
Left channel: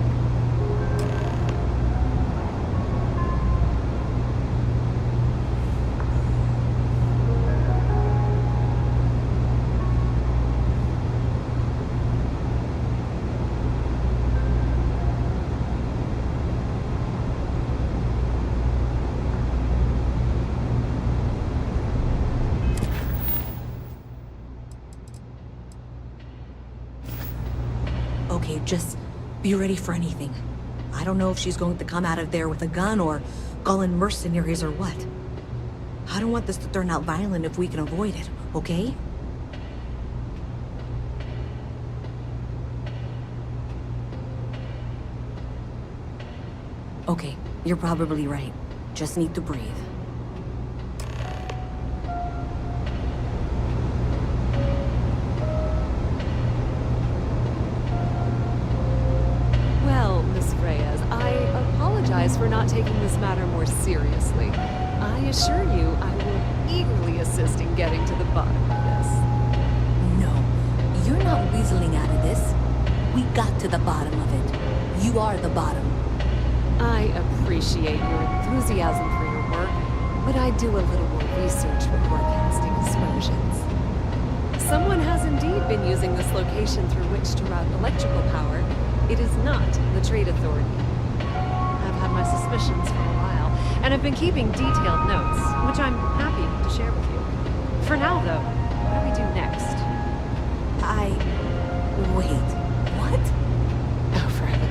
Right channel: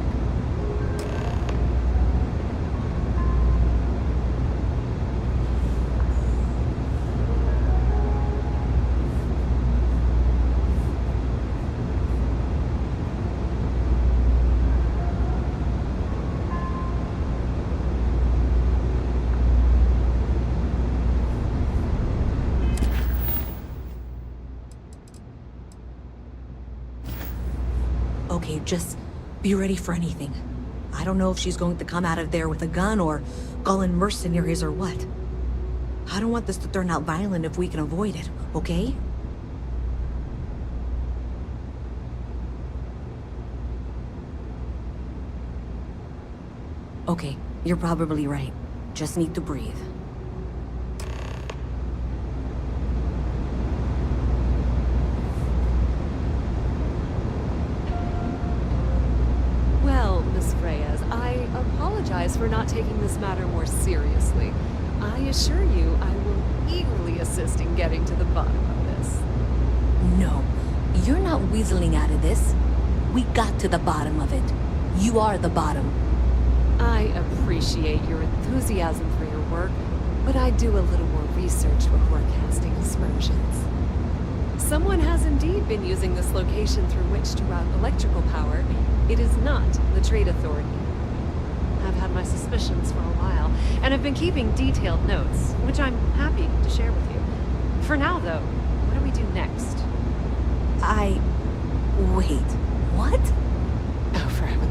Okay, just be ready for anything. I don't know if she's going to come out of there with a gun or call in mercenaries or what. I don't want this to turn out violent if we can avoid it, okay? Okay, you're probably right. Just need to breathe. Well, Miss Reyes, I apologize for not taking this matter more seriously. I assure you I will eagerly assist in getting to the bottom of this. No, you're not weaseling out of this. We got to the bottom of it. You are the bottom. I appreciate your enthusiasm for your work, but I do a little more research before casting aspersions. Someone has indeed been using this location through which to route electrical power. It is not the Trade Authority. I've had my suspicions for a while, and have been keeping detailed notes, which I'm happy to share with you. For now, though, what do we do next? Wait.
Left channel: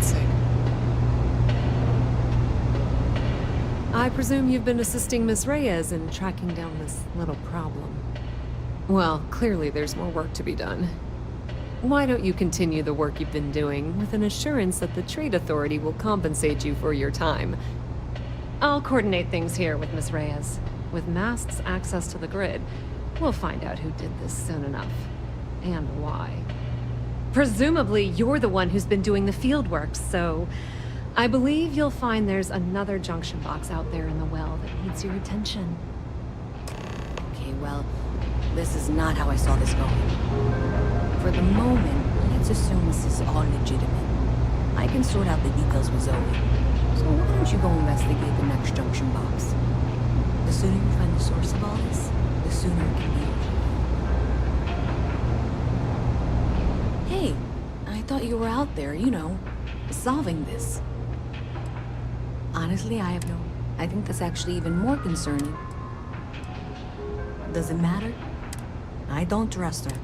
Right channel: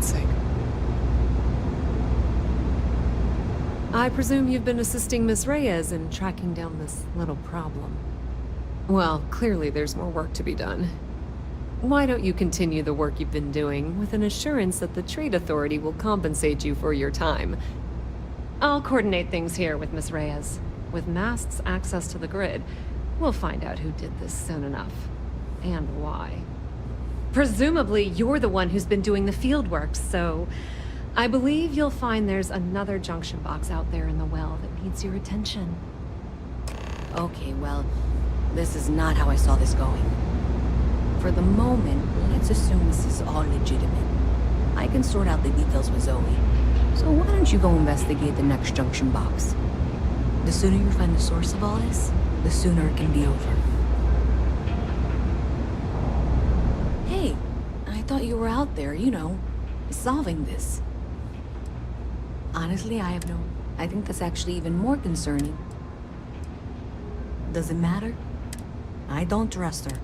God's sake. I presume you've been assisting Miss Reyes in tracking down this little problem. Well, clearly there's more work to be done. Why don't you continue the work you've been doing with an assurance that the Trade Authority will compensate you for your time? I'll coordinate things here with Miss Reyes. With Mast's access to the grid, we'll find out who did this soon enough. And why. Presumably, you're the one who's been doing the field work, so I believe you'll find there's another junction box out there in the well that needs your attention. Okay, well, this is not how I saw this going. For the moment, let's assume this is all legitimate. I can sort out the details with Zoe. So why don't you go investigate the next junction box? The sooner you find the source of all this, the sooner it can be over. Hey, I thought you were out there, you know, solving this. Honestly, I think that's actually even more concerning. Does it matter? I don't trust her.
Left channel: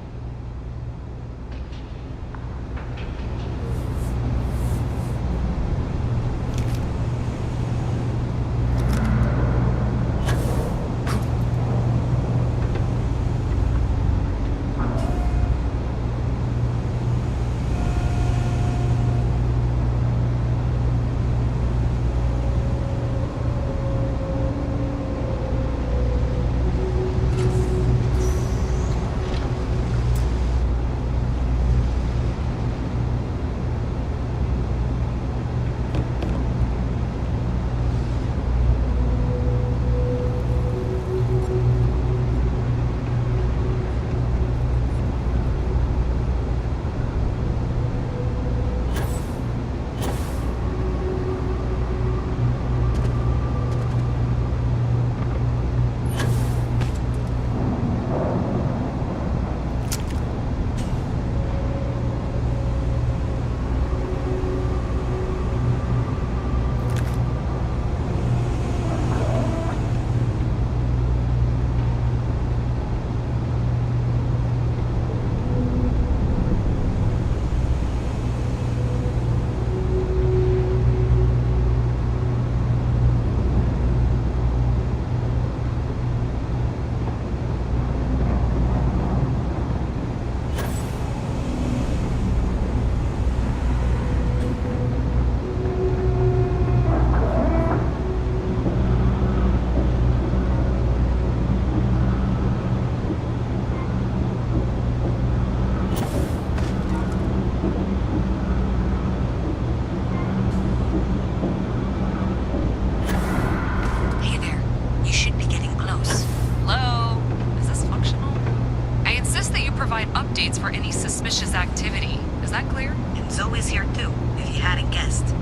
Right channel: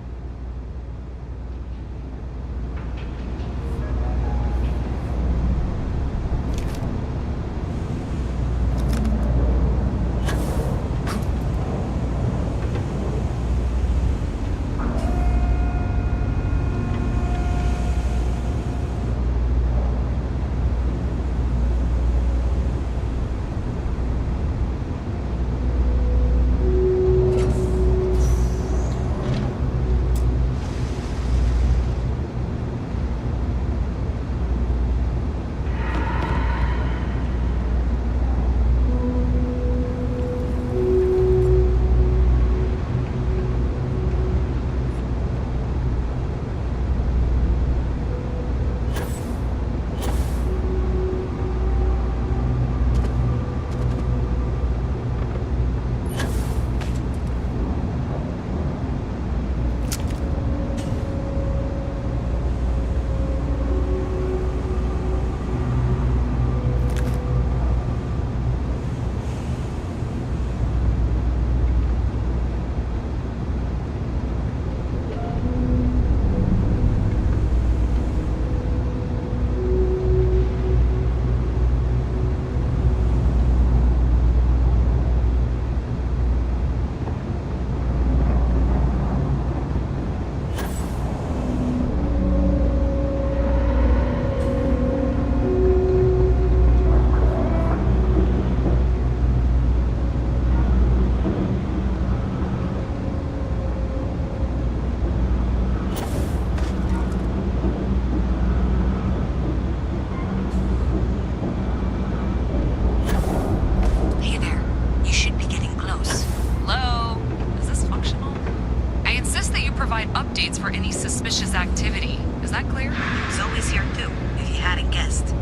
updates for any suspicious activity. Is that clear? Zoe's here too, if you hadn't guessed.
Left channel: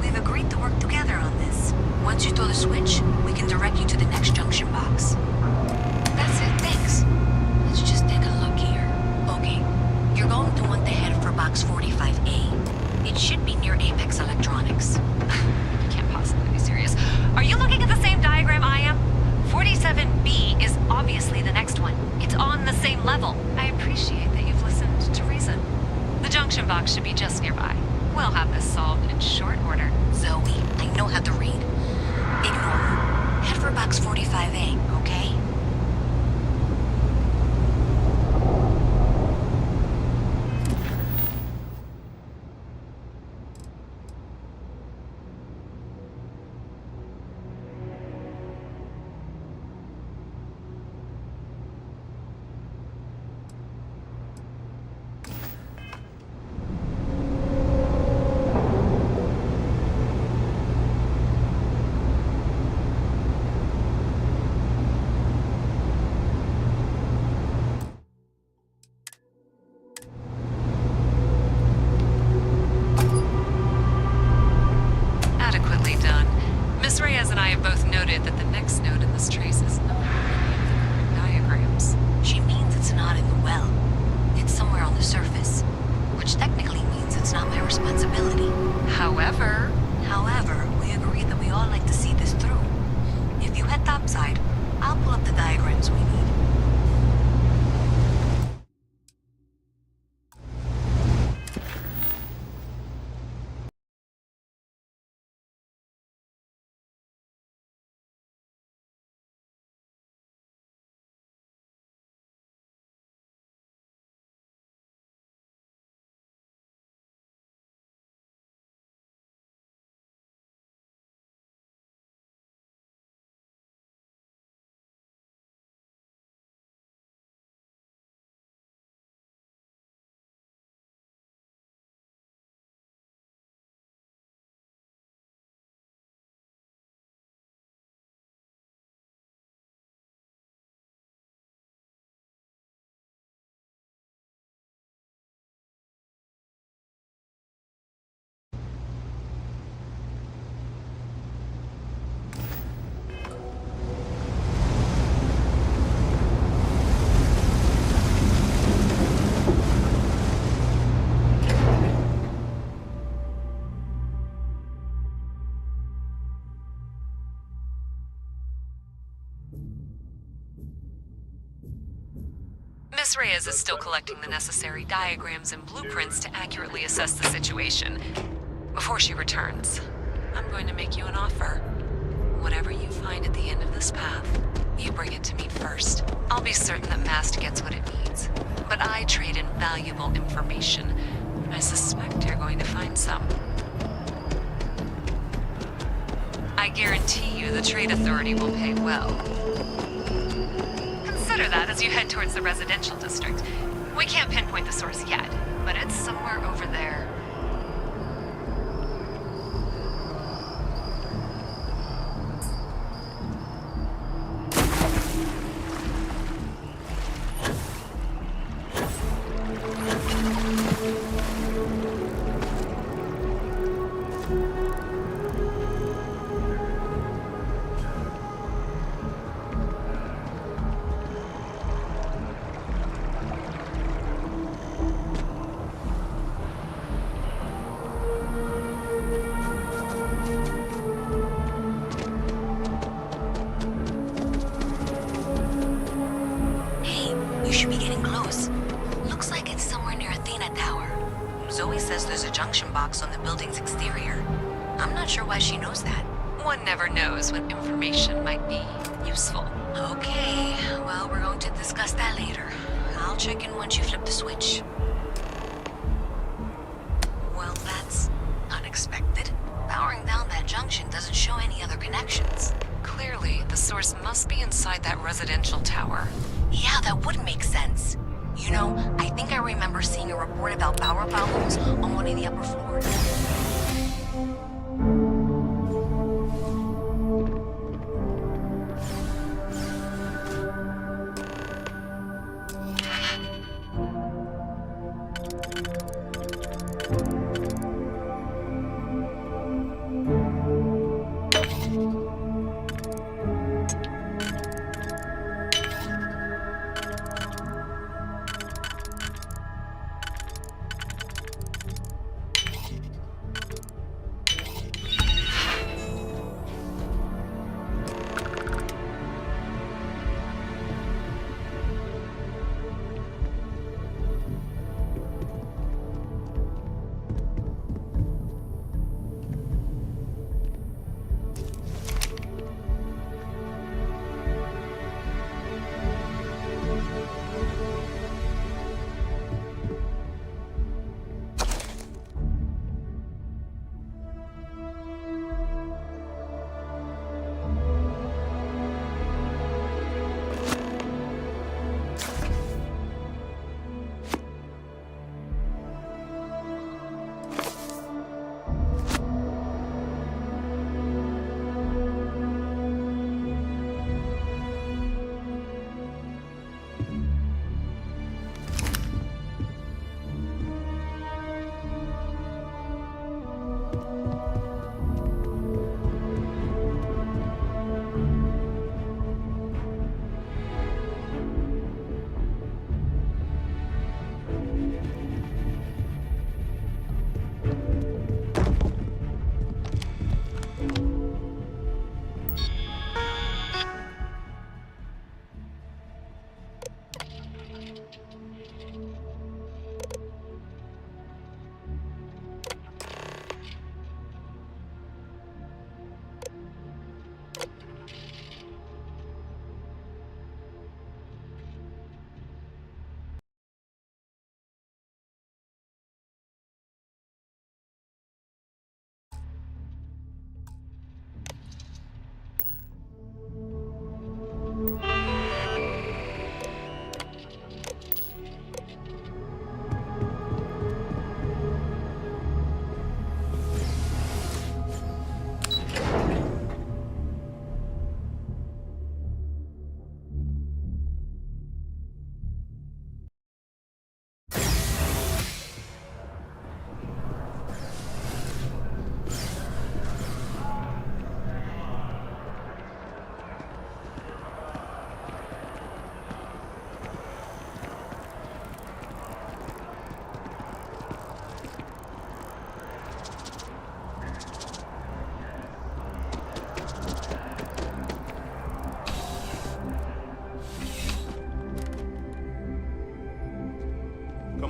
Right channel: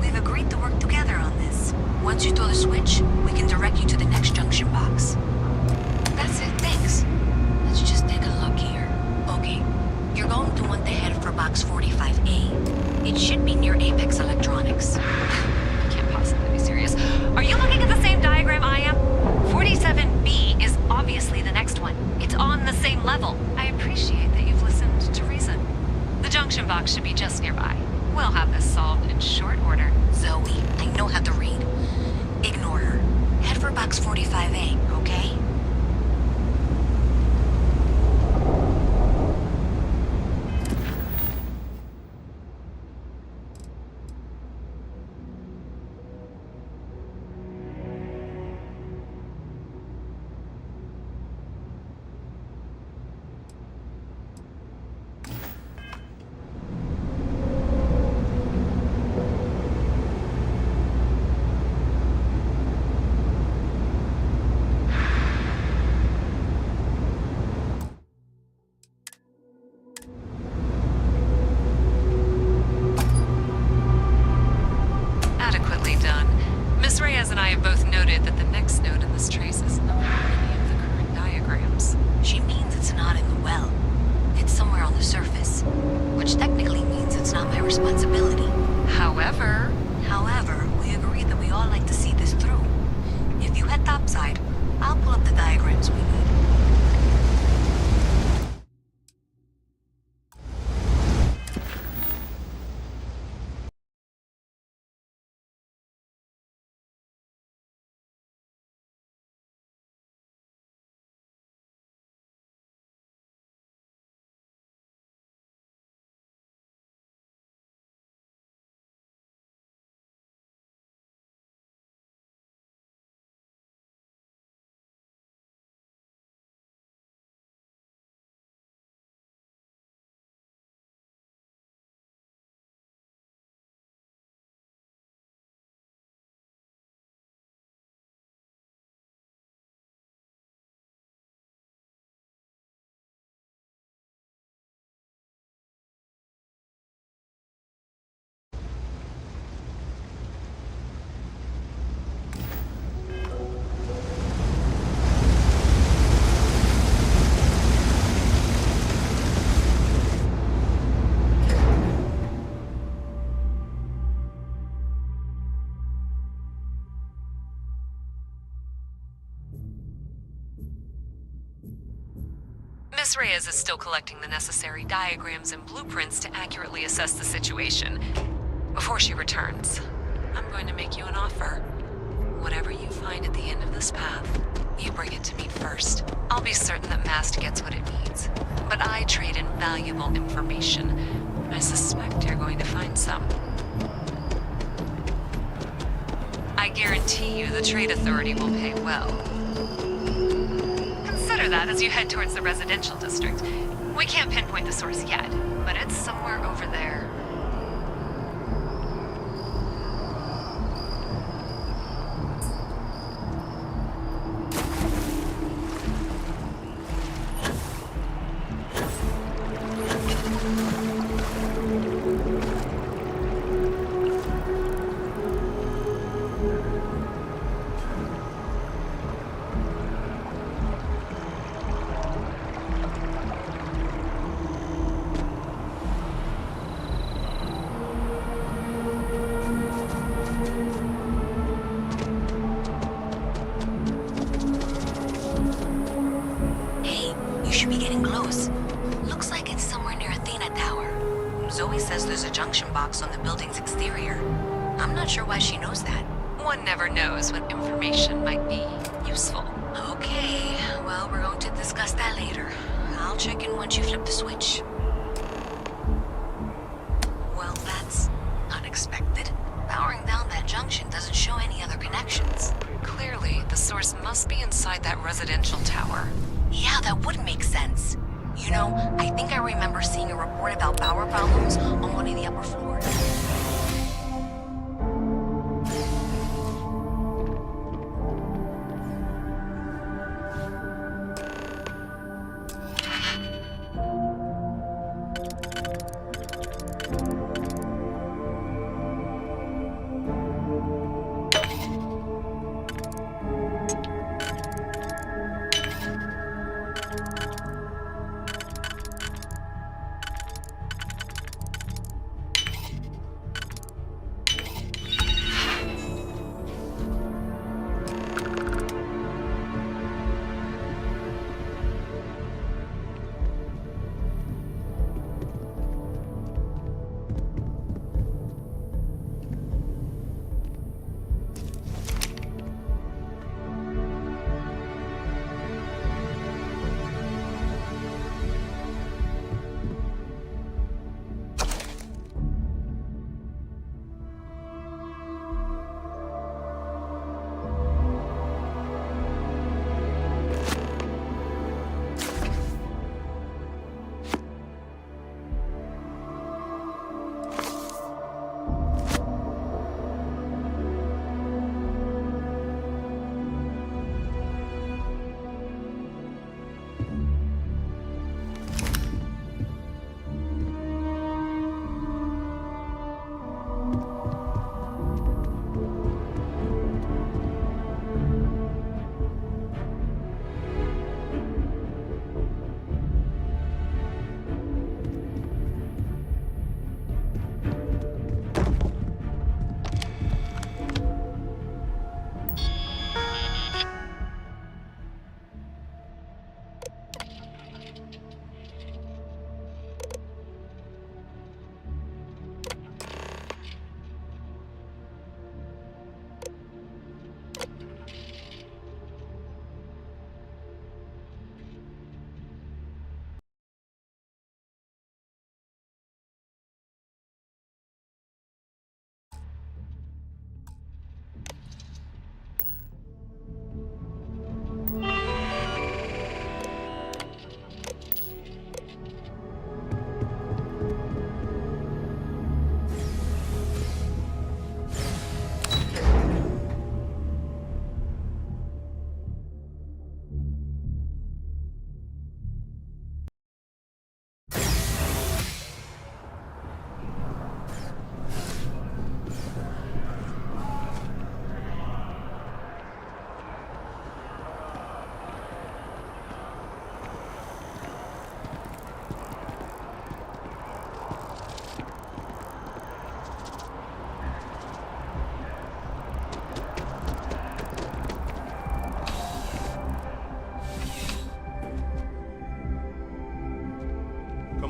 We've agreed to work together on this. Once you throw the switch, we can direct you to the next junction box. That's it, thanks. Let's just take a look here. Okay, you're going to want to head for box 45A. It should be near Apex Electronics. You can't possibly be serious. Are you looking at the same diagram I am? 47B is obviously the next one. It's on the same level. I appreciate that you've listened to reason. The junction box should be just nearby. We'll have this solved in short order. Zoe, I know how to read. Ignore her. Head for box 45A, okay? Adequately done. Miss Reyes and I have both noted that the next node in this trace is not on any of the current diagrams. She means it's not in the well. It's somewhere on the surface. Which technically means it's not my responsibility. However, we agreed that we all like to see this through. If you head topside, I'll pull up the diagrams we need. Miss Reyes is still collecting the necessary diagrams and blueprints to accurately assess the situation. Before she returns, I'm going to make you an offer. Whatever you find at the end of this path, you bring it to me first. I'll be certain that Mast gets what it needs. But I trade in valuable information. I suspect you're going to find some. I guarantee you the Trade Authority will pay well. Consider that as you head towards the residential district. We can't pinpoint the source yet, but it's somewhere over there. You should be getting close. Looks like it's somewhere near Athena Tower. Zoe says there's a junction box on the building's exterior. I'm not sure why she knows that. One never knows when information might be useful. Okay, well, we're going to discuss that later. I'll check in once you flip the switch. Well, that's unexpected. Powering down that junction doesn't show any other connections. Clearly, the source must be inside that residential tower. Yeah, that would make sense. You know, I think I remember seeing a report about power problems on one of the upper floors.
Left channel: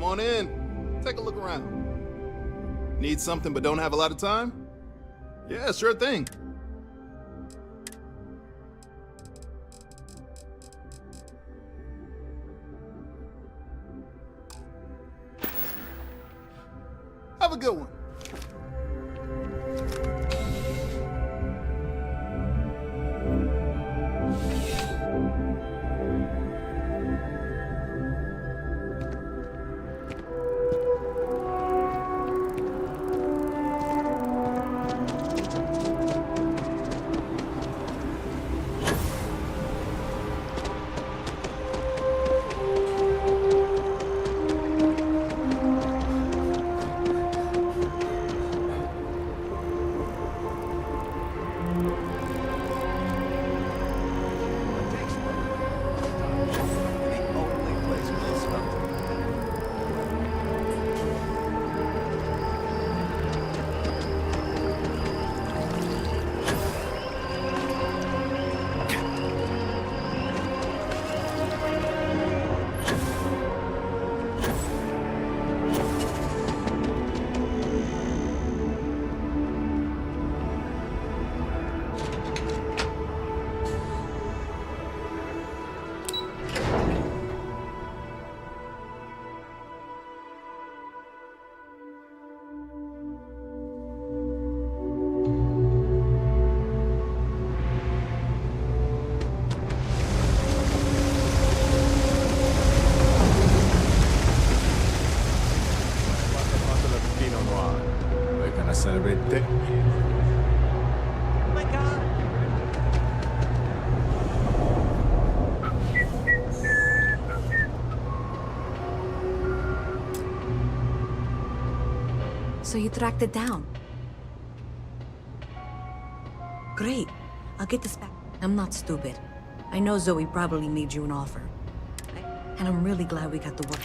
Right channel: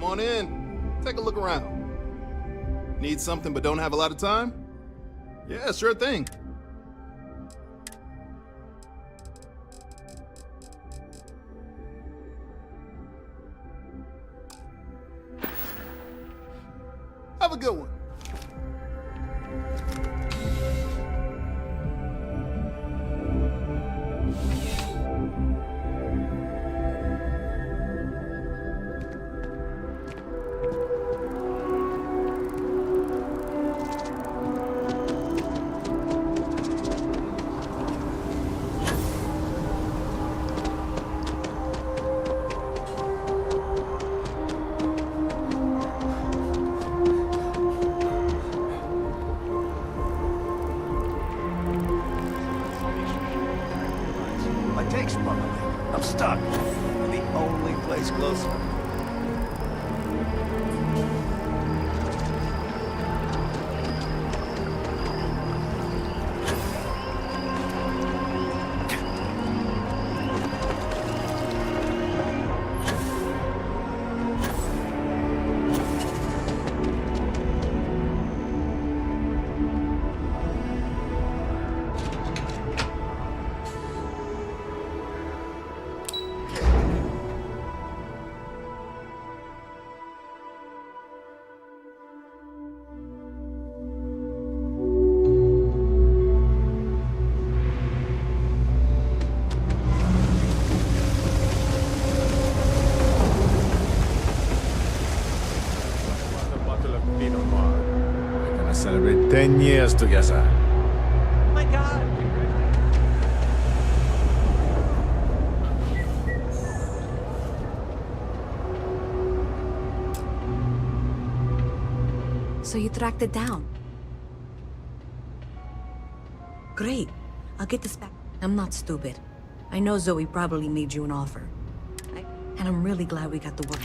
Come on in. Take a look around. Need something but don't have a lot of time? Yeah, sure thing. Have a good one. My tank's bubbling. I'm stuck. The only place close enough. We're gonna celebrate 10 years together. Oh my god! So you tracked it down. Great. I'll get this back. I'm not stupid. I know Zoe probably made you an offer. And I'm really glad we got the work.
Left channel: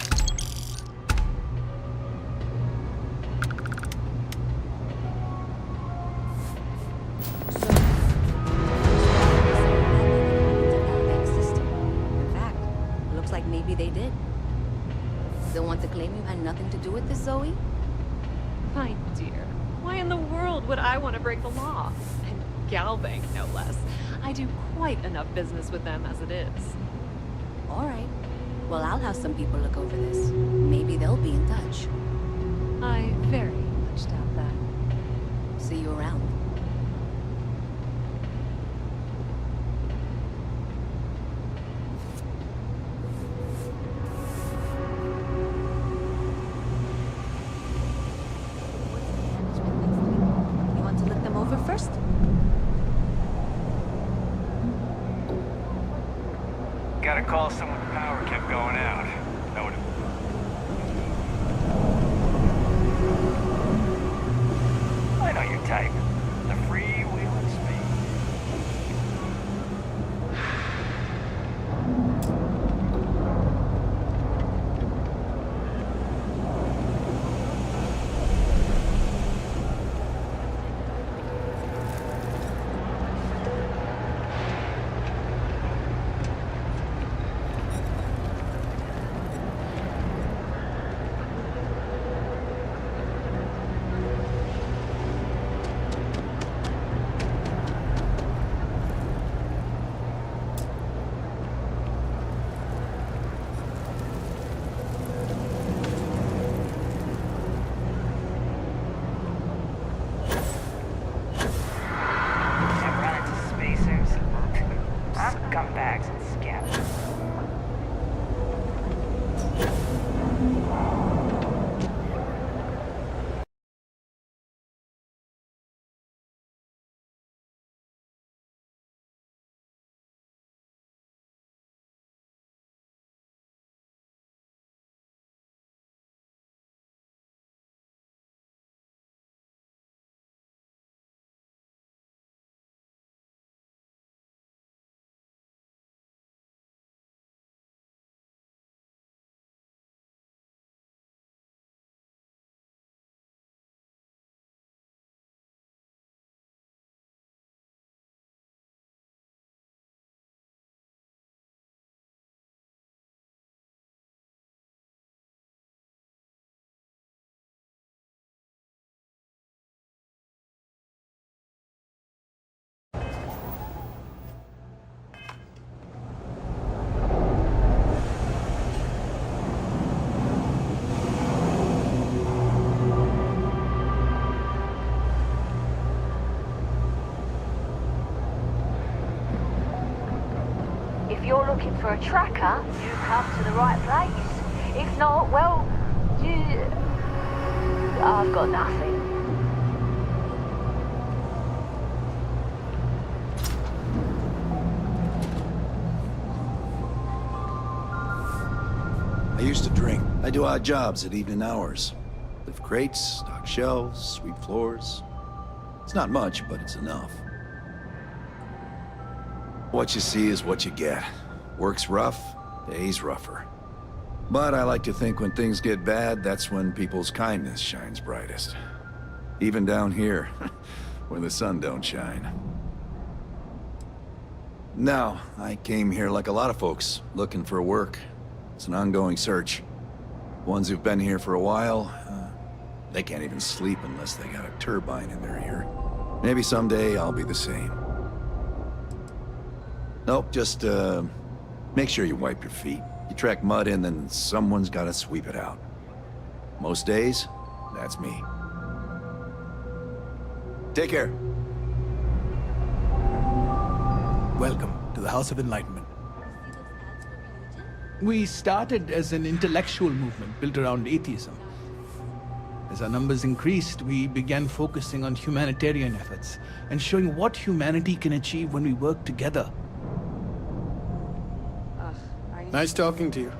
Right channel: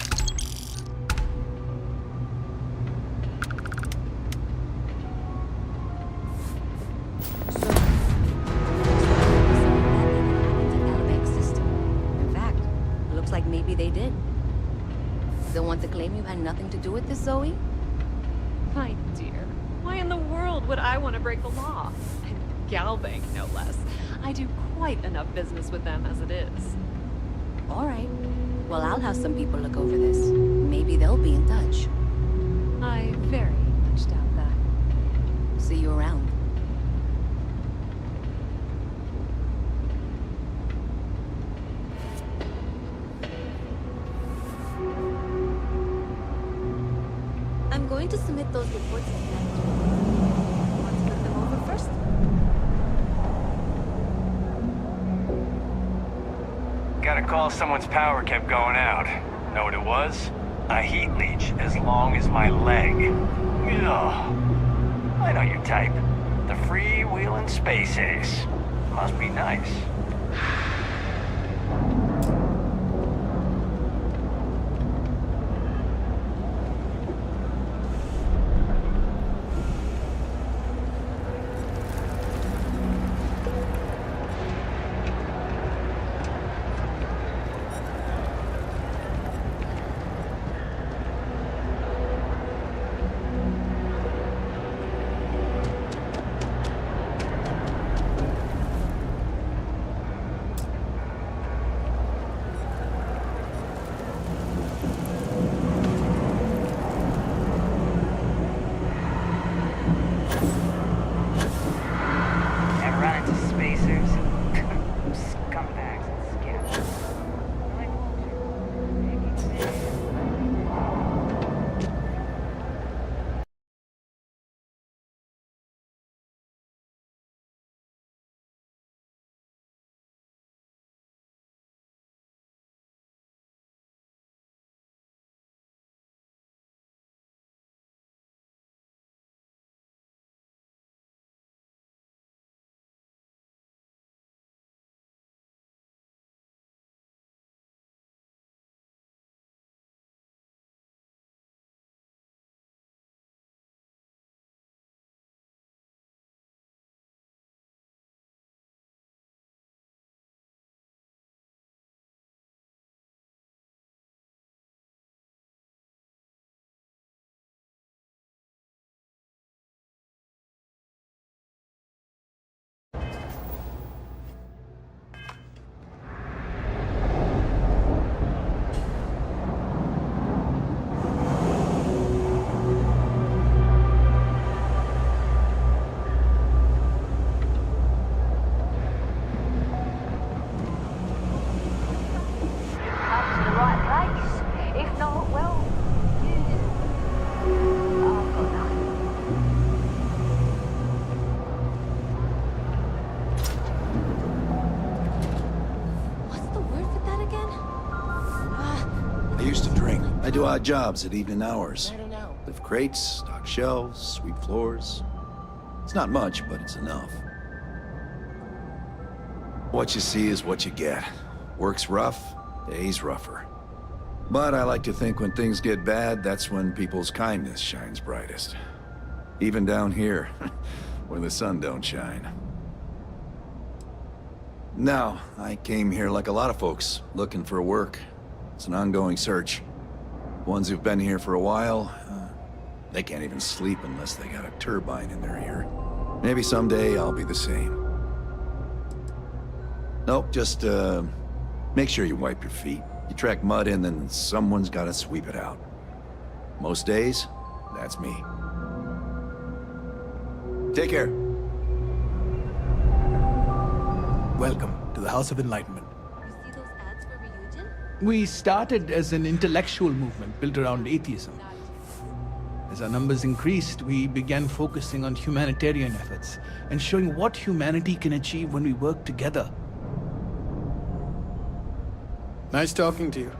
In fact, looks like maybe they did. Still want to claim you had nothing to do with this, Zoe? My dear, why in the world would I want to break the law? And Galbank, no less. I do quite enough business with them as it is. All right. Well, I'll have some people look over this. Maybe they'll be in touch. I very much doubt that. See you around. I'm going to submit those reports to management. You want to look them over first? Got a call someone's power kept going out. Know what it was? A heat leech as long as my leg. Yeah. I know your type. The freewheeling space ace. Must be nice. looking for a tracker, you come to the right place. If not, well, I've got nothing. I used to drink. I do odd jobs at evening hours. Lift crates, stock shelves, sweep floors. It's not much, but it's enough. What you see is what you get. Work's rough, day's rougher. But I like to think when things get bad, that's when people's kindness shines brightest. Even down here, where the sun don't shine. Now, I came here like a lot of folks, looking for work. It's an ongoing search. Ones who've been here for a while, they can't even sleep unless they got a turbine in their ear. Maybe someday I'll be the same. Nope, just, make sure you wipe your feet. You track mud in, then someone's gotta sweep it out. Most days, that's me. Take care. Welcome to the House of Enlightenment. We started as an intellectual movement built around atheism. As our numbers increased, we began focusing on humanitarian efforts and showing what humanity can achieve when we work together. Nice talking to you.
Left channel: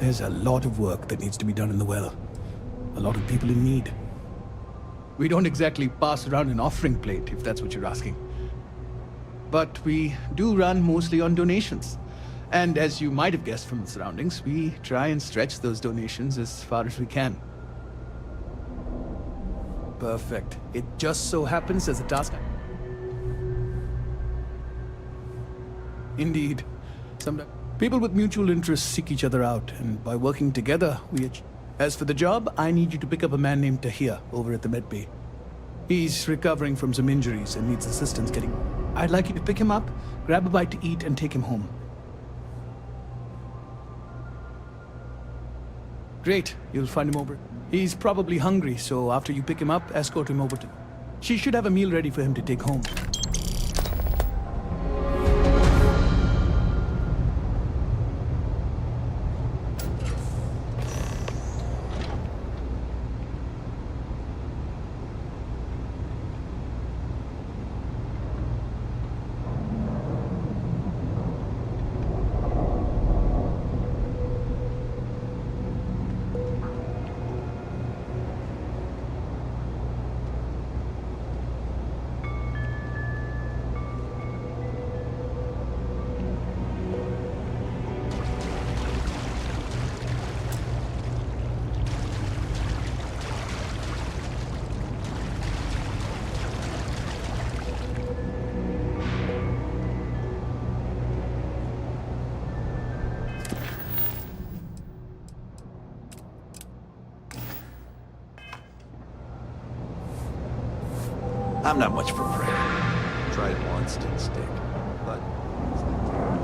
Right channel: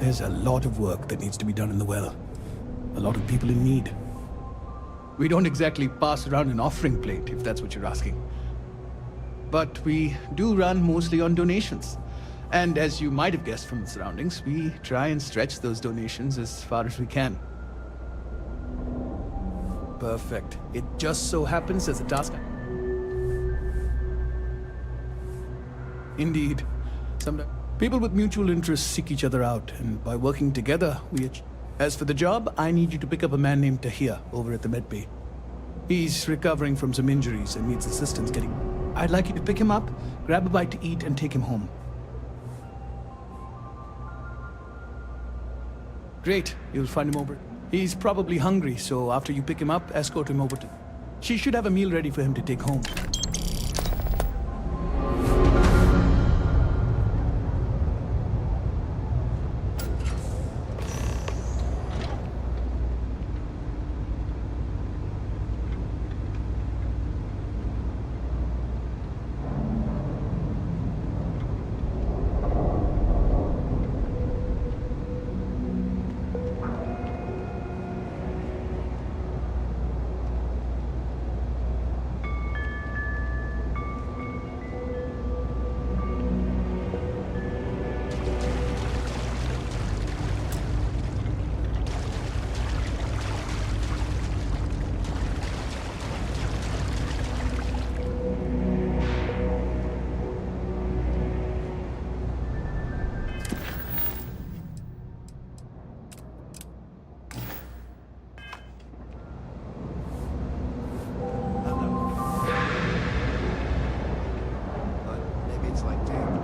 There's a lot of work that needs to be done in the well. A lot of people in need. We don't exactly pass around an offering plate, if that's what you're asking. But we do run mostly on donations. And as you might have guessed from the surroundings, we try and stretch those donations as far as we can. Perfect. It just so happens as a task. Indeed. Sometimes people with mutual interests seek each other out, and by working together, we achieve. As for the job, I need you to pick up a man named Tahir over at the medbay. He's recovering from some injuries and needs assistance getting... I'd like you to pick him up, grab a bite to eat, and take him home. Great, you'll find him over. He's probably hungry, so after you pick him up, escort him over to... She should have a meal ready for him to take home. I'm not much for prayer. Tried once, didn't stick. But maybe it's like that.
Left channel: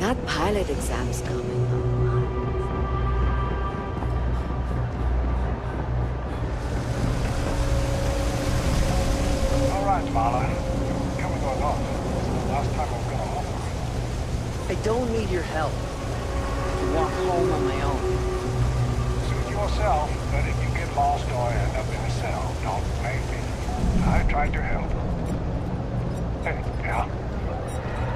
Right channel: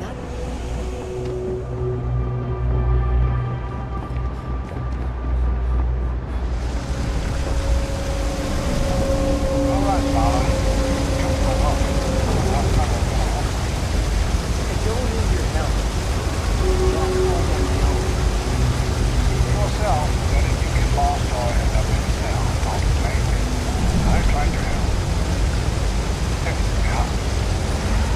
That pilot exam's coming. All right, Marla. Come on off. Last time I was gonna offer. I don't need your help. Walk home on my own. Suit yourself, but if you get lost or end up in a cell, don't blame me. I tried to help. Hey, yeah?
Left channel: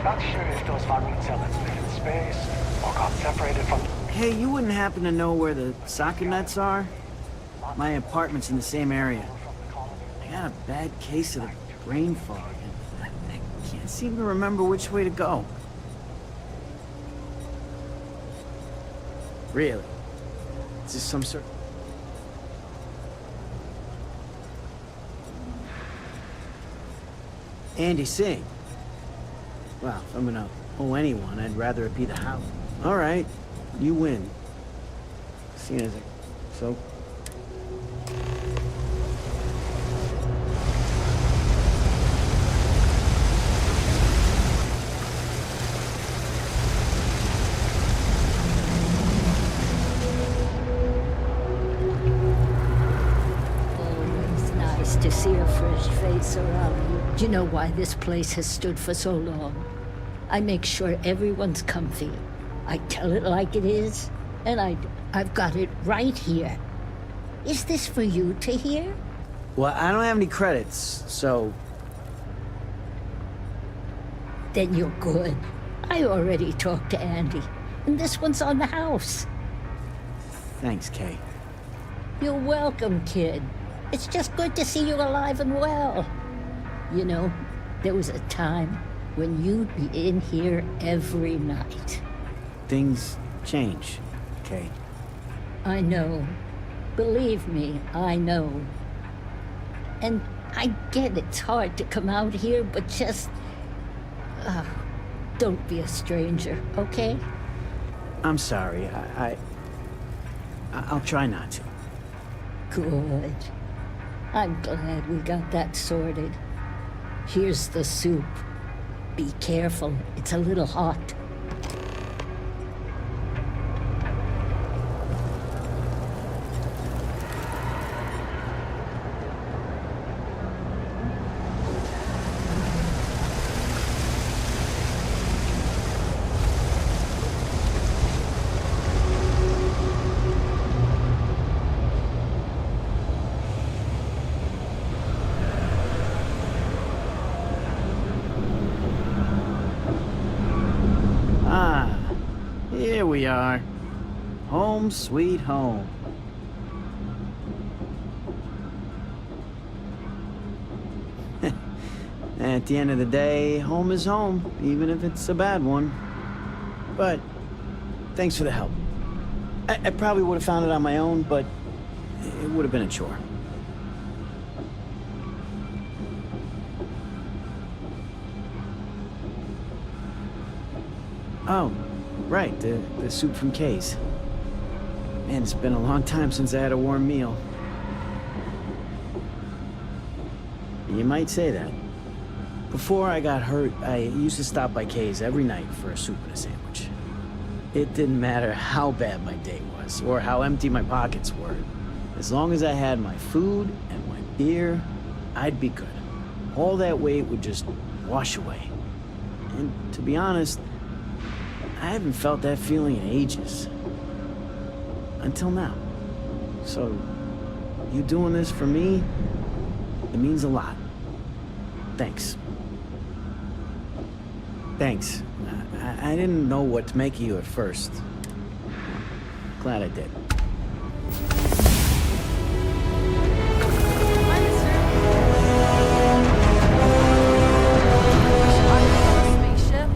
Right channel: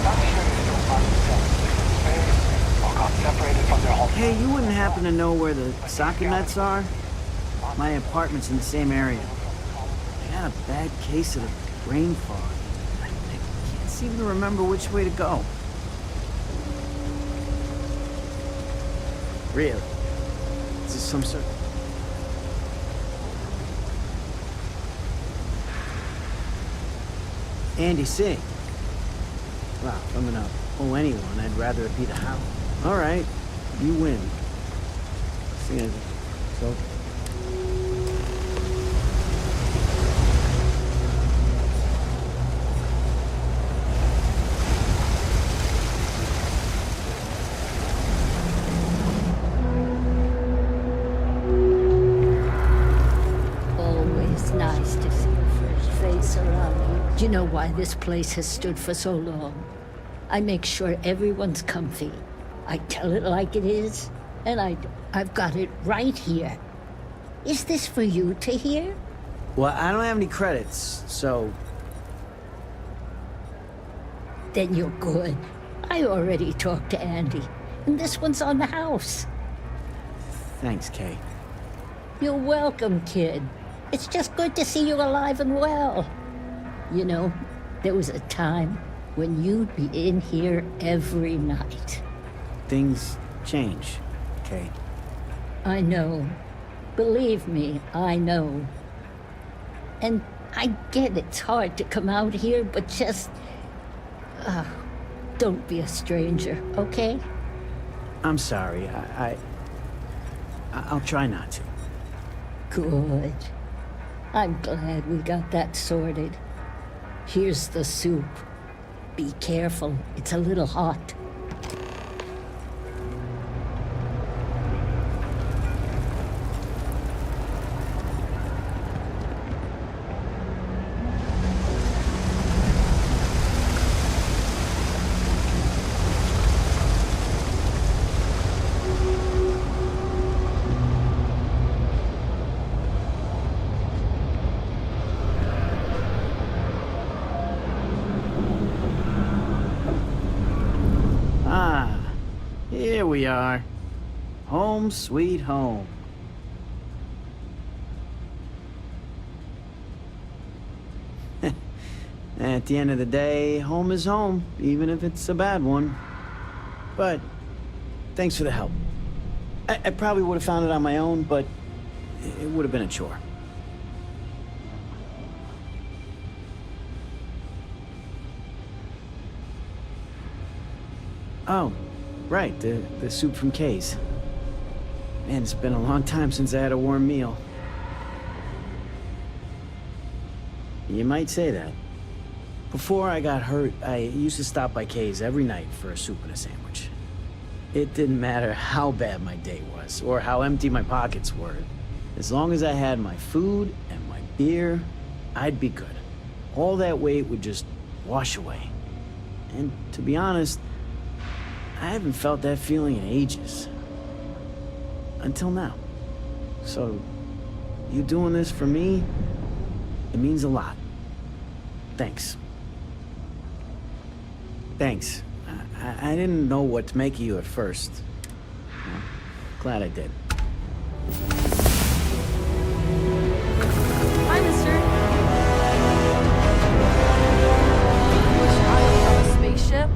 Not sure if those Marlins cells live in space or got separated from their home. Hey, you wouldn't happen to know where the soccer nets are? My apartment's in the same area. I got a bad case of the brain fog, and I can't seem to remember which way to go. Really? Is this some sort... Andy, sing. Wow, if I'm gonna owe anyone, I'd rather it be the house. All right, you win. Seeing as so... see a fresh face around here. Do you know why this place has stood for so long? I make sure everyone's comfy. I tell it like it is, and I've got it right here. Is this for you to hear? Well, I don't have any credits, so... Then you're good. I already talked to Andy, and this one's on the house. Thanks, Kay. You're welcome, kid. It's just good to see you alive and well. You know, there was a time when you'd be in here every night. Things change, Kay. I know. Believe me, I know. And I get it's hard to come out here, but just... don't be a stranger, okay? I'm sorry. I'll try not to. Good. I'm glad we got that sorted. Here's the soup. Be careful, it's a little hot. Here we are. Home sweet home. At the end of the day, home is home, even if it's a bad one. But thanks for the help. I probably would have found it on my own, but it would have been a chore. Oh, right, the soup from Kay's. Man, it's been a long time since I had a warm meal. You might say that. Before I got hurt, I used to stop by Kay's every night for a soup and a sandwich. It didn't matter how bad my day was, or how empty my pockets were. As long as I had my food and my beer, I'd be good. All that weight would just wash away. And to be honest, I haven't felt that feeling in ages. Until now. So, you doing this for me, it means a lot. Thanks. Thanks. I didn't know what to make of you at first. Glad I did. Hi, mister. I wish I was on a spaceship.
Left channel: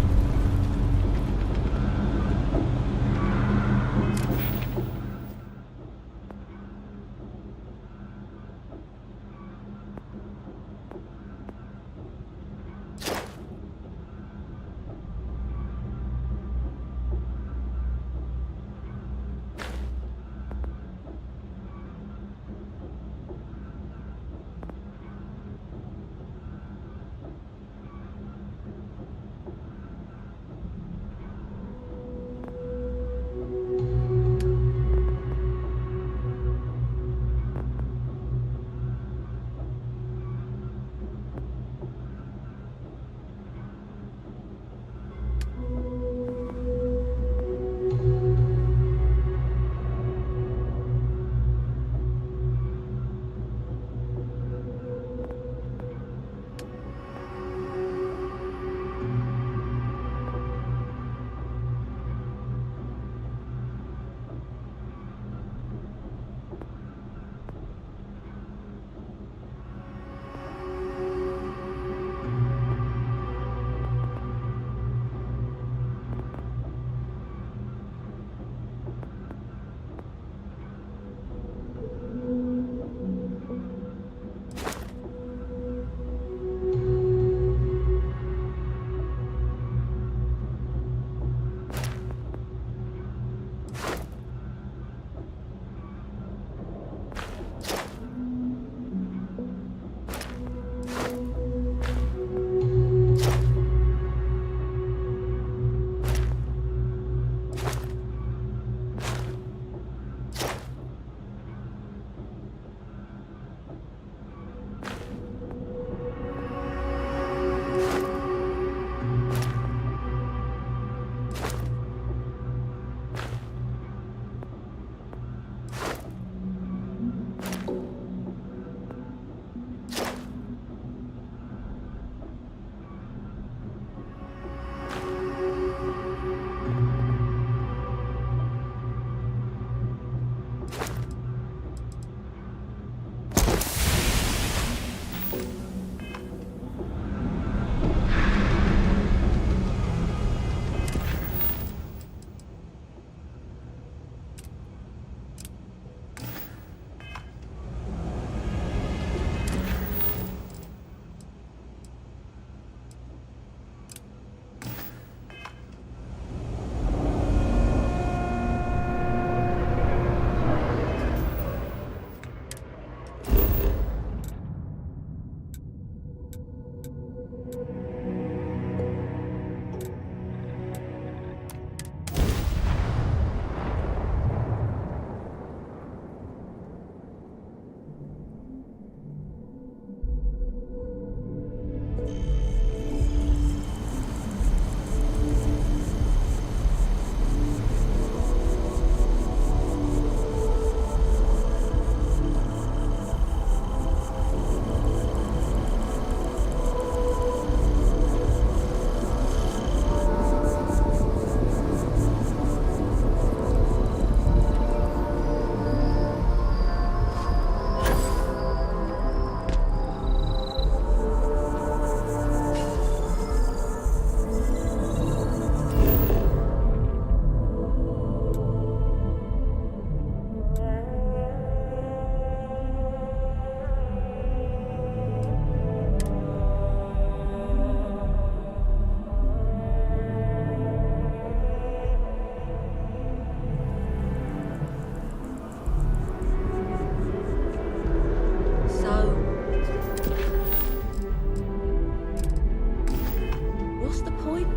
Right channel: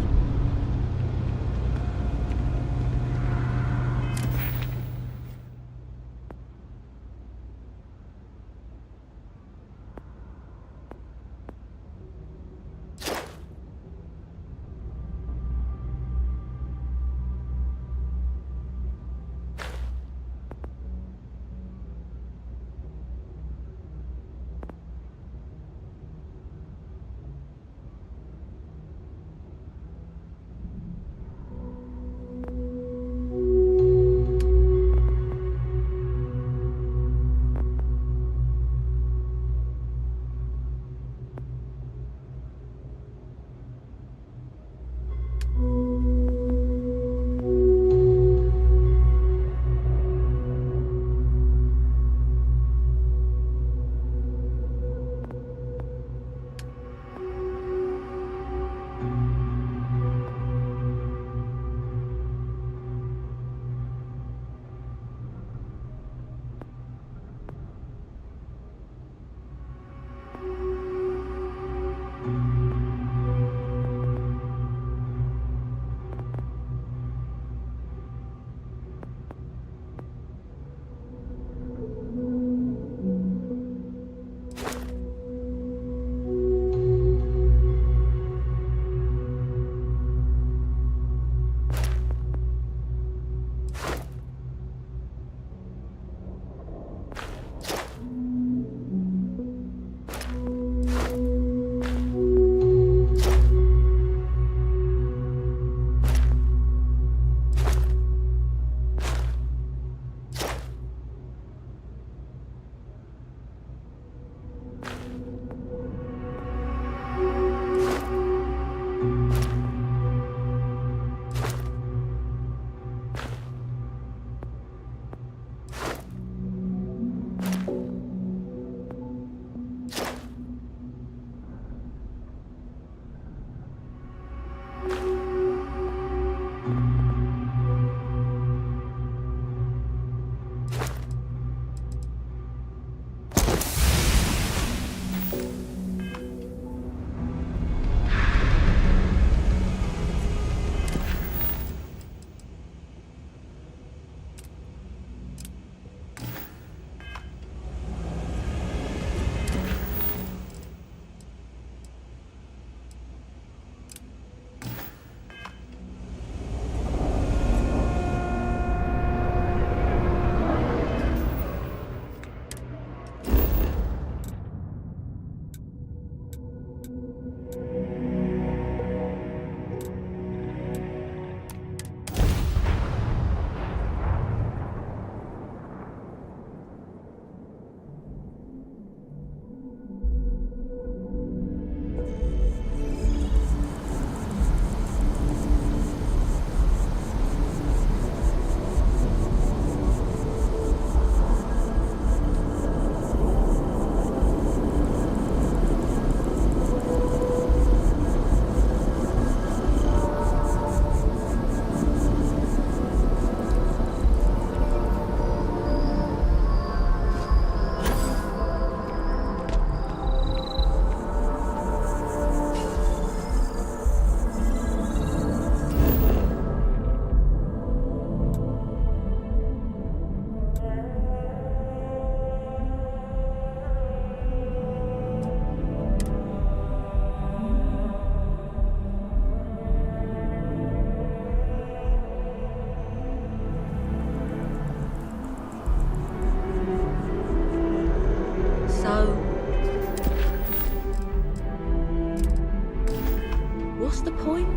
point?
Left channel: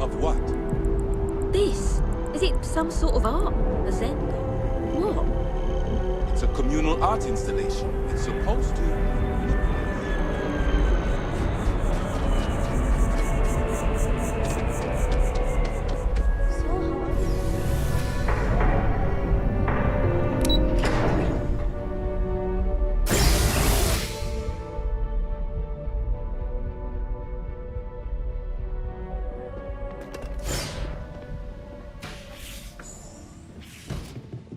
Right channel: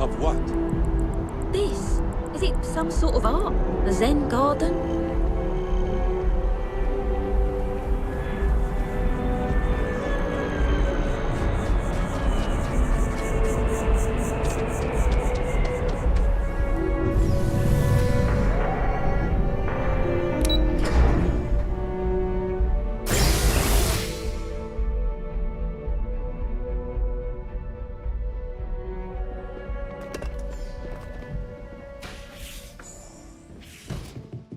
Of what? This. Is it some sort of art? A Zen garden? What? It's a communal art installation. It's supposed to.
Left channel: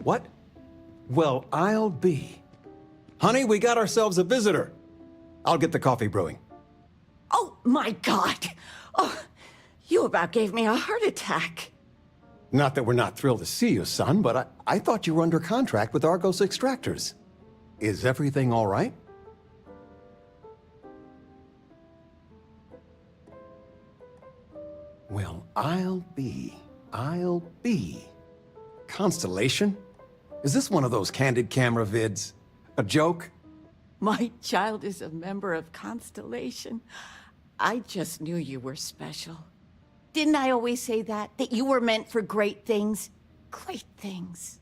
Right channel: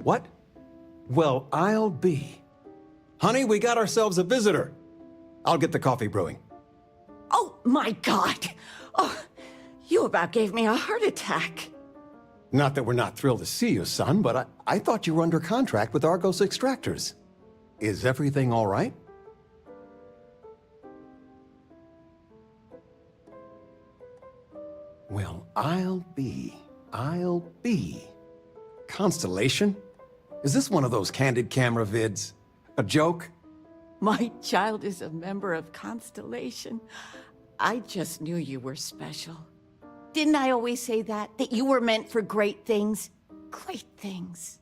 What? Well, I'll be. Honey, we got ourselves a visitor. I'll get the coffee brewing. Oh, my God. Oh, you about gave me a heart attack. Not that we're not thrilled to see you, son, but I thought you were under contract with Argos Extractors. Is everything all right? Well, I'll be. Constellation? Is this one of those candid camera vids? A joke? My child is a member of Constellation. I just knew you were special. Didn't I always say that? That you were meant for great things? Great things.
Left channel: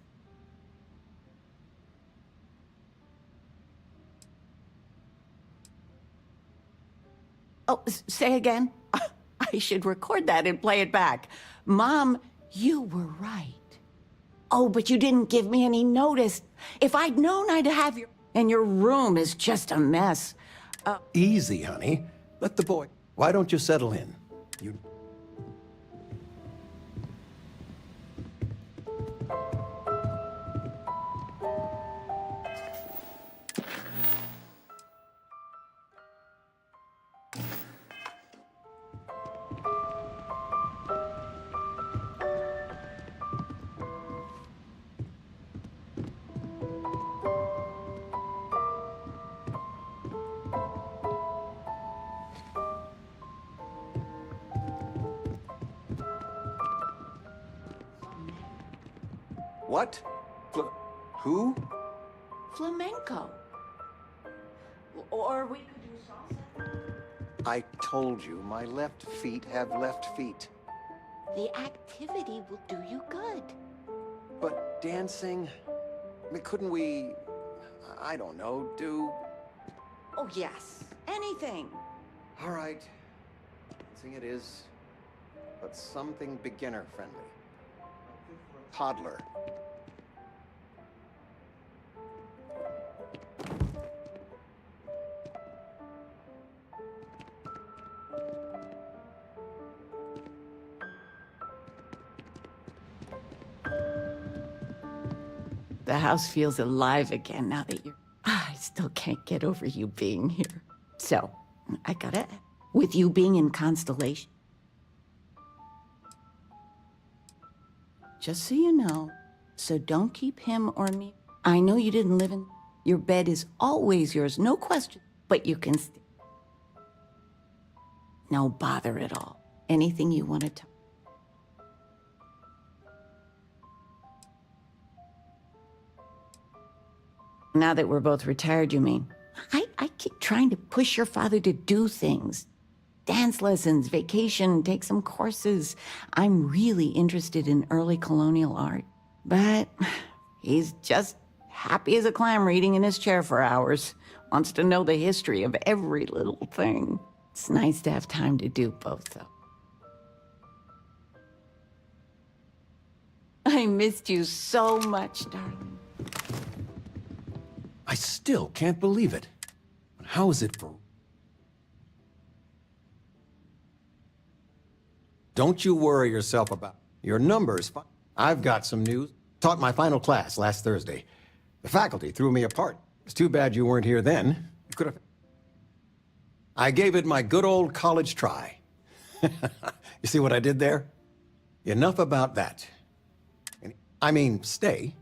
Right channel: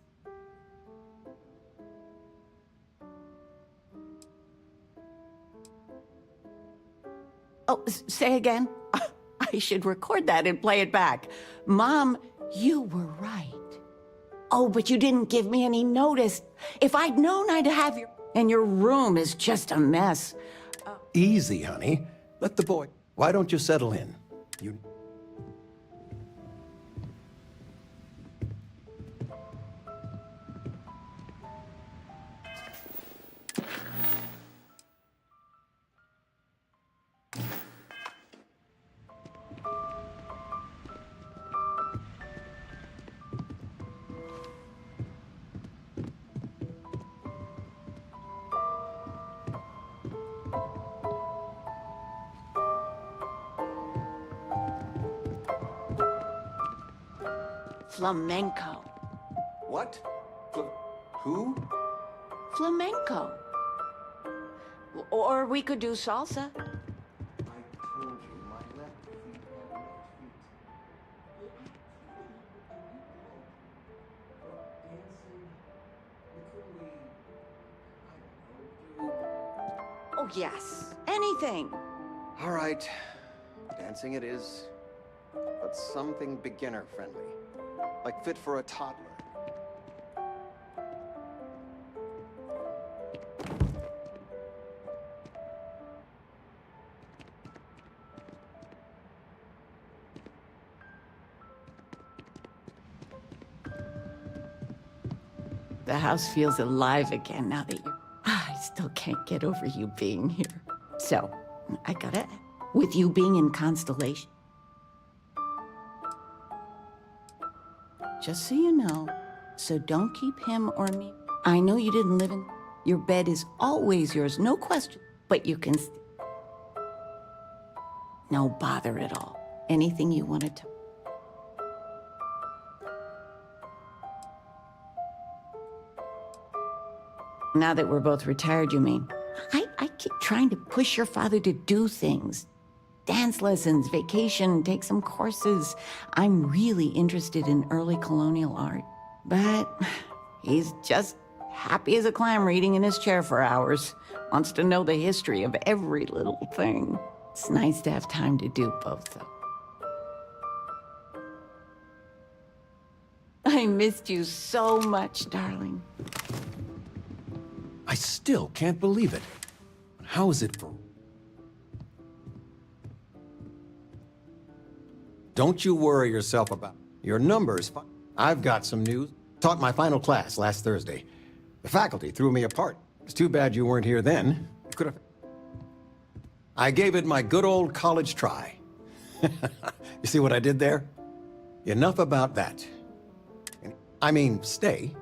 Oh, say again? I should record that and play it back. Mom, you were right. Oh, but you didn't give me any notice. If I'd known I'd have your... And your room is just a mess. Easy, honey. Let the boy... Why don't you settle in? You... Flamenco. What? Who? Flamenco. Or we could do salsa. I told you, my left feet have left feet. The activity will do you good. But dancing? I mean, couldn't we... I don't know, do... Oh, yes. Anything. All right. Dancing it is. But something beginner-friendly. Like fit for a toddler. The house feels alive again now that you're... I still can't get over you being here. So, I gotta... With you being in Constellation... Just so you know, so don't keep him or me... I know you didn't live in... Your bed is always yours, no question. But you can... No bother at all. Anything you want to tell... Now that we're both retired, you mean? I keep trying to push your father to do things. Dance lessons, vacation, take some courses. I'm really interested in early colonial art. But he's just happy as a clam reading in his chair for hours. Wants to know the history of every little thing. It's nice to have time to do both, though. I missed you so much, darling. I still can't believe it. How is it for... Don't you worry yourself about your numbers. I've got some news. Taught my final class last Thursday. The faculty threw me apart. It's too bad you weren't here then. You could have... I gave it my good old college try. You see what I did there? Enough about that. I mean, stay.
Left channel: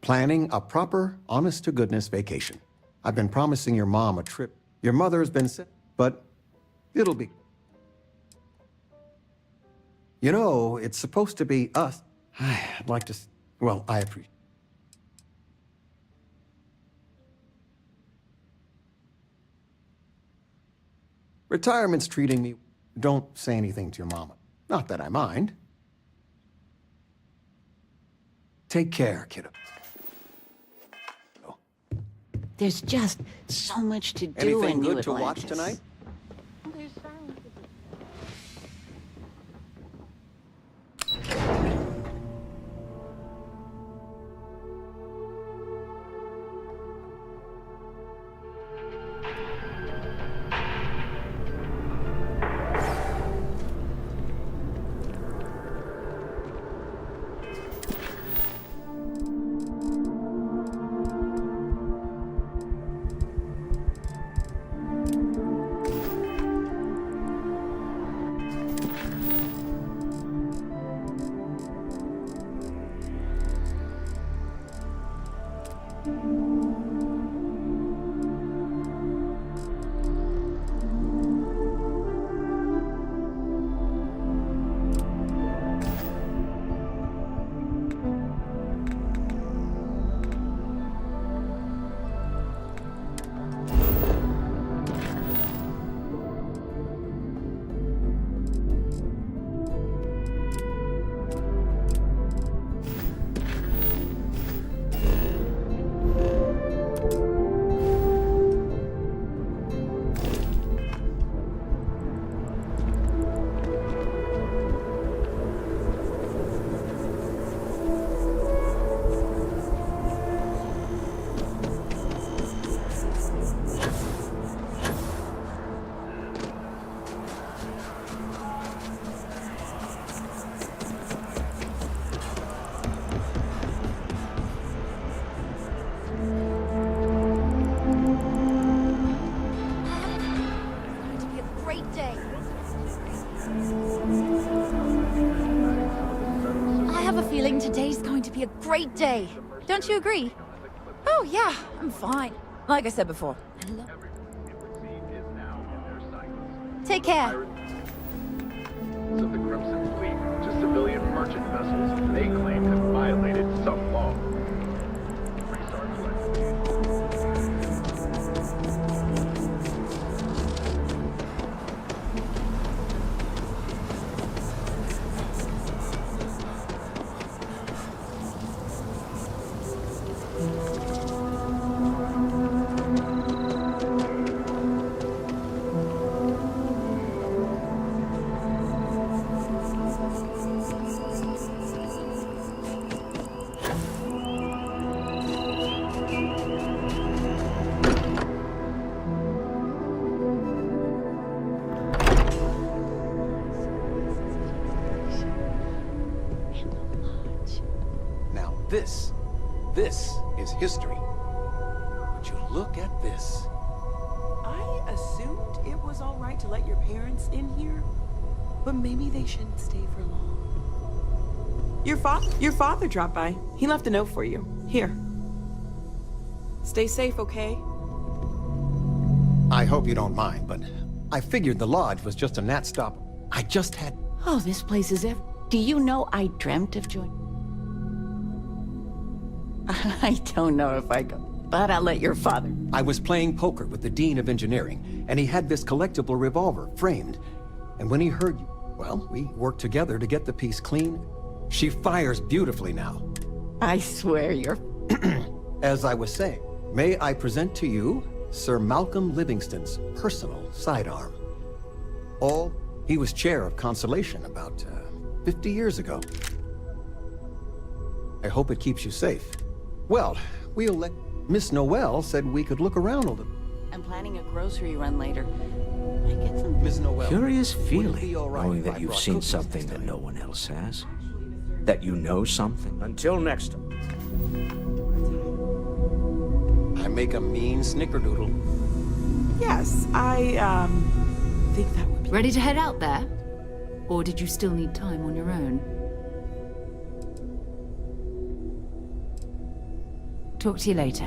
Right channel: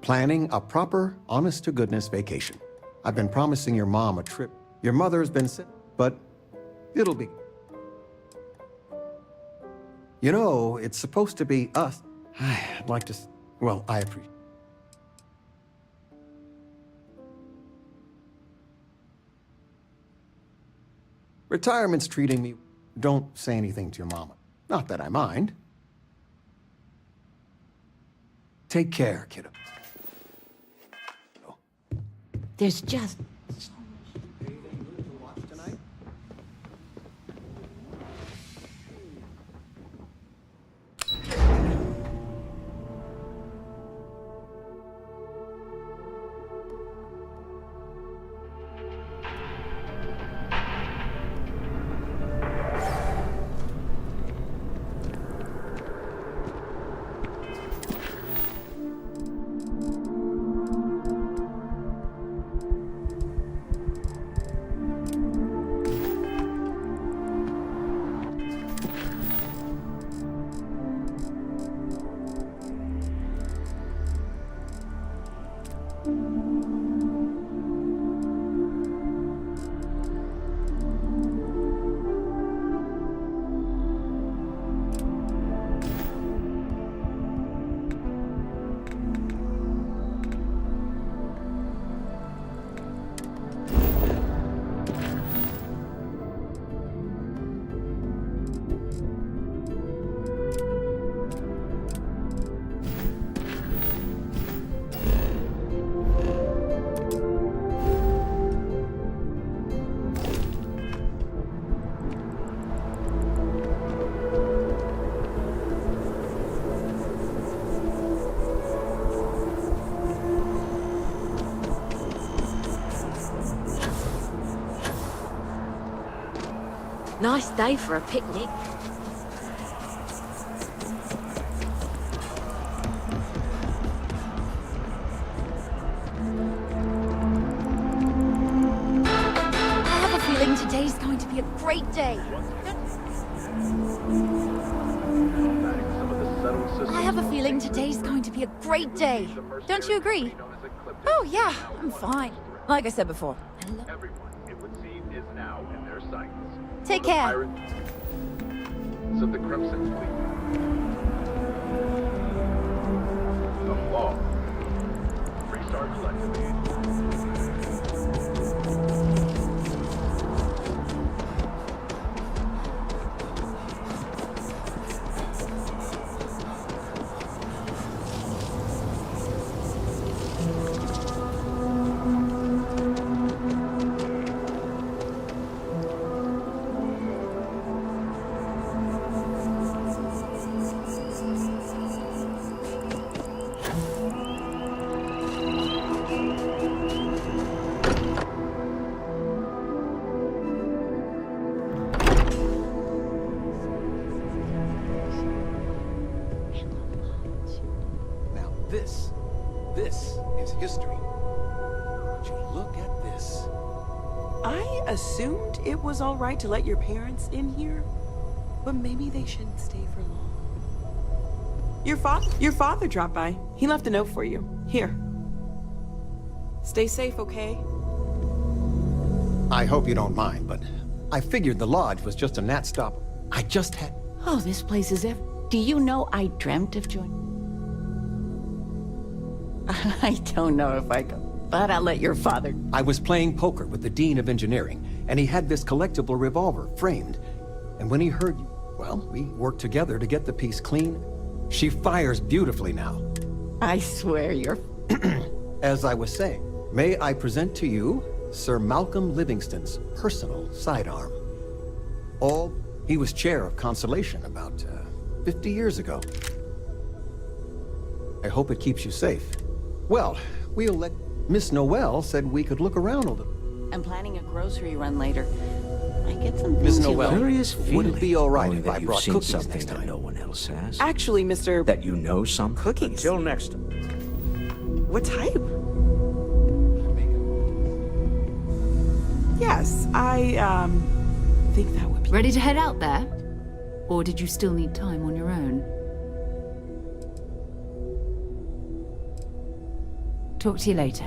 Planning a proper, honest-to-goodness vacation. I've been promising your mom a trip. Your mother's been sick, but it'll be... You know, it's supposed to be us. I'd like to... Well, I appreciate... Retirement's treating me... Don't say anything to your mama. Not that I mind. Take care, kiddo. There's just so much to do Anything in New good to watch Atlantis. tonight? Nice day for a picnic. I have a feeling today's going to be a great day. I have a feeling today's going to be a great day. Don't you agree? Oh, yeah, I'm fine. Like I said before. Take care. Of the Crimson Fleet, just civilian merchant vessels they claim have violated some law. Restart collectively. This is history. Would you look at this? I assumed it was all right to let your parents in here, but maybe they shouldn't stay for long. Your father dropped by. He left a note for you. Here. Stay safe, okay? I hope you don't mind, but I figured the lodge was just a gnat stop. I just had... Oh, this place is Do you know I dreamt of joining? I don't know if I go, but I'll let your father... I was playing poker with the Dean of Engineering, and he had this collectible revolver framed. And when he heard you, well, we worked together to get the piece clean. She fires beautifully now. I swear you're... As I was saying, may I present to you Sir Malcolm Livingston's personal sidearm. He was chair of Constellation about 50 years ago. I hope it keeps you safe. Well, we'll let... Miss Noel said we could look around a little. I'm planning a grocery run later. I get some Miss Noel, curious feeling, would it be all right knowing if that I you've brought seen cookies something next that time? no one else has? Actually, Mr. That you know some? Cookies. Until next time. What type? I make a mean snickerdoodle. Yes, I, think that would be... Ready to head out there? Or did you still need time on your own? Talk to you later.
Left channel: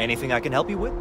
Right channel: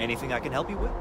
Anything I can help you with?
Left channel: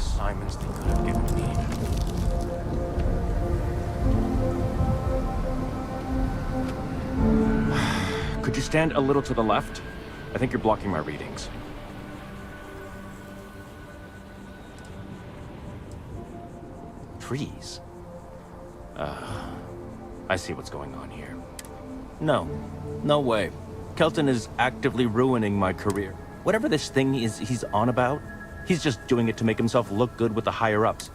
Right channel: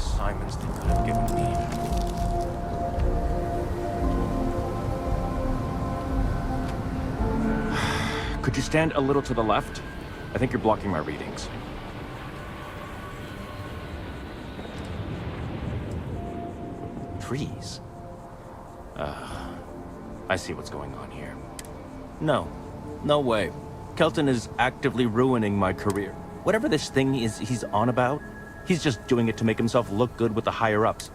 assignments they could have given me. Could you stand a little to the left? I think you're blocking my readings. Trees? I see what's going on here. No way. Kelton is actively ruining my career. Whatever this thing is he's on about, he's just doing it to make himself look good with the higher-ups.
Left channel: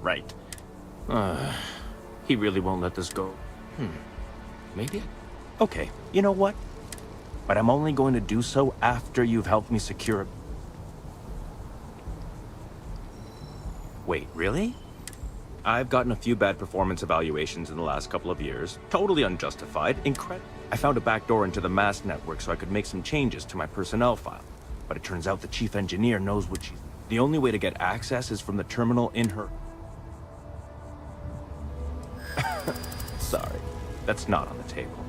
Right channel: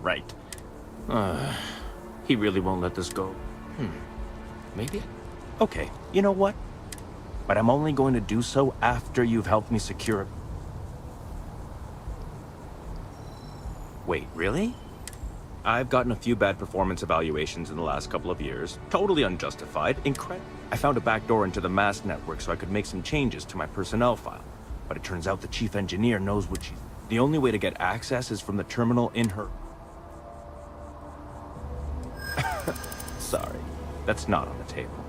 Right. He really won't let this go. Maybe okay, you know what? But I'm only going to do so after you've helped me secure it. Wait, really? I've gotten a few bad performance evaluations in the last couple of years. Totally unjustified. I found a backdoor into the mass network so I could make some changes to my personnel file. But it turns out the chief engineer knows what she's... The only way to get access is from the terminal in her... Sorry, that's not on the table.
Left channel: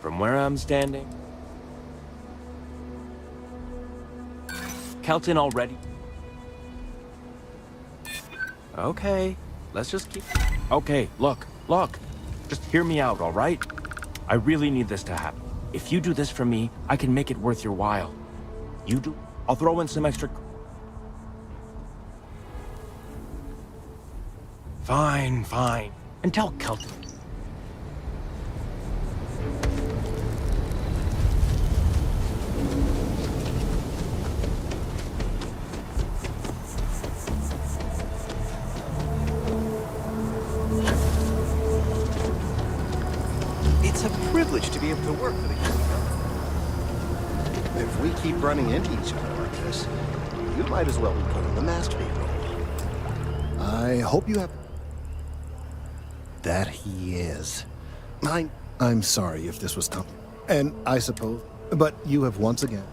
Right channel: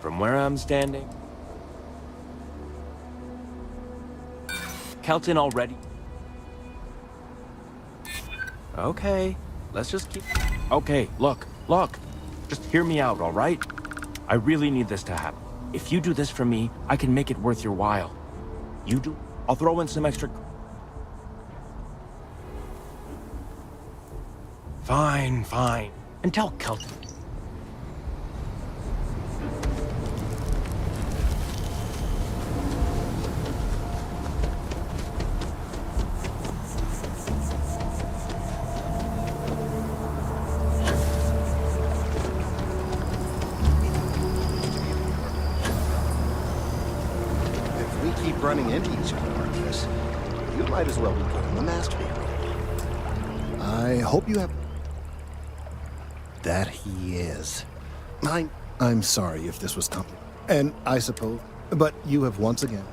From where I'm standing... Kelton already... Okay, let's just keep... Okay, look. Just hear me out, all right? I really need this to happen. If you do this for me, I can make it worth your while. You do... I'll throw in some extra... Fine. And tell Kelton. It's a privilege to be able to work with you. If we keep running into each other like this, you might as well be put on the master payroll. I hope you have... That he is. I'm sorry if this was complicated. And I suppose... But you have once again...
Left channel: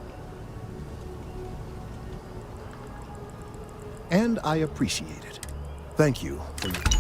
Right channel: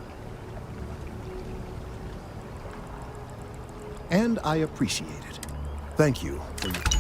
And I appreciate it. Thank you for your...